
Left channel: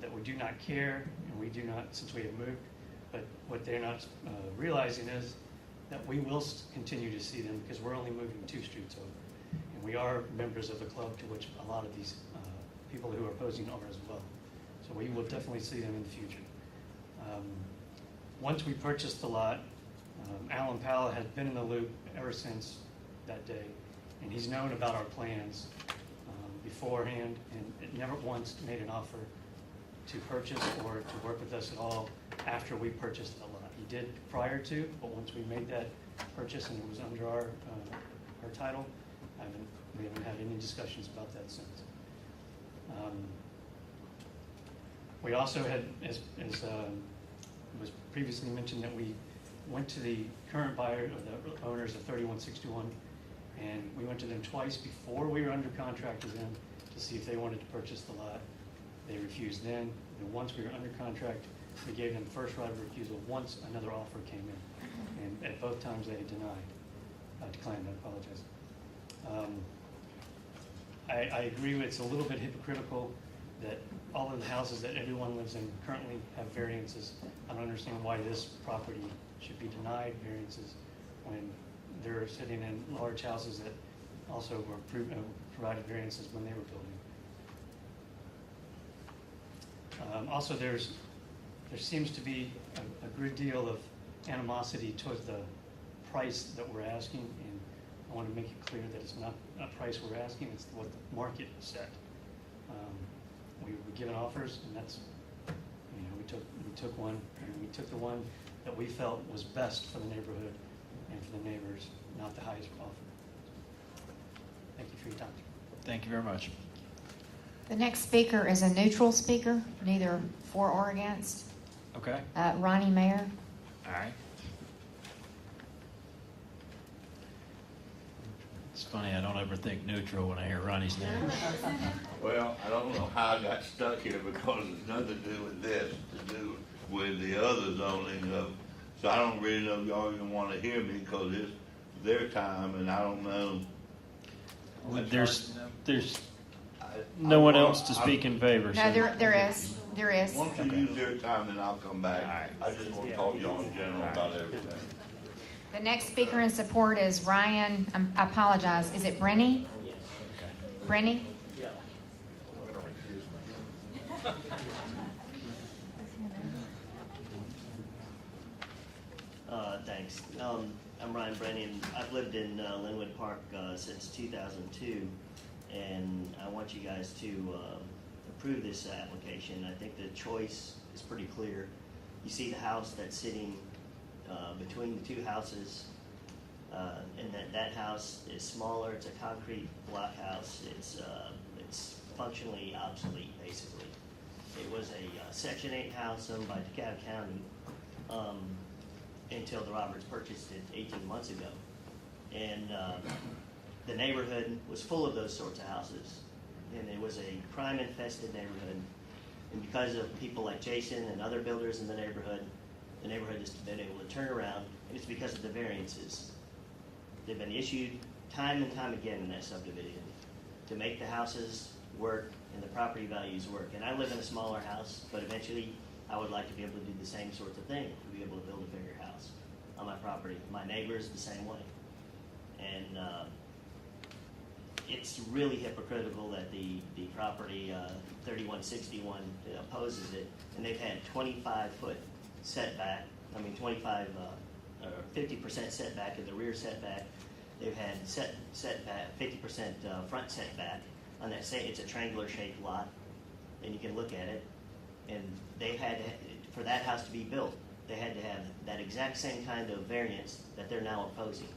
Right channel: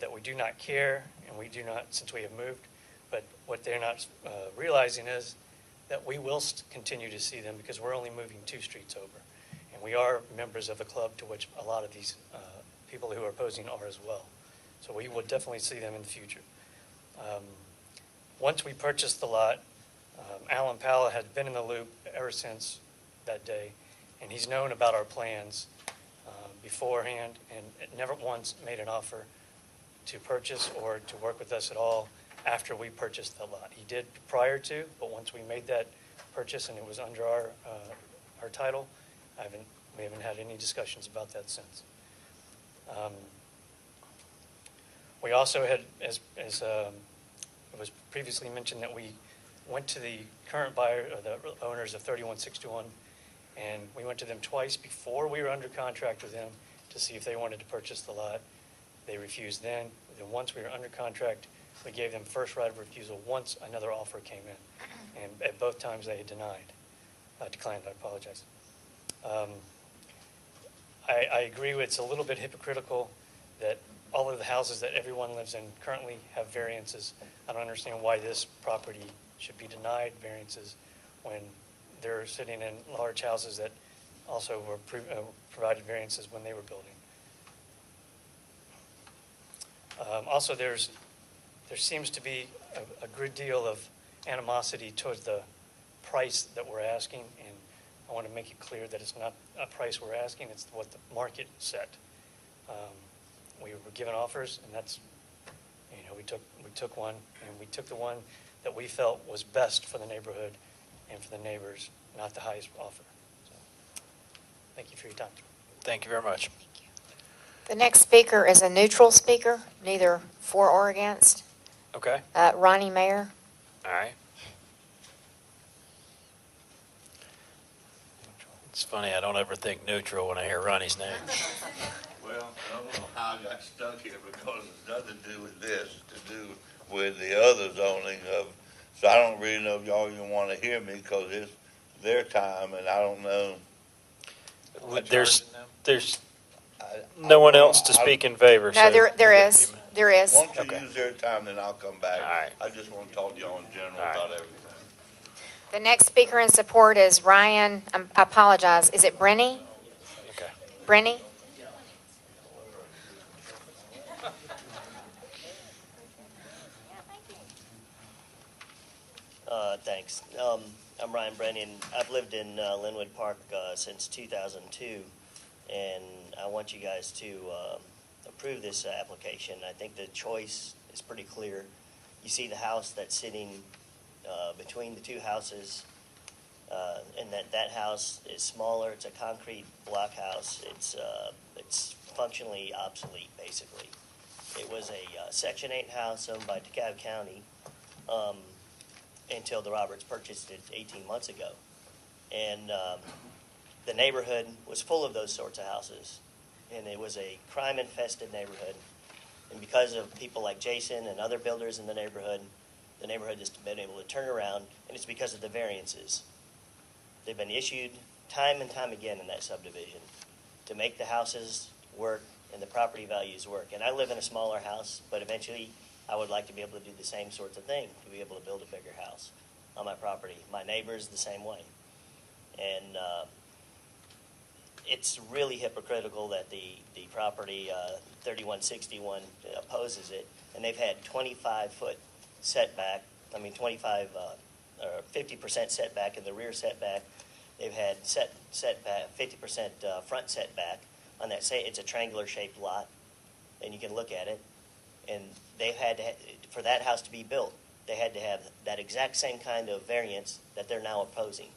that we do not care, and we do not, since we have moved. But what they're not realizing is that we will continue to see them because we're only moving 2 streets over. And we are members of a club to which a lot of these people who are opposing are as well. So we will definitely see them in the future. Once we purchased the lot, Alan Powell has been in the loop ever since that day, and he's known about our plans beforehand and never once made an offer to purchase or to work with us at all after we purchased the lot. He did prior to, but once we made that purchase and it was under our title, we haven't had any discussions about that since. We also had, as it was previously mentioned, that we went to the current buyer, or the owners of 3161, and we went to them twice before we were under contract with them to see if they wanted to purchase the lot. They refused then. Then once we were under contract, we gave them first right of refusal once another offer came in. And at both times they declined, I apologize. I agree with, it's a little bit hypocritical that all of the houses that everyone lives in currently have variances. I don't understand why this property should be denied variances when they're sitting in large houses that also were provided variances when they were building. Also, there seems to be a good deal of animosity towards the price that we're asking, and I want to make it clear that it's not a price we're asking, it's what the market set. We were given offers, and that's, we took one, and we took the one that we felt was best for the neighborhood and for the neighbors, not the highest offer. So, thank you for your time. Thank you very much. The next speaker is a neutral speaker, neither for or against. Okay. Ronnie Mayer. All right. It's funny, I don't ever think neutral when I hear Ronnie's name. Well, I don't know how I got stuck here because it's nothing to do with this, to do with the other zoning of, so I don't really know if y'all even want to hear me because it's their time and I don't know. There's no one else to speak in favor. No, there is. There is. Why don't you use their time, then I'll come back. All right. I just want to talk to y'all in general about everything. The next speaker in support is Ryan, I apologize, is it Brenny? Okay. Brenny? Thanks. I'm Ryan Brennan. I've lived in Linwood Park since 2002, and I want you guys to approve this application. I think the choice is pretty clear. You see the house that's sitting between the two houses And that house is smaller. It's a concrete block house. It's functionally obsolete, basically. It was a Section 8 house owned by DeKalb County until the Roberts purchased it 18 months ago. And the neighborhood was full of those sorts of houses. And it was a crime-infested neighborhood. And because of people like Jason and other builders in the neighborhood has been able to turn around, and it's because of the variances. They've been issued time and time again in that subdivision to make the houses work and the property values work. And I live in a smaller house, but eventually I would like to be able to do the same sorts of thing, to be able to build a bigger house on my property. My neighbors the same way. And it's really hypocritical that the property 3161 opposes it, and they've had 25-foot setback, 25 or 50% setback in the rear setback. They've had setback 50% front setback on that. Say it's a triangular shaped lot, and you can look at it. And they had for that house to be built, they had to have that exact same kind of variance that they're now opposing.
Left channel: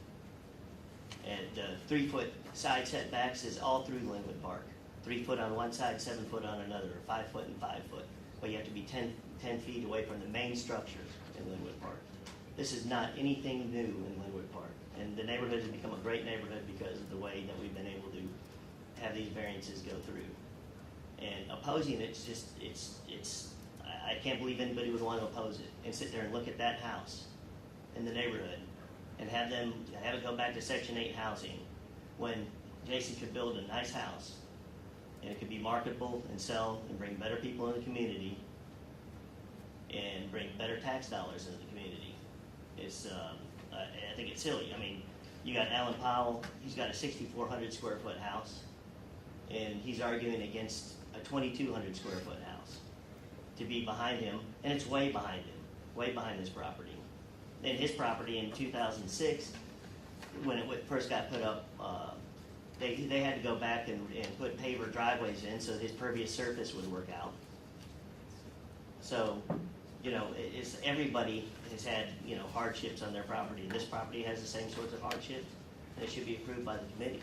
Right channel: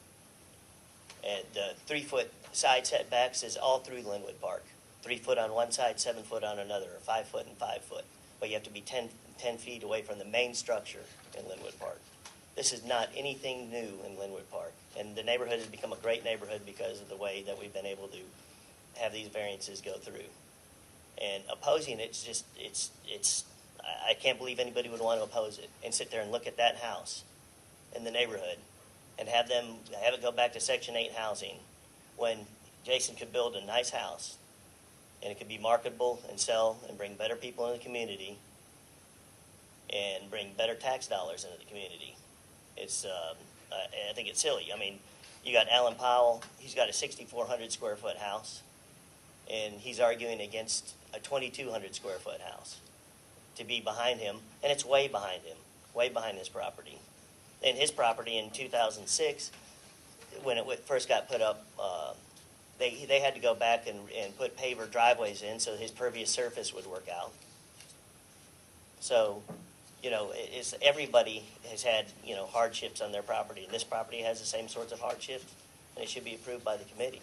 And 3-foot side setbacks is all through Linwood Park. 3 foot on one side, 7 foot on another, or 5 foot and 5 foot. But you have to be 10 feet away from the main structure in Linwood Park. This is not anything new in Linwood Park. And the neighborhood has become a great neighborhood because of the way that we've been able to have these variances go through. And opposing I can't believe anybody would want to oppose it and sit there and look at that house in the neighborhood and have it go back to Section 8 housing when Jason could build a nice house and it could be marketable and sell and bring better people in the community and bring better tax dollars into the community. I think it's silly. I mean, you got Alan Powell, he's got a 6,400 square foot house, and he's arguing against a 2,200 square foot house to be behind him, and it's way behind him, way behind his property. And his property in 2006, when it first got put up, they had to go back and put paver driveways in so his pervious surface would work out. So, everybody has had, hardships on their property. And this property has the same sorts of hardships, and it should be approved by the committee.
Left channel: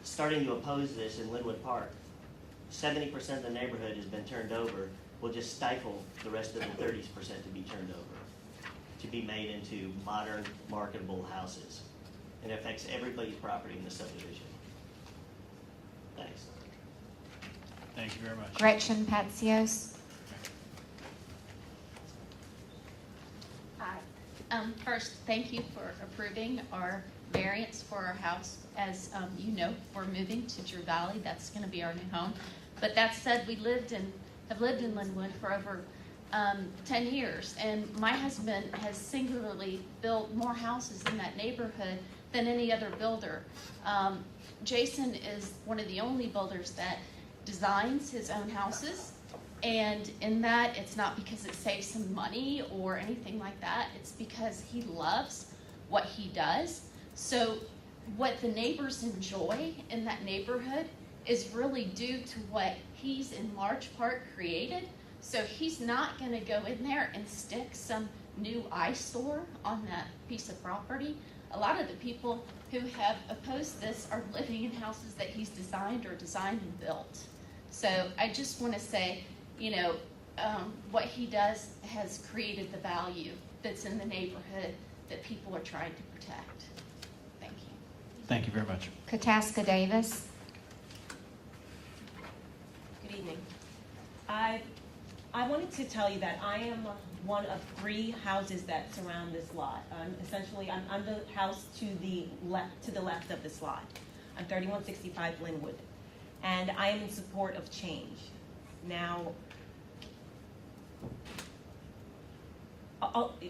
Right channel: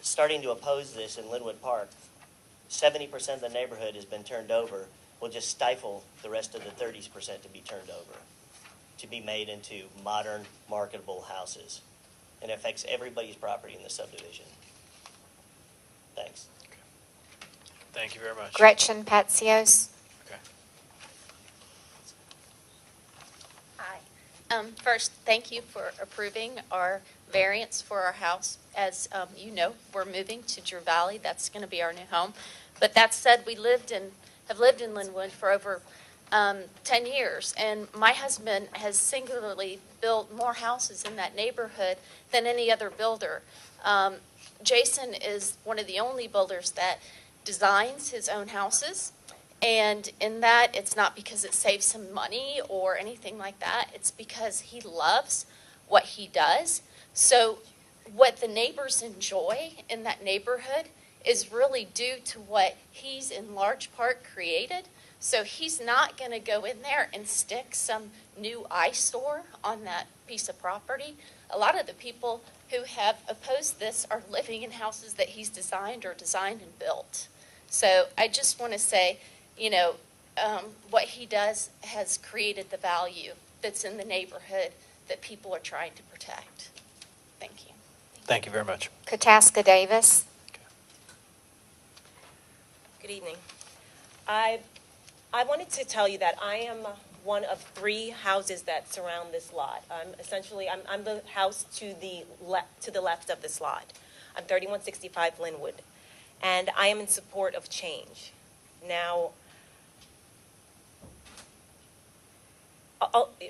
Starting to oppose this in Linwood Park, 70% of the neighborhood has been turned over, will just stifle the rest of the 30% to be turned over, to be made into modern, marketable houses. And it affects everybody's property in the subdivision. Thanks. Thank you very much. Gretchen Patsios. Hi. First, thank you for approving our variance for our house. As you know, we're moving to Drew Valley. That's going to be our new home. But that said, we have lived in Linwood for over 10 years, and my husband has singularly built more houses in that neighborhood than any other builder. Jason is one of the only builders that designs his own houses, and in that, it's not because it saves him money or anything like that. It's because he loves what he does. So what the neighbors enjoy in that neighborhood is really due to what he's in large part created. So he's not going to go in there and stick some new eyesore on that piece of property. A lot of the people who have opposed this are living in houses that he's designed or designed and built. So I just want to say, what he does has created the value that's in the neighborhood that people are trying to protect. Thank you. Thank you very much. Kataska Davis. Good evening. I wanted to tell you that I am one of 3 houses that surround this lot. I'm the house to the left of this lot. I'm 3165 Linwood, and I am in support of change. Now,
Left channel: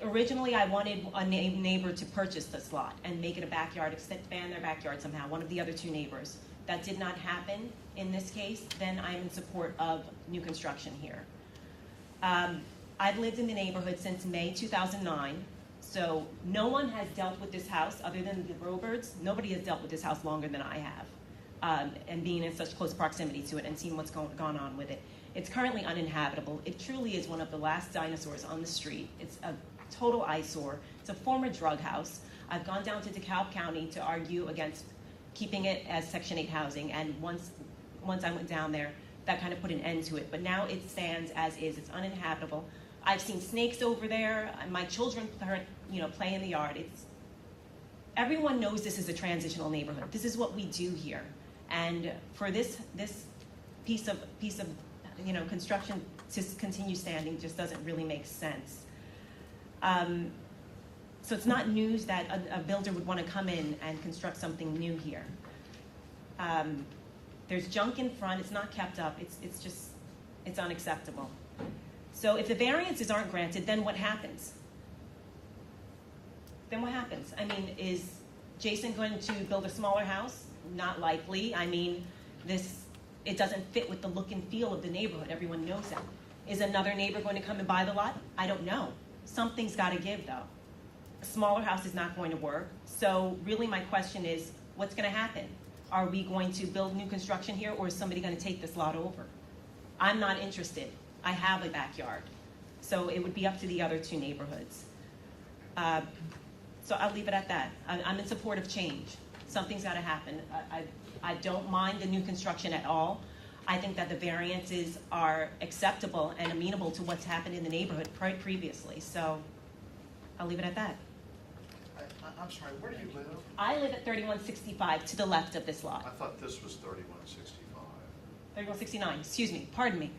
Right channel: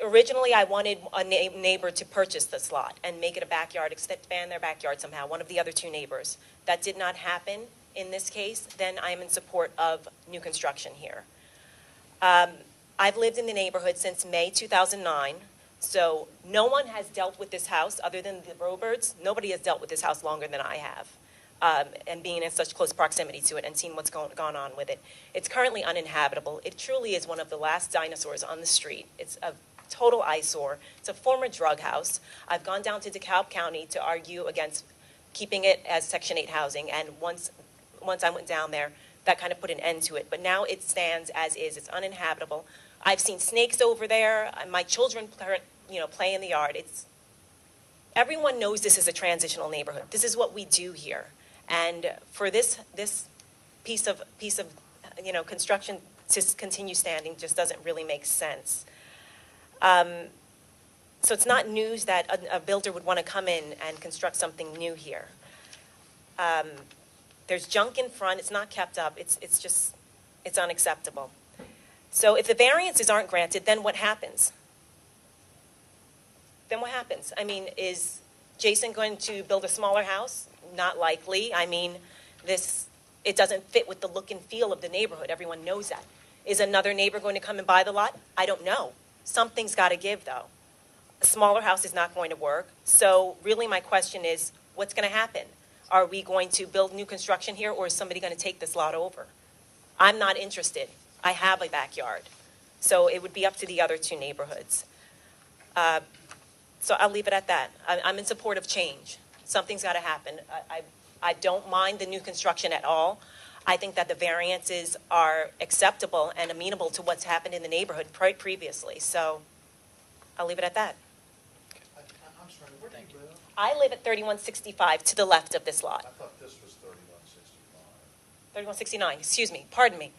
originally I wanted a neighbor to purchase this lot and make it a backyard, expand their backyard somehow, one of the other 2 neighbors. That did not happen in this case. Then I am in support of new construction here. I've lived in the neighborhood since May 2009, so no one has dealt with this house other than the Roberts. Nobody has dealt with this house longer than I have, and being in such close proximity to it and seeing what's gone on with it. It's currently uninhabitable. It truly is one of the last dinosaurs on the street. It's a total eyesore. It's a former drug house. I've gone down to DeKalb County to argue against keeping it as Section 8 housing, and once I went down there, that kind of put an end to it. But now it stands as is. It's uninhabitable. I've seen snakes over there. My children, play in the yard. Everyone knows this is a transitional neighborhood. This is what we do here. And for this piece of construction to continue standing just doesn't really make sense. So it's not news that a builder would want to come in and construct something new here. There's junk in front. It's not kept up. It's unacceptable. So if the variances aren't granted, then what happens? I mean, is Jason going to build a smaller house? Not likely. I mean, it doesn't fit with the look and feel of the neighborhood. Everyone knows that. Is another neighbor going to come and buy the lot? I don't know. Something's got to give, though. A smaller house is not going to work. So really my question is, what's going to happen? Are we going to build new construction here, or is somebody going to take this lot over? I'm not interested. I have a backyard. So it would be up to the other two neighborhoods. So I'll leave it at that. I'm in support of change. Something's got to happen. I don't mind the new construction at all. I think that the variances are acceptable and amenable to what's happened in the neighborhood previously. So I'll leave it at that. I'm sorry, where do you live? I live at 3165 to the left of this lot. I thought this was 3165. 3169, excuse me, pardon me.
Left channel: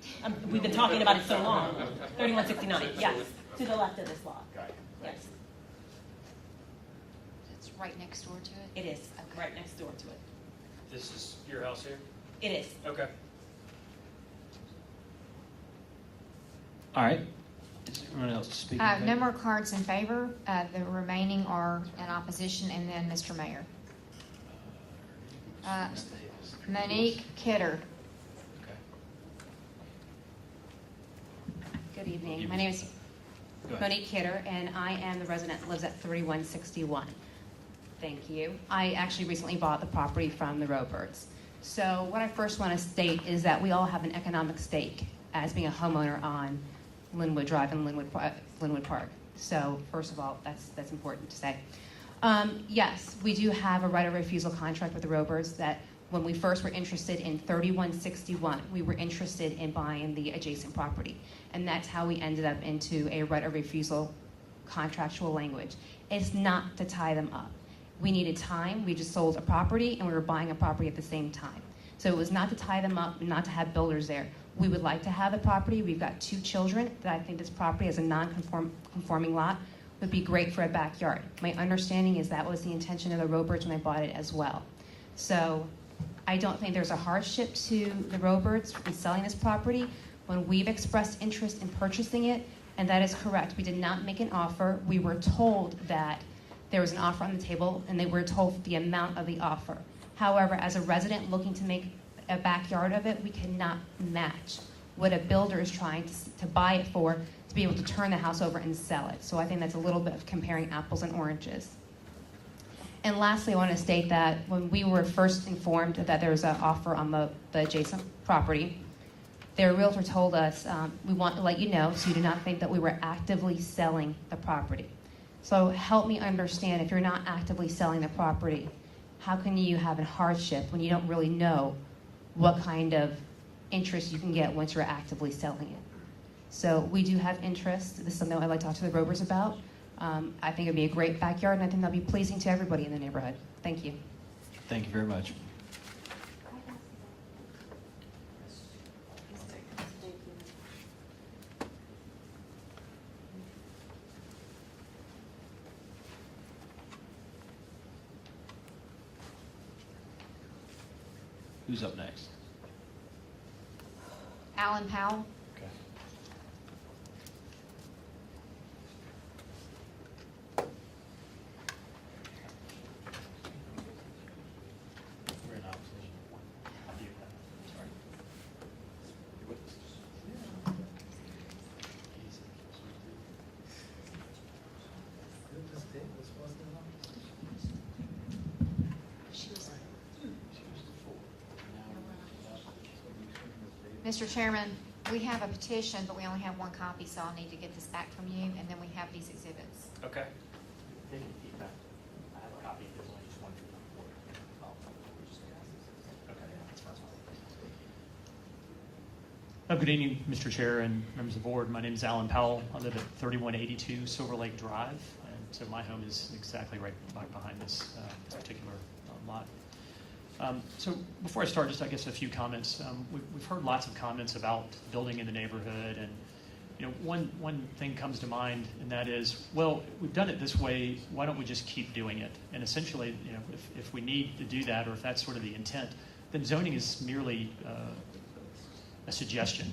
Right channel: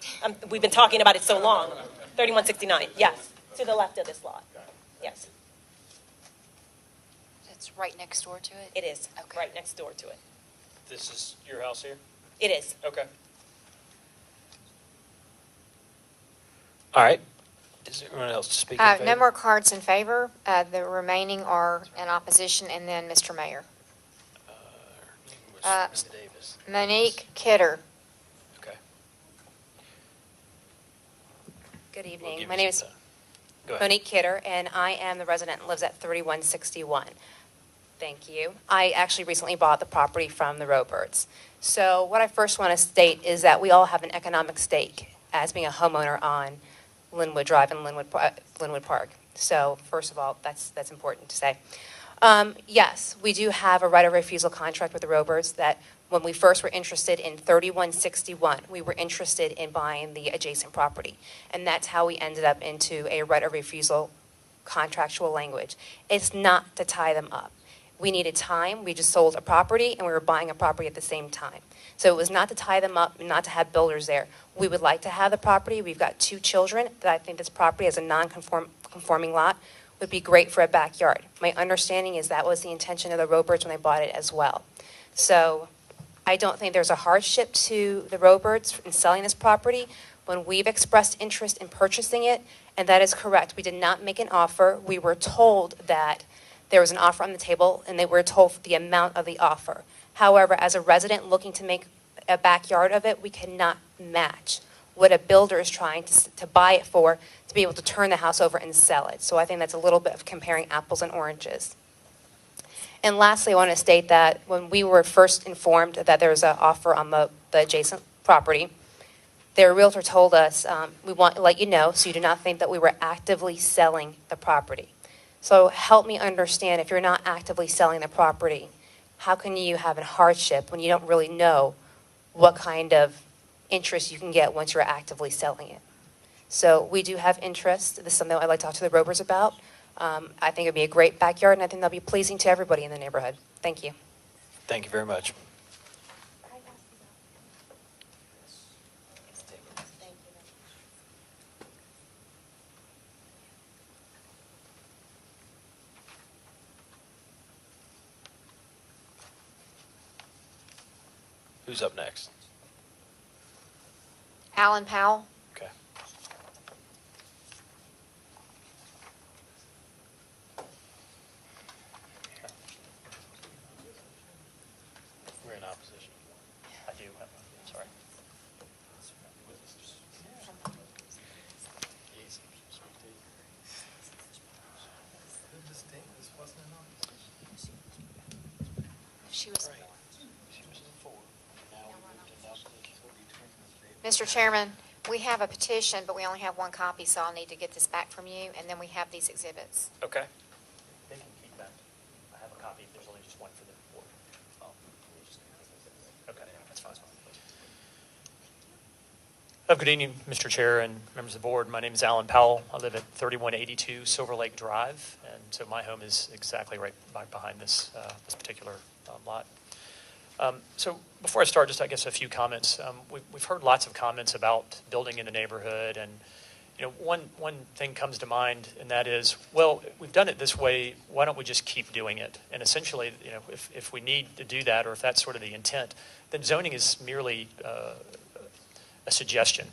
We've been talking about it so long. 3169, yes, to the left of this lot. Yes, It's right next door to it? it is, right next door to it. This is your house here? It is. Okay. All right. Is there anyone else to speak in favor? No more cards in favor. The remaining are in opposition, and then Mr. Mayor. Ms. Davis. Monique Kidder. Okay. Good We'll evening. give My you name some is time. Go ahead. Monique Kidder, and I am the resident that lives at 3161. Thank you. I actually recently bought the property from the Roberts. So what I first want to state is that we all have an economic stake as being a homeowner on Linwood Drive and Linwood Park. So first of all, that's important to say. Yes, we do have a right of refusal contract with the Roberts that when we first were interested in 3161, we were interested in buying the adjacent property. And that's how we ended up into a right of refusal contractual language. It's not to tie them up. We needed time. We just sold a property and we were buying a property at the same time. So it was not to tie them up, not to have builders there. We would like to have the property. We've got 2 children that I think this property as a non-conforming lot would be great for a backyard. My understanding is that was the intention of the Roberts when they bought it as well. So I don't think there's a hardship to the Roberts in selling this property when we've expressed interest in purchasing it, and that is correct. We did not make an offer. We were told that there was an offer on the table, and they were told the amount of the offer. However, as a resident looking to make a backyard of it, we cannot match what a builder is trying to buy it for to be able to turn the house over and sell it. So I think that's a little bit of comparing apples and oranges. And lastly, I want to state that when we were first informed that there was an offer on the adjacent property, their realtor told us, we want to let you know so you do not think that we were actively selling the property. So help me understand, if you're not actively selling the property, how can you have a hardship when you don't really know what kind of interest you can get once you're actively selling it? So we do have interest. This is something I'd like to talk to the Rovers about. I think it'd be a great backyard, and I think that'll be pleasing to everybody in the neighborhood. Thank you. Thank you very much. Who's up next? Alan Powell. Okay. We're in opposition. I do. Sorry. She was. Mr. Chairman, We have a petition, but we only have one copy, so I'll need to get this back from you, and then we have these exhibits. Okay. Any feedback? I have a copy, there's only just one for the board. Okay, that's fine. Good evening, Mr. Chair and members of the board. My name is Alan Powell. I live at 3182 Silver Lake Drive, and so my home is exactly right behind this particular lot. So before I start, just I guess a few comments. We've heard lots of comments about building in the neighborhood, and one thing comes to mind, and that is, well, we've done it this way. Why don't we just keep doing it? And essentially, if we need to do that, or if that's sort of the intent, then zoning is merely a suggestion.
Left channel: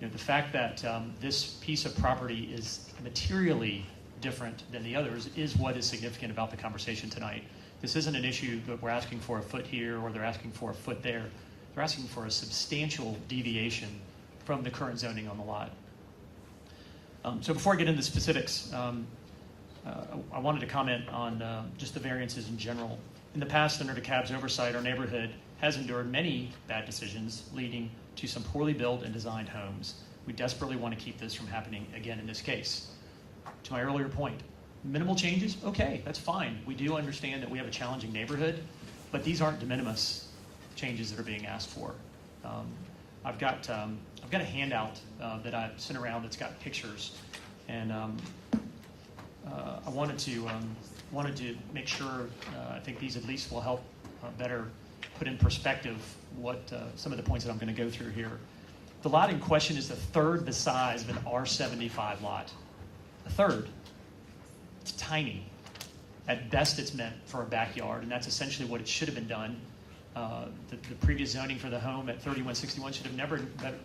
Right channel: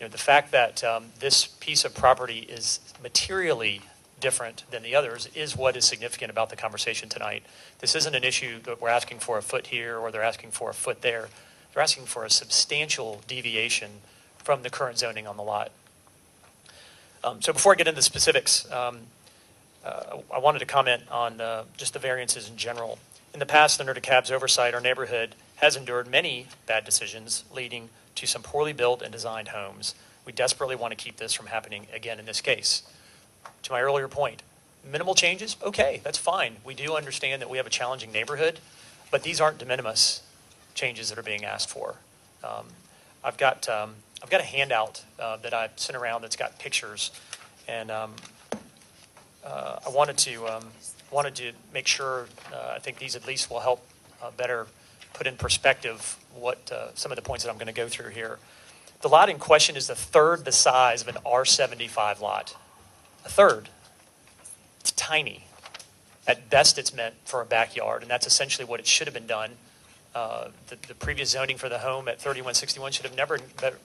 The fact that this piece of property is materially different than the others is what is significant about the conversation tonight. This isn't an issue that we're asking for a foot here or they're asking for a foot there. They're asking for a substantial deviation from the current zoning on the lot. So before I get into the specifics, I wanted to comment on just the variances in general. In the past, under DeKalb's oversight, our neighborhood has endured many bad decisions leading to some poorly built and designed homes. We desperately want to keep this from happening again in this case. To my earlier point, minimal changes, okay, that's fine. We do understand that we have a challenging neighborhood, but these aren't de minimis changes that are being asked for. I've got a handout that I've sent around that's got pictures, and I wanted to make sure. I think these at least will help better put in perspective what some of the points that I'm going to go through here. The lot in question is a third the size of an R75 lot. A third. It's tiny. At best, it's meant for a backyard, and that's essentially what it should have been done. The previous zoning for the home at 3161 should have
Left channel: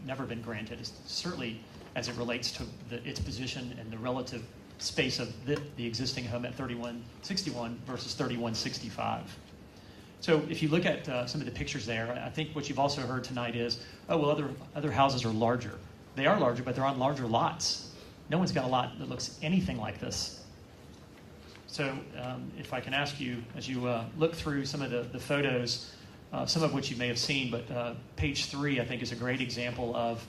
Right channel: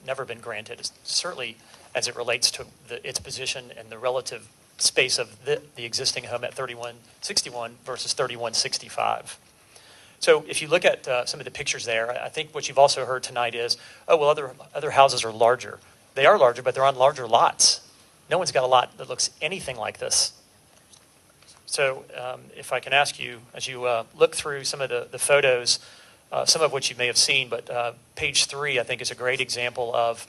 never been granted, certainly as it relates to its position and the relative space of the existing home at 3161 versus 3165. So if you look at some of the pictures there, I think what you've also heard tonight is, oh, well, other houses are larger. They are larger, but they're on larger lots. No one's got a lot that looks anything like this. So if I can ask you, as you look through some of the photos, some of which you may have seen, but page 3, I think, is a great example of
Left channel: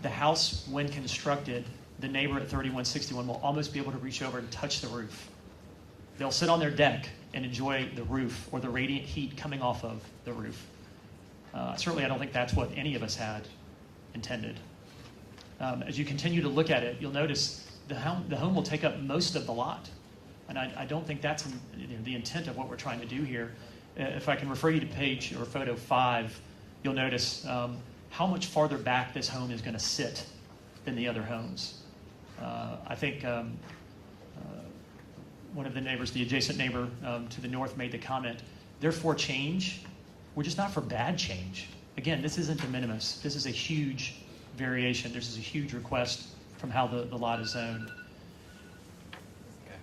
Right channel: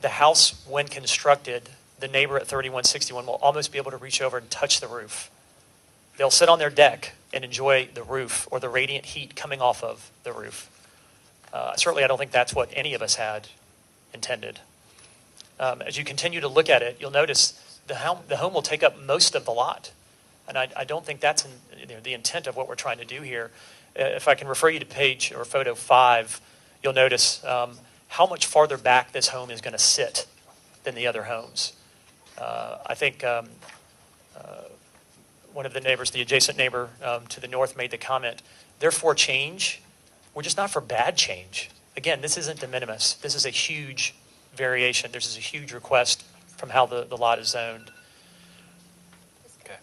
the house when constructed. The neighbor at 3161 will almost be able to reach over and touch the roof. They'll sit on their deck and enjoy the roof or the radiant heat coming off of the roof. Certainly, I don't think that's what any of us had intended. As you continue to look at it, you'll notice the home will take up most of the lot. And I don't think that's the intent of what we're trying to do here. If I can refer you to page or photo 5, you'll notice how much farther back this home is going to sit than the other homes. I think one of the neighbors, the adjacent neighbor to the north, made the comment, they're for change. We're just not for bad change. Again, this isn't de minimis. This is a huge variation. This is a huge request from how the lot is zoned. Okay.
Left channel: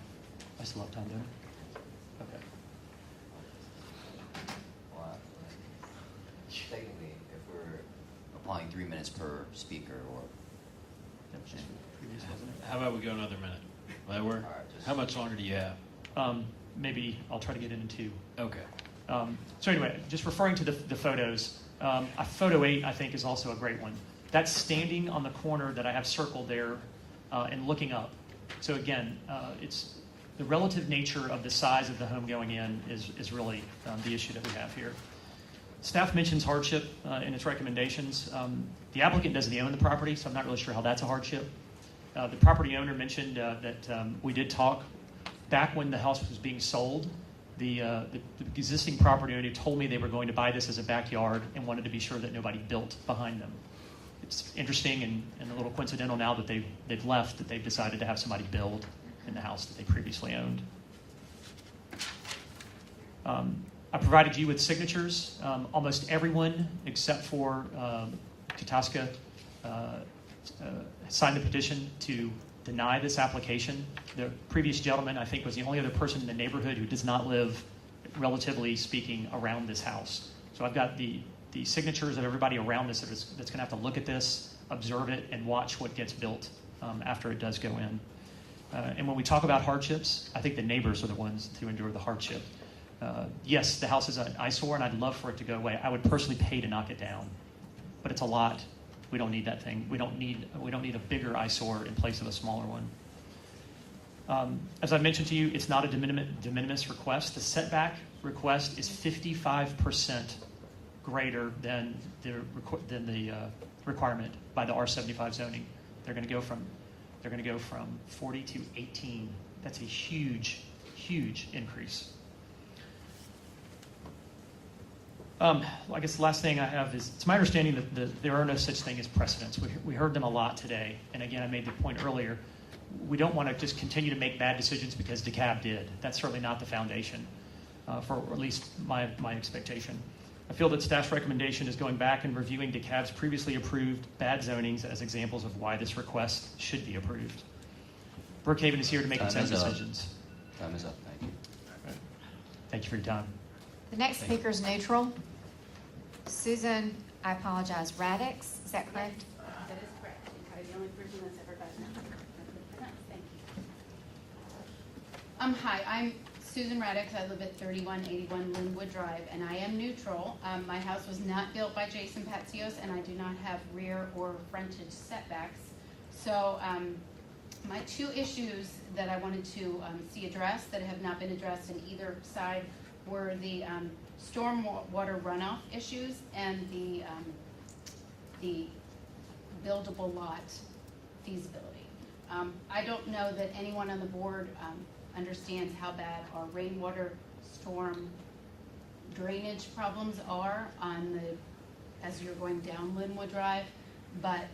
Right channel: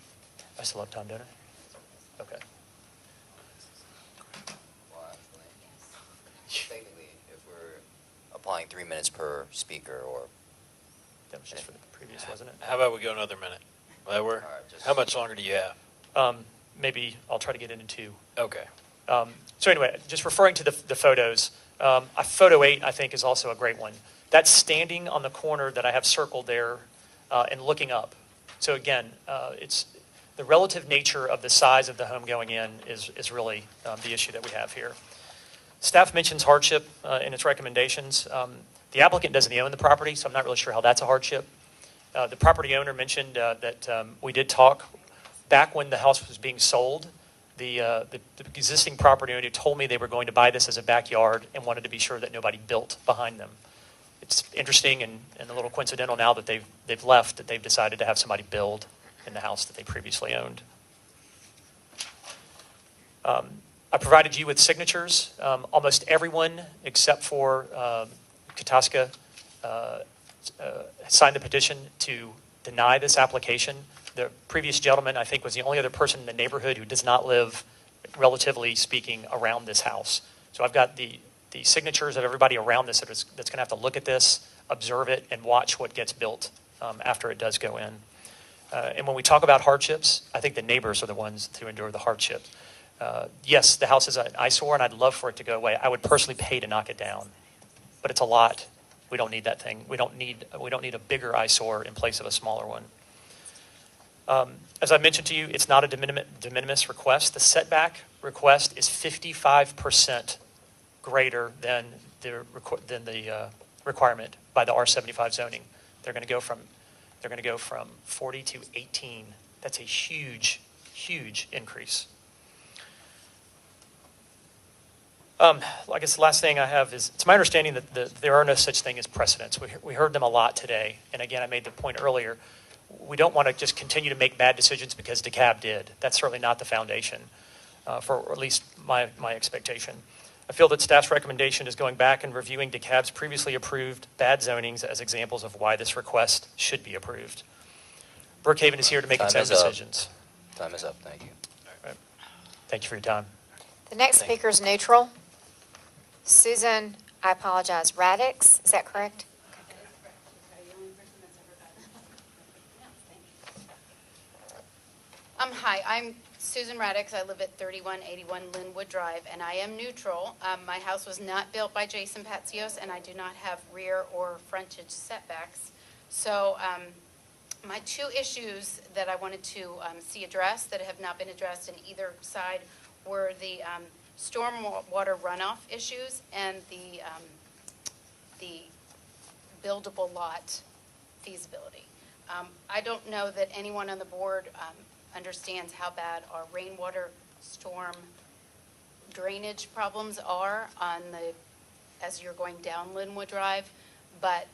I still have time, don't I? Okay. Technically, if we're applying 3 minutes per speaker, or That was just for the previous, wasn't it? How about we go another minute? Will that work? All right, just- How much longer do you have? Maybe I'll try to get it in 2. Okay. So anyway, just referring to the photos, photo 8, I think, is also a great one. That's standing on the corner that I have circled there and looking up. So again, it's the relative nature of the size of the home going in is really the issue that we have here. Staff mentions hardship in its recommendations. The applicant doesn't own the property, so I'm not really sure how that's a hardship. The property owner mentioned that we did talk back when the house was being sold. The existing property owner told me they were going to buy this as a backyard and wanted to be sure that nobody built behind them. It's interesting and a little coincidental now that they've left, that they've decided to have somebody build in the house that they previously owned. I provided you with signatures. Almost everyone except for Kataska signed the petition to deny this application. The previous gentleman, I think, was the only other person in the neighborhood who does not live, relatively speaking, around this house. So I've got the signatures of everybody around this that's going to have to look at this, observe it, and watch what gets built after it does go in. And when we talk about hardships, I think the neighbors are the ones to endure the hardship. Yes, the house is an eyesore, and I'd love for it to go away. I would personally pay to knock it down. But it's a lot We don't need that thing. We don't need a bigger eyesore in place of a smaller one. As I mentioned to you, it's not a de minimis request. The setback request is 55% greater than the requirement by the R75 zoning. They're going to go from 40 to 18. That's a huge, huge increase. I guess the last thing I have is, it's my understanding that there are no such thing as precedents. We heard them a lot today. And again, I made the point earlier, we don't want to just continue to make bad decisions because DeKalb did. That's certainly not the foundation, for at least my expectation. I feel that staff's recommendation is going back and reviewing DeKalb's previously approved bad zonings as examples of why this request should be approved. Brookhaven is here to make its own decisions. Time is up, thank you. Thank you for your time. The next speaker is neutral. Susan, I apologize, Radix, is that correct? That is correct. You're the only person that's ever gotten that. Thank you. Hi, I'm Susan Radix. I live at 3181 Linwood Drive, and I am neutral. My house was not built by Jason Patzios, and I do not have rear or frontage setbacks. So my two issues that I wanted to see addressed that have not been addressed in either side were the stormwater runoff issues and the buildable lot feasibility. I don't know that anyone on the board understands how bad our rainwater storm drainage problems are as you're going down Linwood Drive, but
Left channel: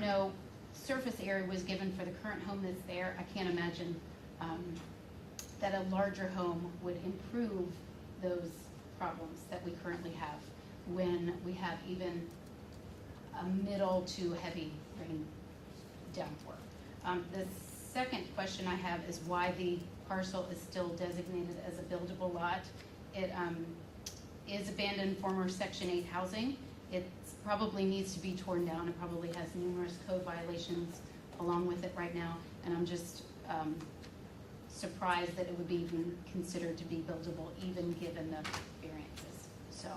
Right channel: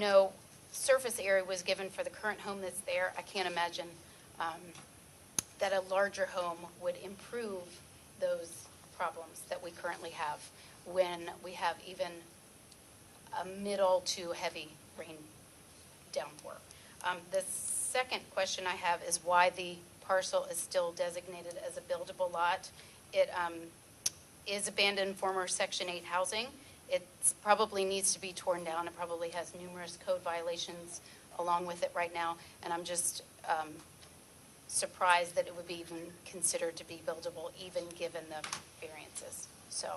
no surface area was given for the current home that's there. I can't imagine that a larger home would improve those problems that we currently have when we have even a middle to heavy rain downpour. The second question I have is why the parcel is still designated as a buildable lot. It is abandoned former Section 8 housing. It probably needs to be torn down. It probably has numerous code violations along with it right now, and I'm just surprised that it would be even considered to be buildable, even given the variances. So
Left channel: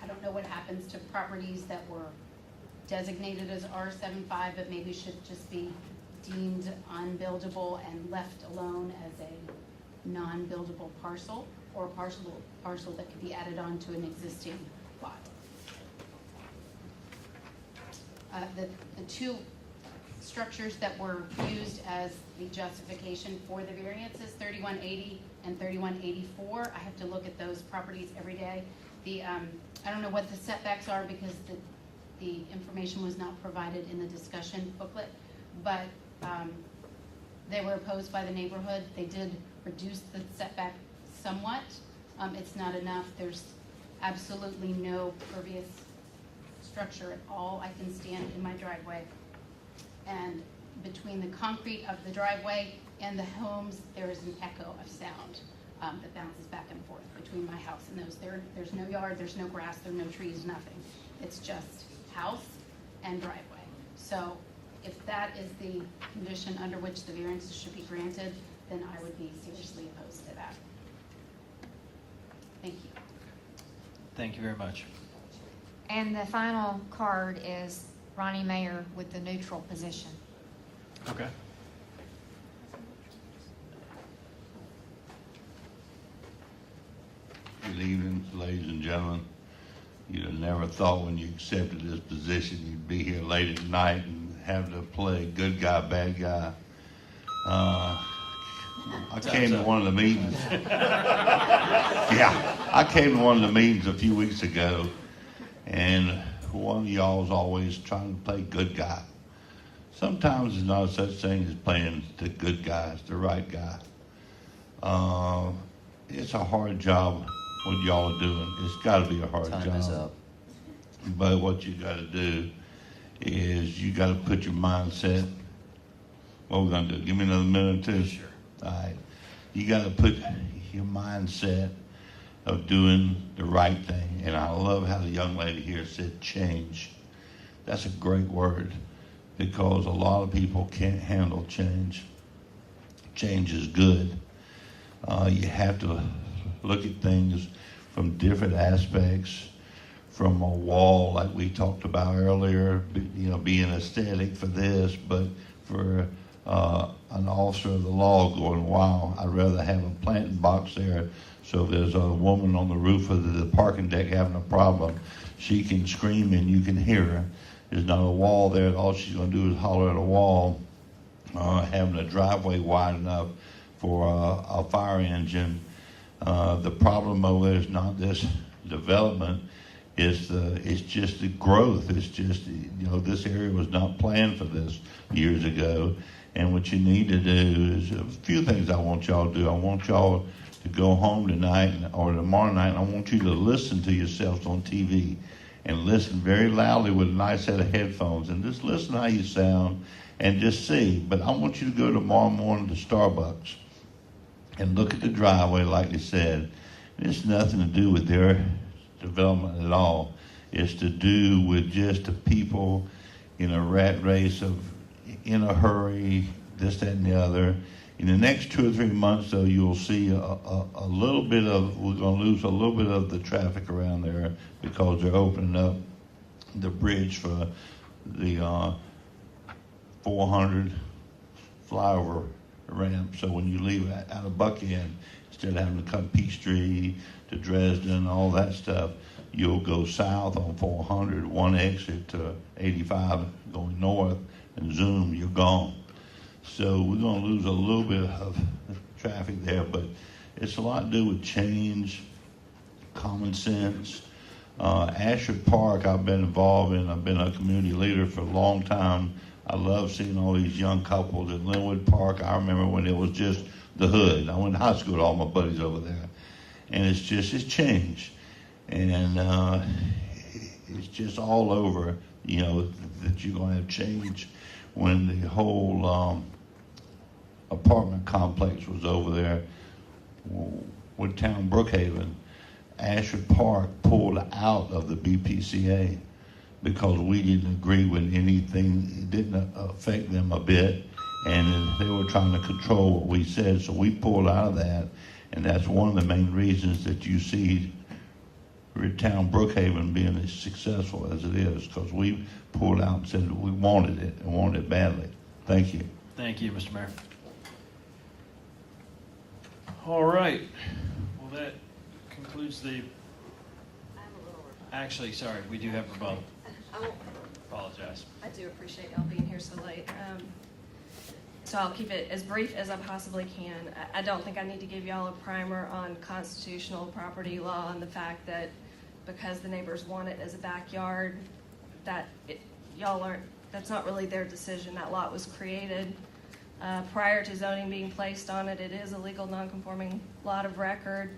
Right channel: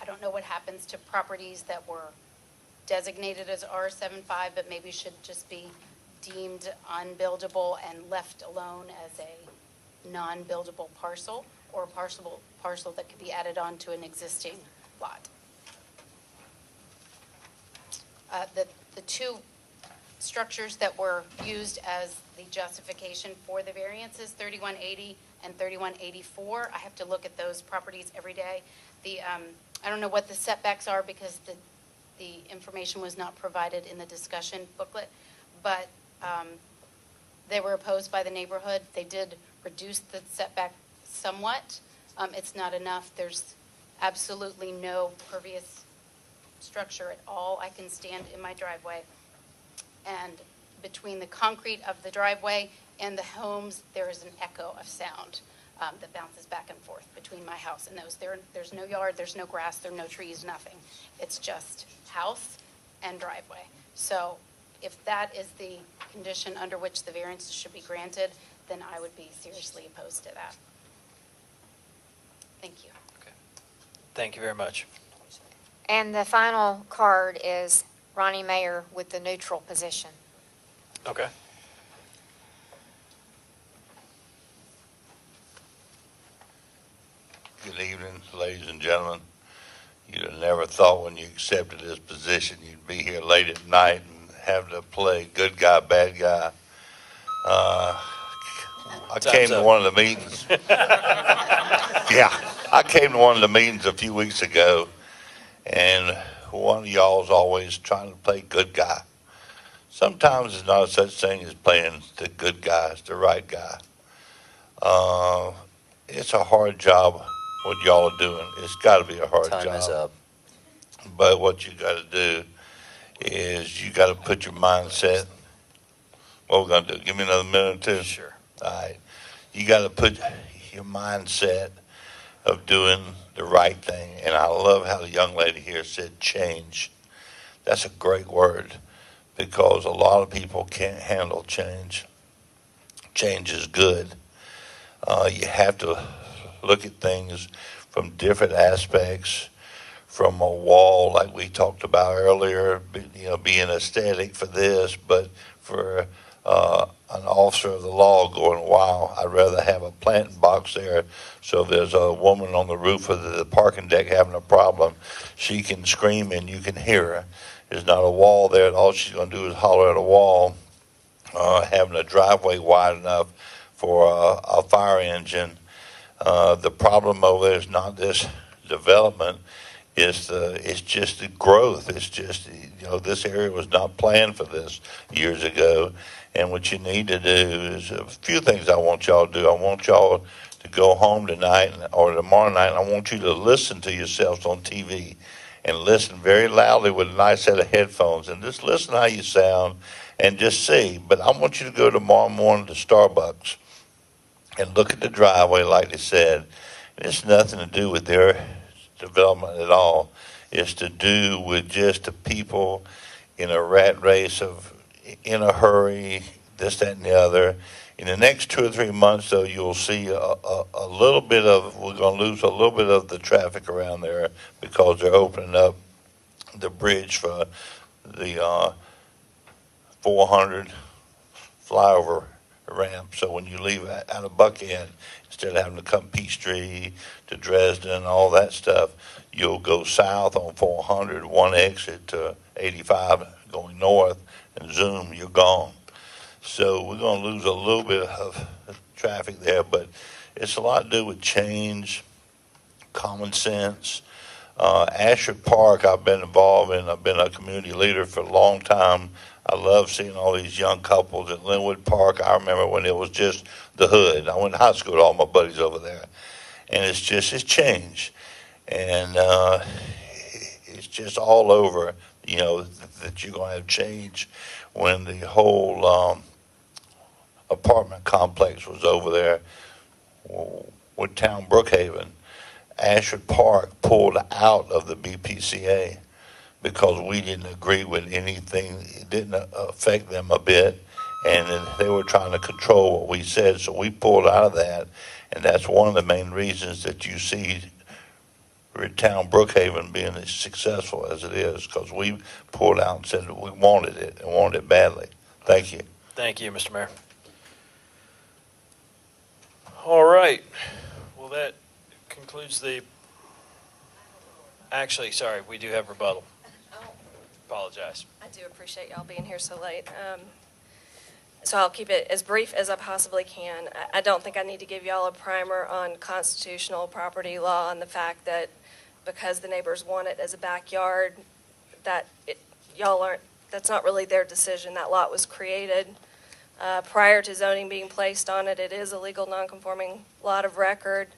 I don't know what happens to properties that were designated as R75, but maybe should just be deemed unbuildable and left alone as a non-buildable parcel, or a parcel that could be added on to an existing lot. The two structures that were used as the justification for the variances, 3180 and 3184. I have to look at those properties every day. I don't know what the setbacks are because the information was not provided in the discussion booklet, but they were opposed by the neighborhood. They did reduce the setback somewhat. It's not enough. There's absolutely no pervious structure at all. I can stand in my driveway, and between the concrete of the driveway and the homes, there is an echo of sound that bounces back and forth between my house and those. There's no yard, there's no grass, there are no trees, nothing. It's just house and driveway. So if that is the condition under which the variances should be granted, then I would be seriously opposed to that. Thank you. Thank you very much. And the final card is Ronnie Mayer with the neutral position. Okay. Good evening, ladies and gentlemen. You'd have never thought when you accepted this position you'd be here late at night and have to play good guy, bad guy. I came to one of the meetings. Yeah, I came to one of the meetings a few weeks ago, and one of y'all's always trying to play good guy. Sometimes there's not such thing as playing the good guy, it's the right guy. It's a hard job what y'all are doing. It's got to be a hard job. Time is up. But what you got to do is you got to put your mindset. What we're gonna do? Give me another minute or two. Sure. All right. You got to put your mindset of doing the right thing. And I love how the young lady here said change. That's a great word because a lot of people can't handle change. Change is good. You have to look at things from different aspects, from a wall like we talked about earlier, being aesthetic for this, but for an officer of the law going, wow, I'd rather have a planting box there. So if there's a woman on the roof of the parking deck having a problem, she can scream and you can hear her. There's not a wall there, and all she's going to do is holler at a wall. Having a driveway wide enough for a fire engine. The problem over there is not this development, it's just the growth. It's just, this area was not planned for this years ago. And what you need to do is a few things I want y'all to do. I want y'all to go home tonight or tomorrow night, and I want you to listen to yourselves on TV and listen very loudly with a nice set of headphones and just listen how you sound and just see. But I want you to go tomorrow morning to Starbucks and look at the driveway like they said. It's nothing to do with their development at all. It's to do with just the people in a rat race of in a hurry, this, that, and the other. In the next 2 or 3 months, though, you'll see a little bit of, we're going to lose a little bit of the traffic around there because they're opening up the bridge for the 400 flyover ramp. So when you leave out of Buckhead, instead of having to come Peachtree to Dresden, all that stuff, you'll go south on 400, one exit to 85 going north, and zoom, you're gone. So we're going to lose a little bit of traffic there, but it's a lot to do with change, common sense. Ashford Park, I've been involved in. I've been a community leader for a long time. I love seeing all these young couples at Linwood Park. I remember when it was just the hood. I went to high school with all my buddies over there. And it's changed. And it's just all over, that you're going to have change when the whole apartment complex was over there with town Brookhaven. Ashford Park pulled out of the BPCA because we didn't agree with anything. It didn't affect them a bit, and they were trying to control what we said, so we pulled out of that, and that's one of the main reasons that you see town Brookhaven being as successful as it is, because we pulled out and said that we wanted it and wanted it badly. Thank you. Thank you, Mr. Mayor. All right. Well, that concludes the, actually, sorry, we do have rebuttal. Apologize. I do appreciate y'all being here so late. So I'll keep it as brief as I possibly can. I don't think I need to give y'all a primer on constitutional property law and the fact that because the neighbors want it as a backyard, that's not really their decision. That lot was created prior to zoning being placed on it. It is a legal non-conforming lot of record.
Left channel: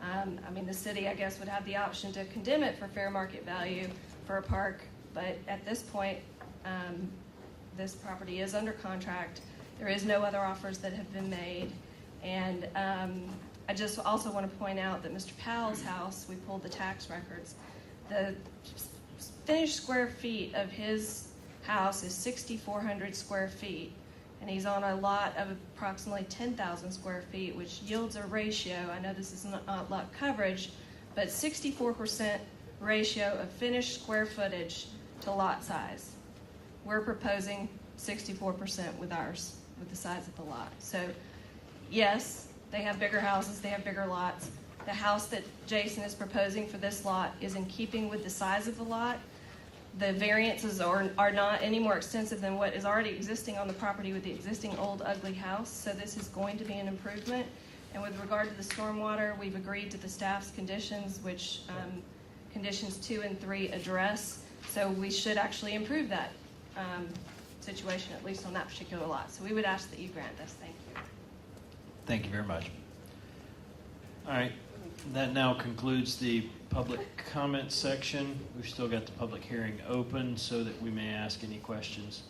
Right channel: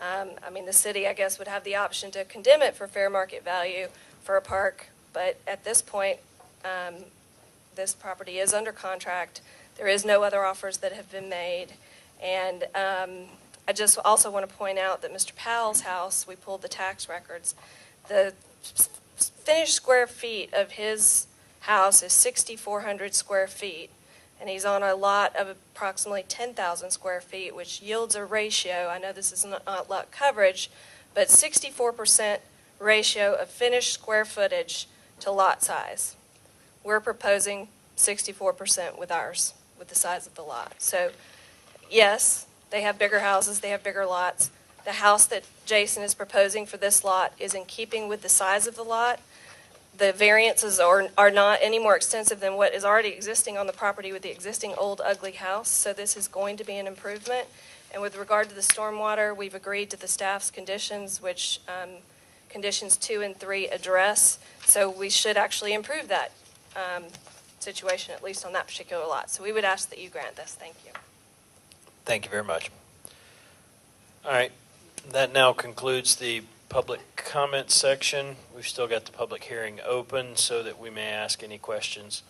The city, I guess, would have the option to condemn it for fair market value for a park, but at this point, this property is under contract. There is no other offers that have been made, and I just also want to point out that Mr. Powell's house, we pulled the tax records, the finished square feet of his house is 6,400 square feet, and he's on a lot of approximately 10,000 square feet, which yields a ratio. I know this is not lot coverage, but 64% ratio of finished square footage to lot size. We're proposing 64% with ours, with the size of the lot. So yes, they have bigger houses, they have bigger lots. The house that Jason is proposing for this lot is in keeping with the size of the lot. The variances are not any more extensive than what is already existing on the property with the existing old ugly house. So this is going to be an improvement. And with regard to the stormwater, we've agreed to the staff's conditions, which conditions 2 and 3 address. So we should actually improve that situation, at least on that particular lot. So we would ask that you grant this. Thank you. Thank you very much. All right. That now concludes the public comment section. We've still got the public hearing open so that we may ask any questions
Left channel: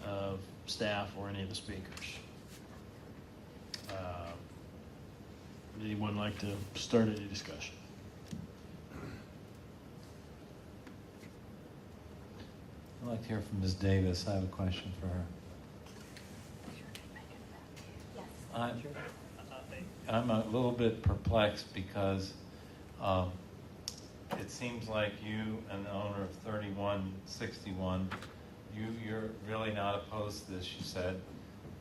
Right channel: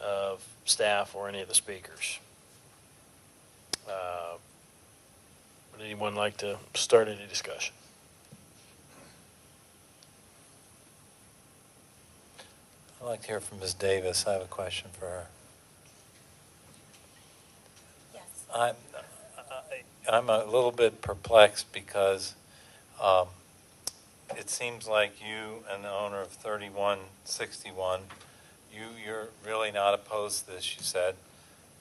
of staff or any of the speakers. Would anyone like to start any discussion? I'd like to hear from Ms. Davis. I have a question for her. I'm a little bit perplexed because it seems like you and the owner of 3161, you're really not opposed to this, you said,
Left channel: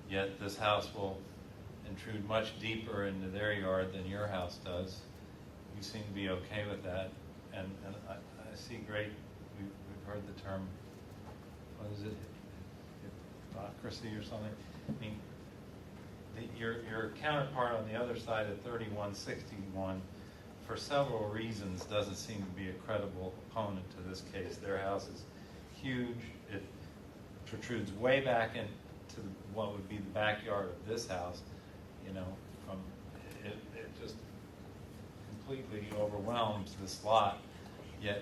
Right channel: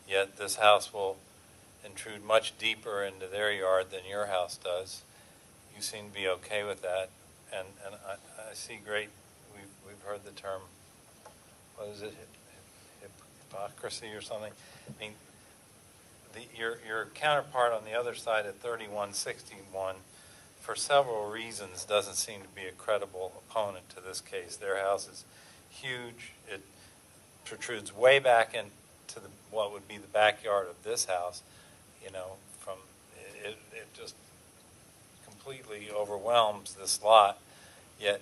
yet this house will intrude much deeper into their yard than your house does. You seem to be okay with that, and I see great, we've heard the term, what is it, hypocrisy or something? I mean, your counterpart on the other side at 3161, for several reasons, doesn't seem to be a credible opponent to this case. Their house is huge. It protrudes way back into what would be the backyard of this house. You know, it just completely overwhelms this lot. Yet,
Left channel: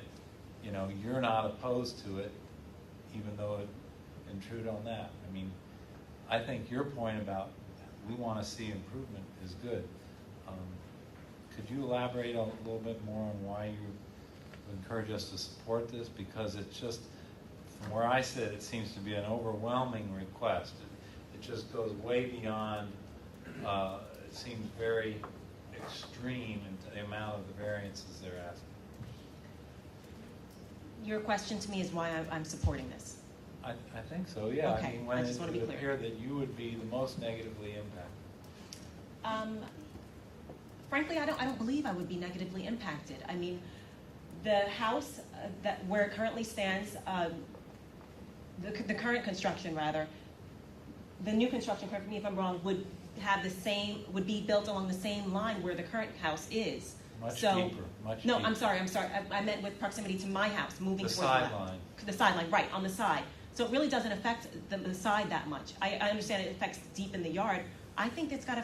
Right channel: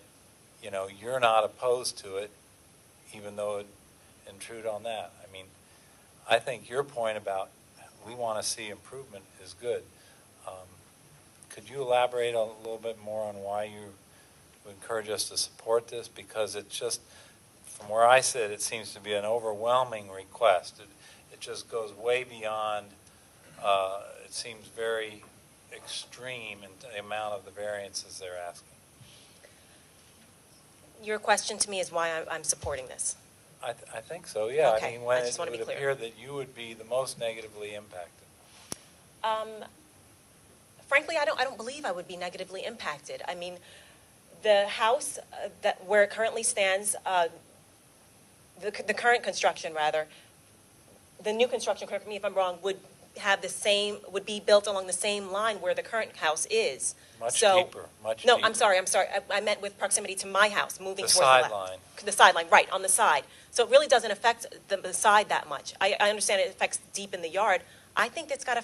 you know, you're not opposed to it, even though it intrude on that. I mean, I think your point about we want to see improvement is good. Could you elaborate a little bit more on why you would encourage us to support this? Because it's just, from where I sit, it seems to be an overwhelming request. It just goes way beyond, it seems very extreme in the amount of the variances they're asking. Your question to me is why I'm supporting this. I think so, yeah. Okay, I mean, when I just it want to would be clear. appear that you would be the most negatively impacted. Frankly, I don't believe I would be negatively impacted. I mean, the house that where it currently stands, the current construction rather, the new construction, correct me if I'm wrong, would be built along the same line where the current house is. Much So, deeper, much no, deeper. I'm sorry. I meant with proximity to my house, moving The towards the left. sideline. The sideline, right, on the side. So it really doesn't affect the side that much. I understand it affects deep in the yard. I think it's got a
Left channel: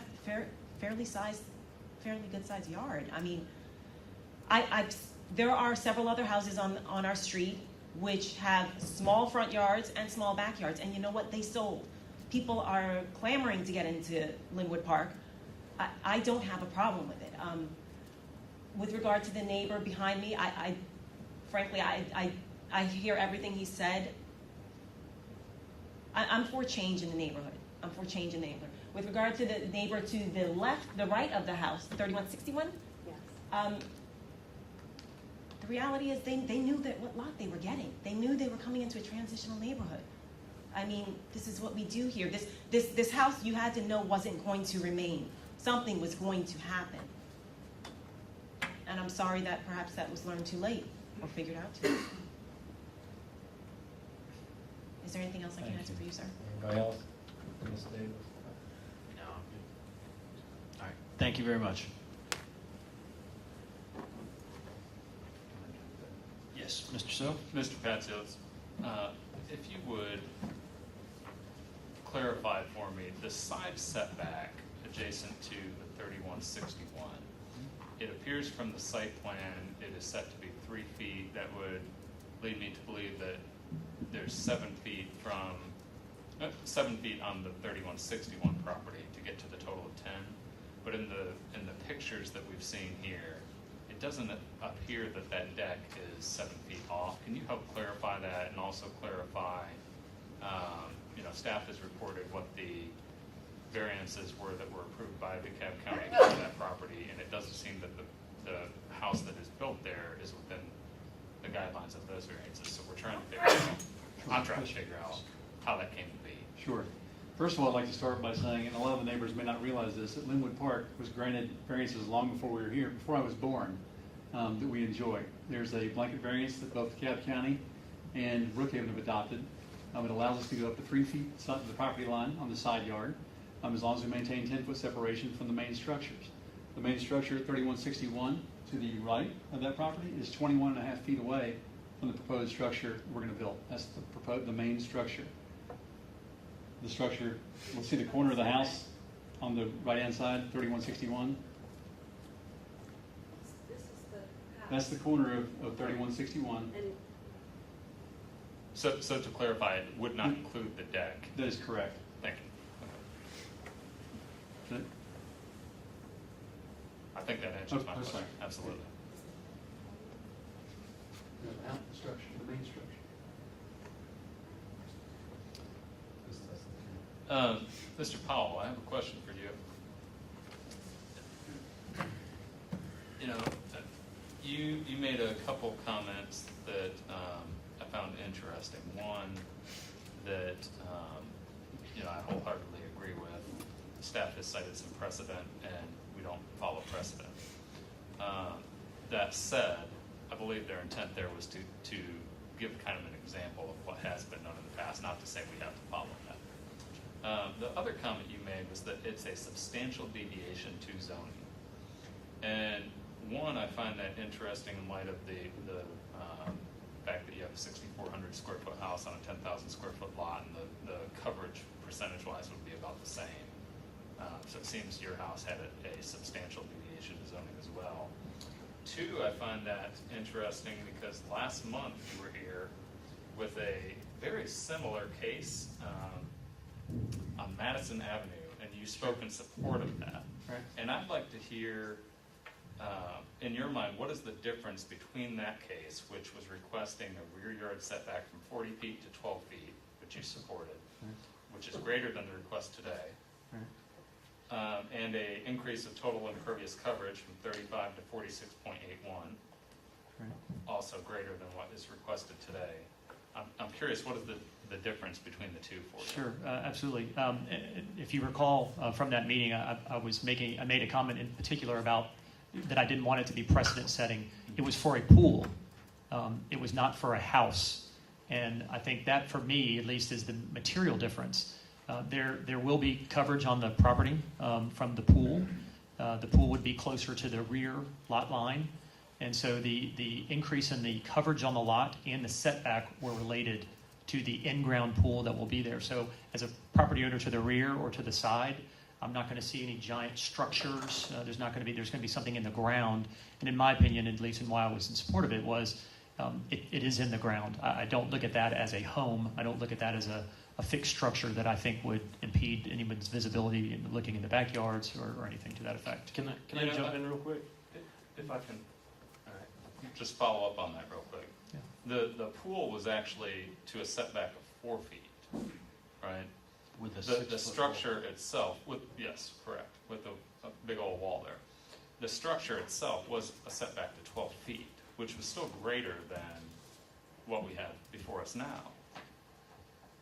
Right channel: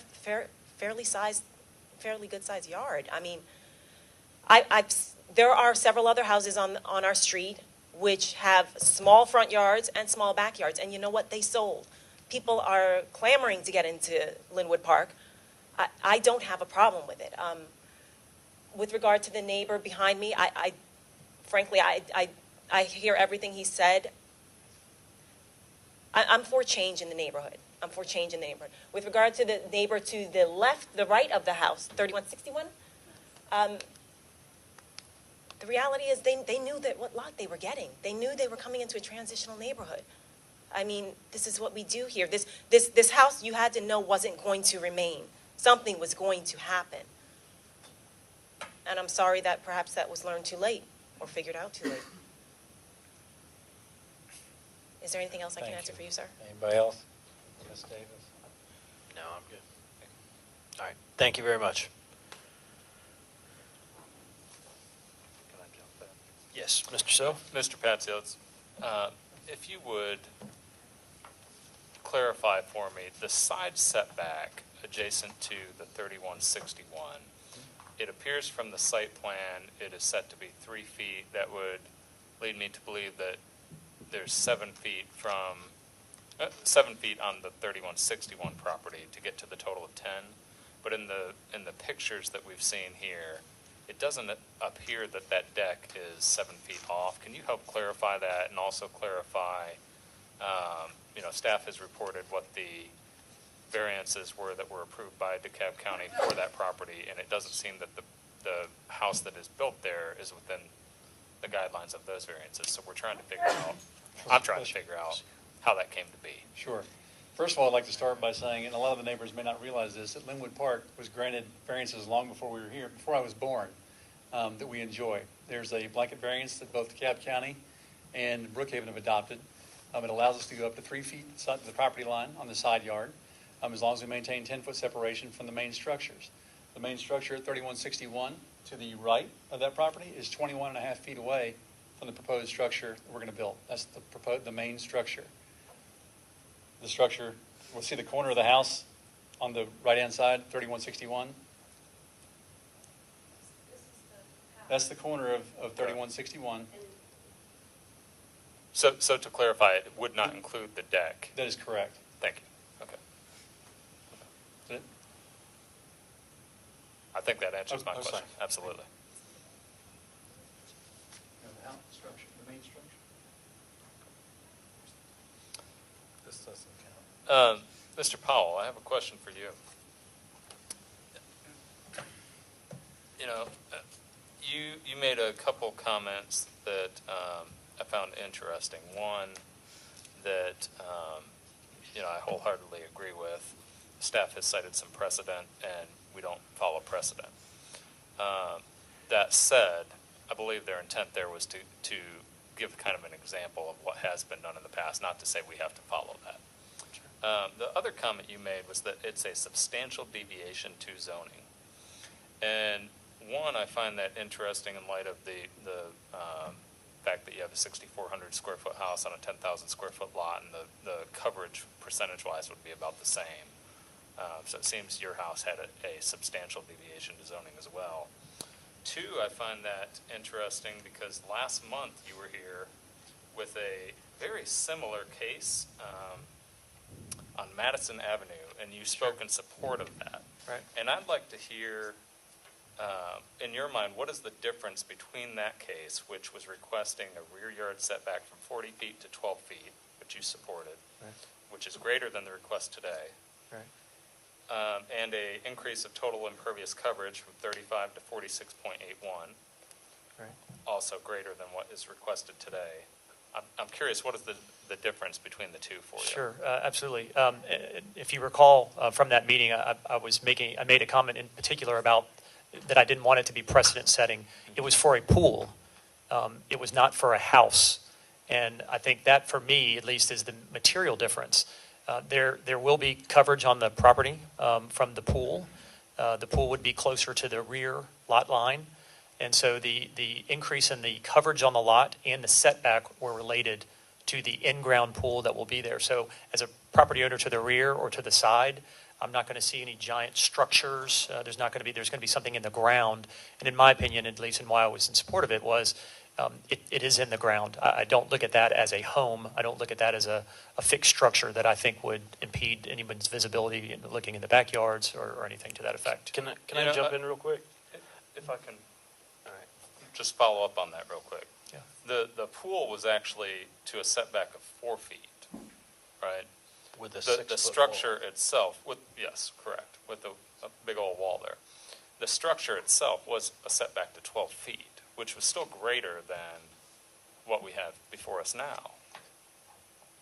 fairly good sized yard. I mean, there are several other houses on our street which have small front yards and small backyards, and you know what? They sold. People are clamoring to get into Linwood Park. I don't have a problem with it. With regard to the neighbor behind me, frankly, I hear everything he said. I'm for change in the neighborhood. I'm for change in the neighborhood. With regard to the neighbor to the left, the right of the house, 3161, the reality is they knew that what lot they were getting. They knew they were coming into a transitional neighborhood. I mean, this is what we do here. This house, you had to know, wasn't going to remain. Something was going to happen. And I'm sorry that perhaps that was learned too late or figured out too late. Is there anything else I can Thank answer you. for you, sir? Anybody else? Ms. Davis? No, I'm good. All right, thank you very much. Yes, Mr. So? Mr. Patzios, if you would clarify for me, the side setback adjacent to the 3161, it appears from the site plan it is set to be 3 feet. That would lead me to believe that there's 7 feet from 7 feet on the 3161 property to get to the total of 10. But in the pictures that we've seen here, it doesn't appear that that deck is 7 feet off. Can you help clarify that, and also clarify, staff has reported what the variances were that were approved by DeKalb County for that property, and it doesn't seem that the house that is built there is within the guidelines of those variances. So we're trying to figure out, I'm trying to figure out how that came to be. Sure. First of all, I'd like to start by saying, and a lot of the neighbors may not realize this, that Linwood Park was granted variances long before we were here, before I was born, that we enjoy. There's a blanket variance that both DeKalb County and Brookhaven have adopted. It allows us to go up to 3 feet to the property line on the side yard, as long as we maintain 10-foot separation from the main structures. The main structure at 3161 to the right of that property is 21.5 feet away from the proposed structure we're going to build. That's the main structure. The structure, we'll see the corner of the house on the right-hand side, 3161. That's the corner of 3161. So to clarify, it would not include the deck. That is correct. Thank you. Okay. I think that answers my question. Absolutely. The structure, the main structure. This doesn't count. Mr. Powell, I have a question for you. you made a couple comments that I found interesting. One, that I wholeheartedly agree with. Staff has cited some precedent, and we don't follow precedent. That said, I believe their intent there was to give kind of an example of what has been done in the past, not to say we have to follow that. The other comment you made was that it's a substantial deviation to zoning. And one, I find that interesting in light of the fact that you have a 6,400 square foot house on a 10,000 square foot lot, and the coverage percentage-wise would be about the same. So it seems your house had a substantial deviation to zoning as well. Two, I find that interesting because last month you were here with a very similar case on Madison Avenue, and you spoke in support of that. Right. And I'd like to hear, in your mind, what is the difference between that case, which was requesting a rear yard setback from 40 feet to 12 feet, which you supported, which is greater than the request today, and a increase of total impervious coverage from 35 to 46.81, also greater than what is requested today. I'm curious, what is the difference between the two for you? Sure, absolutely. If you recall from that meeting, I made a comment in particular about that I didn't want it to be precedent setting. It was for a pool. It was not for a house. And I think that, for me, at least, is the material difference. There will be coverage on the property from the pool. The pool would be closer to the rear lot line. And so the increase in the coverage on the lot and the setback were related to the in-ground pool that will be there. So as a property owner to the rear or to the side, I'm not going to see any giant structures. There's going to be something in the ground. And in my opinion, at least in why I was in support of it, was it is in the ground. I don't look at that as a home. I don't look at that as a fixed structure that I think would impede anyone's visibility in looking in the backyards or anything to that effect. Can I jump in real quick? If I can just follow up on that real quick. Yeah. The pool was actually to a setback of 4 feet, right? With The structure itself, yes, correct, with a big old wall there. The structure itself was a setback to 12 feet, which was still greater than what we have before us now.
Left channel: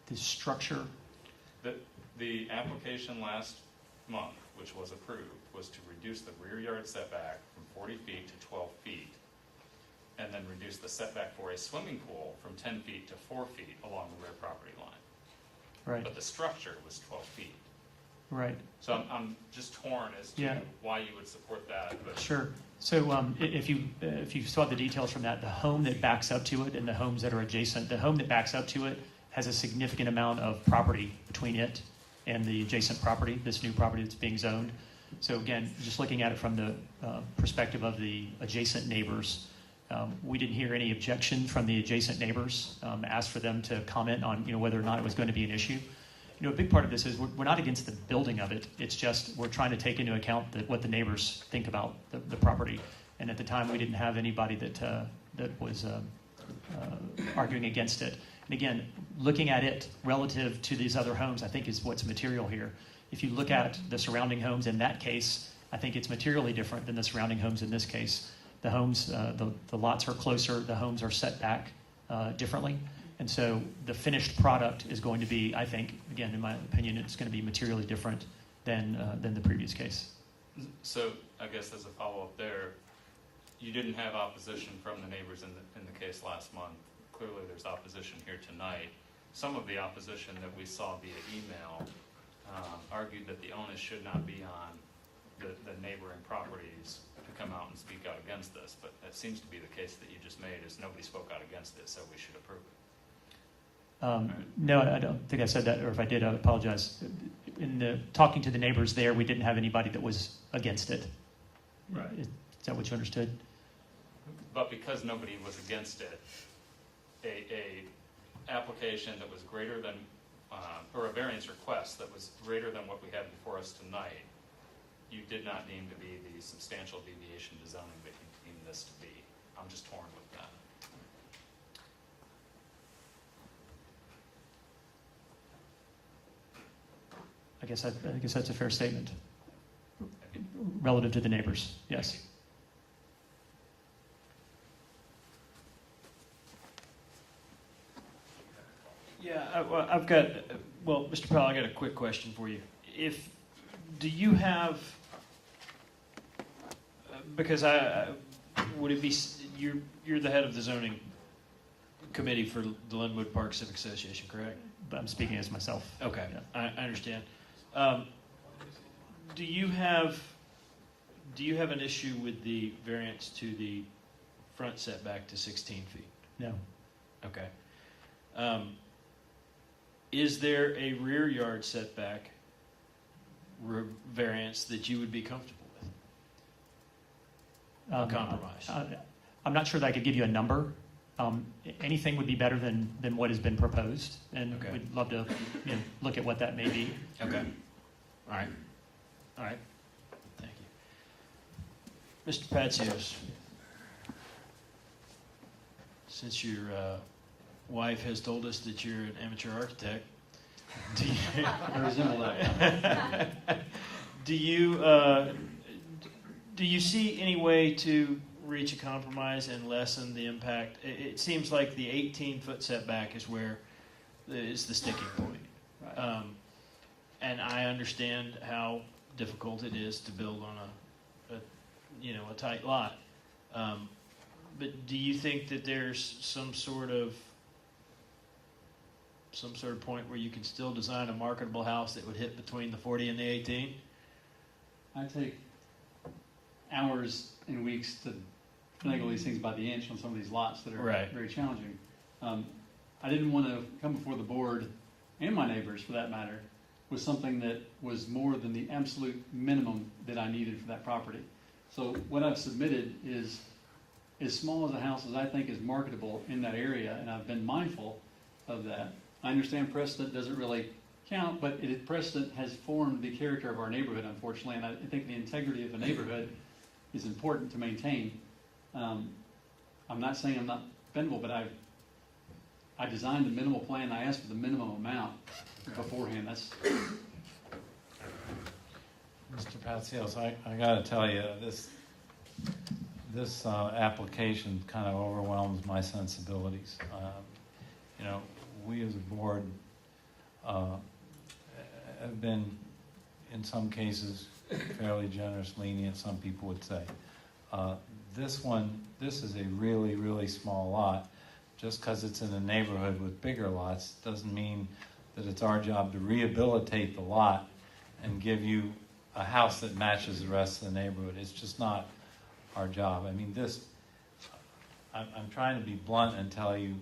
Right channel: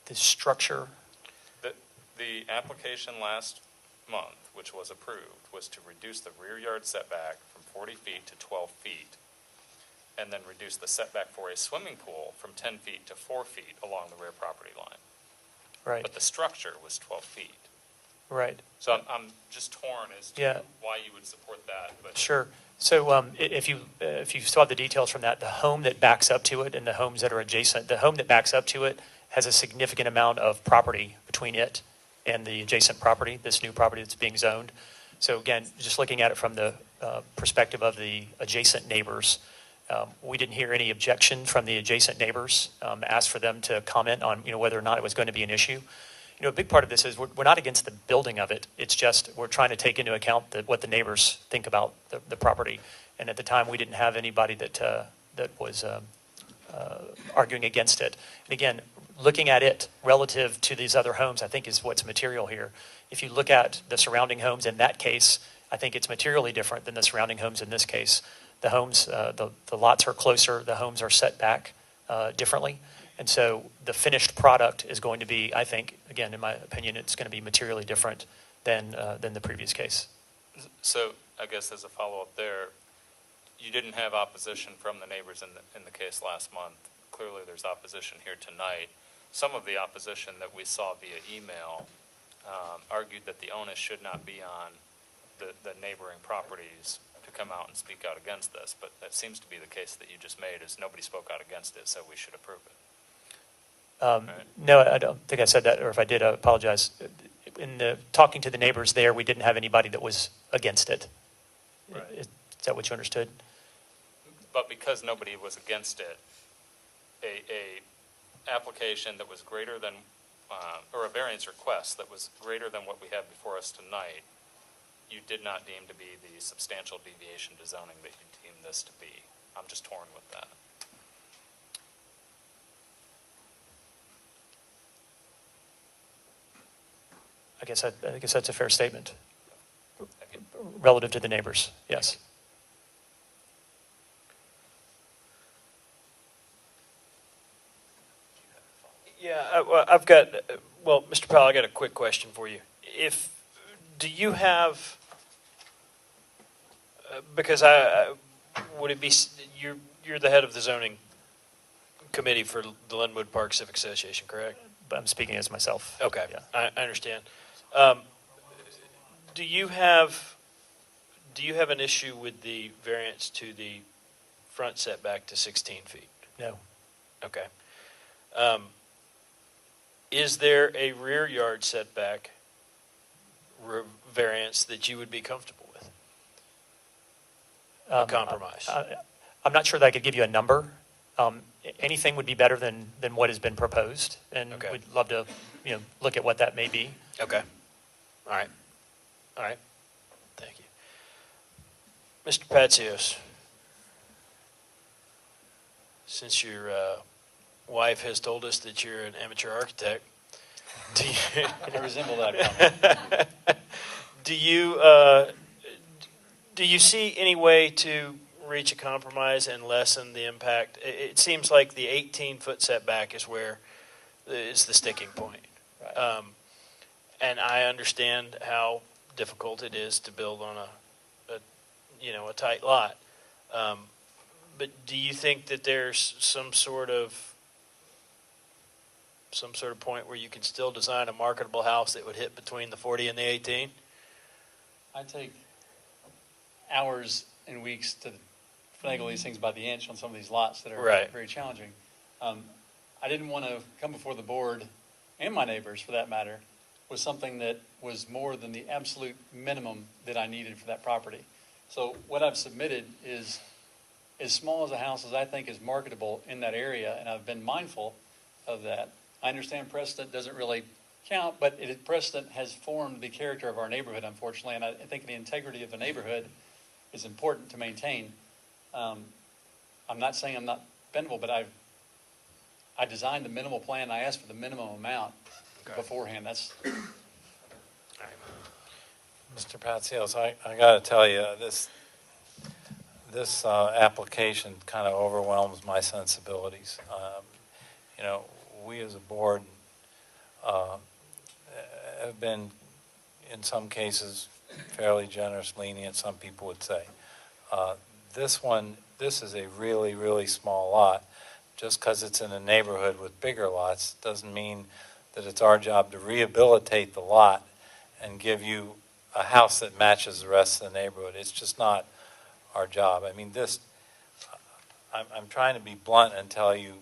The structure? The application last month, which was approved, was to reduce the rear yard setback from 40 feet to 12 feet, and then reduce the setback for a swimming pool from 10 feet to 4 feet along the rear property line. Right. But the structure was 12 feet. Right. So I'm just torn as to why you would support that. But Sure. So if you saw the details from that, the home that backs up to it and the homes that are adjacent, the home that backs up to it has a significant amount of property between it and the adjacent property, this new property that's being zoned. So again, just looking at it from the perspective of the adjacent neighbors, we didn't hear any objection from the adjacent neighbors. Asked for them to comment on whether or not it was going to be an issue. A big part of this is we're not against the building of it. It's just we're trying to take into account what the neighbors think about the property. And at the time, we didn't have anybody that was arguing against it. And again, looking at it relative to these other homes, I think is what's material here. If you look at the surrounding homes in that case, I think it's materially different than the surrounding homes in this case. The homes, the lots are closer. The homes are set back differently. And so the finished product is going to be, I think, again, in my opinion, it's going to be materially different than the previous case. So I guess as a follow-up there, you didn't have opposition from the neighbors in the case last month. Clearly there's opposition here tonight. Some of the opposition that we saw via email argued that the onus should not be on the neighboring properties to come out and speak out against this. But that seems to be the case that you just made, is nobody spoke out against it, so we should approve it. No, I don't think I said that, or if I did, I apologize. In talking to the neighbors there, we didn't have anybody that was against it. Right. Is that what you understood? But because nobody was against it, a application that was greater than, or a variance request that was greater than what we have before us tonight, you did not deem to be the substantial deviation to zoning that you deemed this to be. I'm just torn with that. I guess that's a fair statement. Relative to the neighbors, yes. Yeah, well, I've got, well, Mr. Powell, I got a quick question for you. Do you have, because would it be, you're the head of the zoning committee for the Linwood Park Civic Association, correct? But I'm speaking as myself. Okay, Yeah. I understand. Do you have an issue with the variance to the front setback to 16 feet? No. Okay. Is there a rear yard setback variance that you would be comfortable with? Compromise. I'm not sure that I could give you a number. Anything would be better than what has been proposed, and Okay. we'd love to, look at what that may be. Okay. All right. All right. Thank you. Mr. Patsios, since your wife has told us that you're an amateur architect, do you, I resemble that. do you see any way to reach a compromise and lessen the impact? It seems like the 18-foot setback is where is the sticking point. Right. And I understand how difficult it is to build on a tight lot. But do you think that there's some sort of point where you can still design a marketable house that would hit between the 40 and the 18? I take hours and weeks to finagle these things by the inch on some of these lots that are Right. very challenging. I didn't want to come before the board, and my neighbors for that matter, with something that was more than the absolute minimum that I needed for that property. So what I've submitted is as small as a house as I think is marketable in that area, and I've been mindful of that. I understand precedent doesn't really count, but precedent has formed the character of our neighborhood, unfortunately, and I think the integrity of the neighborhood is important to maintain. I'm not saying I'm not bendable, but I designed the minimal plan. I asked for the minimum amount beforehand. That's Mr. Patsios, I got to tell you, this application kind of overwhelms my sensibilities. We as a board have been, in some cases, fairly generous, lenient, some people would say. This is a really, really small lot. Just because it's in a neighborhood with bigger lots doesn't mean that it's our job to rehabilitate the lot and give you a house that matches the rest of the neighborhood. It's just not our job. I mean, I'm trying to be blunt and tell you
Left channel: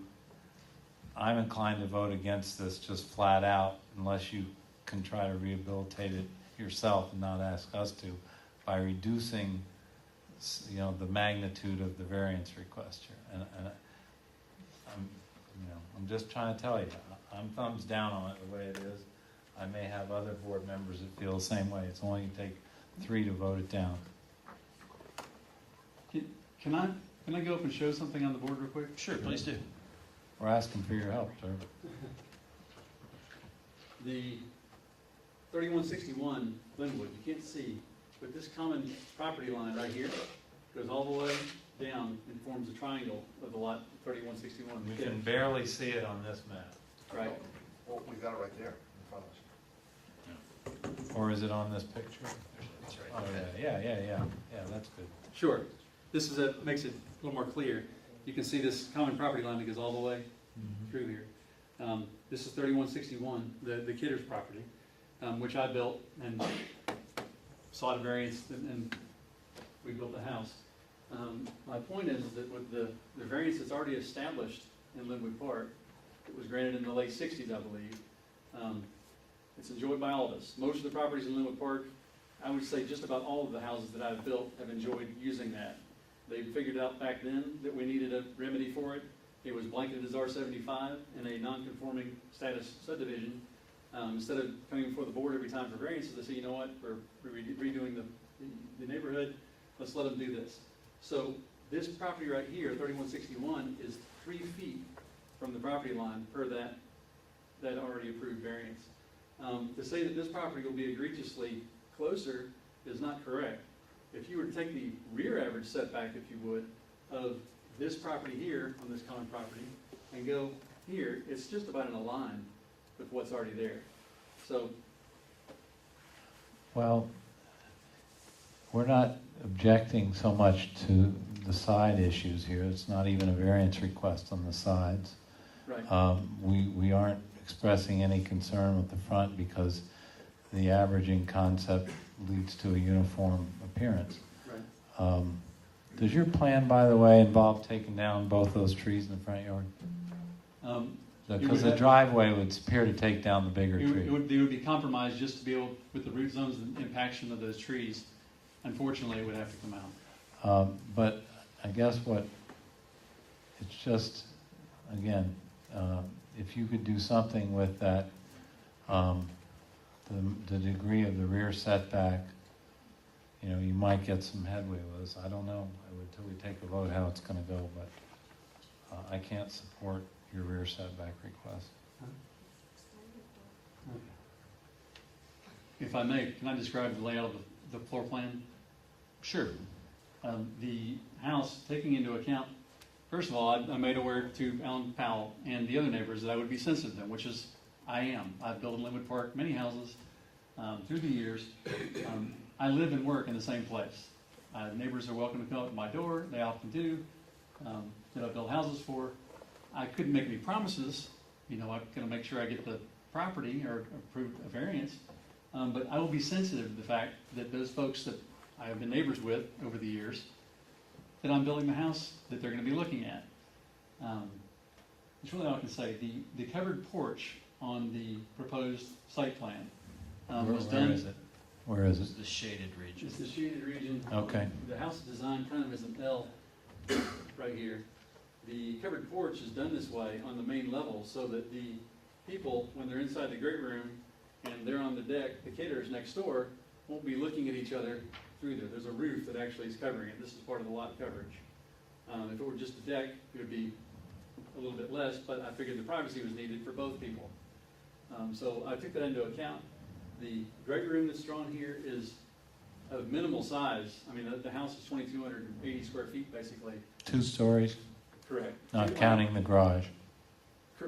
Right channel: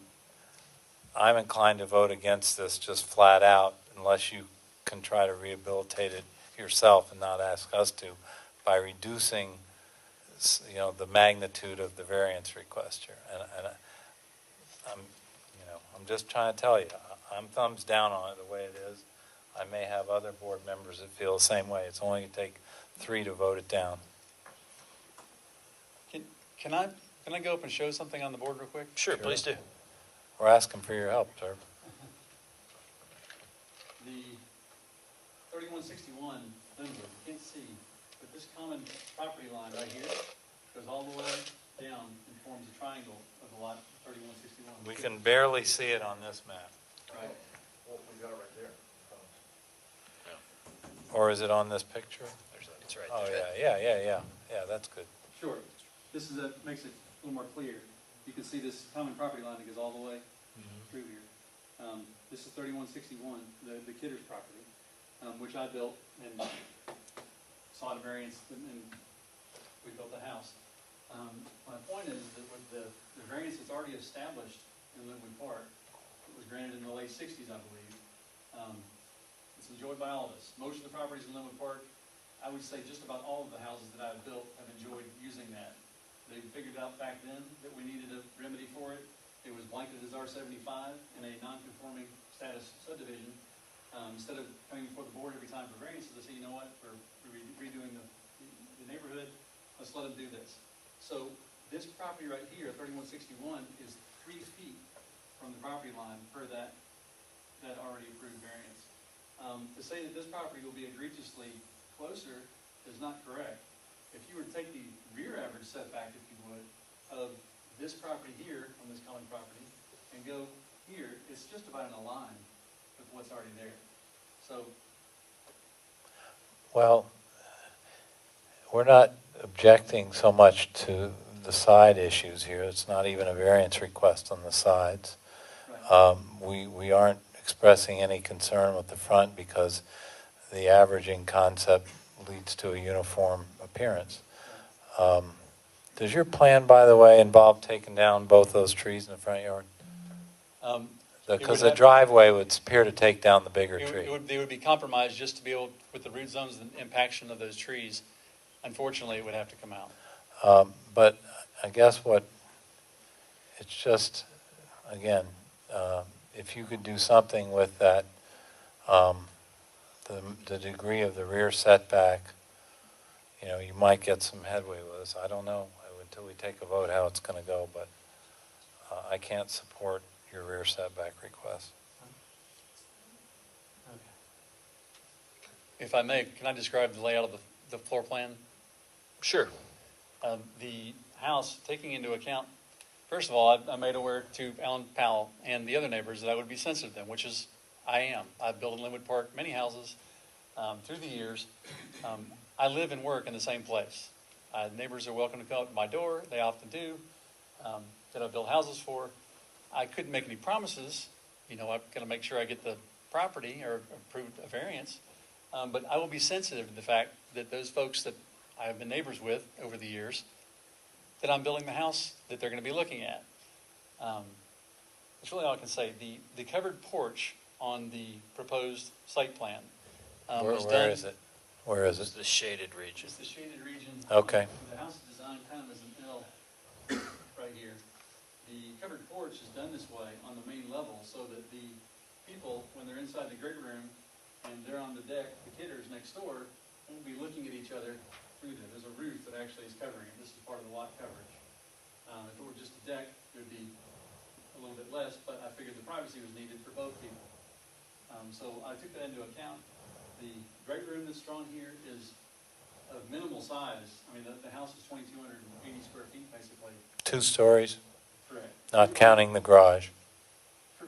I'm inclined to vote against this just flat out unless you can try to rehabilitate it yourself and not ask us to by reducing the magnitude of the variance request here. And I'm just trying to tell you, I'm thumbs down on it the way it is. I may have other board members that feel the same way. It's only going to take 3 to vote it down. Can I go up and show something on the board real quick? Sure, please do. We're asking for your help, sir. The 3161 Linwood, you can't see, but this common property line right here goes all the way down and forms a triangle of the lot 3161. We can barely see it on this map. Right. Well, we got it right there in front of us. Or is it on this picture? It's right Oh, there. yeah, that's good. Sure. This makes it a little more clear. You can see this common property line that goes all the way through here. This is 3161, the Kidder's property, which I built and sought a variance, and we built the house. My point is that with the variance that's already established in Linwood Park, it was granted in the late 60s, I believe. It's enjoyed by all of us. Most of the properties in Linwood Park, I would say just about all of the houses that I've built have enjoyed using that. They figured out back then that we needed a remedy for it. It was blanketed as R75 and a non-conforming status subdivision. Instead of coming before the board every time for variances, they say, you know what, we're redoing the neighborhood, let's let them do this. So this property right here, 3161, is 3 feet from the property line per that already approved variance. To say that this property will be egregiously closer is not correct. If you were to take the rear average setback, if you would, of this property here on this common property and go here, it's just about in a line with what's already there. So, Well, we're not objecting so much to the side issues here. It's not even a variance request on the sides. right. We aren't expressing any concern with the front because the averaging concept leads to a uniform appearance. Does your plan, by the way, involve taking down both those trees in the front yard? It Because would the have- driveway would appear to take down the bigger It tree. would, they would be compromised just to be able, with the root zones and impaction of those trees. Unfortunately, it would have to come out. But I guess it's just, again, if you could do something with that, the degree of the rear setback, you might get some headway with us. I don't know until we take a vote how it's going to go, but I can't support your rear setback request. If I may, can I describe the layout of the floor plan? Sure. The house, taking into account, first of all, I made aware to Alan Powell and the other neighbors that I would be sensitive to them, which is, I am. I've built in Linwood Park many houses through the years. I live and work in the same place. Neighbors are welcome to come up to my door. They often do. That I've built houses for. I couldn't make any promises. I've got to make sure I get the property or approved a variance. But I will be sensitive to the fact that those folks that I have been neighbors with over the years, that I'm building the house that they're going to be looking at. That's really all I can say. The covered porch on the proposed site plan was done. Where is it? Where is It's it? the shaded region. It's the shaded region. Okay. The house is designed kind of as an L right here. The covered porch is done this way on the main level so that the people, when they're inside the great room and they're on the deck, the caterers next door won't be looking at each other through there. There's a roof that actually is covering it. This is part of the lot coverage. If it were just a deck, it would be a little bit less, but I figured the privacy was needed for both people. So I took that into account. The great room that's drawn here is of minimal size. I mean, the house is 2,280 square feet, basically. 2 stories, Correct. not counting the garage.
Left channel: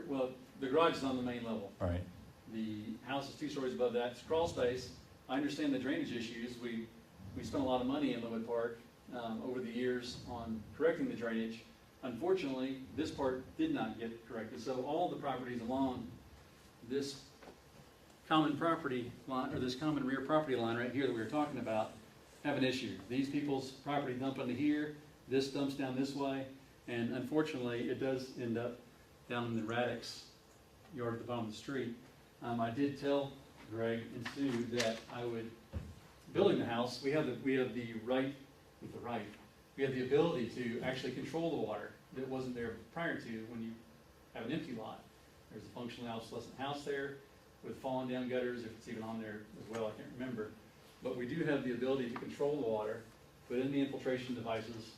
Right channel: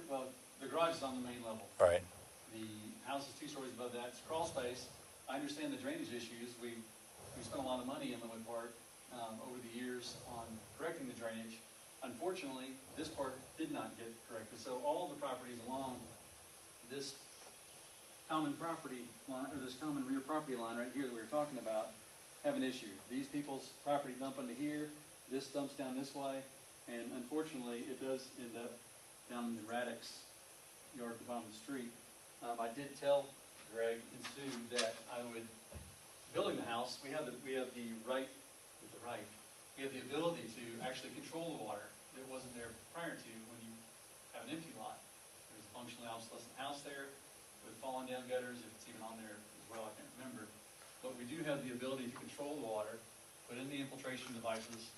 Well, the garage is on the main level. Right. The house is 2 stories above that. It's crawl space. I understand the drainage issues. We spent a lot of money in Linwood Park over the years on correcting the drainage. Unfortunately, this part did not get corrected. So all the properties along this common property line, or this common rear property line right here that we were talking about, have an issue. These people's property dump into here, this dumps down this way, and unfortunately, it does end up down in the Radix yard at the bottom of the street. I did tell Greg and Sue that I would, building the house, we have the right, we have the ability to actually control the water that wasn't there prior to when you have an empty lot. There's a functionally obsolescent house there with fallen down gutters, if it's even on there as well, I can't remember. But we do have the ability to control the water, put in the infiltration devices,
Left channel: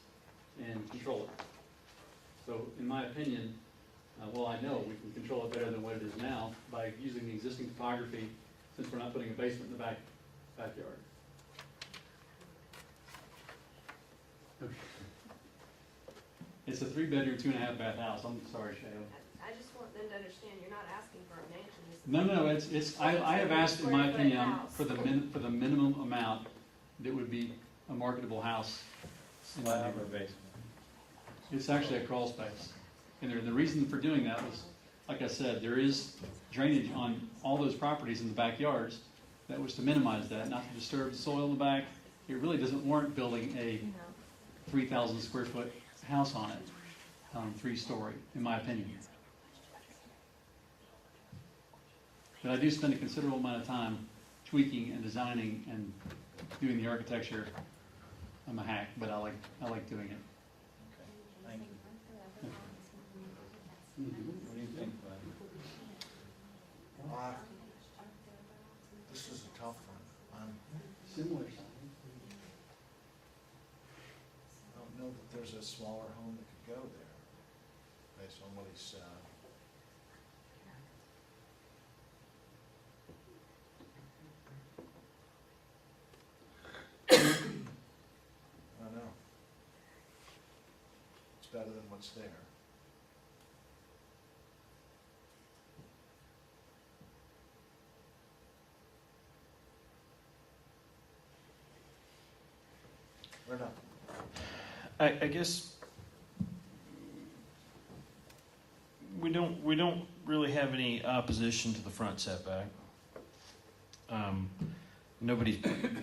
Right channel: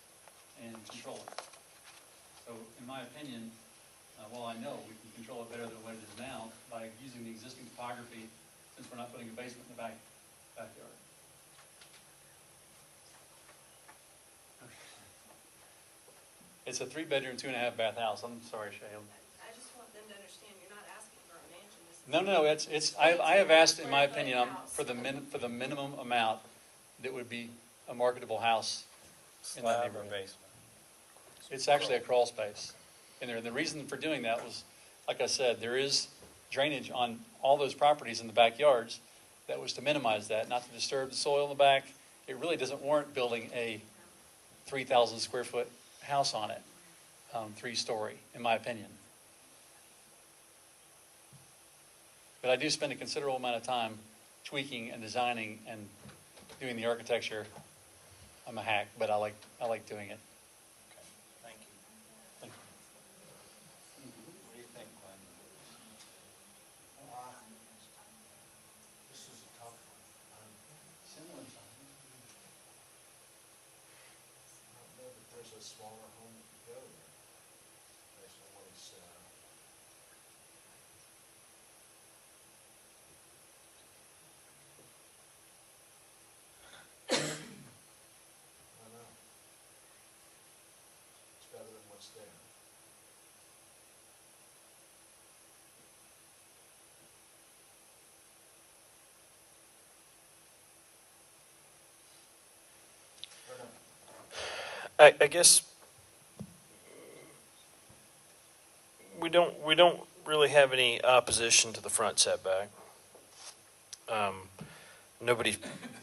and control it. So in my opinion, I know we can control it better than what it is now by using the existing topography, since we're not putting a basement in the backyard. It's a 3-bedroom, 2.5-bath house. I'm sorry, Shayla. I just want them to understand you're not asking for a mansion. This is- No, it's, I have asked, in my opinion, for the minimum amount that would be a marketable house in that Slab or neighborhood. basement? It's actually a crawl space. And the reason for doing that was, like I said, there is drainage on all those properties in the backyards. That was to minimize that, not to disturb the soil in the back. It really doesn't warrant building a 3,000 square foot house on it, 3-story, in my opinion. But I do spend a considerable amount of time tweaking and designing and doing the architecture. I'm a hack, but I like doing it. Thank you. What do you think, Glenn? This is a tough one. Similar. I don't know that there's a smaller home that could go there, based on what he's said. I don't know. It's better than what's there. or not? I guess we don't really have any opposition to the front setback. Nobody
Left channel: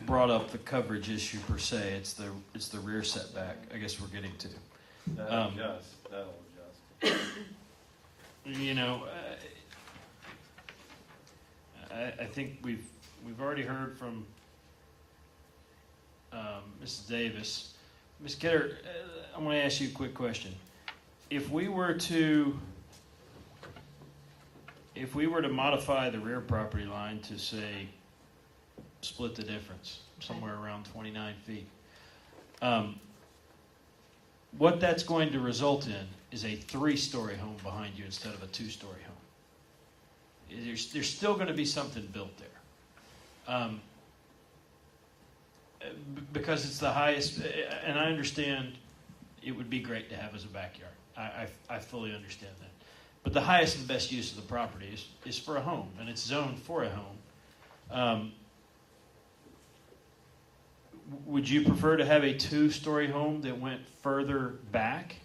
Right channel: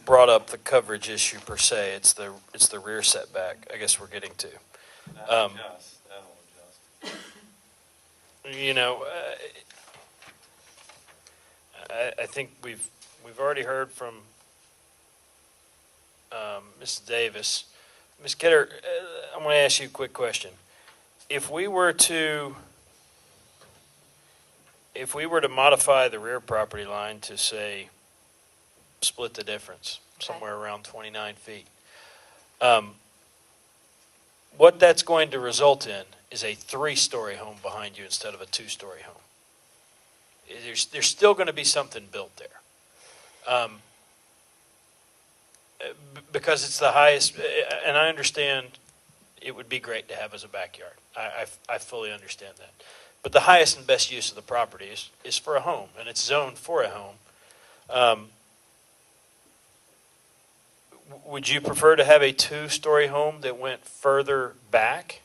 brought up the coverage issue per se. It's the rear setback, I guess we're getting to. That'll adjust. You know, I think we've already heard from Mrs. Davis. Ms. Kidder, I want to ask you a quick question. If we were to modify the rear property line to say split the difference somewhere around 29 feet, what that's going to result in is a 3-story home behind you instead of a 2-story home. There's still going to be something built there. Because it's the highest, and I understand it would be great to have as a backyard. I fully understand that. But the highest and best use of the property is for a home, and it's zoned for a home. Would you prefer to have a 2-story home that went further back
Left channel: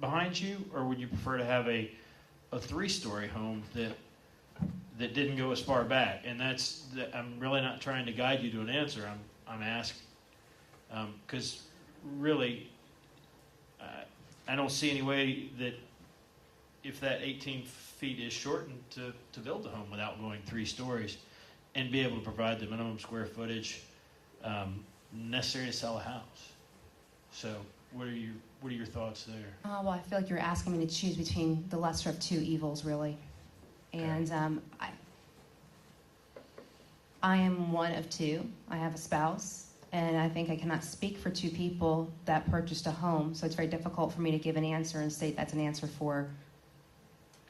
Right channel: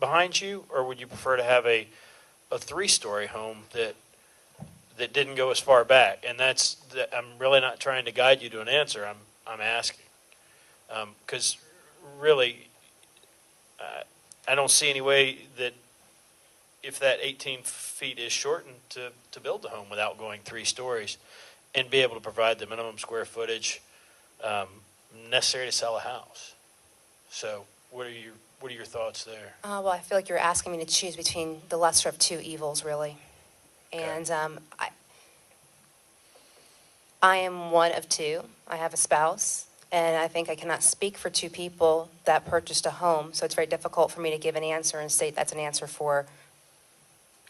behind you, or would you prefer to have a 3-story home that didn't go as far back? And I'm really not trying to guide you to an answer. I'm asking because really, I don't see any way that if that 18 feet is shortened to build the home without going 3 stories and be able to provide the minimum square footage necessary to sell a house. So what are your thoughts there? Well, I feel like you're asking me to choose between the lesser of two evils, really. And I am one of two. I have a spouse, and I think I cannot speak for two people that purchased a home, so it's very difficult for me to give an answer and say that's an answer for,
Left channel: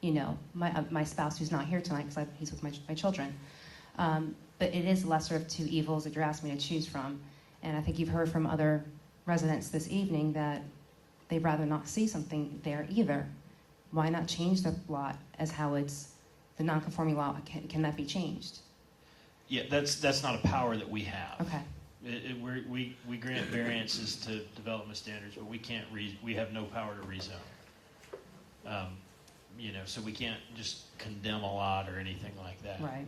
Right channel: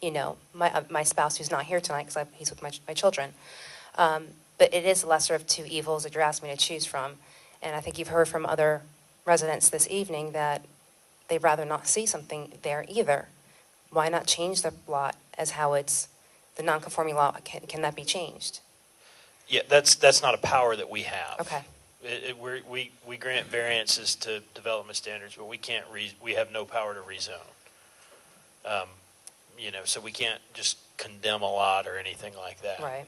you know, my spouse who's not here tonight because he's with my children. But it is the lesser of two evils that you're asking me to choose from, and I think you've heard from other residents this evening that they'd rather not see something there either. Why not change the lot as how it's the non-conforming lot? Can that be changed? Yeah, that's not a power that we have. Okay. We grant variances to development standards, but we have no power to rezone. You know, so we can't just condemn a lot or anything like that. Right.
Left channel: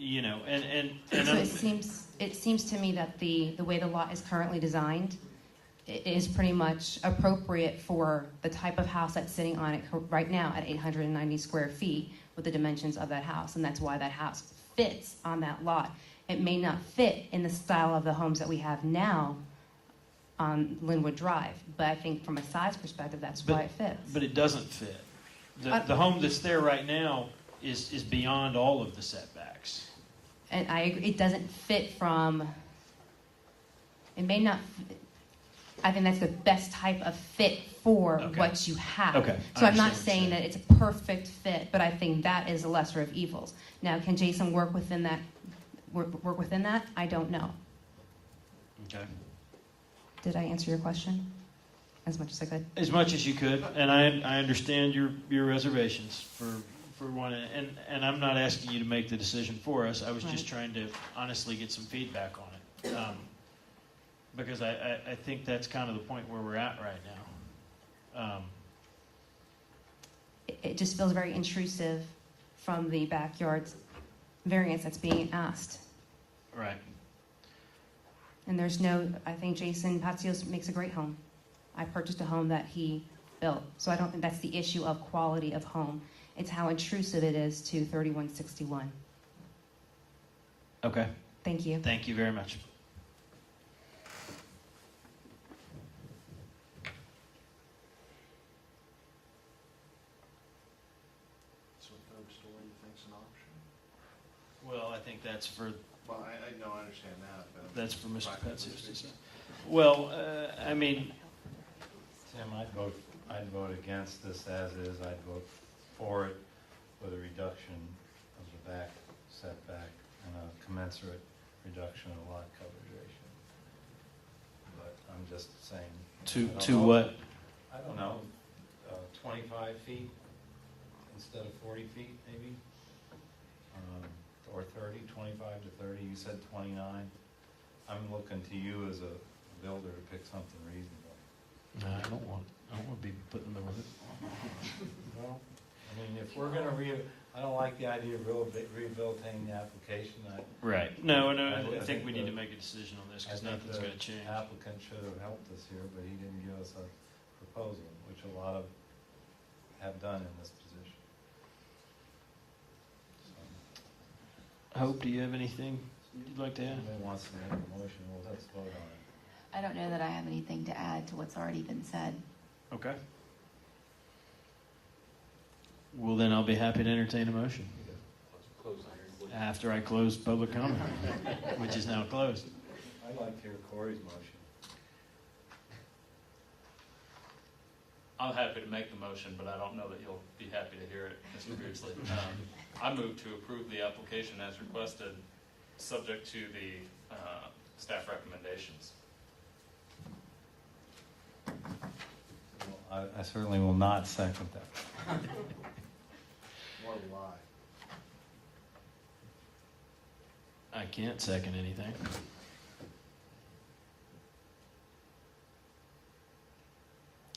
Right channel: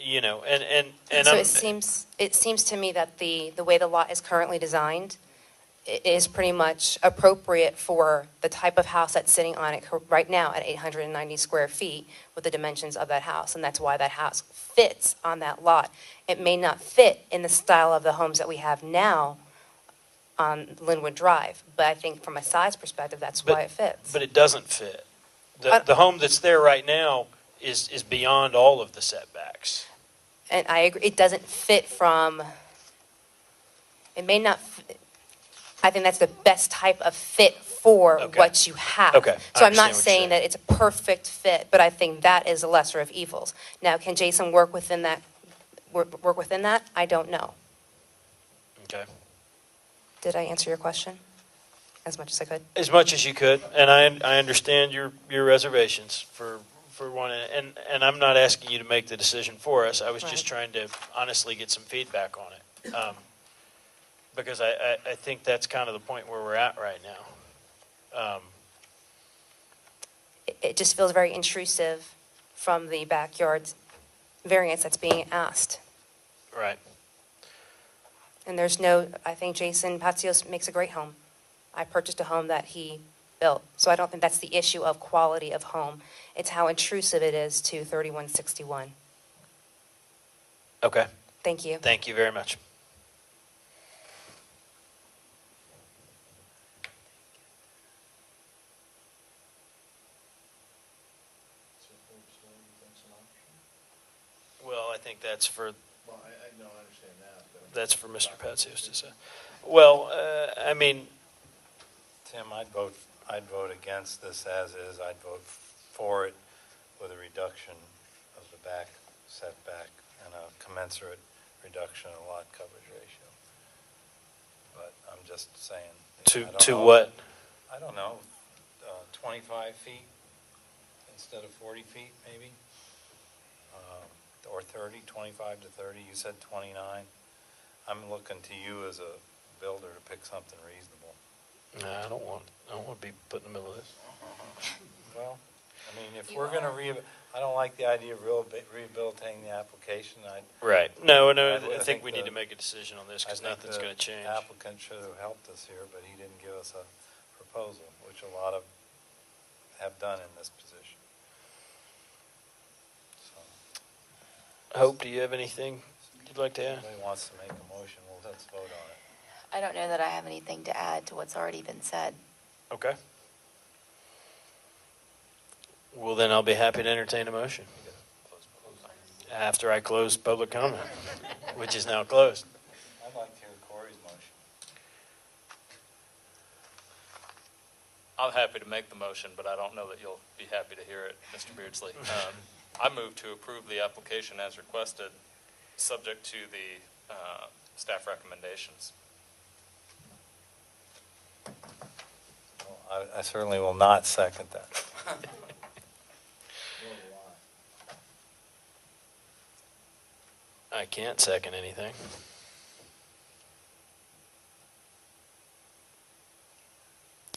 You know, and so it seems to me that the way the lot is currently designed is pretty much appropriate for the type of house that's sitting on it right now at 890 square feet with the dimensions of that house, and that's why that house fits on that lot. It may not fit in the style of the homes that we have now on Linwood Drive, but I think from a size perspective, that's why it fits. But it doesn't fit. The home that's there right now is beyond all of the setbacks. And I agree, it doesn't fit from, it may not, I think that's the best type of fit for what you have. Okay. So I'm not saying that it's a perfect fit, but I think that is the lesser of evils. Now, can Jason work within that? Work within that? I don't know. Okay. Did I answer your question as much as I could? As much as you could, and I understand your reservations for one, and I'm not asking you to make the decision for us. I was just trying to honestly get some feedback on it, because I think that's kind of the point where we're at right now. It just feels very intrusive from the backyard variance that's being asked. Right. And there's no, I think Jason Patsios makes a great home. I purchased a home that he built. So I don't think that's the issue of quality of home. It's how intrusive it is to 3161. Okay. Thank you. Thank you very much. So third story, you think's an option? Well, I think that's for Well, I know, I understand that. but- that's for Mr. Patsios to say. Well, I mean, Tim, I'd vote against this as is. I'd vote for it with a reduction of the back setback and a commensurate reduction in lot coverage ratio. But I'm just saying. I don't to know. what? I don't know, 25 feet instead of 40 feet, maybe? Or 30, 25 to 30, you said 29. I'm looking to you as a builder to pick something reasonable. No, I don't want to be put in the middle of this. Well, I mean, if we're gonna I don't like the idea of rehabilitating the application. Right. No, I I think we the- need to make a decision on this because I think nothing's the going to change. Applicant should have helped us here, but he didn't give us a proposal, which a lot of have done in this position. So, Hope, do you have anything you'd like to add? if anybody wants to make a motion, let's vote on it. I don't know that I have anything to add to what's already been said. Okay. Well, then I'll be happy to entertain a motion after I close public comment, which is now closed. I'd like to hear Corey's motion. I'm happy to make the motion, but I don't know that you'll be happy to hear it, Mr. Beardsley. I move to approve the application as requested, subject to the staff recommendations. Well, I certainly will not second that. What a lie. I can't second anything.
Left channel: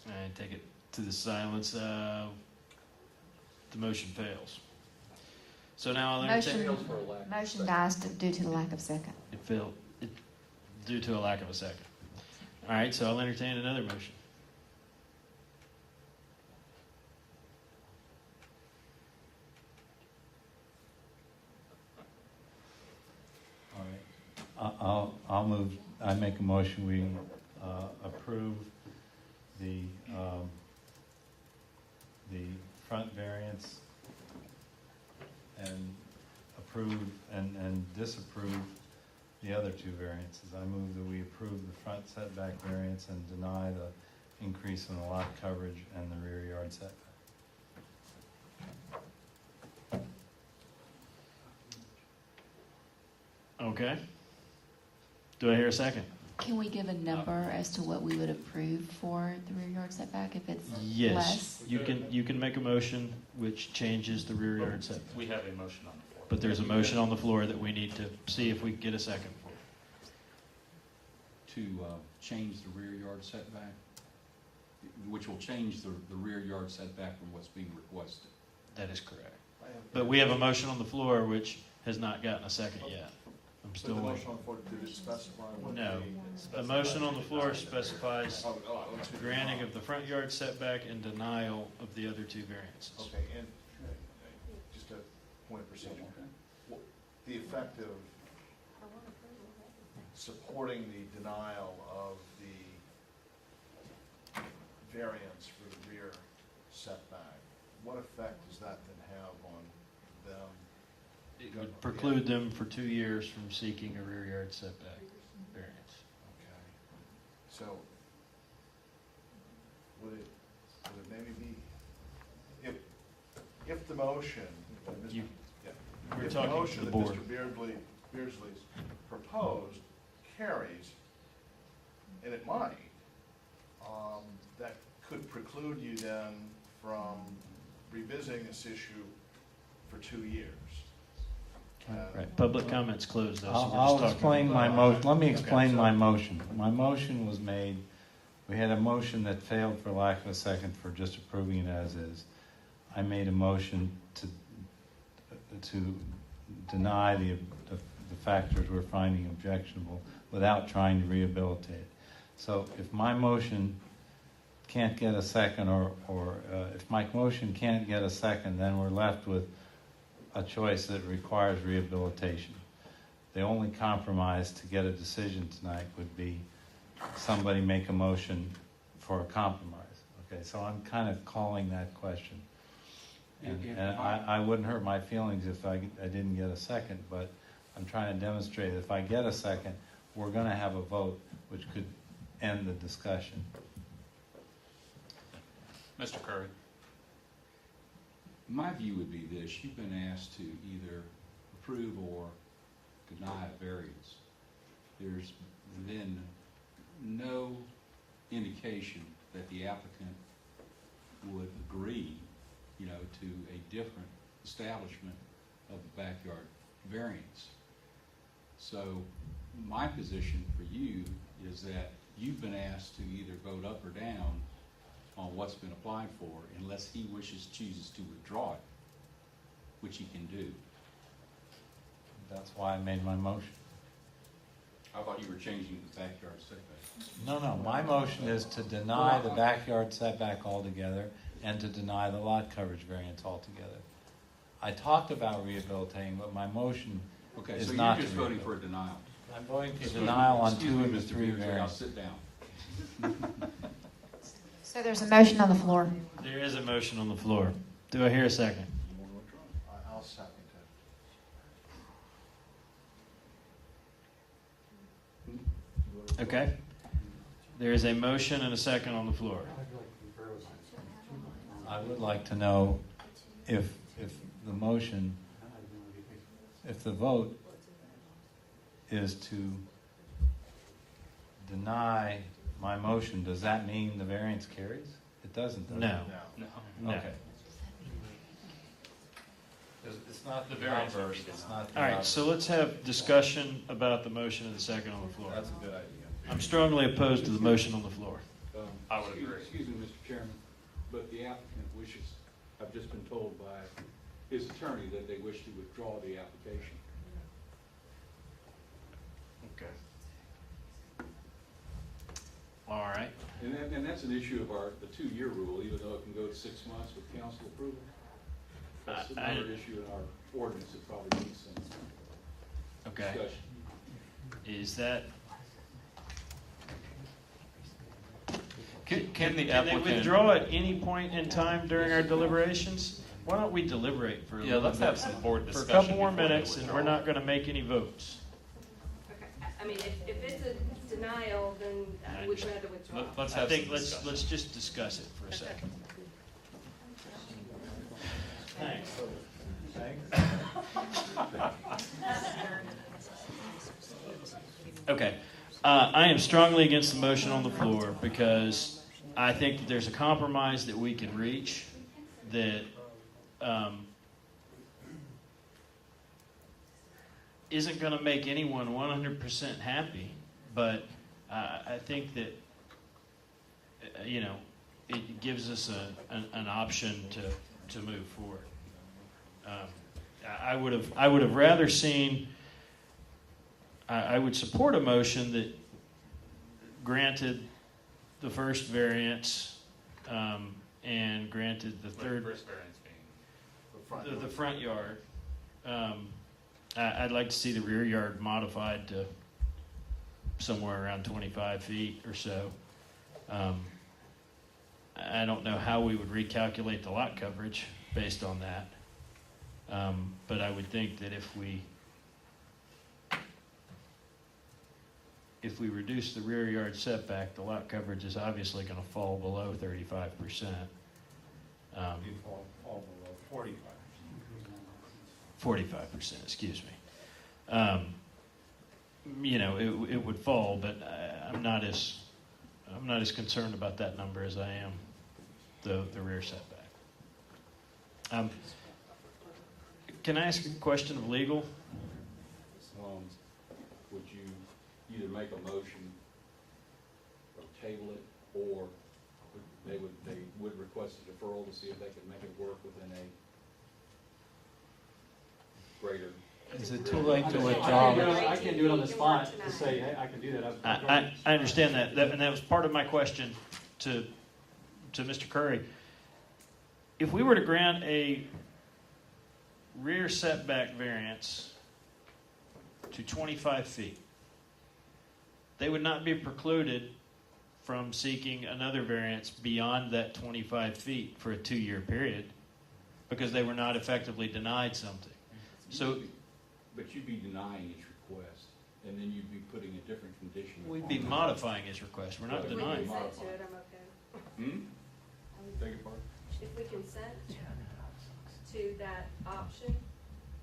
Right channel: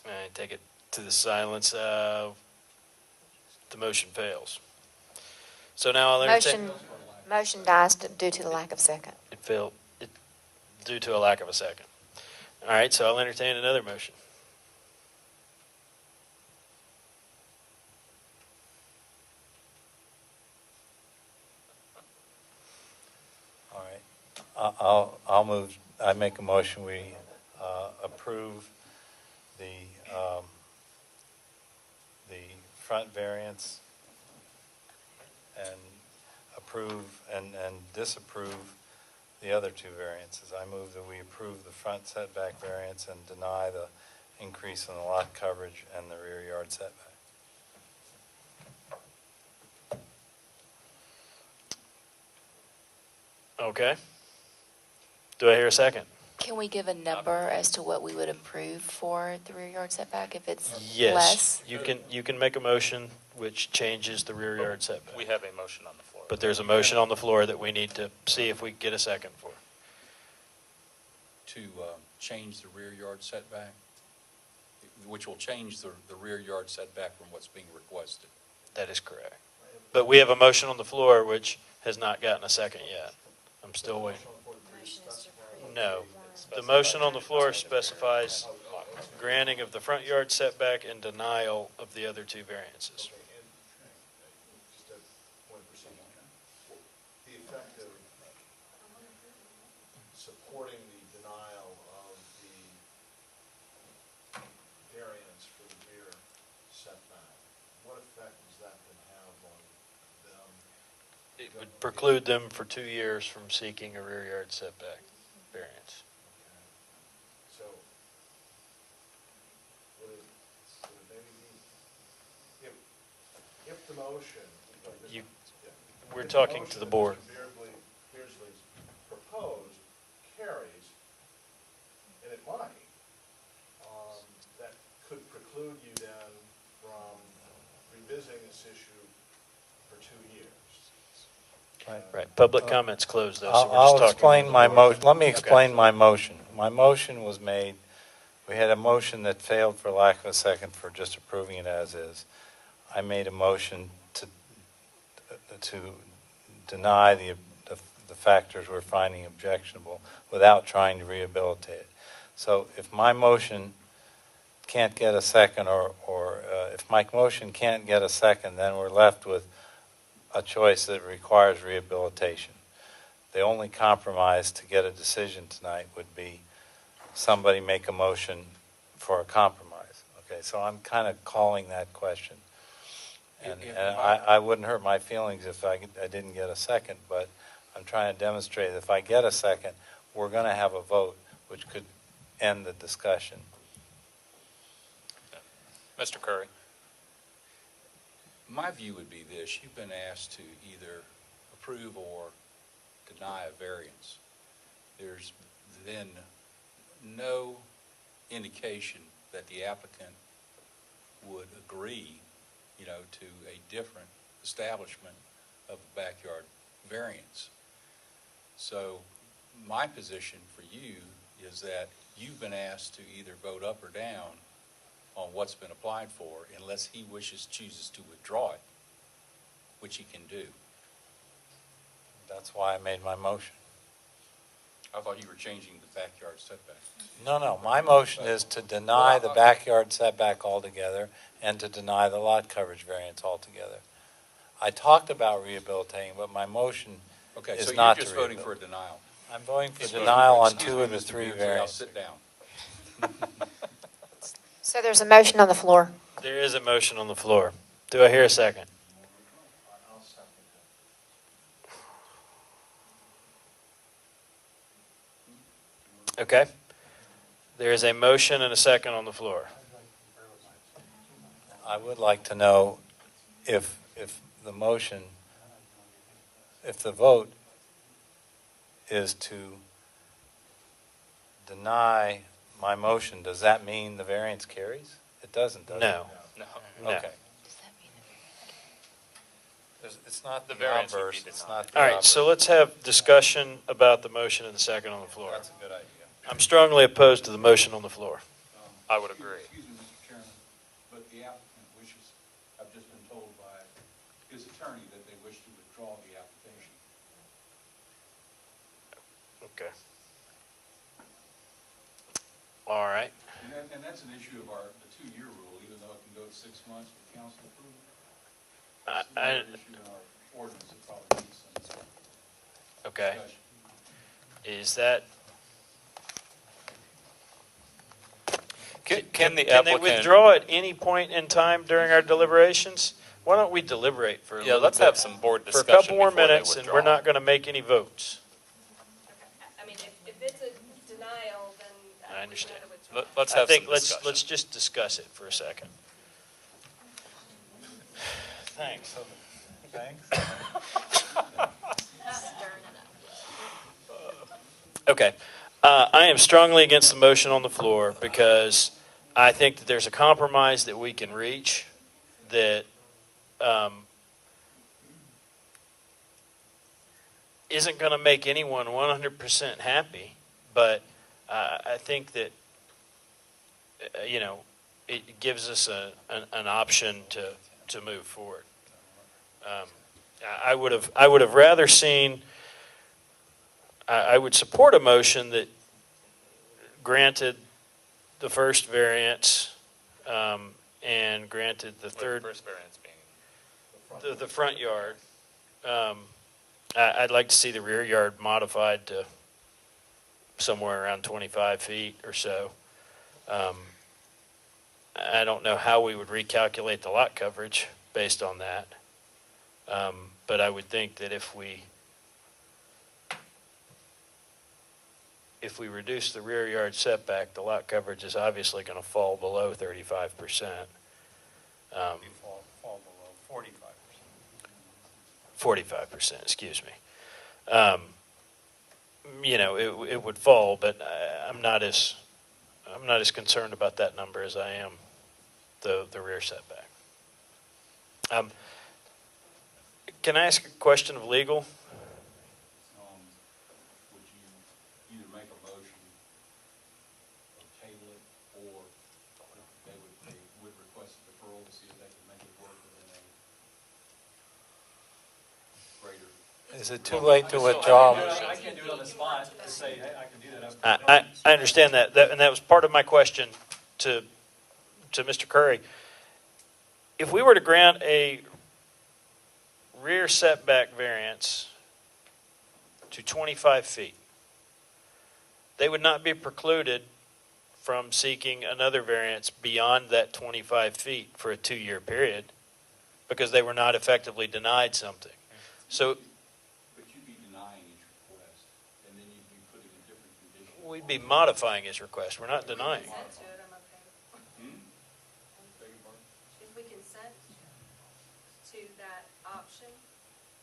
I take it to the silence. The motion fails. So now I'll entertain. Motion dies due to the lack of second. It failed due to a lack of a second. All right, so I'll entertain another motion. All right. I make a motion, we approve the front variance and approve and disapprove the other two variances. I move that we approve the front setback variance and deny the increase in the lot coverage and the rear yard setback. Okay. Do I hear a second? Can we give a number as to what we would approve for the rear yard setback if it's Yes. less? You can make a motion which changes the rear yard setback. We have a motion on the floor. But there's a motion on the floor that we need to see if we can get a second for. To change the rear yard setback, which will change the rear yard setback from what's being requested. That is correct. But we have a motion on the floor which has not gotten a second yet. I'm still The waiting. motion on the floor to specify what No. the- The motion on the floor specifies granting of the front yard setback and denial of the other two variances. Okay, and just a point of procedure. The effect of supporting the denial of the variance for the rear setback, what effect does that then have on them? It would preclude them for 2 years from seeking a rear yard setback variance. Okay. So, would it maybe be, if the motion. You- yeah, we're if talking to motion the that board. Mr. Beardsley's proposed carries, and it might, that could preclude you then from revisiting this issue for 2 years. Right, public comments closed though, so we're I'll just talking. explain my motion. Let me explain Okay. my motion. My motion was made, we had a motion that failed for lack of a second for just approving it as is. I made a motion to deny the factors we're finding objectionable without trying to rehabilitate it. So if my motion can't get a second, or if my motion can't get a second, then we're left with a choice that requires rehabilitation. The only compromise to get a decision tonight would be somebody make a motion for a compromise. Okay, so I'm kind of calling that question. And I wouldn't hurt my feelings if I didn't get a second, but I'm trying to demonstrate that if I get a second, we're going to have a vote which could end the discussion. Mr. Curry? My view would be this: you've been asked to either approve or deny a variance. There's then no indication that the applicant would agree, to a different establishment of the backyard variance. So my position for you is that you've been asked to either vote up or down on what's been applied for unless he chooses to withdraw it, which he can do. That's why I made my motion. I thought you were changing the backyard setback. No, my motion is to deny the backyard setback altogether and to deny the lot coverage variance altogether. I talked about rehabilitating, but my motion Okay, is so not you're to just voting for a rehabilitate. denial. I'm voting for Excuse denial me, on excuse 2 me, of the Mr. 3 Beardsley, I'll variants. sit down. So there's a motion on the floor. There is a motion on the floor. Do I hear a second? I'll second it. Okay. There is a motion and a second on the floor. I would like to know if the motion, if the vote is to deny my motion, does that mean the variance carries? It doesn't, does it? No. No. No. Okay. It's not The variance would be outburst, it's denied. not the All right, outburst. so let's have discussion about the motion and the second on the floor. That's a good idea. I'm strongly opposed to the motion on the floor. I would agree. Excuse me, Mr. Chairman, but the applicant wishes, I've just been told by his attorney that they wish to withdraw the application. Okay. All right. And that's an issue of the 2-year rule, even though it can go 6 months with council approval. That's another issue in our ordinance that probably needs some Okay. discussion. Is that? Can the Can they applicant? withdraw at any point in time during our deliberations? Why don't we deliberate for a Yeah, little let's bit? have some board For a discussion couple more before they minutes, and withdraw. we're not going to make any votes. I mean, if it's a denial, then I we can understand. either withdraw. Let's I have think some let's discussion. let's just discuss it for a second. Thanks. Okay. I am strongly against the motion on the floor because I think that there's a compromise that we can reach that isn't going to make anyone 100% happy, but I think that, it gives us an option to move forward. I would have rather seen. I would support a motion that granted the first variance and granted the third, First variance being. the front yard. I'd like to see the rear yard modified to somewhere around 25 feet or so. I don't know how we would recalculate the lot coverage based on that. But I would think that if we reduce the rear yard setback, the lot coverage is obviously going to fall below 35%. You fall below 45%. 45%, excuse me. It would fall, but I'm not as concerned about that number as I am the rear setback. Can I ask a question of legal? Would you either make a motion or table it, or they would request a deferral to see if they could make it work within a greater? Is it too late to withdraw? I can't do it on the spot to say, hey, I can do that. I understand that, and that was part of my question to Mr. Curry. If we were to grant a rear setback variance to 25 feet, they would not be precluded from seeking another variance beyond that 25 feet for a 2-year period because they were not effectively denied something. So But you'd be denying his request, and then you'd be putting a different condition. we'd be modifying his request. We're not denying. If we consent to it, I'm okay. Beg your pardon? If we consent to that option,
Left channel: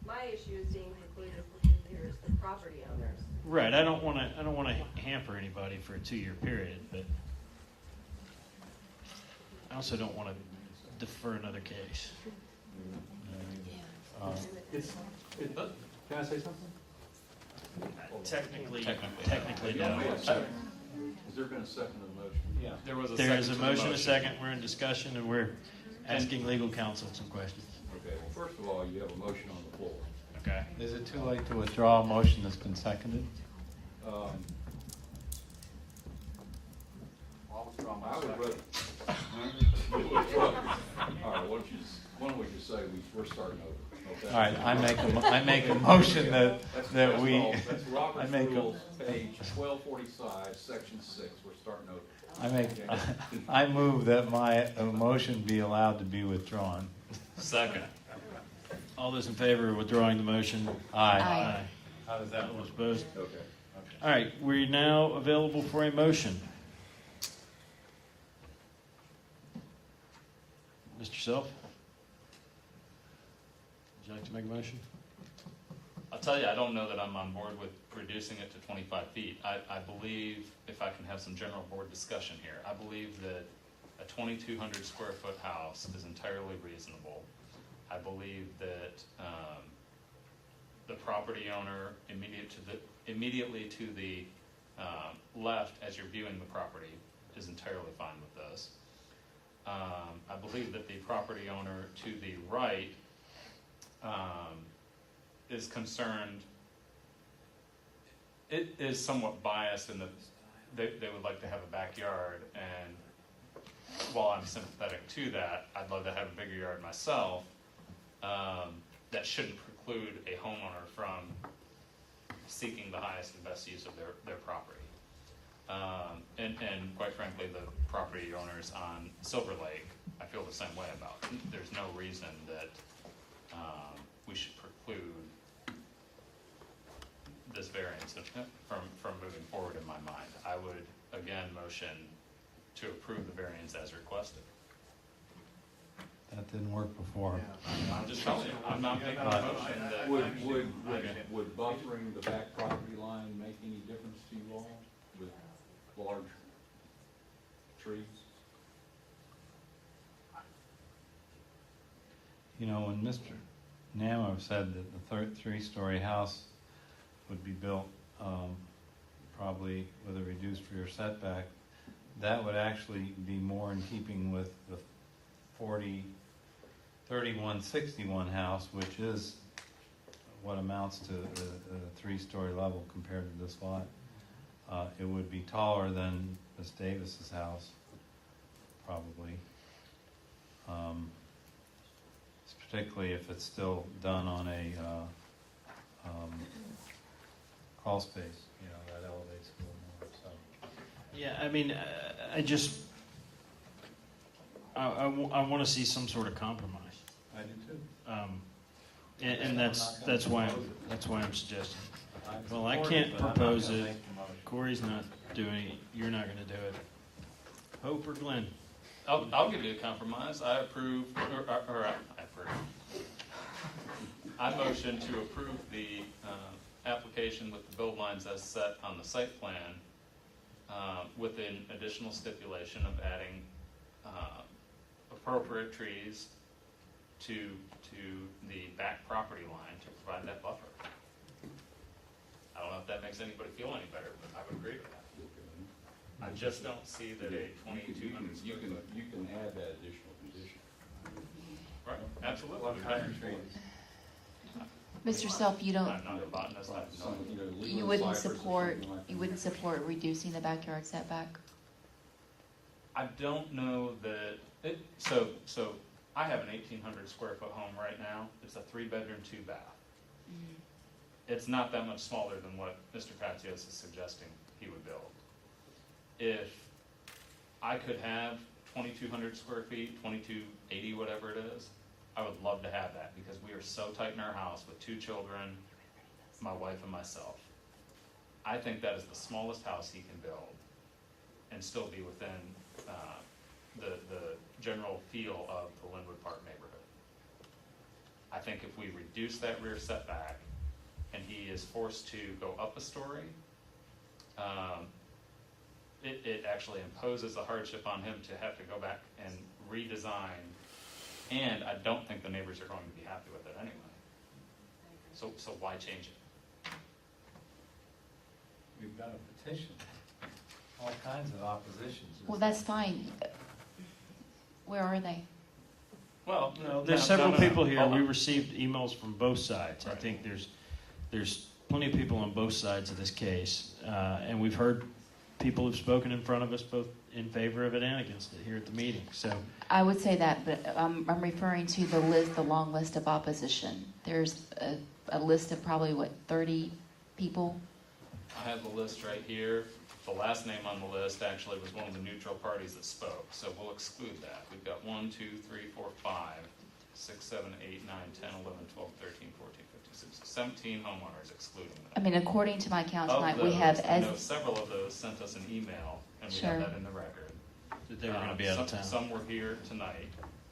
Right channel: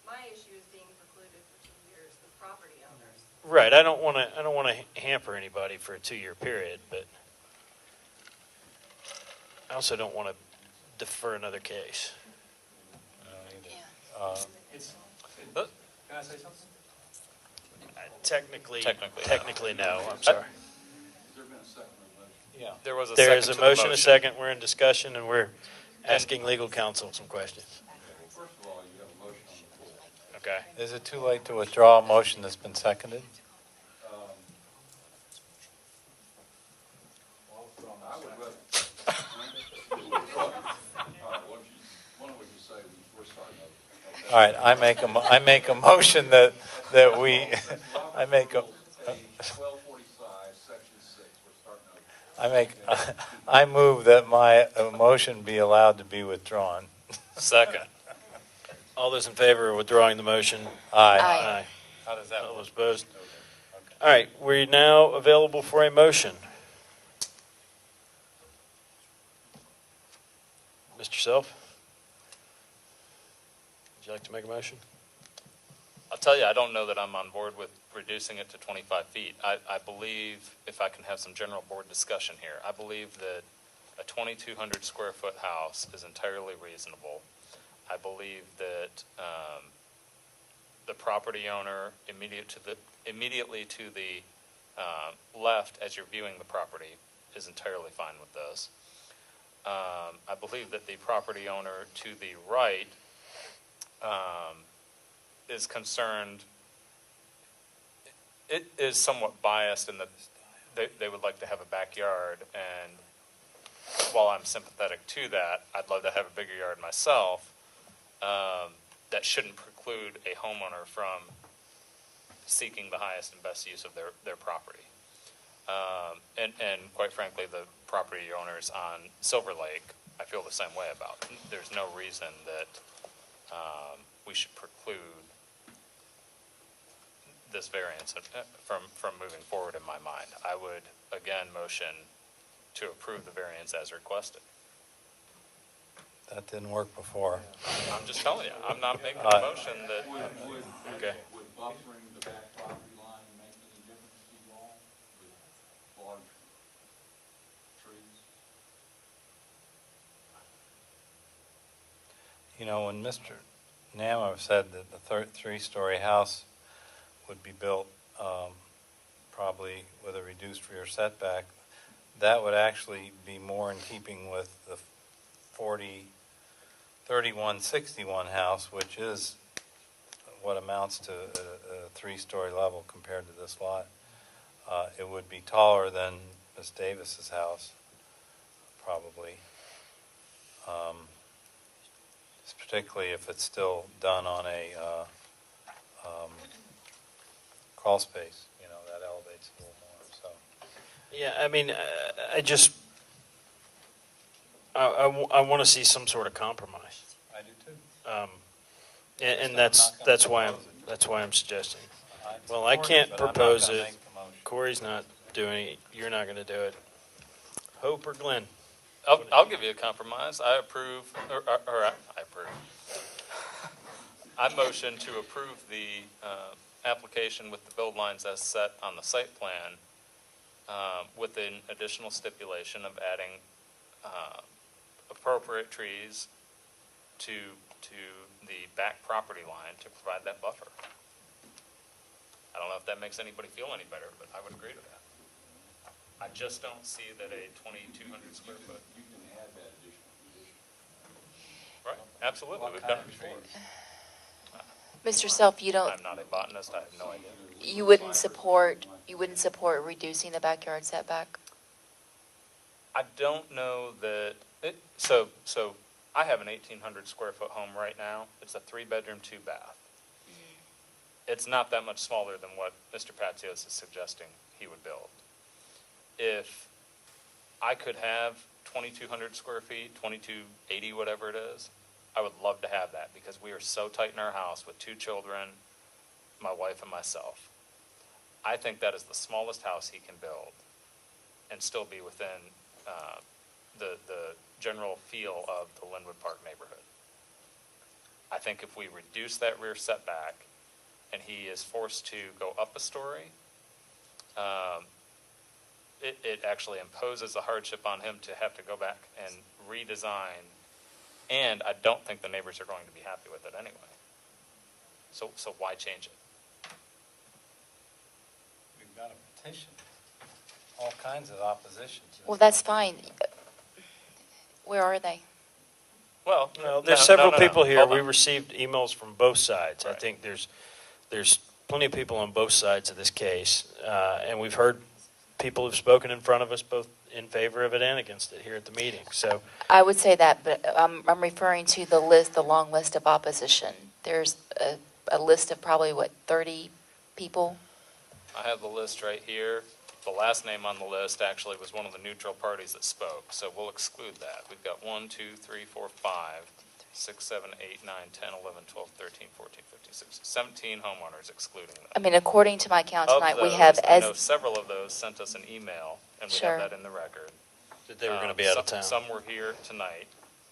my issue is being precluded for 2 years, the property owners. Right. I don't want to hamper anybody for a 2-year period, but I also don't want to defer another case. Can I say something? Technically, no. I'm sorry. Has there been a second motion? Yeah. There was a There second is a to the motion, a second. We're in discussion, and we're asking legal counsel some questions. Okay, well, first of all, you have a motion on the floor. Okay. Is it too late to withdraw a motion that's been seconded? I would rather. All right, why don't we just say we're starting over? Okay? All right, I make a motion that we, I make a, Page 1245, section 6, we're starting over. I move that my motion be allowed to be withdrawn. Second. All those in favor of withdrawing the motion? Aye. Aye. How does that? All those opposed? All right, we're now available for a motion. Mr. Self? Would you like to make a motion? I'll tell you, I don't know that I'm on board with reducing it to 25 feet. I believe, if I can have some general board discussion here, I believe that a 2,200 square foot house is entirely reasonable. I believe that the property owner immediately to the left as you're viewing the property is entirely fine with this. I believe that the property owner to the right is concerned, it is somewhat biased in that they would like to have a backyard, and while I'm sympathetic to that, I'd love to have a bigger yard myself. That shouldn't preclude a homeowner from seeking the highest and best use of their property. And quite frankly, the property owners on Silver Lake, I feel the same way about. There's no reason that we should preclude this variance from moving forward in my mind. I would, again, motion to approve the variance as requested. That didn't work before. I'm just telling you, I'm not making a motion that. Would buffering the back property line make any difference to you all with large trees? You know, when Mr. Namo said that the three-story house would be built probably with a reduced rear setback, that would actually be more in keeping with the 3161 house, which is what amounts to a three-story level compared to this lot. It would be taller than Ms. Davis's house, probably. Particularly if it's still done on a crawl space, you know, that elevates a little more, so. Yeah, I mean, I want to see some sort of compromise. I do too. And that's why I'm suggesting. Well, I can't propose it. Corey's not doing it. You're not going to do it. Hope or Glenn? I'll give you a compromise. I approve, or I approve. I motion to approve the application with the build lines as set on the site plan, with an additional stipulation of adding appropriate trees to the back property line to provide that buffer. I don't know if that makes anybody feel any better, but I would agree to that. I just don't see that a 2,200 square foot. You can add that additional condition. Right, absolutely. We've done it before. Mr. Self, you don't, I'm not a botanist, I have no idea. you wouldn't support reducing the backyard setback? I don't know that, so I have an 1,800 square foot home right now. It's a 3-bedroom, 2-bath. It's not that much smaller than what Mr. Patsios is suggesting he would build. If I could have 2,200 square feet, 2,280, whatever it is, I would love to have that because we are so tight in our house with 2 children, my wife and myself. I think that is the smallest house he can build and still be within the general feel of the Linwood Park neighborhood. I think if we reduce that rear setback and he is forced to go up a story, it actually imposes a hardship on him to have to go back and redesign, and I don't think the neighbors are going to be happy with it anyway. So why change it? we've got a petition, all kinds of oppositions. Well, that's fine. Where are they? Well, No, there's no, several no, no, no. people here. Hold We on. received emails from both sides. I Right. think there's plenty of people on both sides of this case, and we've heard people have spoken in front of us, both in favor of it and against it here at the meeting. So, I would say that, but I'm referring to the list, the long list of opposition. There's a list of probably, 30 people? I have the list right here. The last name on the list actually was one of the neutral parties that spoke, so we'll exclude that. We've got 1, 2, 3, 4, 5, 6, 7, 8, 9, 10, 11, 12, 13, 14, 15, 16, 17 homeowners excluding them. I mean, according to my count Of tonight, we those, have I know as, several of those sent us an email, and we Sure. have that in the record. that they were going to be out of town. Some were here tonight.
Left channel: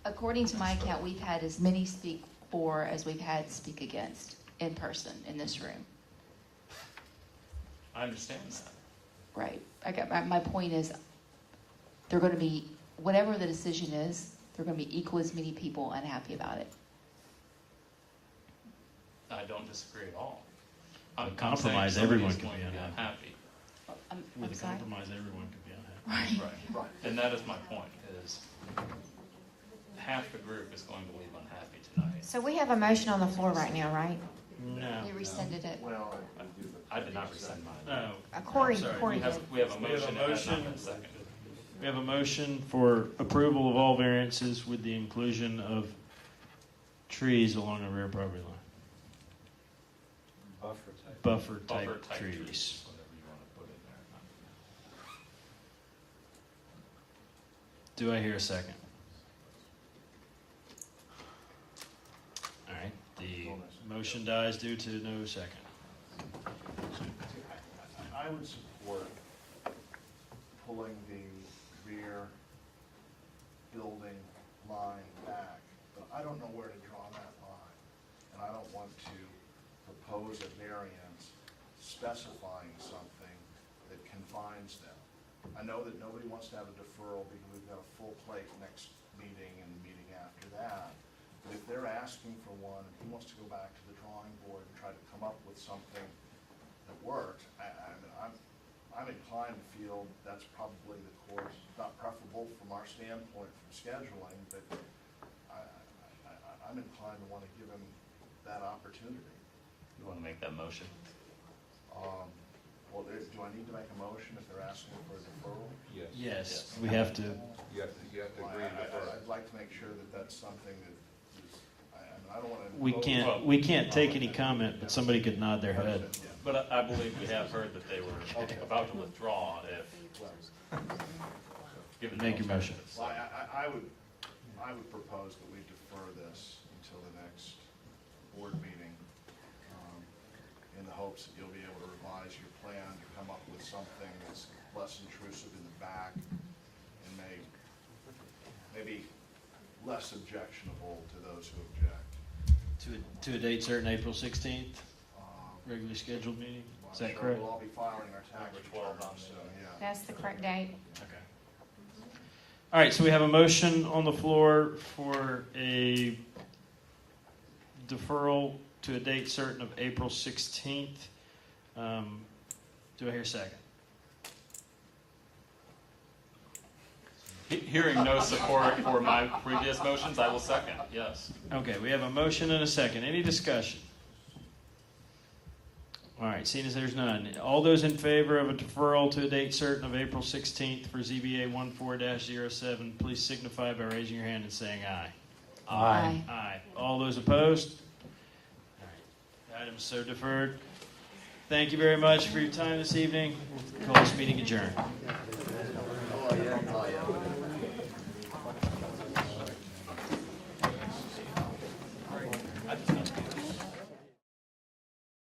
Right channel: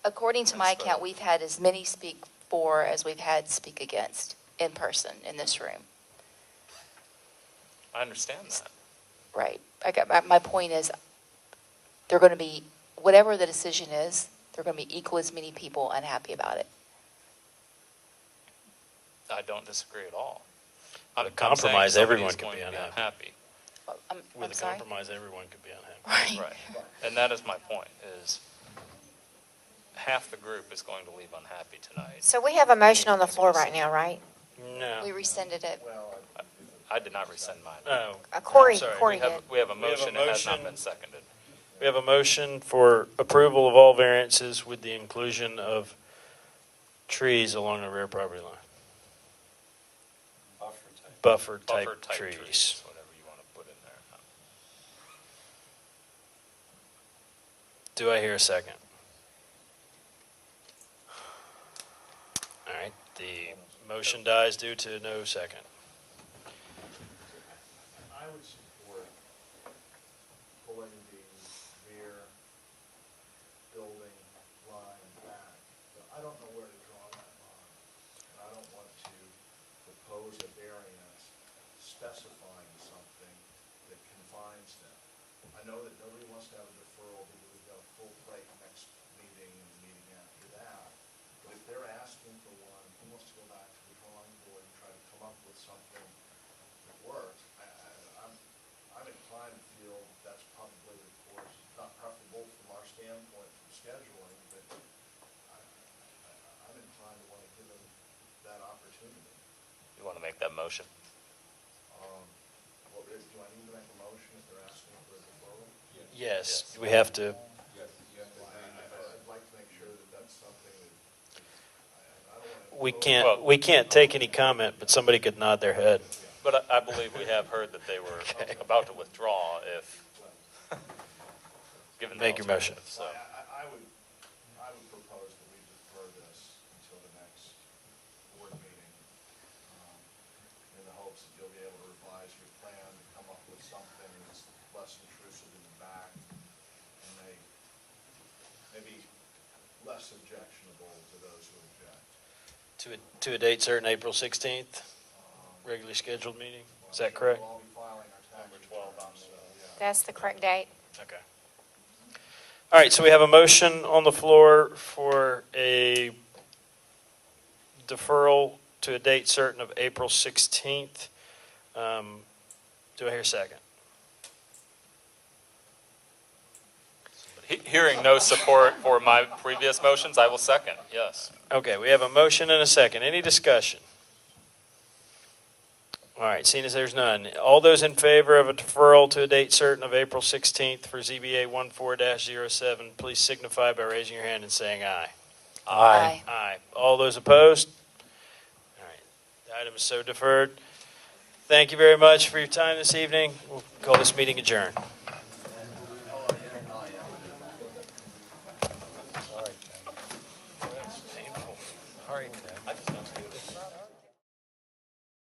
according to my count, we've had as many speak for as we've had speak against in person in this room. I understand that. Right. My point is, they're going to be, whatever the decision is, there are going to be equal as many people unhappy about it. I don't disagree at all. With a I'm saying compromise, somebody everyone is can going be to be unhappy. unhappy. I'm With a sorry? compromise, everyone could be unhappy. Right. Right. And that is my point, is half the group is going to leave unhappy tonight. So we have a motion on the floor right now, right? No. We rescinded it. I did not rescind mine. No. Corey, I'm sorry. Corey We have, did. we have a motion, it has not motion. been seconded. We have a motion for approval of all variances with the inclusion of trees along the rear property line. Buffer type trees. Whatever you want to put in there. Do I hear a second? All right, the motion dies due to no second. I would support pulling the rear building line back, but I don't know where to draw that line. And I don't want to propose a variance specifying something that confines them. I know that nobody wants to have a deferral because we've got a full plate next meeting and the meeting after that. But if they're asking for one, who wants to go back to the drawing board and try to come up with something that works? I'm inclined to feel that's probably the course, not preferable from our standpoint from scheduling, but I'm inclined to want to give them that opportunity. You want to make that motion? Well, do I need to make a motion if they're asking for a deferral? Yes, we have to. Well, I'd like to make sure that that's something that, I don't want to. We can't take any comment, but somebody could nod their head. But I believe we have heard that they were about to withdraw if, given the Make your motion. alternative, so. Well, I would propose that we defer this until the next board meeting, in the hopes that you'll be able to revise your plan to come up with something that's less intrusive in the back and maybe less objectionable to those who object. To a date certain, April 16th, regularly scheduled meeting. Is that correct? We'll all be filing our tax returns, so, yeah. That's the correct date. Okay. All right, so we have a motion on the floor for a deferral to a date certain of April 16th. Do I hear a second? Hearing no support for my previous motions, I will second, yes. Okay, we have a motion and a second. Any discussion? All right, seeing as there's none, all those in favor of a deferral to a date certain of April 16th for ZBA 14-07, please signify by raising your hand and saying aye. Aye. Aye. All those opposed? All right, the item is so deferred. Thank you very much for your time this evening. We'll call this meeting adjourned.